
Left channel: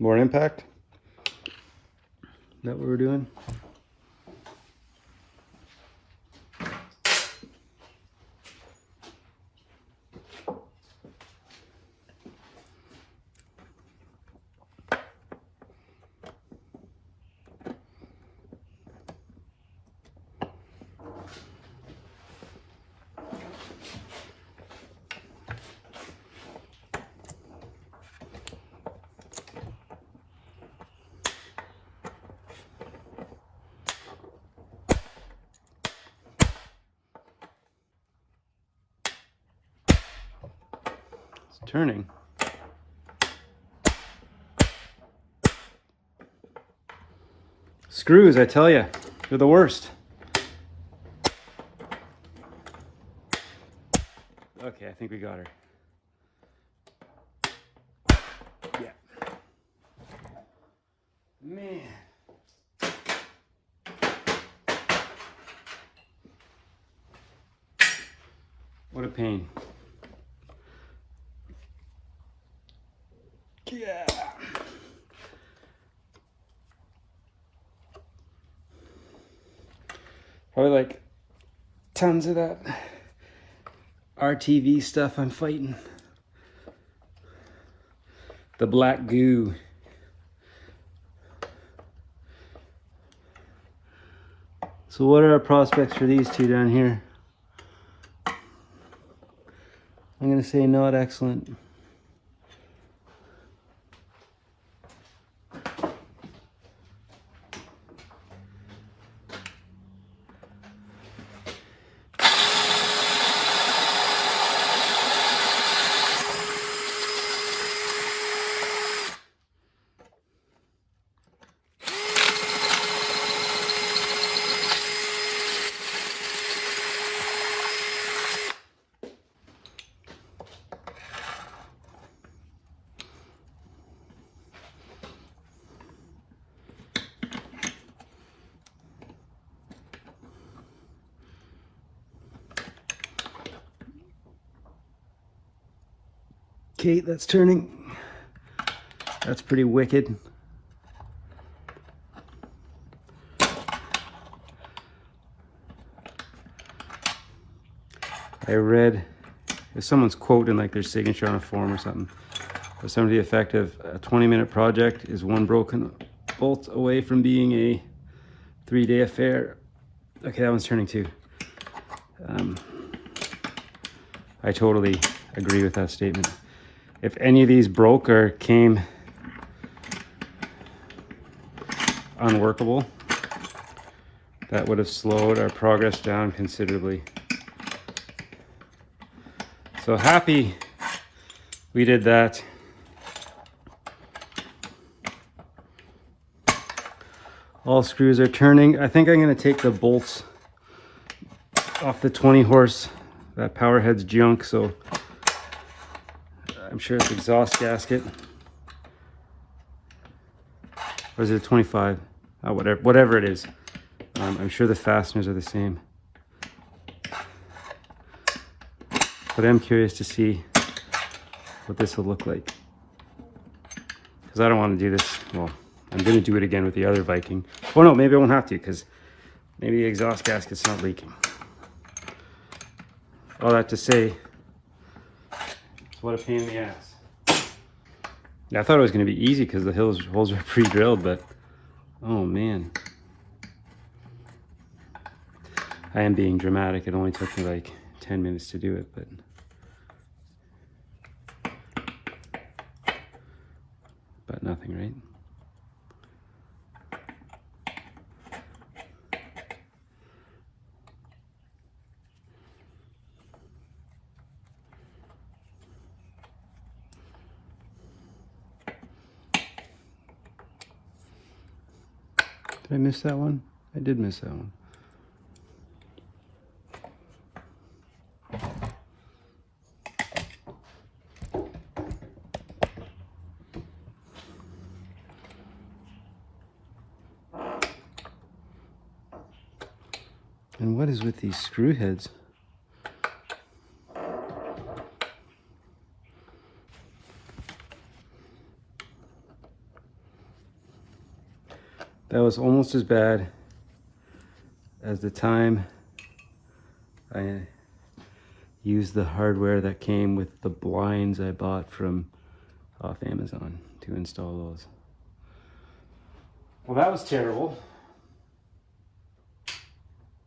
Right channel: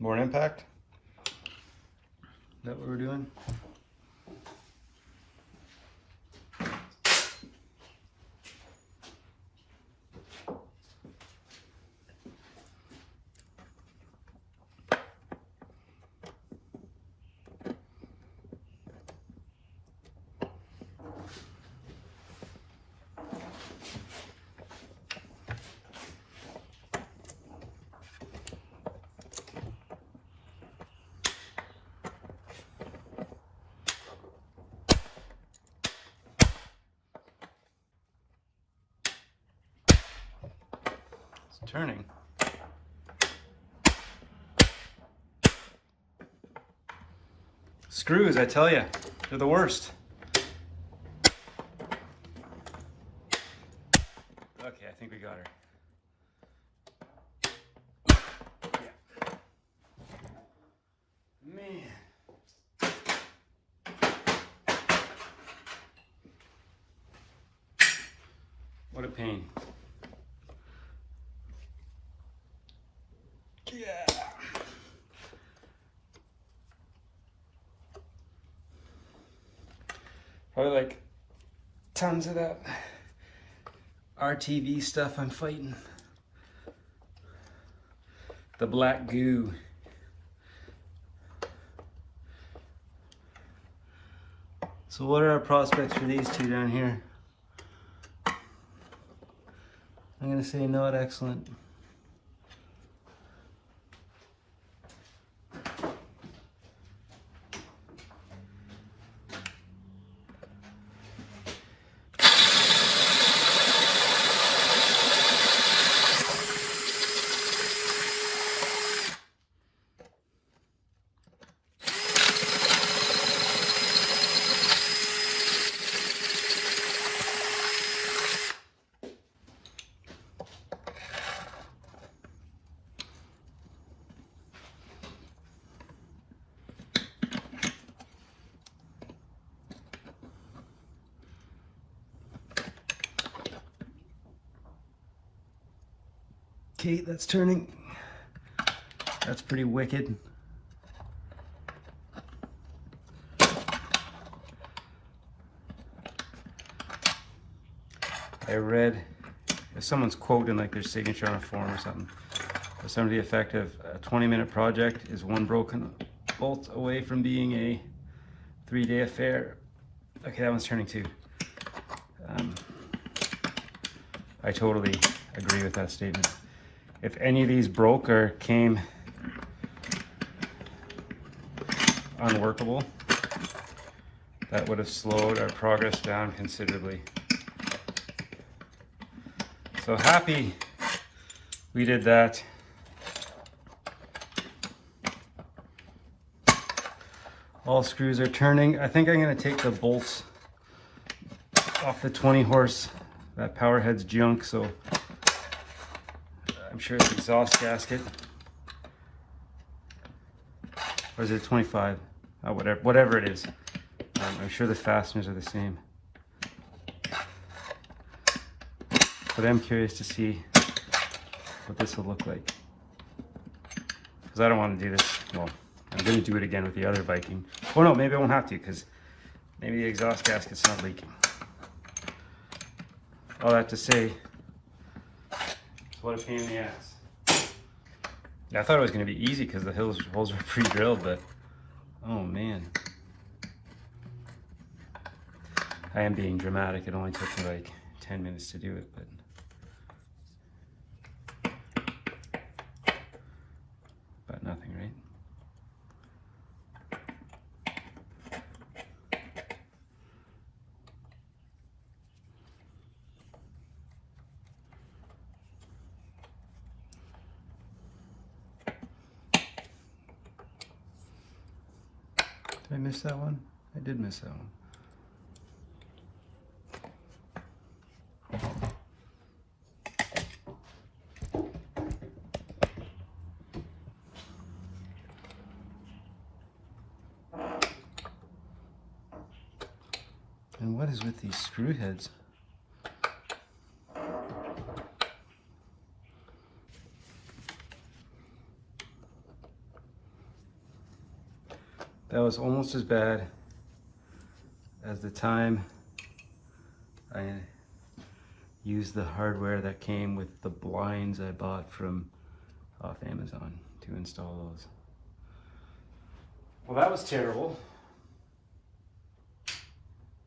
More impact? Is that what we're doing? Turning. Screws, I tell you, they're the worst. Okay, I think we got her. Yeah. Man. What a pain. Yeah. Probably like tons of that RTV stuff I'm fighting. The black goo. So what are our prospects for these two down here? I'm gonna say not excellent. Okay, that's turning. That's pretty wicked. I read someone's quote in like their signature on a form or something. For some of the effect of a 20-minute project is one broken bolt away from being a 3-day affair. Okay, that one's turning too. I totally agree with that statement. If any of these broke or came unworkable, that would have slowed our progress down considerably. So happy we did that. All screws are turning. I think I'm going to take the bolts off the 20 horse. That power head's junk, so I'm sure it's exhaust gasket. Or is it a 25? Oh, whatever it is. I'm sure the fasteners are the same. But I'm curious to see what this will look like. Because I don't want to do this. Well, I'm going to do it again with the other Viking. Oh no, maybe I won't have to, because maybe the exhaust gasket's not leaking. All that to say, what a pain in the ass. Yeah, I thought it was going to be easy because the holes are pre-drilled, but oh man. I am being dramatic. It only took me like 10 minutes to do it, but nothing, right? Did I miss that one? I did miss that one. And what is with these screw heads? That was almost as bad as the time I used the hardware that came with the blinds I bought from off Amazon to install those. Well, that was terrible.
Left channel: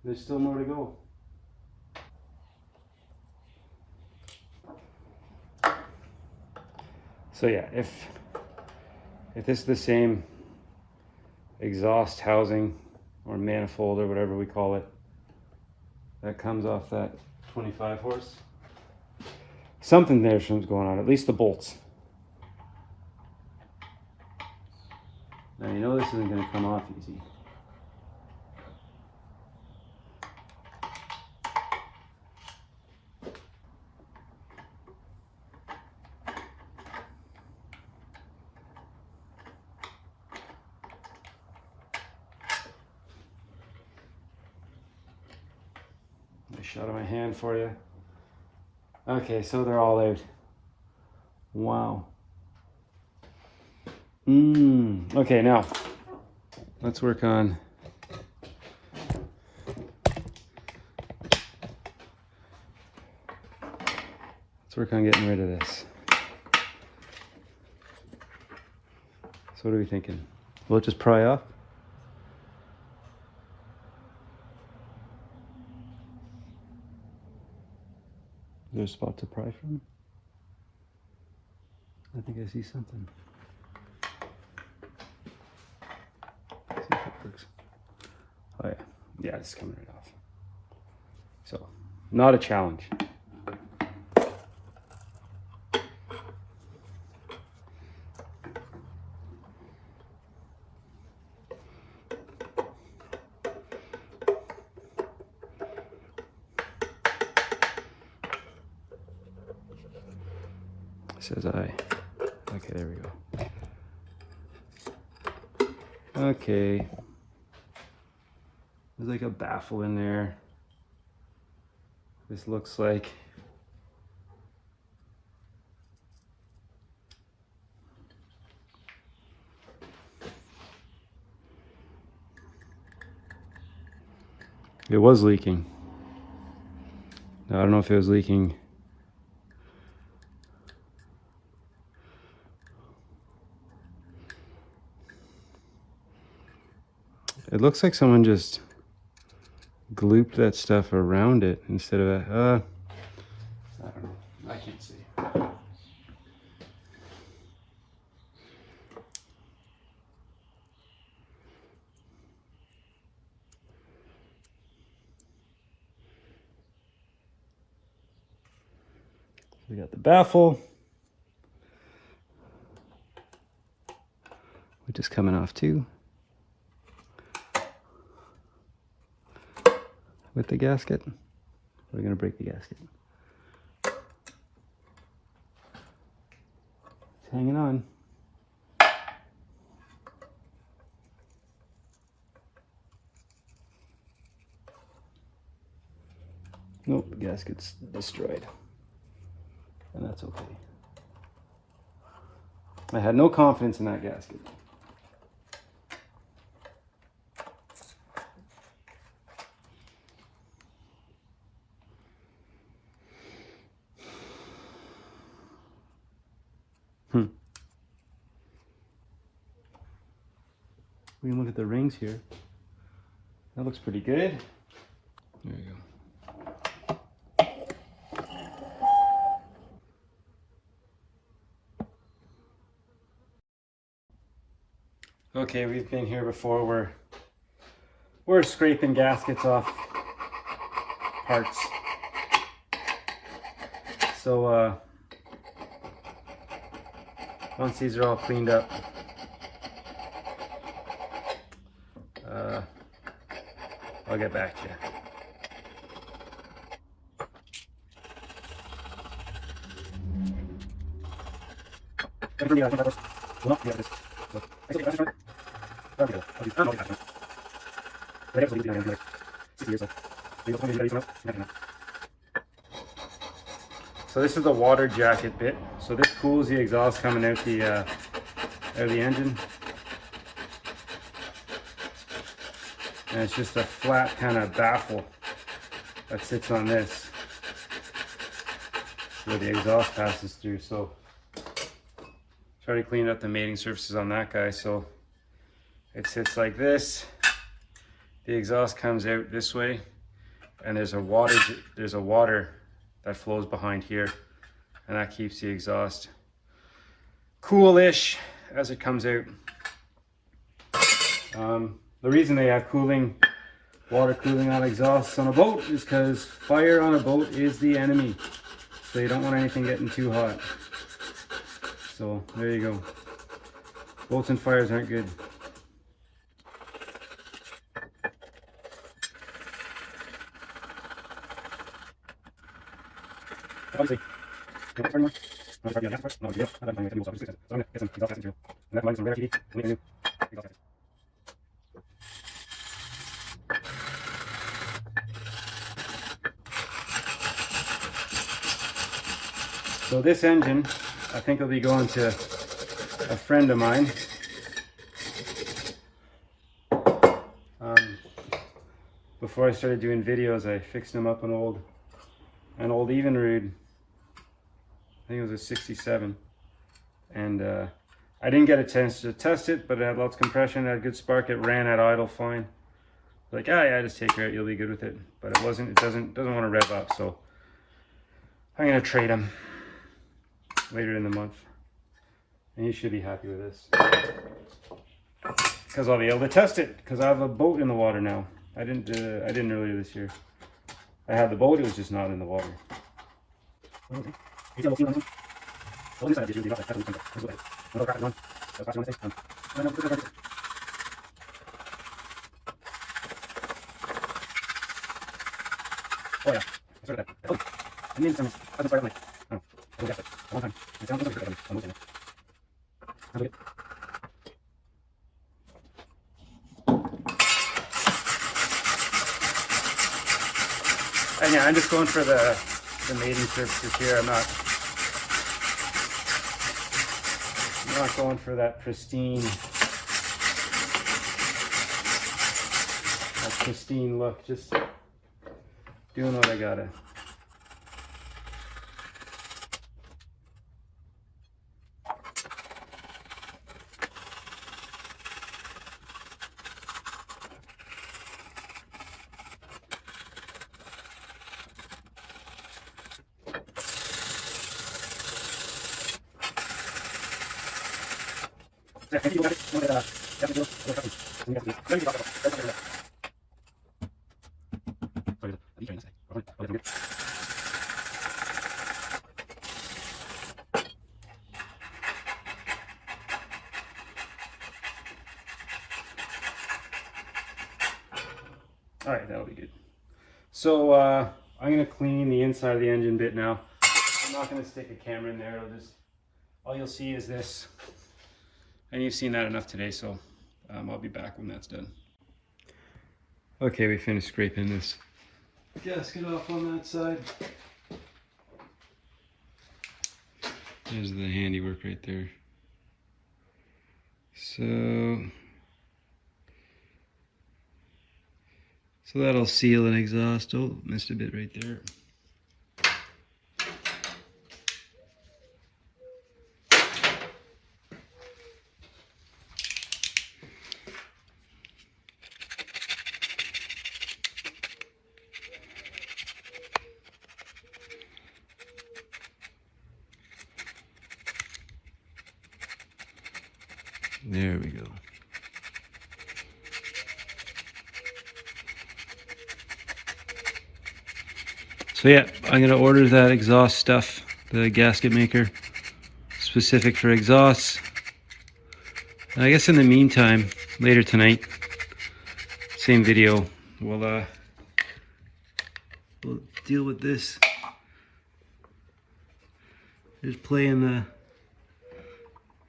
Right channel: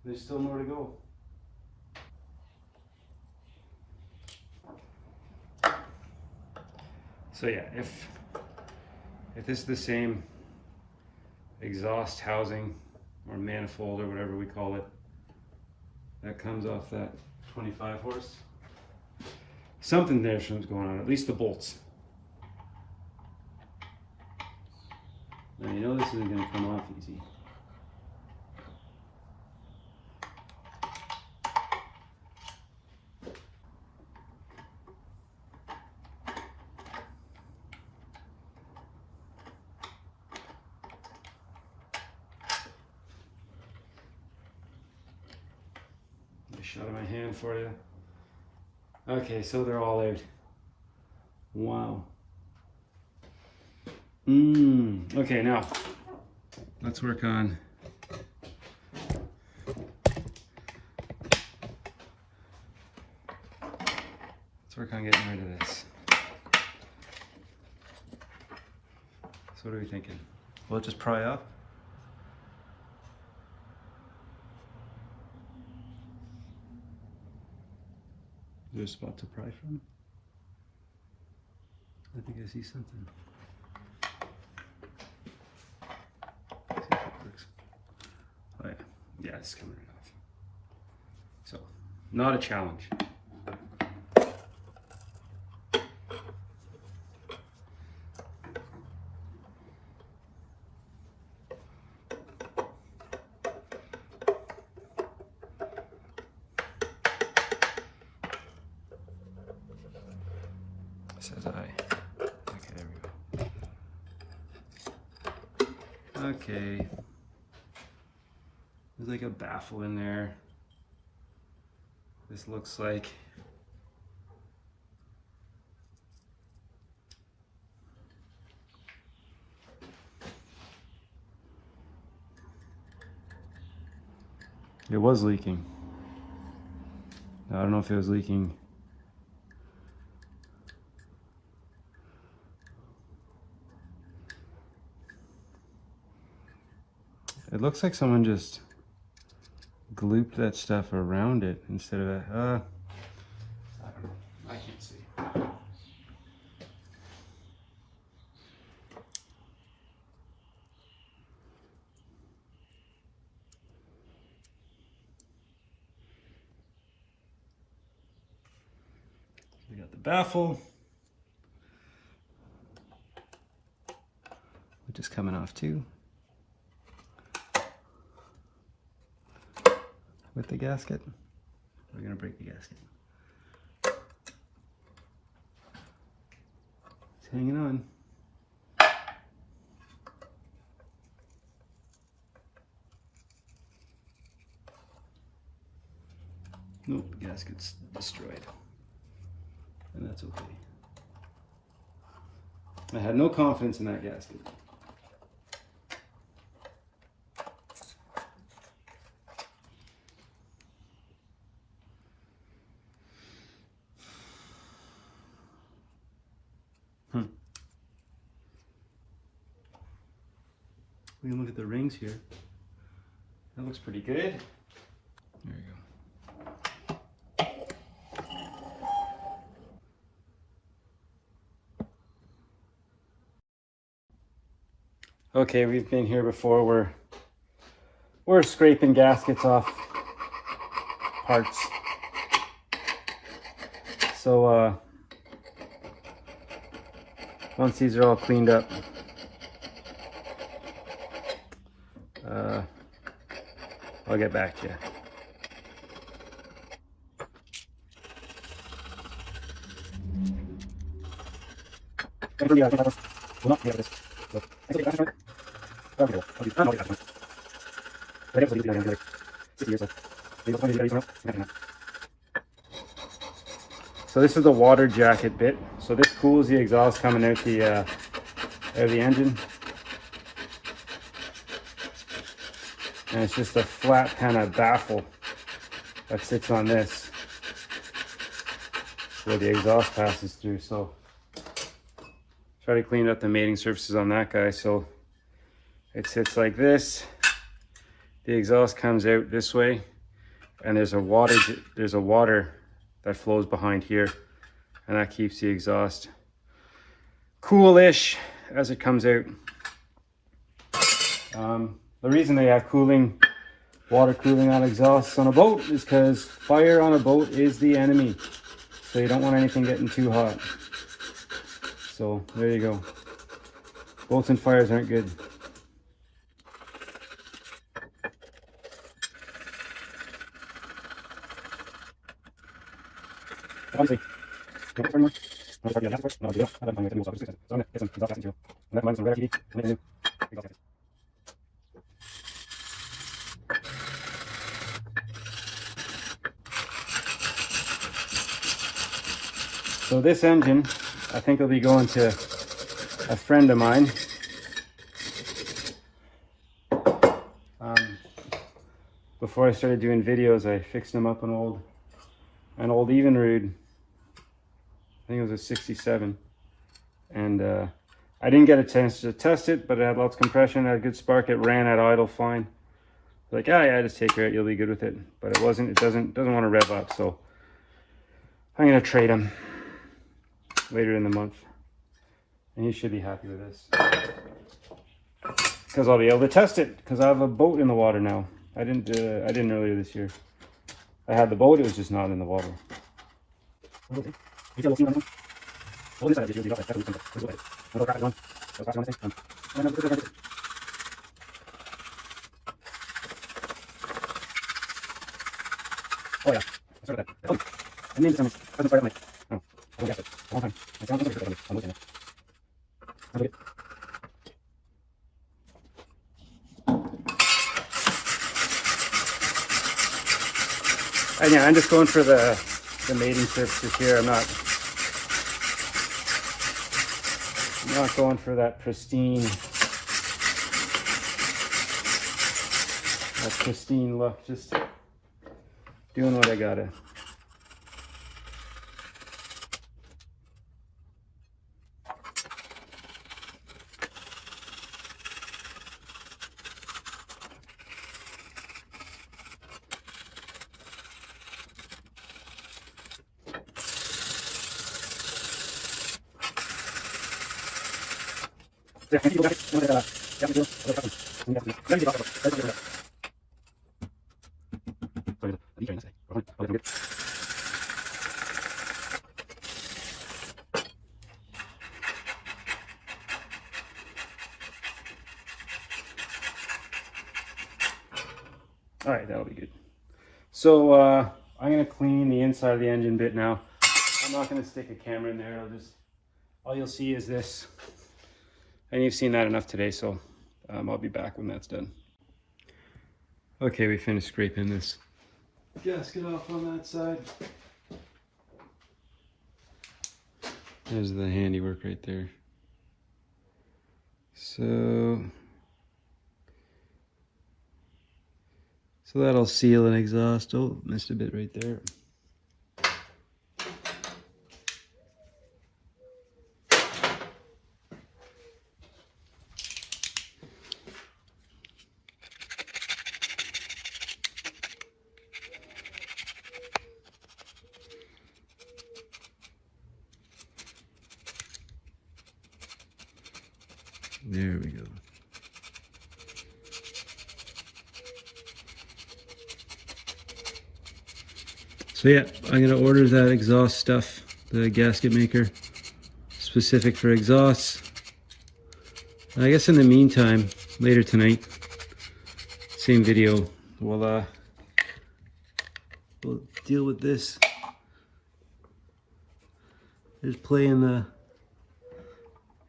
There's still more to go. So yeah, if this is the same exhaust housing or manifold or whatever we call it that comes off that 25 horse, something there's going on, at least the bolts. Now you know this isn't going to come off easy. Shot on my hand for you. Okay, so they're all out. Wow. Okay, now let's work on getting rid of this. So what are we thinking? Will it just pry off? Is there a spot to pry from? I think I see something. See if it works. Oh yeah, yeah, it's coming right off. So, not a challenge. Says I. Okay, there we go. Okay. There's like a baffle in there. This looks like it was leaking. Now, I don't know if it was leaking. It looks like someone just glooped that stuff around it instead of I don't know. I can't see. We got the baffle, which is coming off too. With the gasket. We're going to break the gasket. It's hanging on. Nope, the gasket's destroyed. And that's okay. I had no confidence in that gasket. We can look at the rings here. That looks pretty good. There you go. Okay, we've been here before. We're scraping gaskets off parts. So once these are all cleaned up, I'll get back to you. So this is the water jacket bit. So this cools the exhaust coming out the engine. And it's just a flat kind of baffle that sits on this where the exhaust passes through. So try to clean up the mating surfaces on that guy. So it sits like this. The exhaust comes out this way, and there's a water that flows behind here, and that keeps the exhaust coolish as it comes out. The reason they have water cooling on exhausts on a boat is because fire on a boat is the enemy. So you don't want anything getting too hot. So there you go. Boats and fires aren't good. So this engine, I think, will be going to a friend of mine. Before I started doing videos, I fixed him up an old Evinrude. I think it was a 67, and I didn't get a chance to test it, but it had lots of compression, had a good spark, it ran at idle fine. Like, yeah, just take her out, you'll be good with it. But it wasn't. It doesn't want to rev up, so I'm gonna trade him later in the month, and he should be happy with this because I'll be able to test it because I have a boat in the water now. I didn't earlier this year. I had the boat, it was just not in the water. Oh yeah, I started that. Oh, I need some. I don't know. Oh, that's it. One time. I sound like I'm looking at it. Again, I'm just going for the mating surfaces here. I'm not going for that pristine look. Just doing what I gotta. All right, that'll be good. So I'm gonna clean the inside of the engine bit now. I'm not gonna stick a camera in there. All you'll see is this, and you've seen that enough today. So I'll be back when that's done. Okay, we finished scraping this gasket off on that side. There's the handiwork right there. So that'll seal an exhaust. Oh, missed a bit right there. There we go. So yeah, I'm gonna order that exhaust stuff, the gasket maker, specific for exhausts. And I guess in the meantime, later tonight, same video, we'll deal with this. There's play in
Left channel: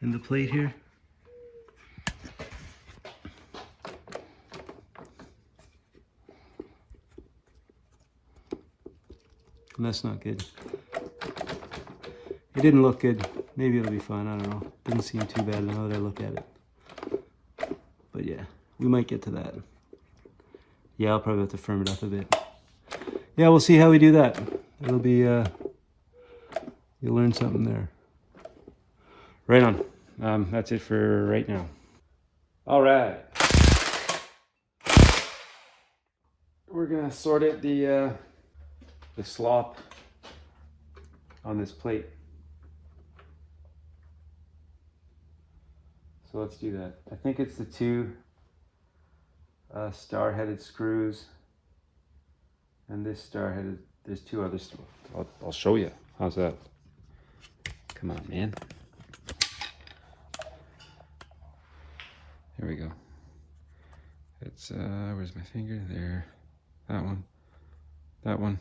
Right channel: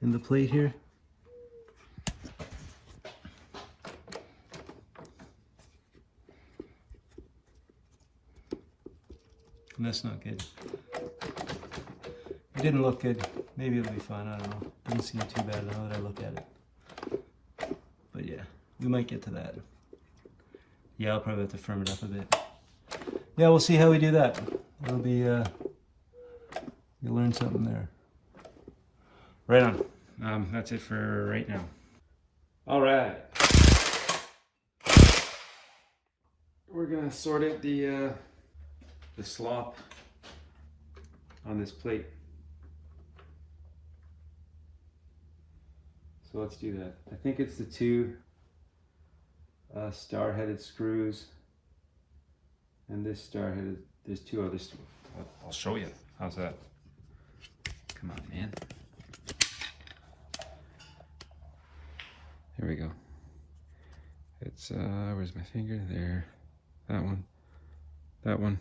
the plate here. That's not good. It didn't look good. Maybe it'll be fun. I don't know. Doesn't seem too bad now that I look at it. But yeah, we might get to that. Yeah, I'll probably have to firm it up a bit. Yeah, we'll see how we do that. It'll be, you'll learn something there. Right on. That's it for right now. All right. We're gonna sort out the slop on this plate. So let's do that. I think it's the two star-headed screws and this star-headed. There's two others. I'll show you. How's that? Come on, man. There we go. It's where's my finger? There. That one. That one.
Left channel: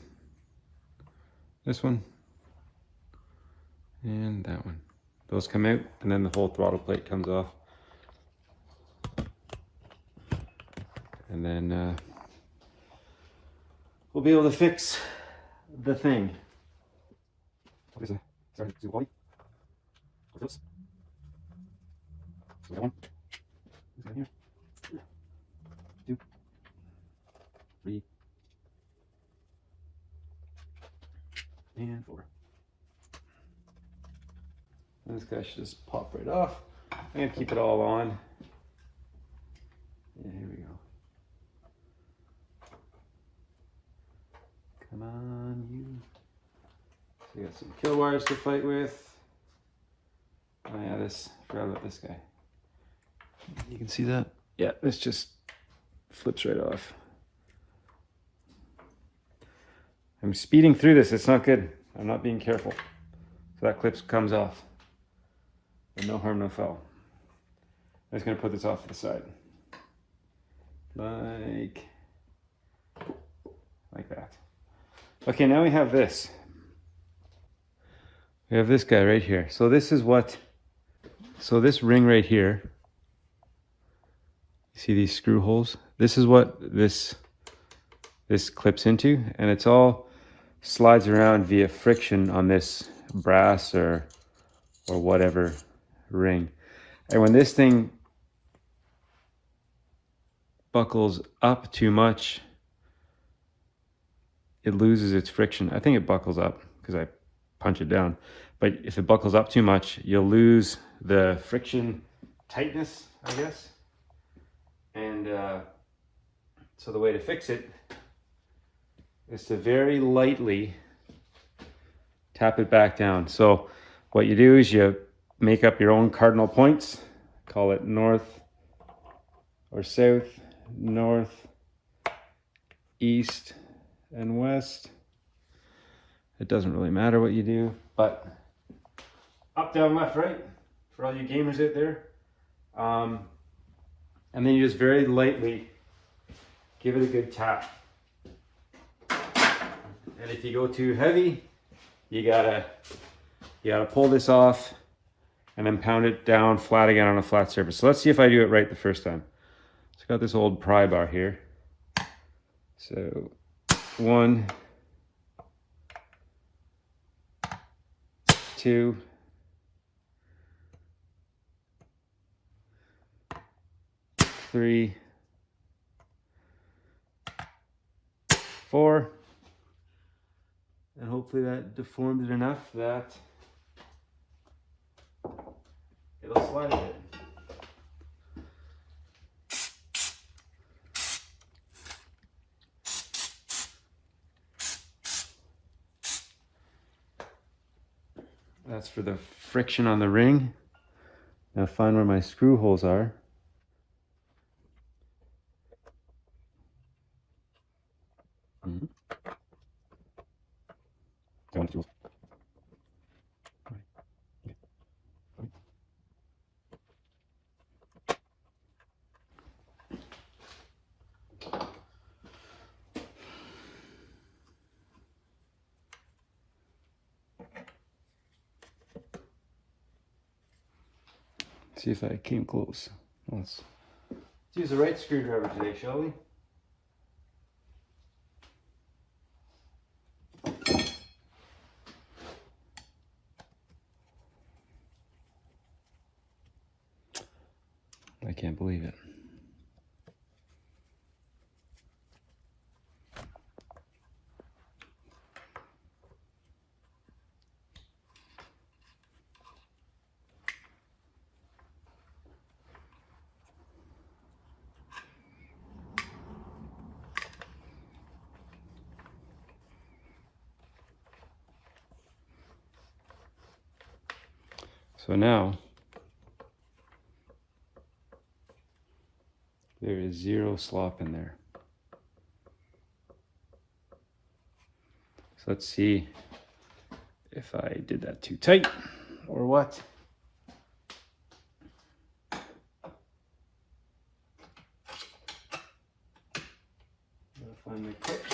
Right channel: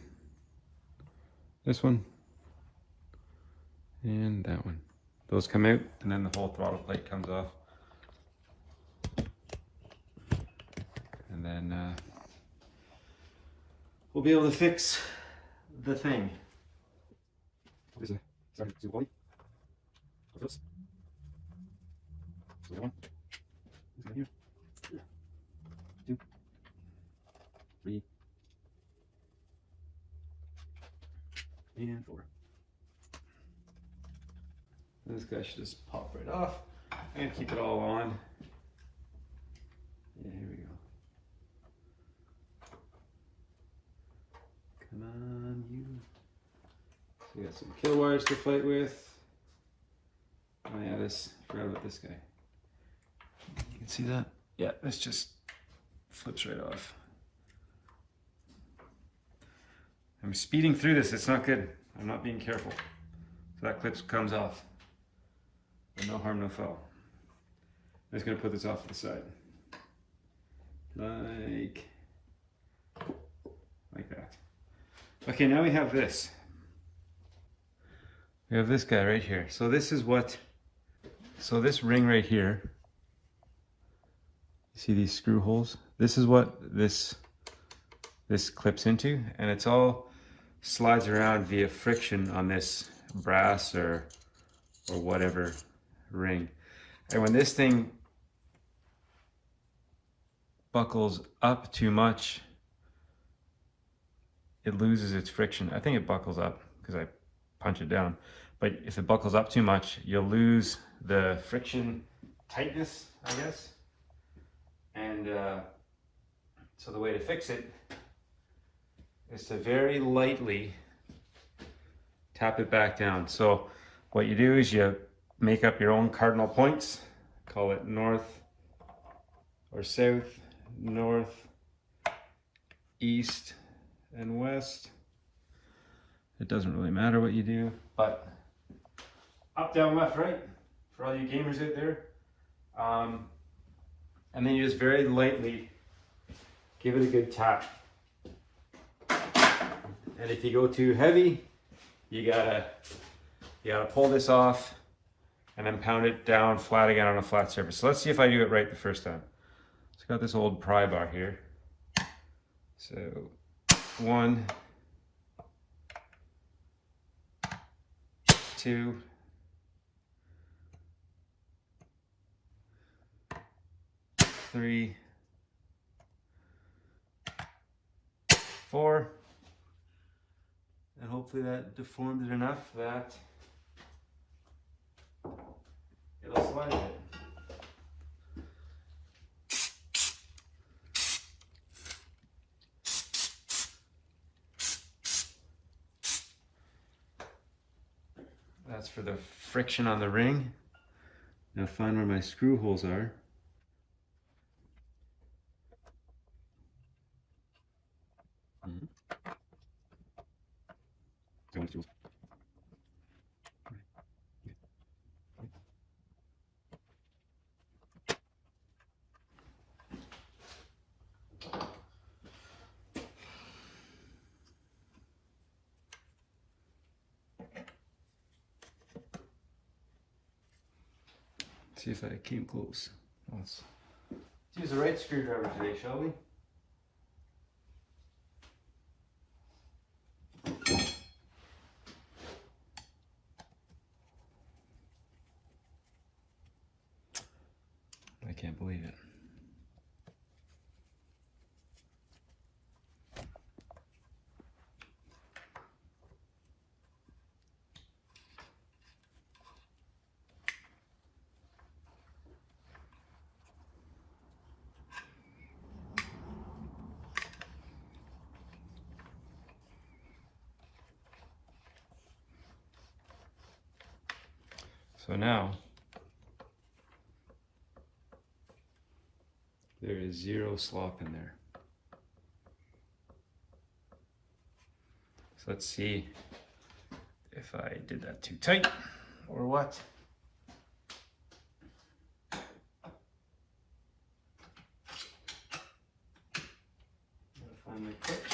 This one. And that one. Those come out, and then the whole throttle plate comes off. And then we'll be able to fix the thing. What is it? Sorry, zoom quality. Oops. So that one. This one here. 2, 3, and 4. And this guy should just pop right off. I'm gonna keep it all on. And here we go. Come on, you. So we got some kill wires to fight with. Oh yeah, forgot about this guy. You can see that? Yeah, this just flips right off. I'm speeding through this, it's not good. I'm not being careful. So that clip comes off. And no harm, no foul. I'm just gonna put this off to the side. Like that. Okay, now we have this. We have this guy right here. So this is what, so this ring right here, you see these screw holes? This is what this clips into, and it's all slides around via friction on this brass or whatever ring. And when this thing buckles up too much, it loses its friction. I think it buckles up because I punch it down. But if it buckles up too much, you'll lose the friction tightness, I guess. And so the way to fix it is to very lightly tap it back down. So what you do is you make up your own cardinal points, call it north or south, north, east, and west. It doesn't really matter what you do, but up, down, left, right, for all you gamers out there. And then you just very lightly give it a good tap. And if you go too heavy, you gotta pull this off and then pound it down flat again on a flat surface. So let's see if I do it right the first time. So I got this old pry bar here. So 1, 2, 3, 4, and hopefully that deformed it enough that it'll slide a bit. That's for the friction on the ring. Now find where my screw holes are. See if I came close. Let's use the right screwdriver today, shall we? I can't believe it. So now there is zero slop in there. So let's see if I did that too tight or what. Find my clip.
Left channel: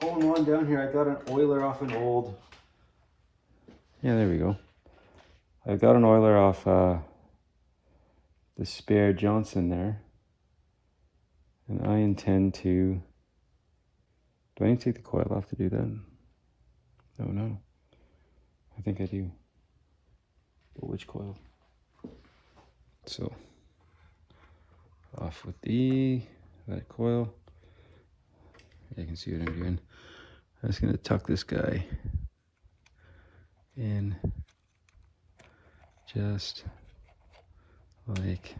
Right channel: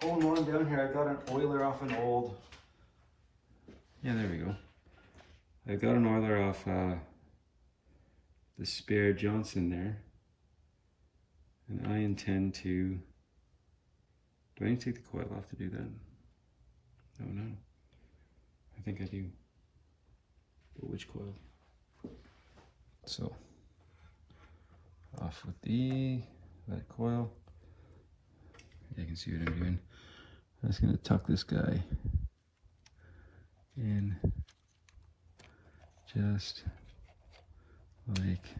Holding on down here, I got an oiler off an old. Yeah, there we go. I got an oiler off the spare Johnson there, and I intend to. Do I need to take the coil off to do that? Oh no, I think I do. But which coil? So off with that coil. You can see what I'm doing. I'm just gonna tuck this guy in just like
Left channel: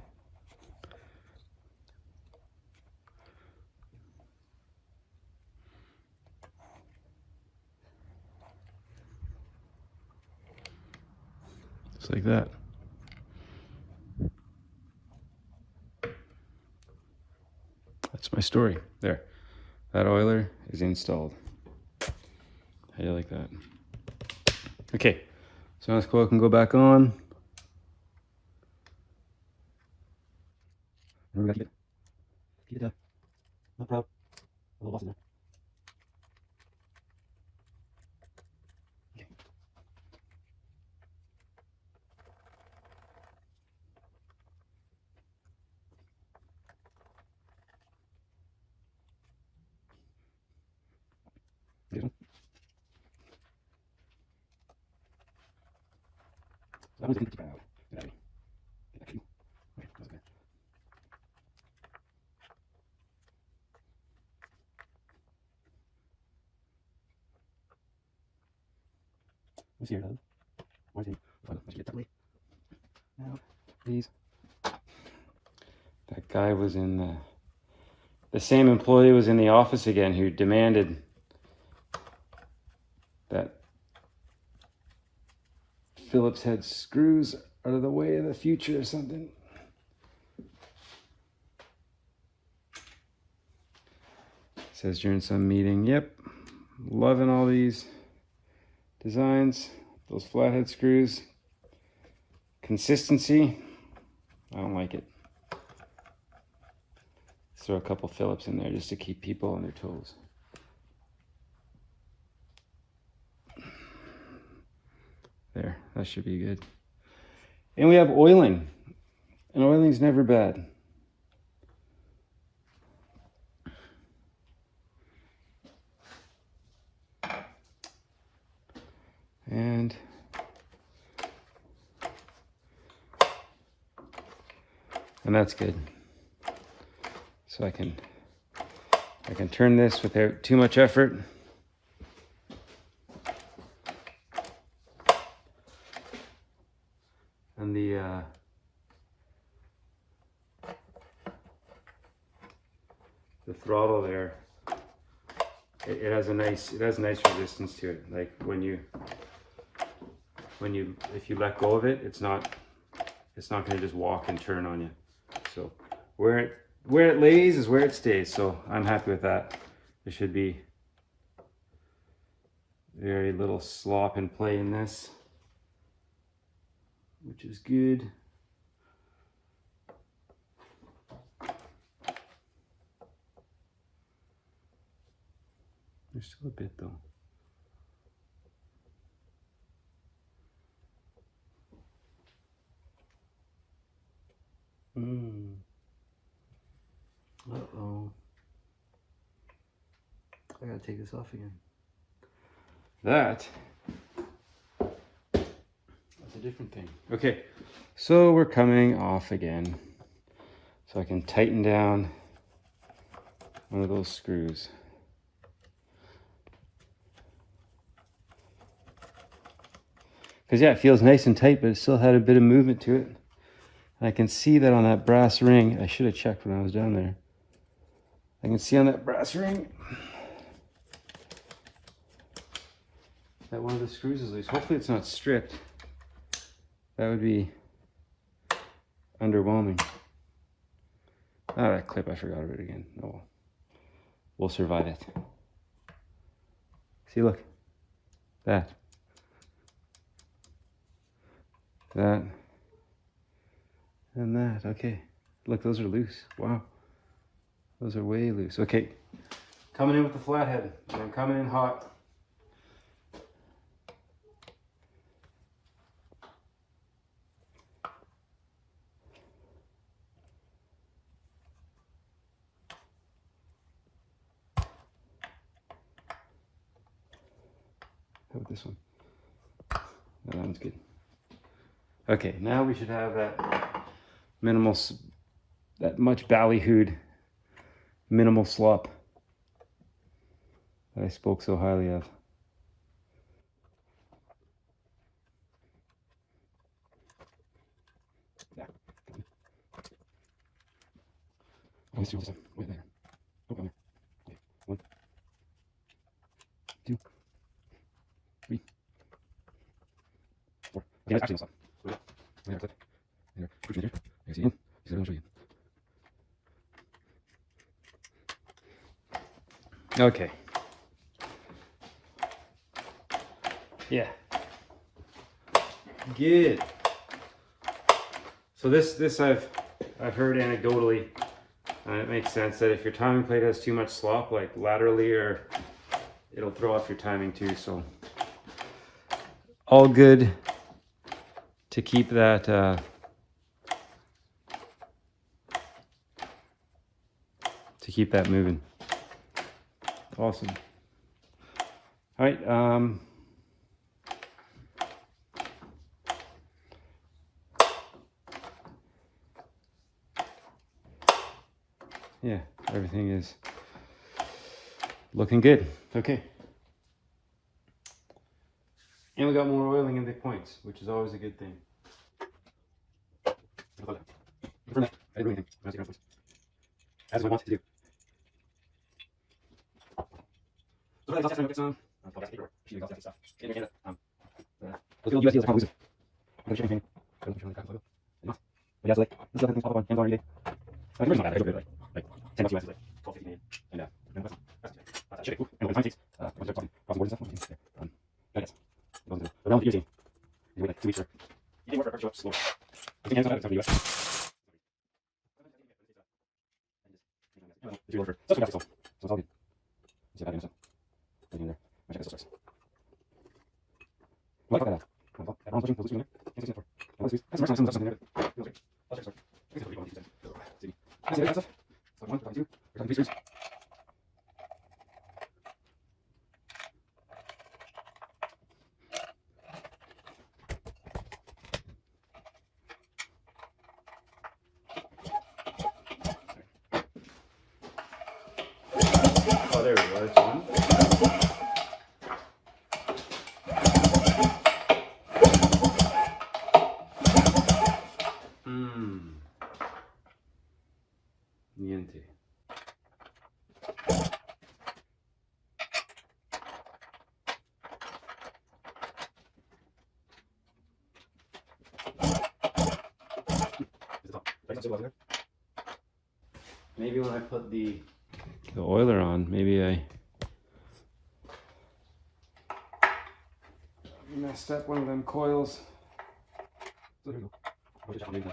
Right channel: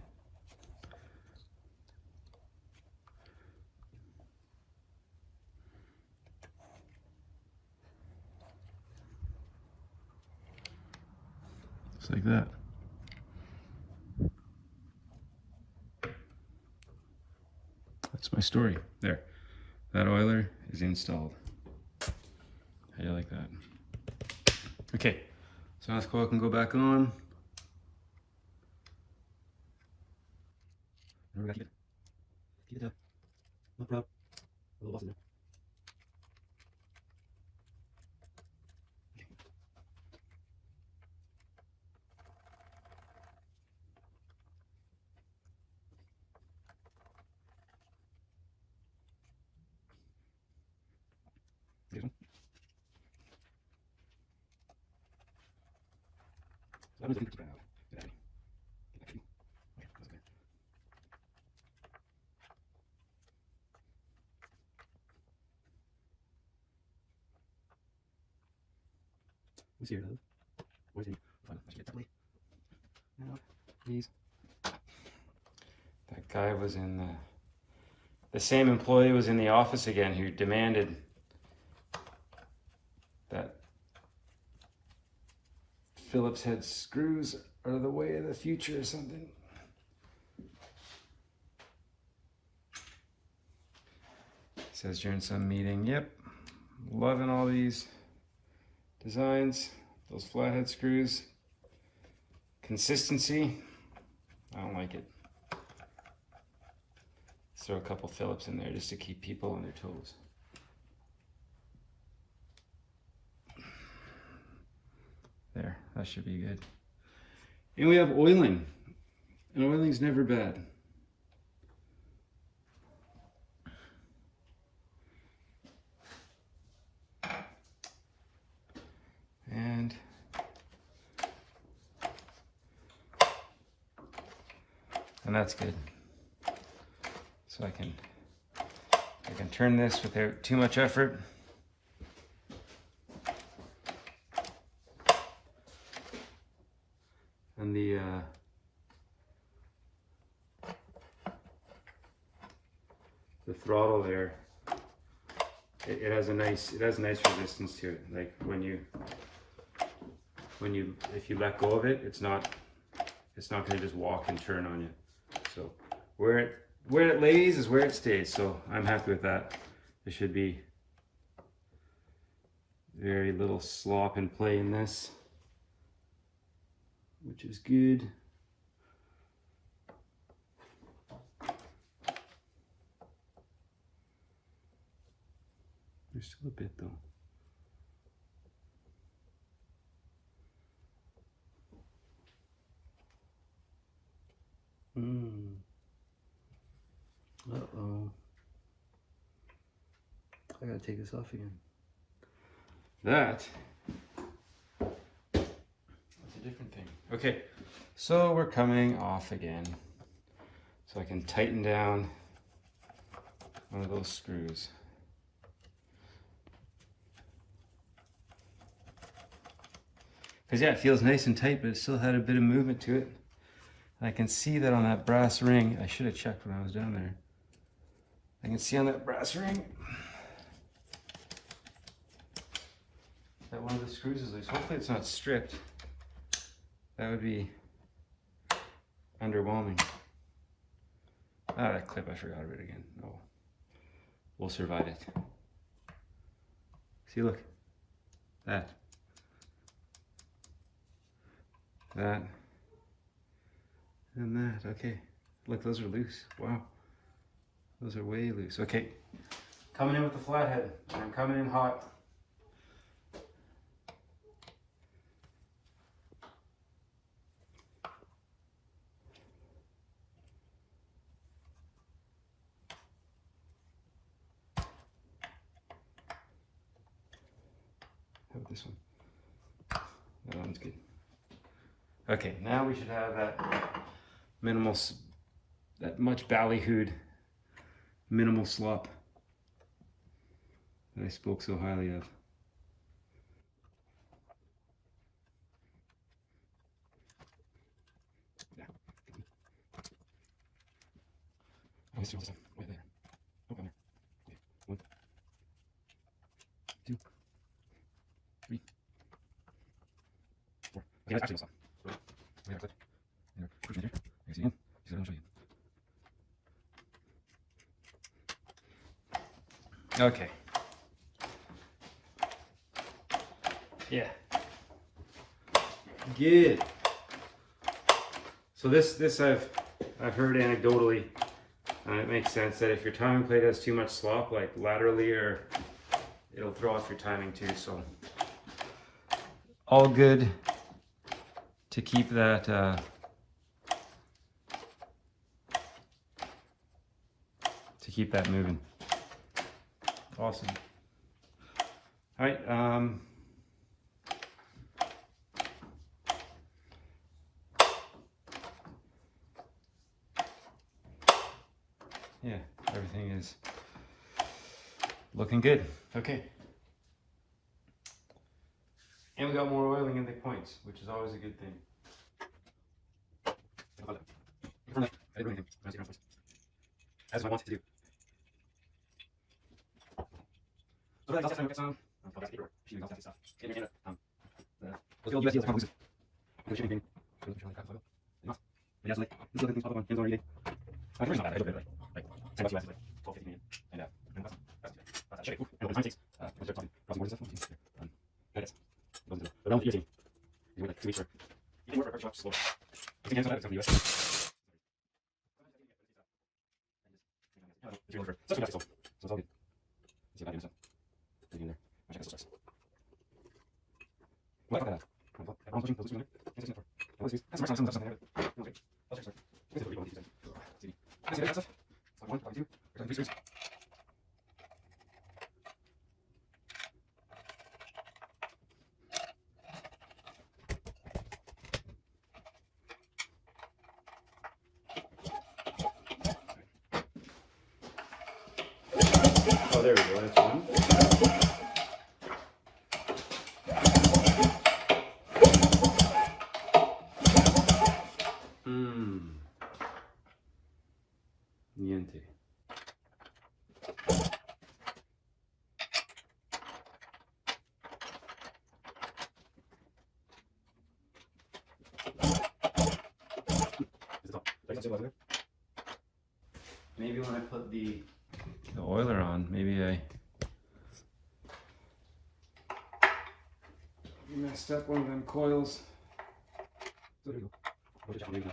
just like that. That's my story. There. That oiler is installed. How do you like that? Okay, so now this coil can go back on. Remember, keep it up. Not proud. A little off in there. Okay. I was thinking about get out of here. Get back to you. Okay, that's okay. Who's here, love? Where's he? Oh, let's get that way. Now, please. That guy was in the same employee was in the office again who demanded that Phillips head screws are the way of the future or something. Says during some meeting, yep, loving all these designs, those flathead screws. Consistency, I don't like it. Let's throw a couple Phillips in there just to keep people on their toes. There, that should be good. And we have oiling. And oiling's never bad. And that's good. So I can turn this without too much effort. And the throttle there, it has nice resistance to it. Like if you let go of it, it's not going to just walk and turn on you. So where it lays is where it stays. So I'm happy with that. There should be very little slop in play in this, which is good. There's still a bit though. Uh-oh. I gotta take this off again. That's a different thing. Okay, so we're coming off again. So I can tighten down one of those screws. Because yeah, it feels nice and tight, but it still had a bit of movement to it. And I can see that on that brass ring. I should have checked when I was down there. I can see on that brass ring that one of the screws is loose. Hopefully it's not stripped. That would be underwhelming. Ah, that clip, I forgot about it again. Oh, well. We'll survive it. See, look. That. And that. Okay. Look, those are loose. Wow. Those are way loose. Okay. Coming in with the flathead. I'm coming in hot. How about this one? Oh, that one's good. Okay, now we should have that minimal, that much ballyhooed minimal slop that I spoke so highly of. Yeah. Let's do this one. Wait there. Hold on there. Okay. 1, 2, 3, 4. Okay, that's actually this one. There, clip. There. Push it here. You see in. See, I'll show you. Okay. Yeah. Good. So this I've heard anecdotally, and it makes sense that if your timing plate has too much slop, like laterally, or it'll throw off your timing too. So all good to keep that moving. Awesome. All right. Yeah, everything is looking good. Okay. And we got more oiling in the points, which is always a good thing. As I wanted to do. Oh, there we go. That's one. Niente. Maybe when I put the oiler on, maybe I messed up one of them coils. So there we go.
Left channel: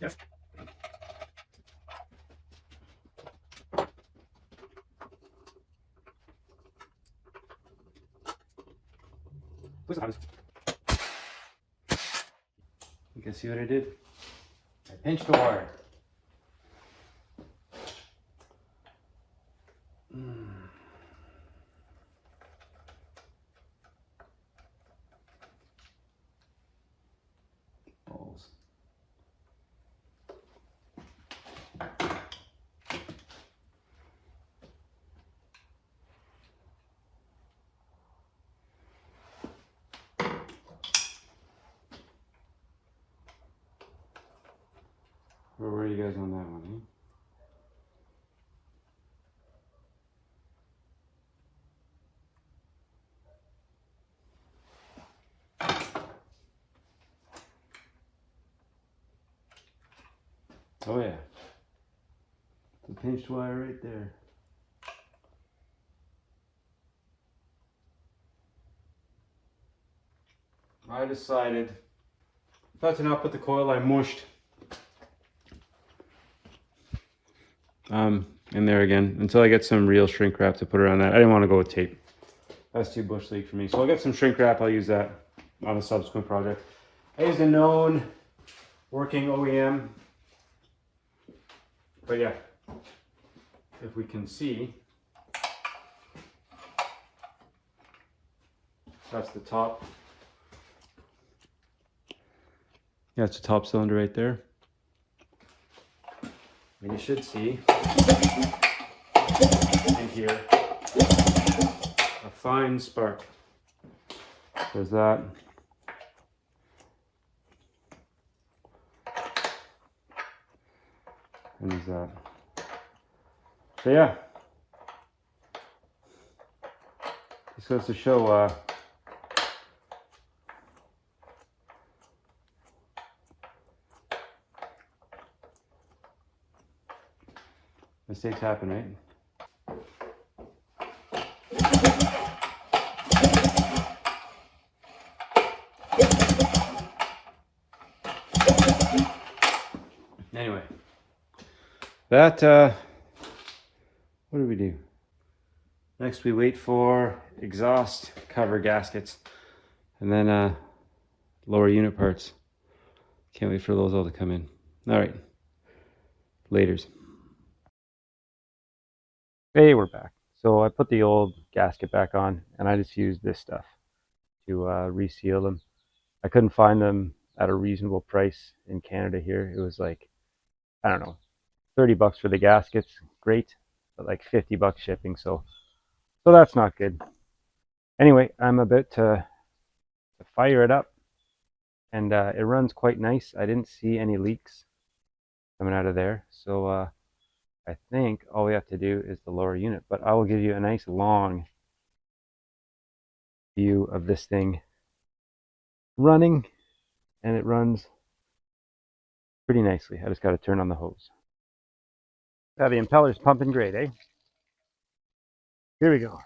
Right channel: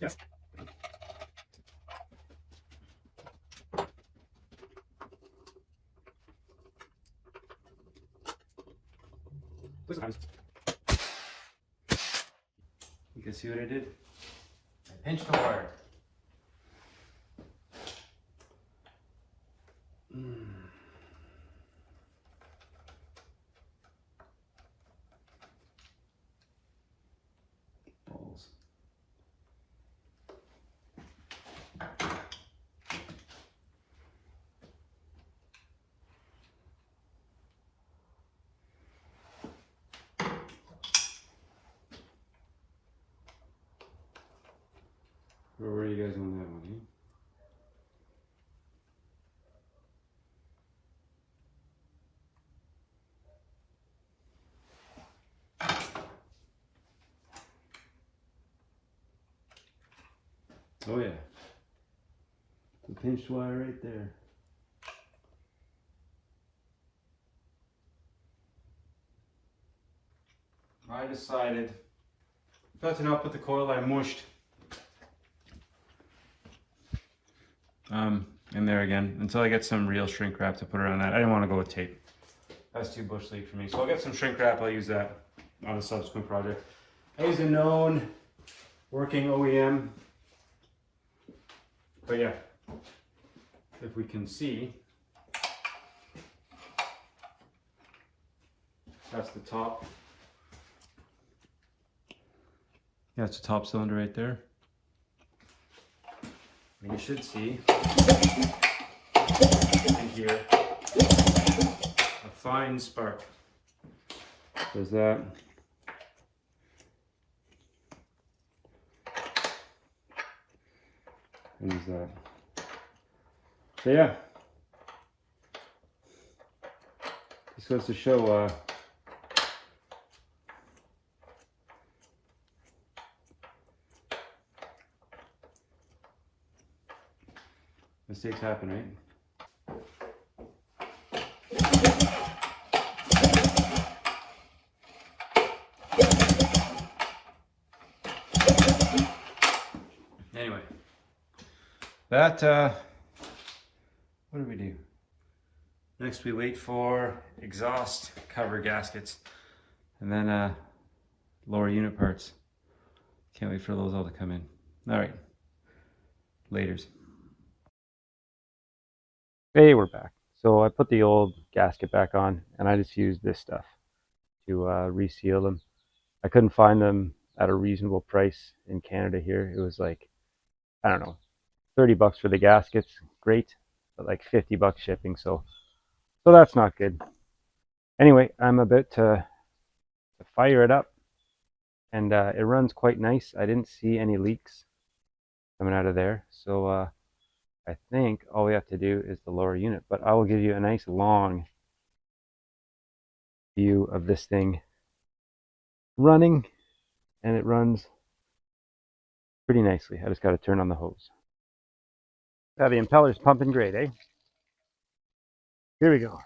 Yes. You can see what I did. I pinched the wire. Balls. Where were you guys on that one, Oh yeah. The pinched wire right there. I decided not to not put the coil I mushed in there again until I get some real shrink wrap to put around that. I didn't want to go with tape. That's too bush league for me. So I'll get some shrink wrap. I'll use that on a subsequent project. I used a known working OEM. But yeah, if we can see, that's the top. Yeah, it's the top cylinder right there. And you should see in here a fine spark. There's that. And there's that. So yeah, this goes to show mistakes happen, right? Anyway, that what do we do? Next we wait for exhaust cover gaskets and then lower unit parts. Can't wait for those all to come in. All right, laters. Hey, we're back. So I put the old gasket back on and I just used this stuff to reseal them. I couldn't find them at a reasonable price in Canada here. It was like, I don't know, 30 bucks for the gaskets, great, but like 50 bucks shipping, so that's not good. Anyway, I'm about to fire it up, and it runs quite nice. I didn't see any leaks coming out of there, so I think all we have to do is the lower unit, but I will give you a nice long view of this thing running, and it runs pretty nicely. I just got to turn on the hose. Now the impeller's pumping great, eh? Here we go.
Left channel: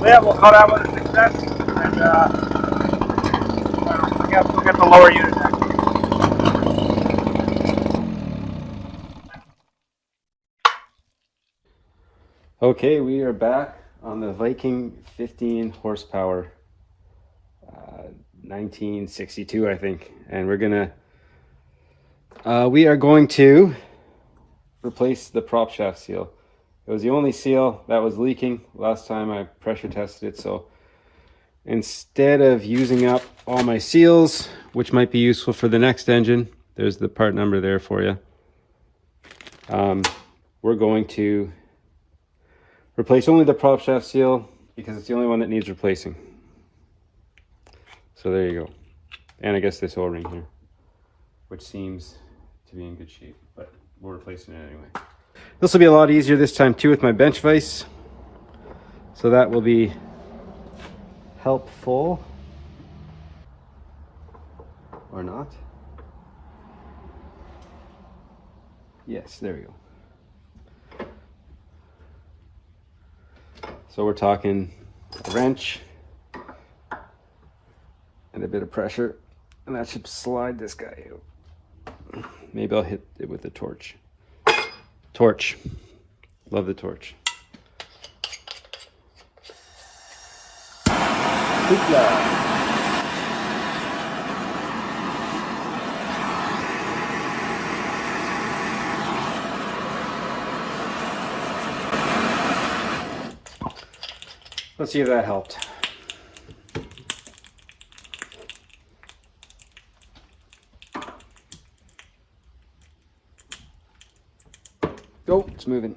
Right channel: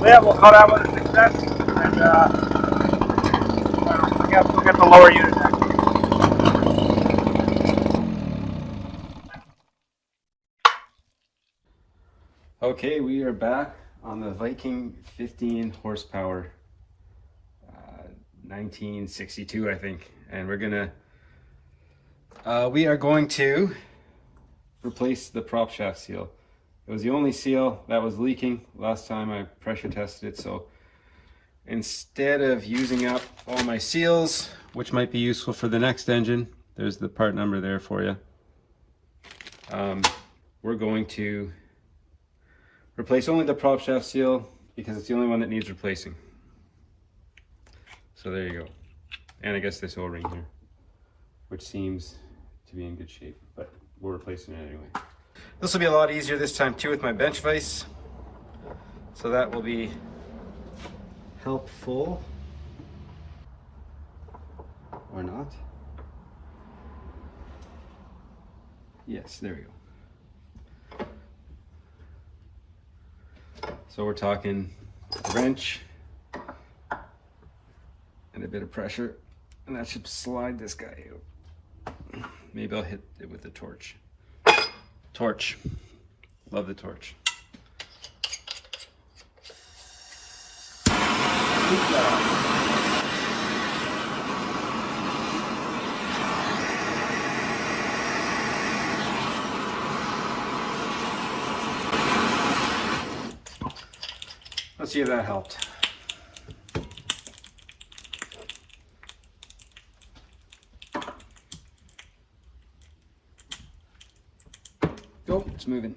Yeah, we'll call that one a success, and I guess we'll get the lower unit next. Okay, we are back on the Viking 15 horsepower, 1962, I think, and we are going to replace the prop shaft seal. It was the only seal that was leaking last time I pressure tested it, so instead of using up all my seals, which might be useful for the next engine, there's the part number there for you, we're going to replace only the prop shaft seal because it's the only one that needs replacing. So there you go. And I guess this O-ring here, which seems to be in good shape, but we're replacing it anyway. This will be a lot easier this time too with my bench vise. So that will be helpful. Or not. Yes, there we go. So we're talking a wrench and a bit of pressure, and that should slide this guy out. Maybe I'll hit it with a torch. Torch. Love the torch. Hoopla. Let's see if that helped. Oh, it's moving.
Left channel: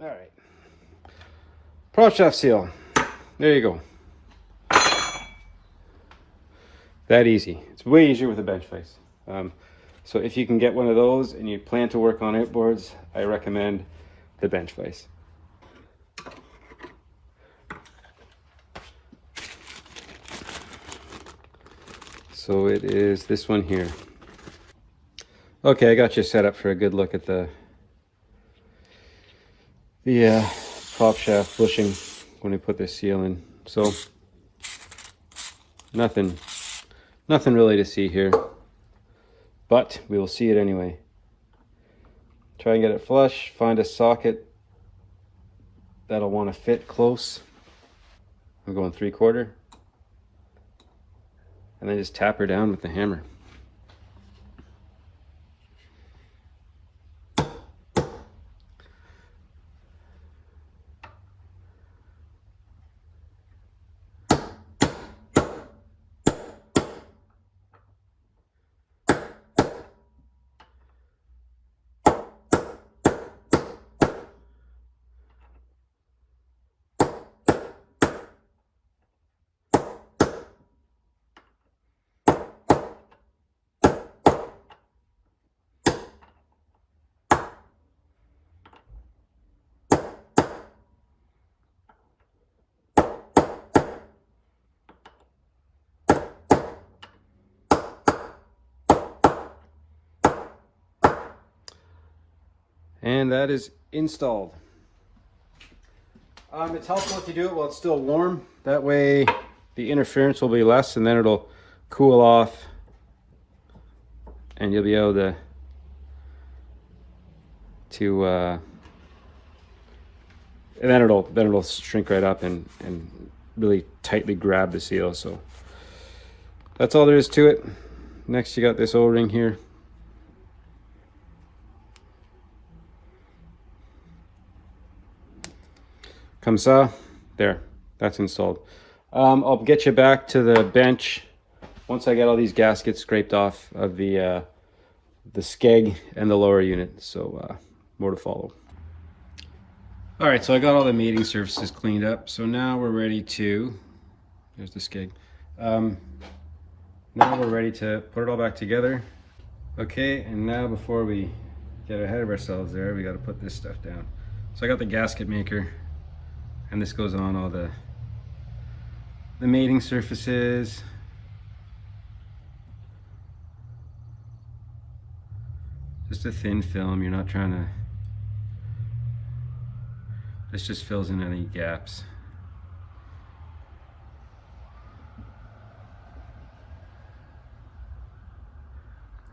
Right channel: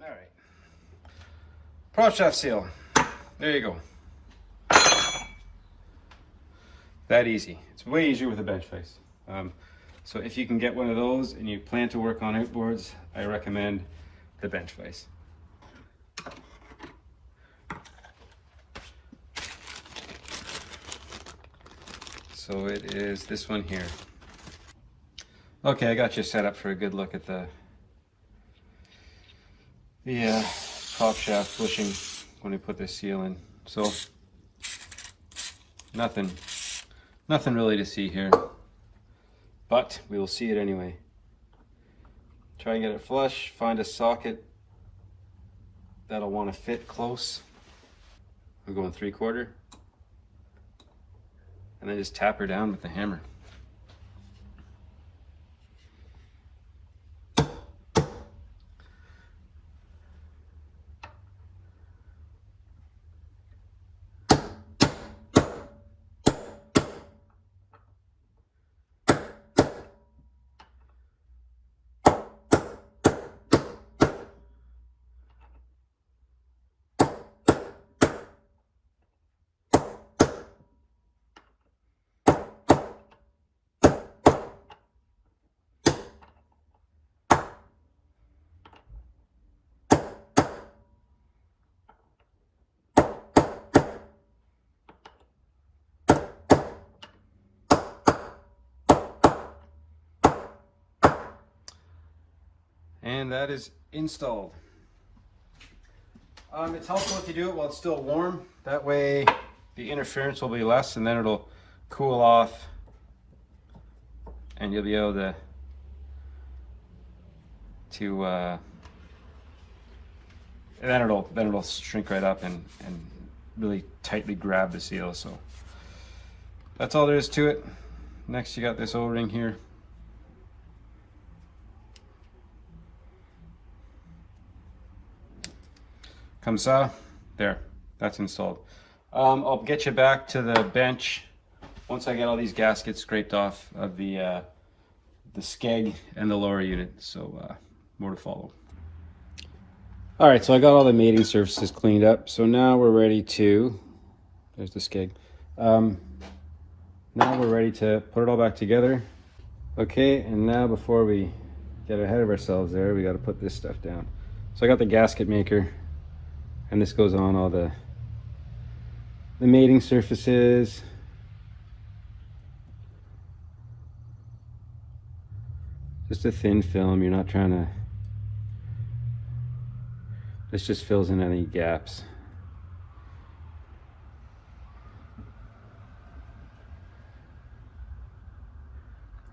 All right. Prop shaft seal. There you go. That easy. It's way easier with a bench vise. So if you can get one of those and you plan to work on outboards, I recommend the bench vise. So it is this one here. Okay, I got you set up for a good look at the prop shaft bushing when I put this seal in. So nothing really to see here, but we will see it anyway. Try and get it flush, find a socket that'll want to fit close. I'm going 3/4, and then just tap her down with the hammer. And that is installed. It's helpful if you do it while it's still warm. That way the interference will be less, and then it'll cool off and you'll be able to and then it'll shrink right up and really tightly grab the seal. So that's all there is to it. Next, you got this O-ring here. Comme ça, there, that's installed. I'll get you back to the bench once I get all these gaskets scraped off of the skeg and the lower unit. So more to follow. All right, so I got all the mating surfaces cleaned up. So now we're ready to, there's the skeg. Now we're ready to put it all back together. Okay, and now before we get ahead of ourselves there, we got to put this stuff down. So I got the gasket maker, and this goes on all the mating surfaces. Just a thin film, you're not trying to, this just fills in any gaps.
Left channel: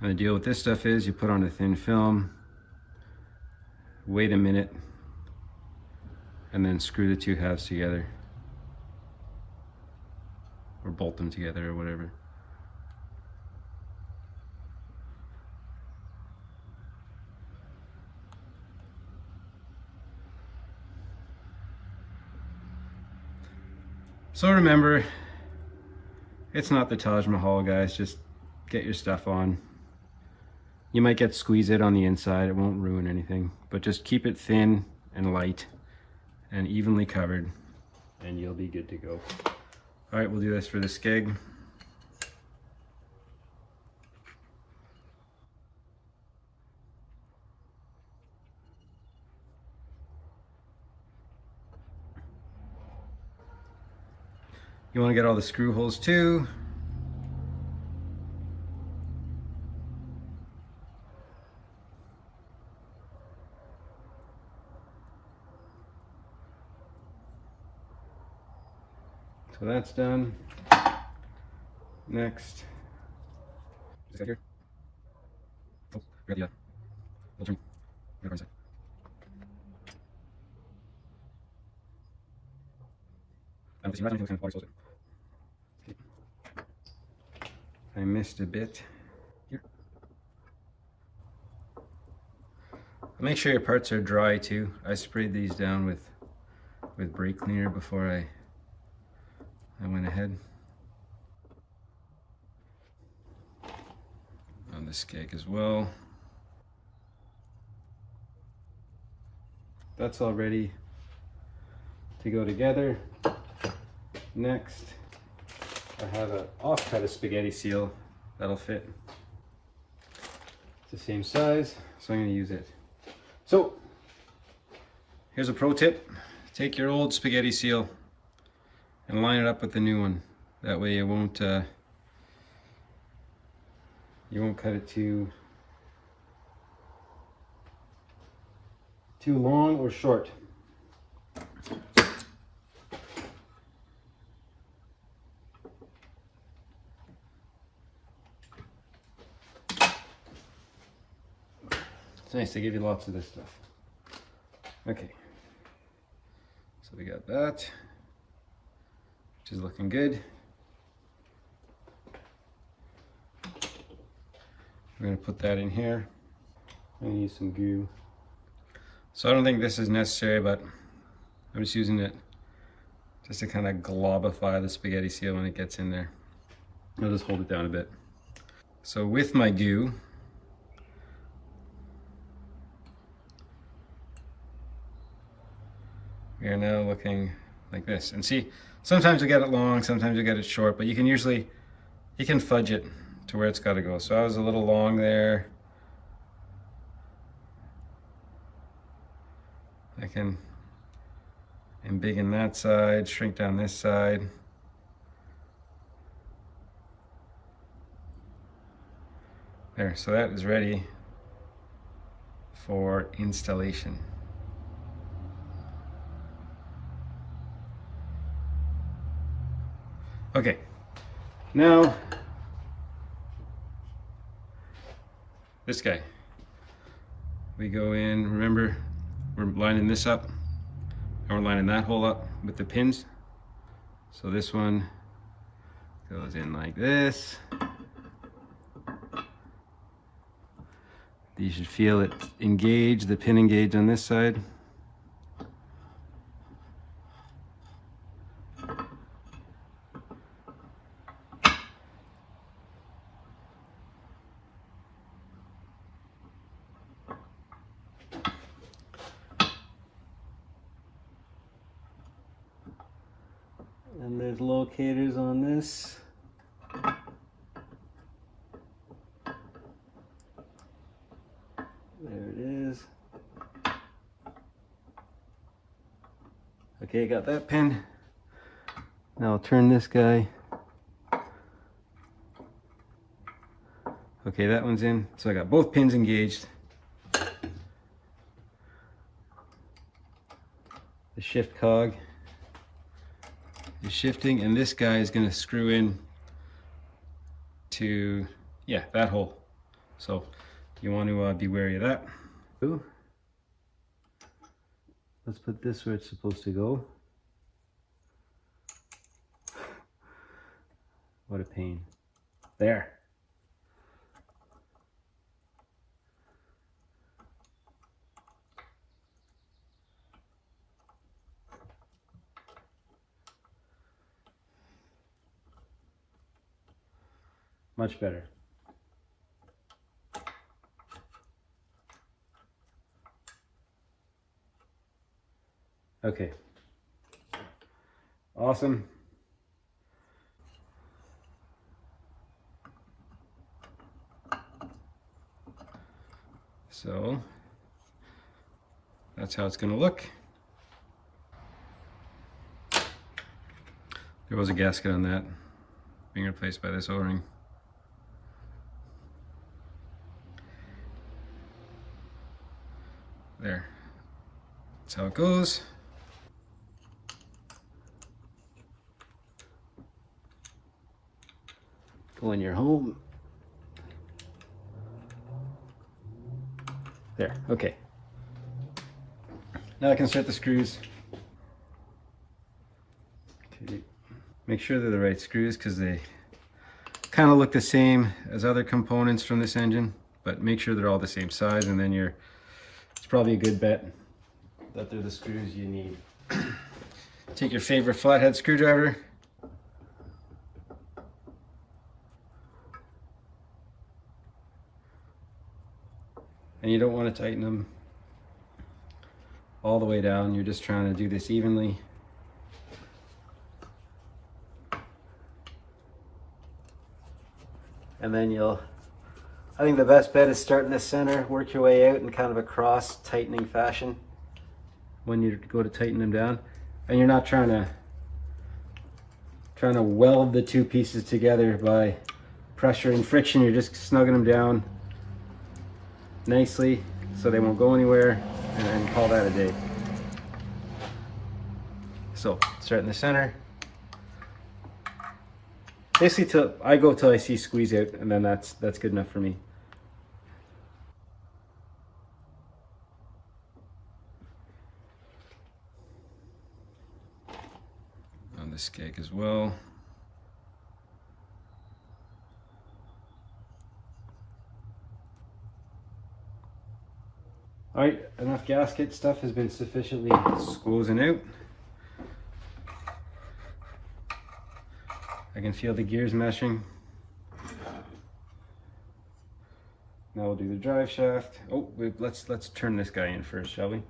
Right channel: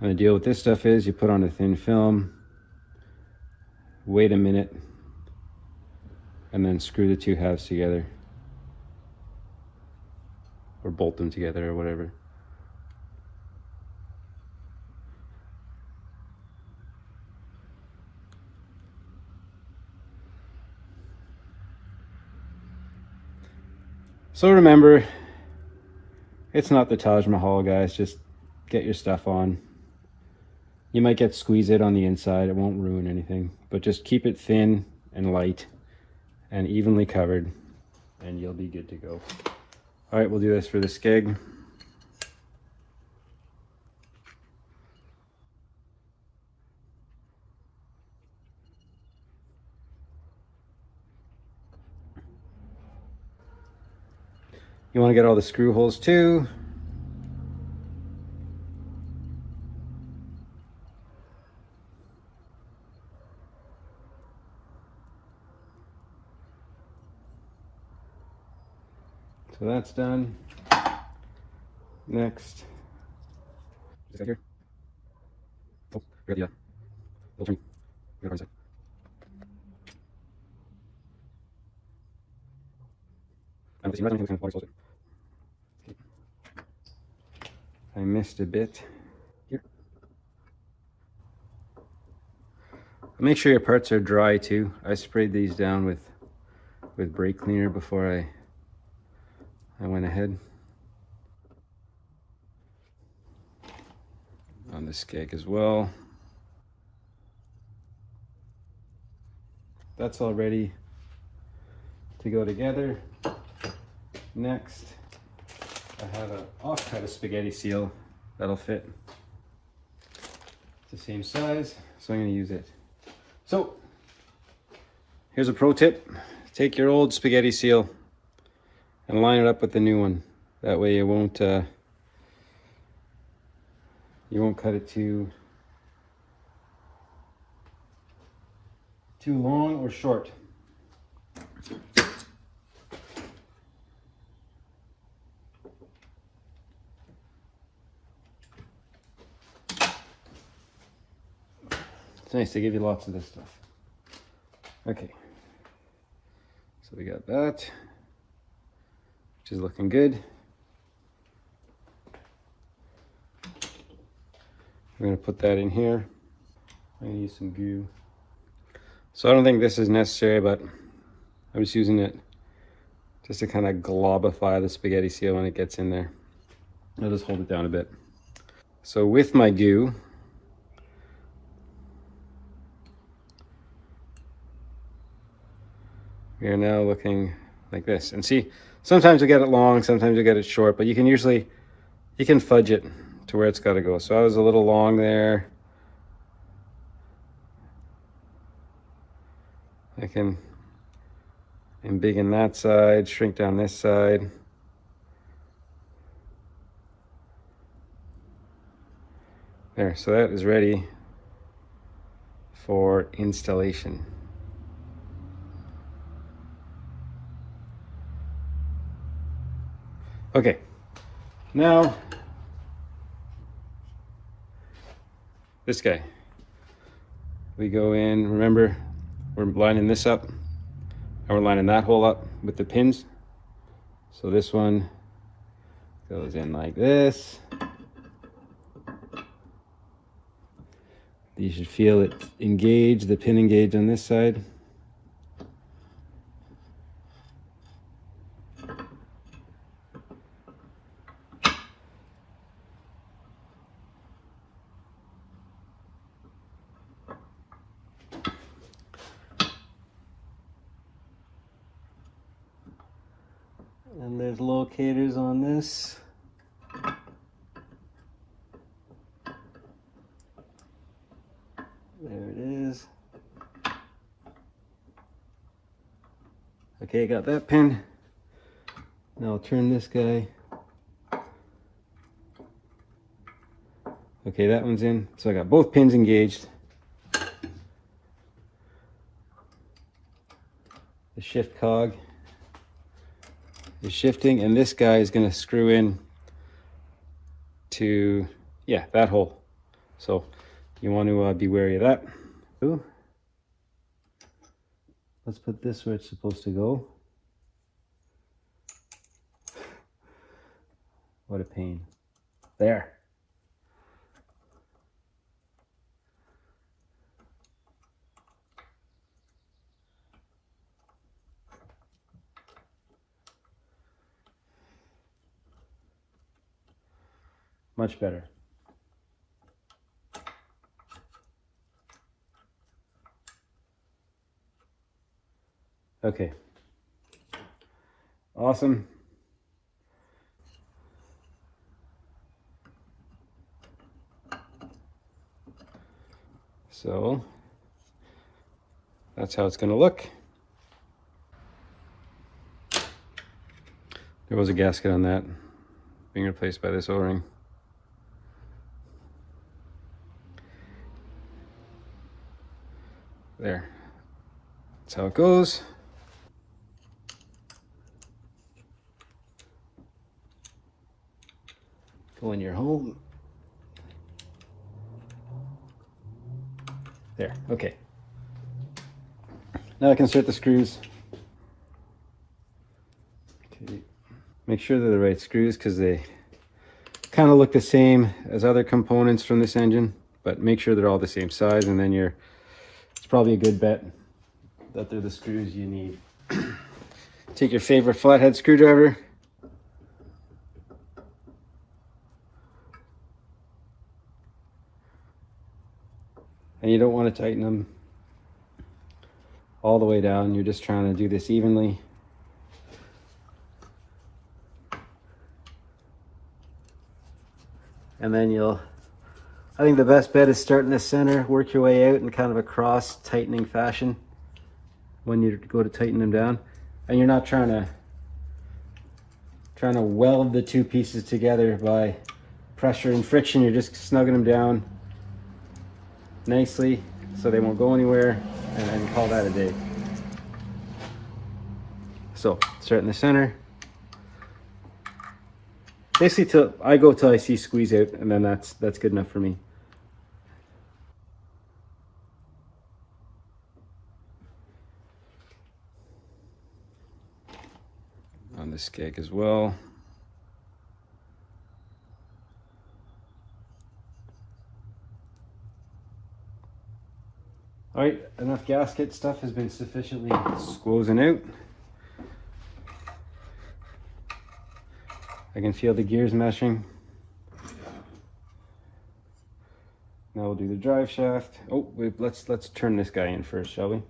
And the deal with this stuff is you put on a thin film, wait a minute, and then screw the two halves together. Or bolt them together or whatever. So remember, it's not the Taj Mahal, guys. Just get your stuff on. You might get squeeze it on the inside. It won't ruin anything, but just keep it thin and light and evenly covered and you'll be good to go. All right, we'll do this for the skeg. You want to get all the screw holes too. So that's done. Next. Is that here? Oh, we got the we'll turn. We got the okay. I missed a bit. Here. Make sure your parts are dry too. I sprayed these down with brake cleaner before I went ahead. On the skeg as well. That's all ready to go together. Next, I have an offcut of spaghetti seal that'll fit. It's the same size, so I'm going to use it. So, here's a pro tip. Take your old spaghetti seal and line it up with the new one. That way you won't cut it too long or short. It's nice, they give you lots of this stuff. Okay, so we got that, which is looking good. We're gonna put that in here. I'm gonna use some glue. So I don't think this is necessary, but I'm just using it just to kind of globify the spaghetti seal when it gets in there. I'll just hold it down a bit. So with my glue, we are now looking like this. And see, sometimes you get it long, sometimes you get it short, but you can fudge it to where it's got to go. So I was a little long there. I can embiggen that side, shrink down this side. There, so that is ready for installation. Okay, now this guy. We go in, remember, we're lining this up and we're lining that hole up with the pins. So this one goes in like this. You should feel it engage, the pin engage on this side. And there's locators on this. There it is. Okay, got that pin. Now I'll turn this guy. Okay, that one's in. So I got both pins engaged. The shift cog is shifting, and this guy is going to screw in to, yeah, that hole. So you want to be wary of that. Ooh. Let's put this where it's supposed to go. What a pain. There. Much better. Okay. Awesome. So that's how it's going to look. There was a gasket on that being replaced by this O-ring. There. That's how it goes. Go in your home. There, okay. Now I can insert the screws. Okay. Make sure they're the right screws because they kind of look the same as other components from this engine, but make sure they're all the same size, and then it's probably a good bet that they're the screws you need. Take your favorite flathead screwdriver. And you don't want to tighten them all the way down. You're just trying to do this evenly. And then I think the best bet is start in the center, work your way out in kind of a cross tightening fashion when you go to tighten them down. And you're not trying to weld the two pieces together by pressure and friction. You're just snugging them down nicely so they won't go anywhere, and call that a day. So start in the center. Basically I go till I see squeeze out, and then that's good enough for me. On the skeg as well. All right, enough gasket stuff has been sufficiently squozen out. I can feel the gears meshing. Now we'll do the drive shaft. Oh, wait, let's turn this guy in first, shall we?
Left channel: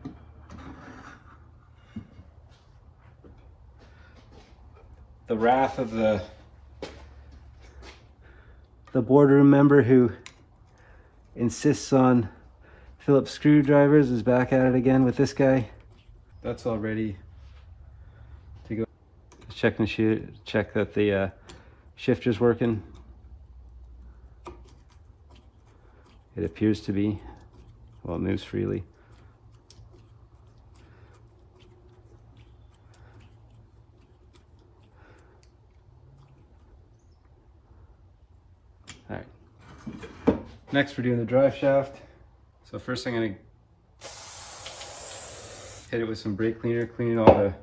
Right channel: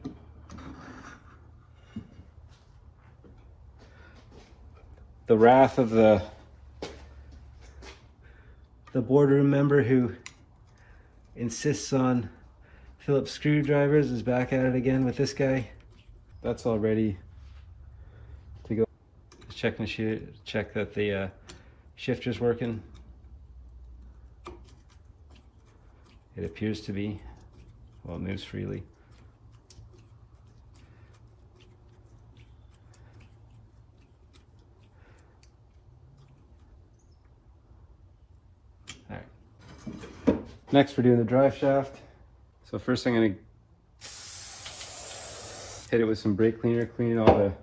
The wrath of the boardroom member who insists on Phillips screwdrivers is back at it again with this guy. That's all ready to go. Check that the shifter's working. It appears to be. Well, it moves freely. All right. Next, we're doing the drive shaft. So first I'm going to hit it with some brake cleaner, cleaning all the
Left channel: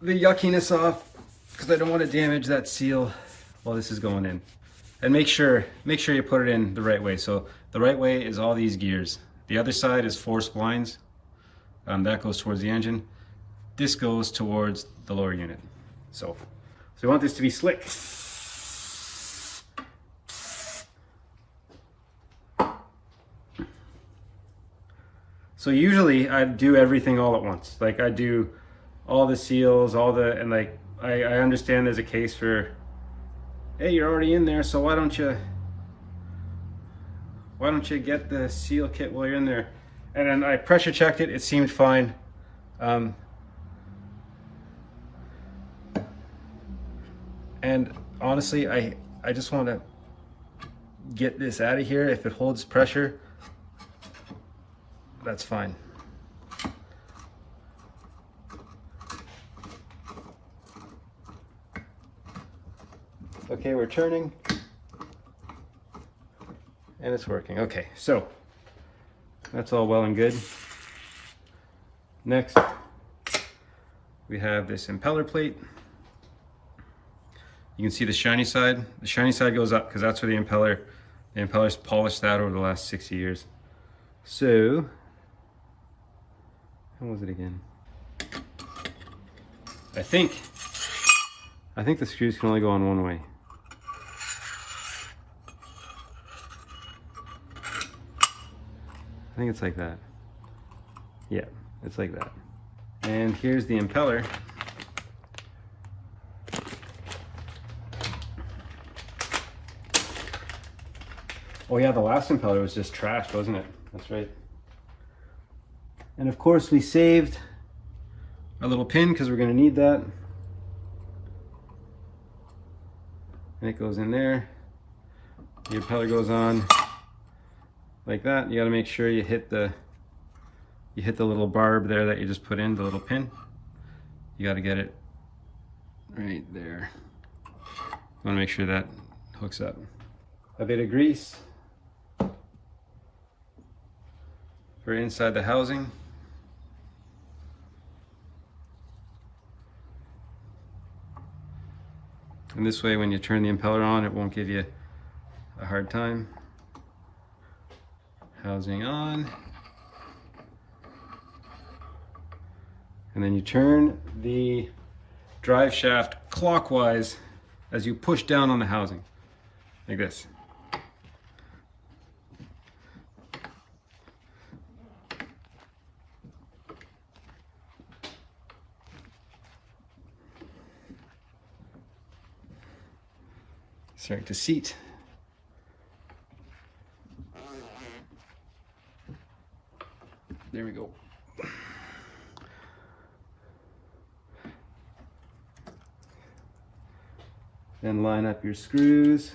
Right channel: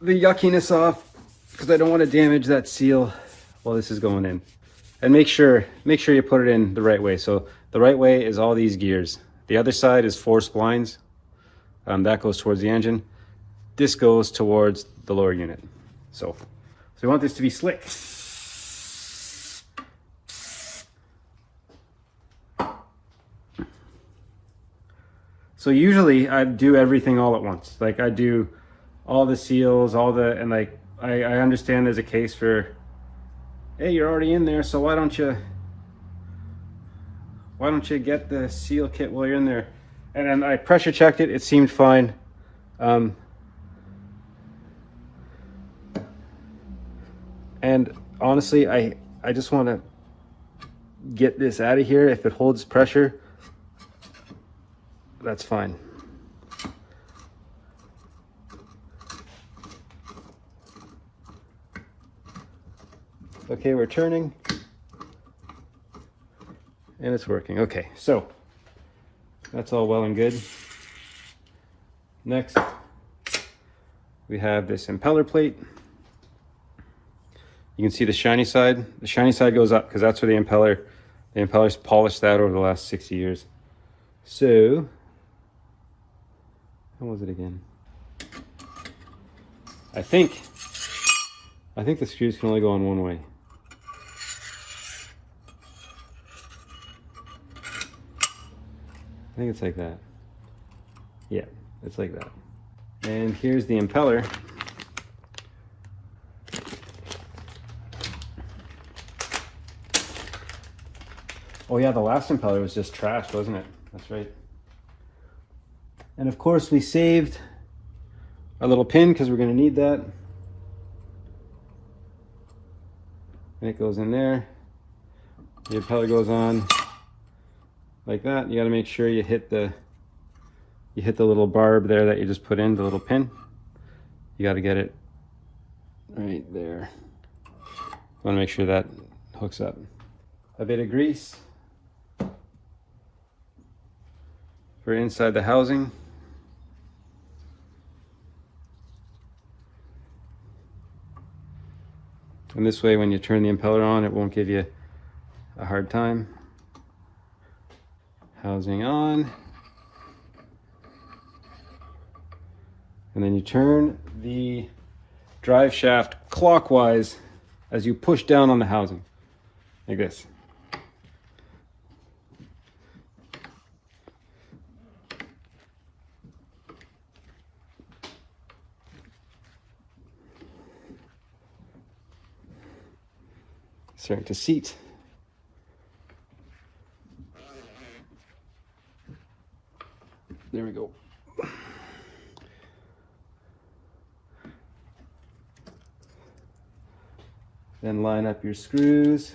yuckiness off, because I don't want to damage that seal while this is going in. And make sure you put it in the right way. So the right way is all these gears. The other side is 4 splines. That goes towards the engine. This goes towards the lower unit. So we want this to be slick. So usually I do everything all at once. Like I do all the seals, and like I understand there's a case for, hey, you're already in there, so why don't you get the seal kit while you're in there? And then I pressure checked it, it seemed fine. And honestly, I just want to get this out of here. If it holds pressure, that's fine. Okay, we're turning and it's working. Okay, so that's all well and good. Next, we have this impeller plate. You can see the shiny side. The shiny side goes up because that's where the impeller's polished that over the last 60 years. So, how was it again? I think the screws can only go on one way. think it's like that. Yeah, it's like that. And here's the impeller. Oh yeah, the last impeller was just trashed, wasn't it? That's right. And of course we saved a little pin because we're going to need that. And it goes in there. The impeller goes on like that. You got to make sure you hit the little barb there that you just put in, the little pin. You got to get it right there. Want to make sure that hooks up. A bit of grease for inside the housing. And this way, when you turn the impeller on, it won't give you a hard time. Housing on. And then you turn the drive shaft clockwise as you push down on the housing, like this. Starting to seat. There we go. Then line up your screws.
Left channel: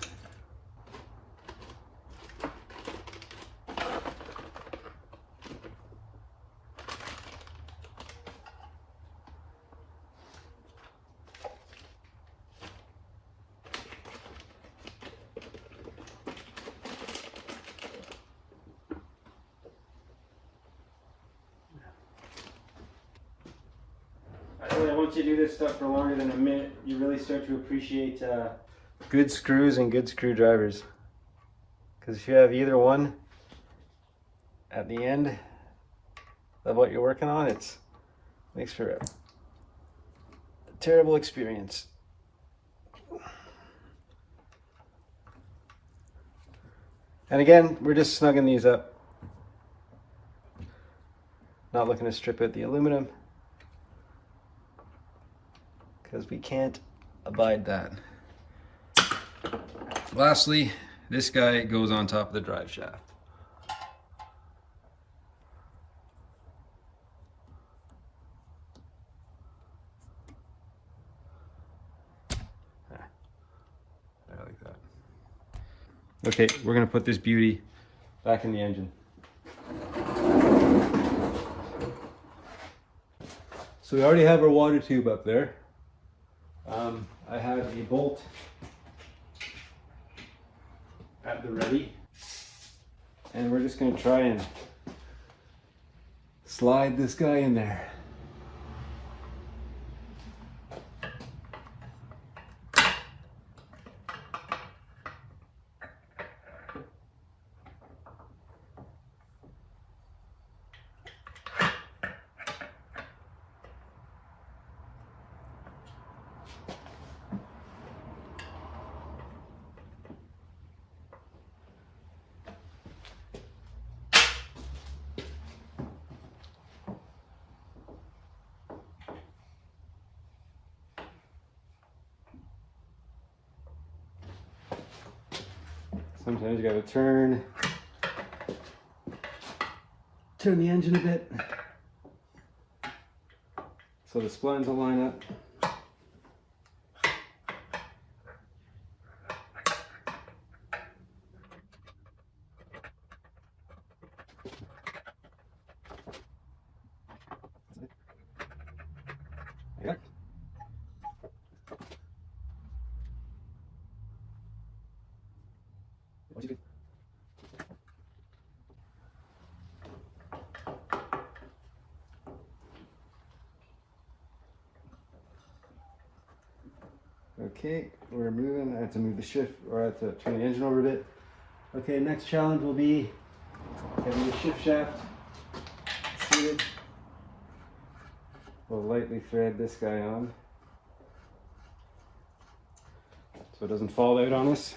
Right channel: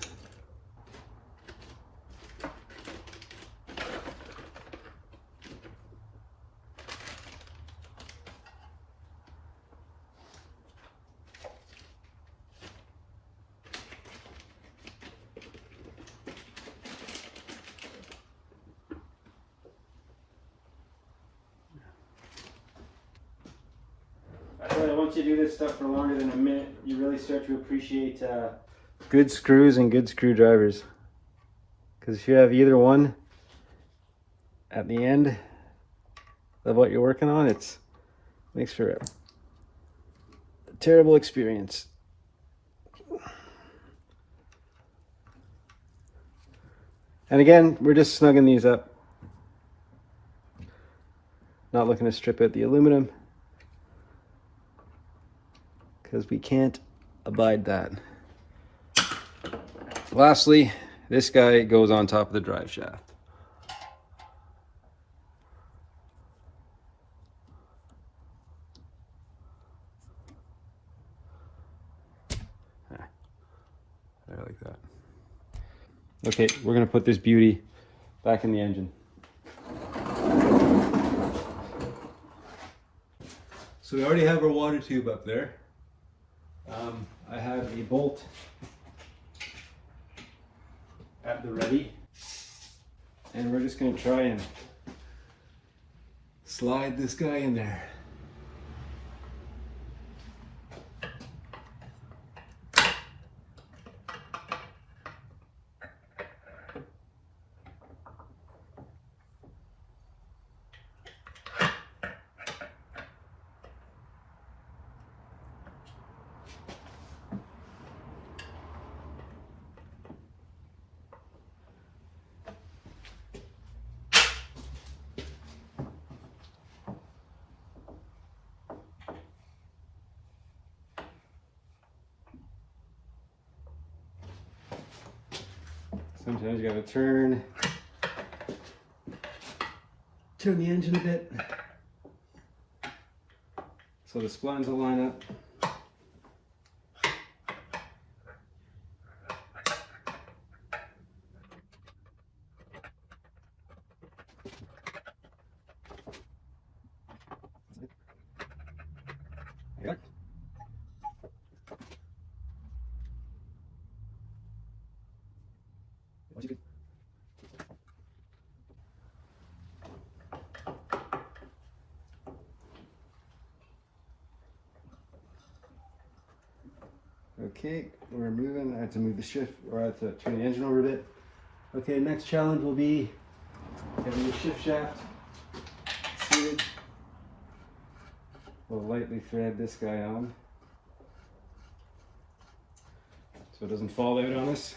Once you do this stuff for longer than a minute, you really start to appreciate good screws and good screwdrivers. Because if you have either one at the end of what you're working on, it makes for a terrible experience. And again, we're just snugging these up. Not looking to strip out the aluminum, because we can't abide that. Lastly, this guy goes on top of the drive shaft. I like that. Okay, we're gonna put this beauty back in the engine. So we already have our water tube up there. I have a bolt at the ready, and we're just going to try and slide this guy in there. Sometimes you gotta turn the engine a bit so the splines will line up. Yeah. Okay, we're moving. I have to move the shift, or I have to turn the engine over a bit. Okay, next challenge will be getting the shift shaft seated. We'll lightly thread this guy on so it doesn't fall out on us.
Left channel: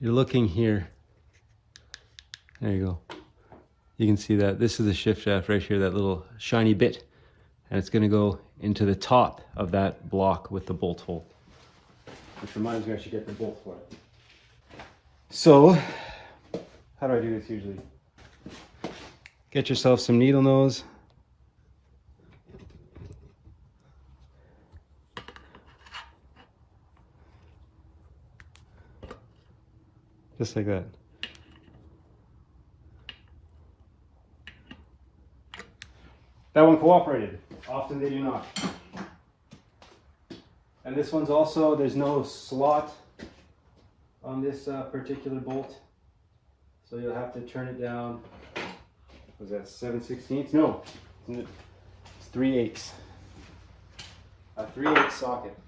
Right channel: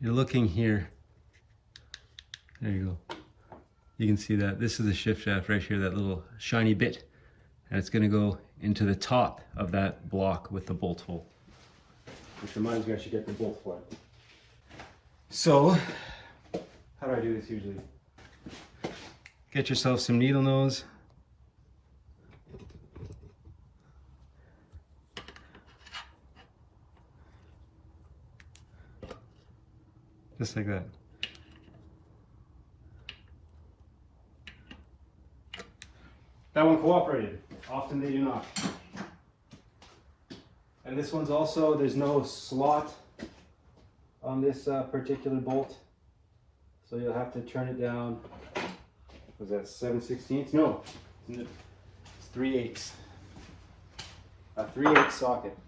You're looking here There you go. You can see that this is the shift shaft right here, that little shiny bit. And it's gonna go into the top of that block with the bolt hole. Which reminds me I should get the bolt for it. So, how do I do this usually? Get yourself some needle nose. Just like that. That one cooperated. Often they do not. And this one's also, there's no slot on this particular bolt. So you'll have to turn it down. Was that 7/16? No, it's 3/8. A 3/8 socket.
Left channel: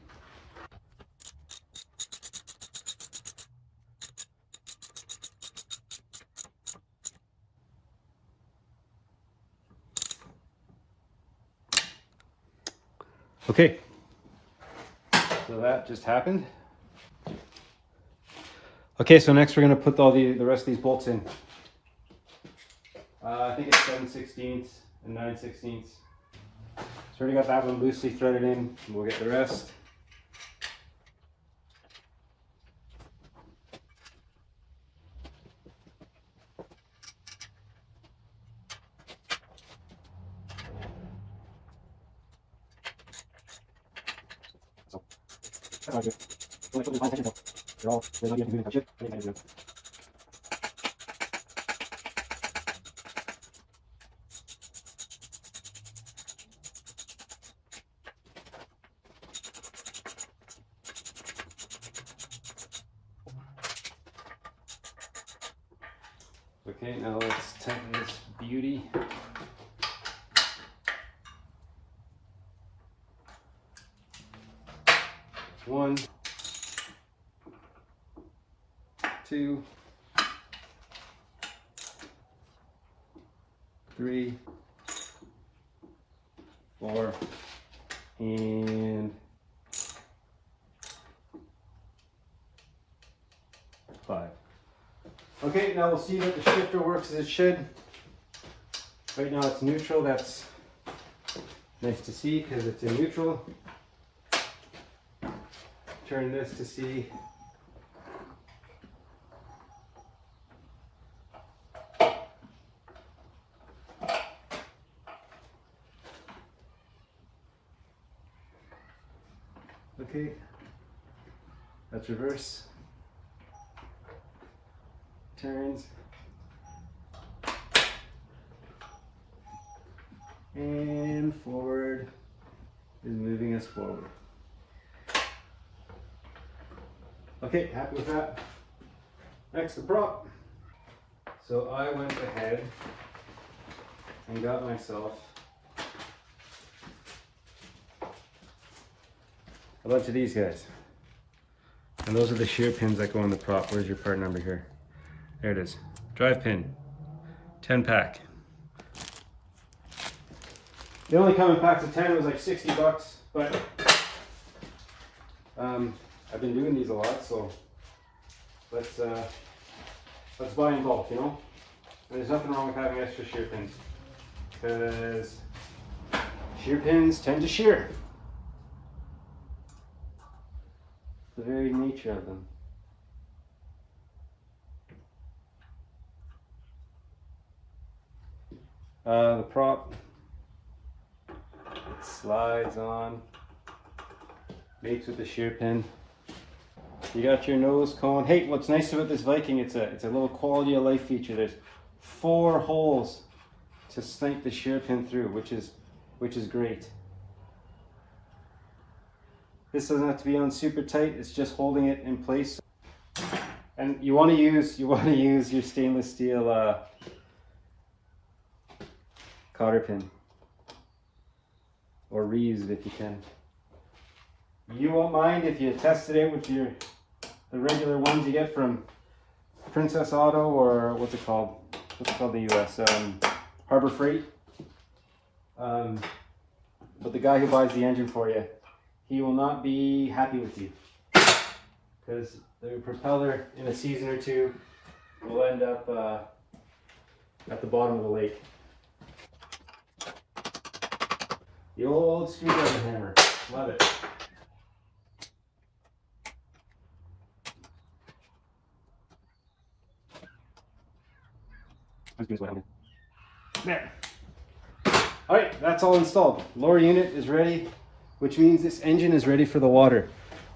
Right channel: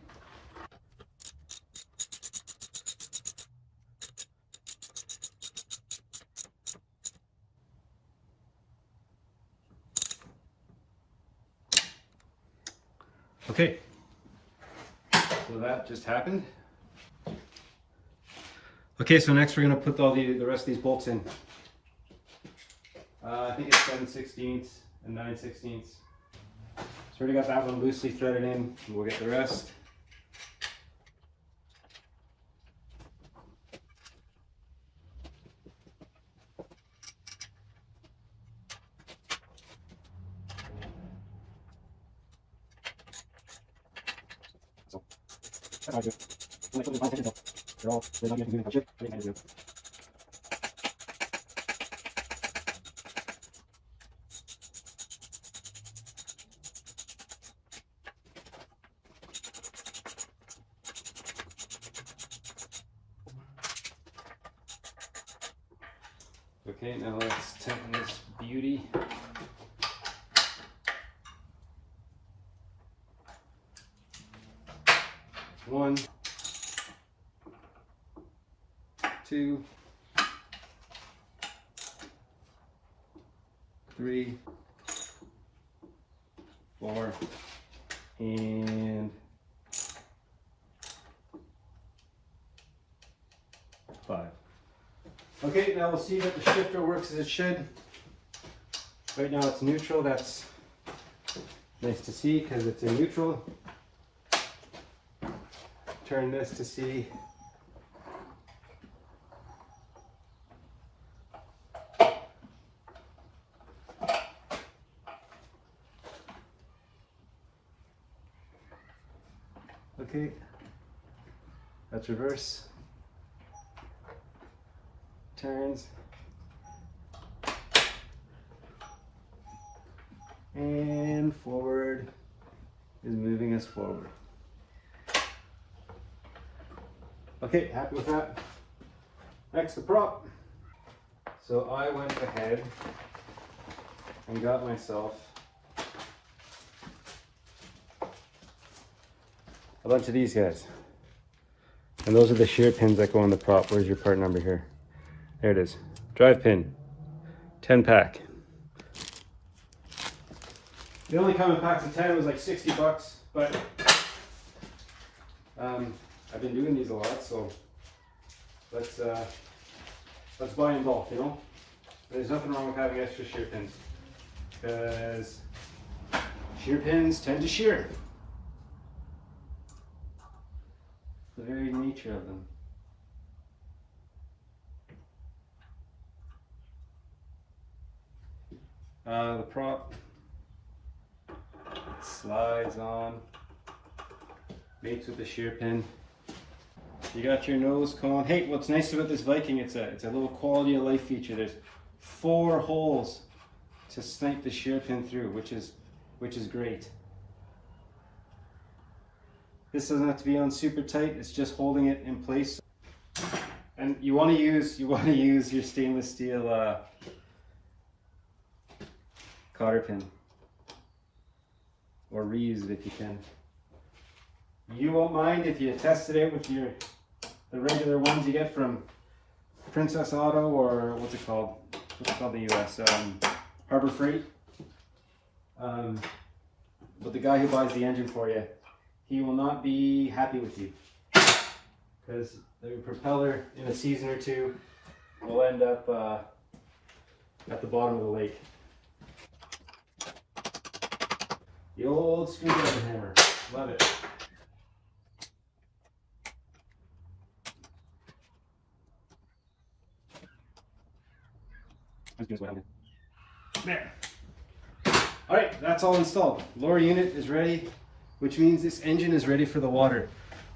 Okay, so that just happened. Okay, so next we're going to put all the rest of these bolts in. I think it's 7/16 and 9/16. So already got that one loosely threaded in. We'll get the rest. Okay, now let's tighten this beauty. One, two, three, 4, and 5. Okay, now we'll see that the shifter works as it should. Right now it's neutral. That's nice to see because it's in neutral. Turn this to see. Okay, that's reverse. Turns. And forward is moving us forward. Okay, happy with that. Next, the prop. So I went ahead and got myself a bunch of these guys. And those are the shear pins that go on the prop. Where's your part number here? There it is. Drive pin. 10 pack. They only come in packs of 10. It was like 60 bucks, but I've been doing these a lot, so let's buy in bulk, you know? And there's nothing wrong with having extra shear pins, because shear pins tend to shear. The very nature of them. The prop, it slides on, mates with the shear pin. You got your nose cone. Hey, what's nice about this Viking, it's a little quality of life feature. There's 4 holes to snipe the shear pin through, which is great. This doesn't have to be on super tight, it's just holding it in place. And you want to use your stainless steel cotter pin, or reuse it if you can. You won't mind if you test it out with the regular ones you get from Princess Auto, or what's it called in the US, Harbor Freight. But the guy who buys the engine for you, he will not be happy with you, because the propeller in a season or two will end up at the bottom of the lake. The old screwdriver hammer. Love it. There. All right, that's all installed. Lower unit is ready, which means this engine is ready for the water.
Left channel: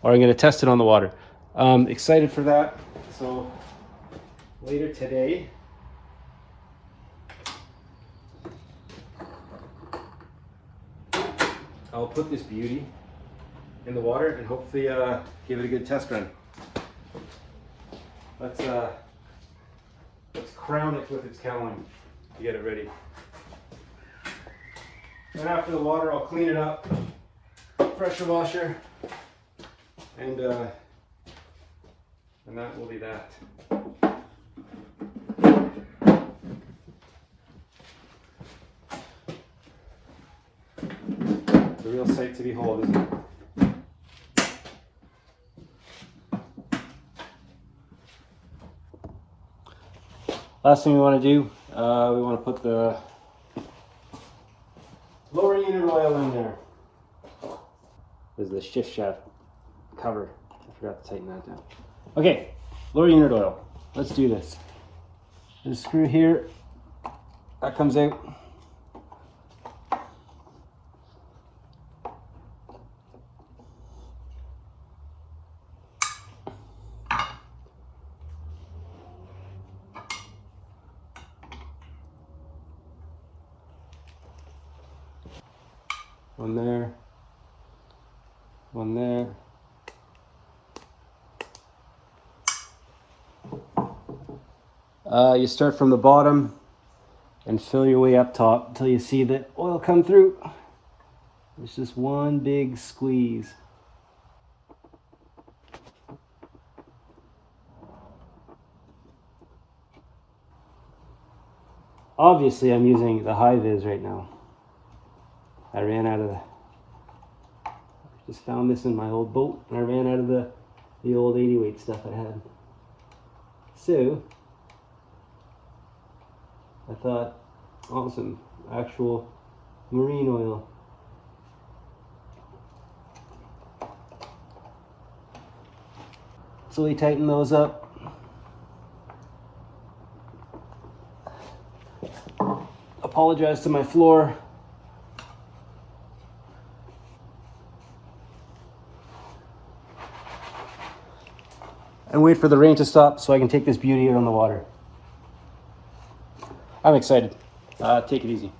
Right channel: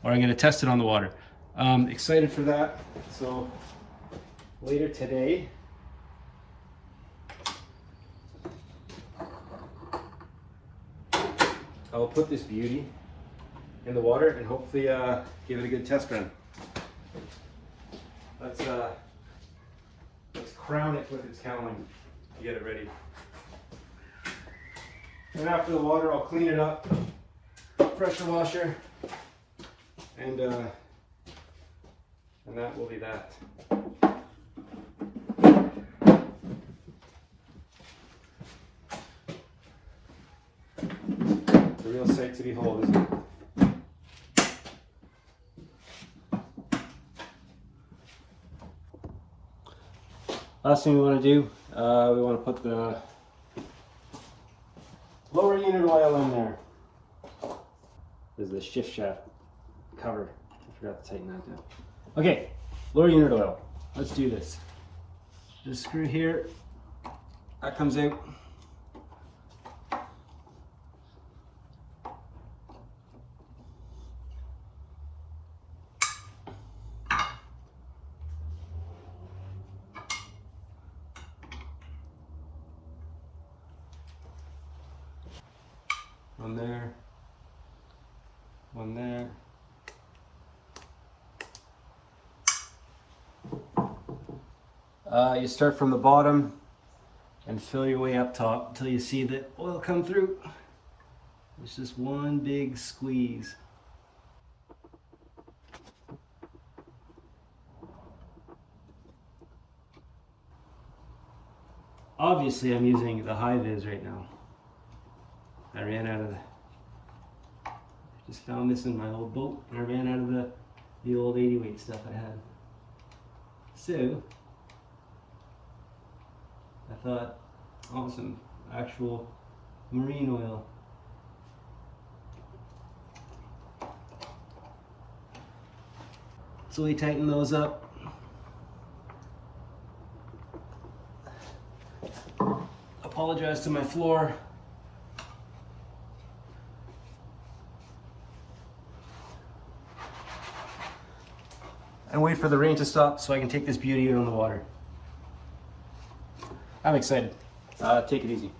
Or I'm going to test it on the water. Excited for that. So later today, I'll put this beauty in the water and hopefully give it a good test run. Let's crown it with its cowling to get it ready. And after the water, I'll clean it up, pressure washer, and that will be that. The real sight to behold, isn't it? Last thing we want to do, we want to put the lower unit oil in there. This is the shift shaft cover. I forgot to tighten that down. Okay, lower unit oil. Let's do this. This screw here, that comes out. One there, one there. You start from the bottom and fill your way up top until you see the oil come through. It's just one big squeeze. Obviously, I'm using the high vis right now. I ran out of just found this in my old boat, and I ran out of the old 80 weight stuff I had. So I thought, awesome, actual marine oil. So we tighten those up. Apologize to my floor. And wait for the rain to stop so I can take this beauty out on the water. I'm excited. Take it easy.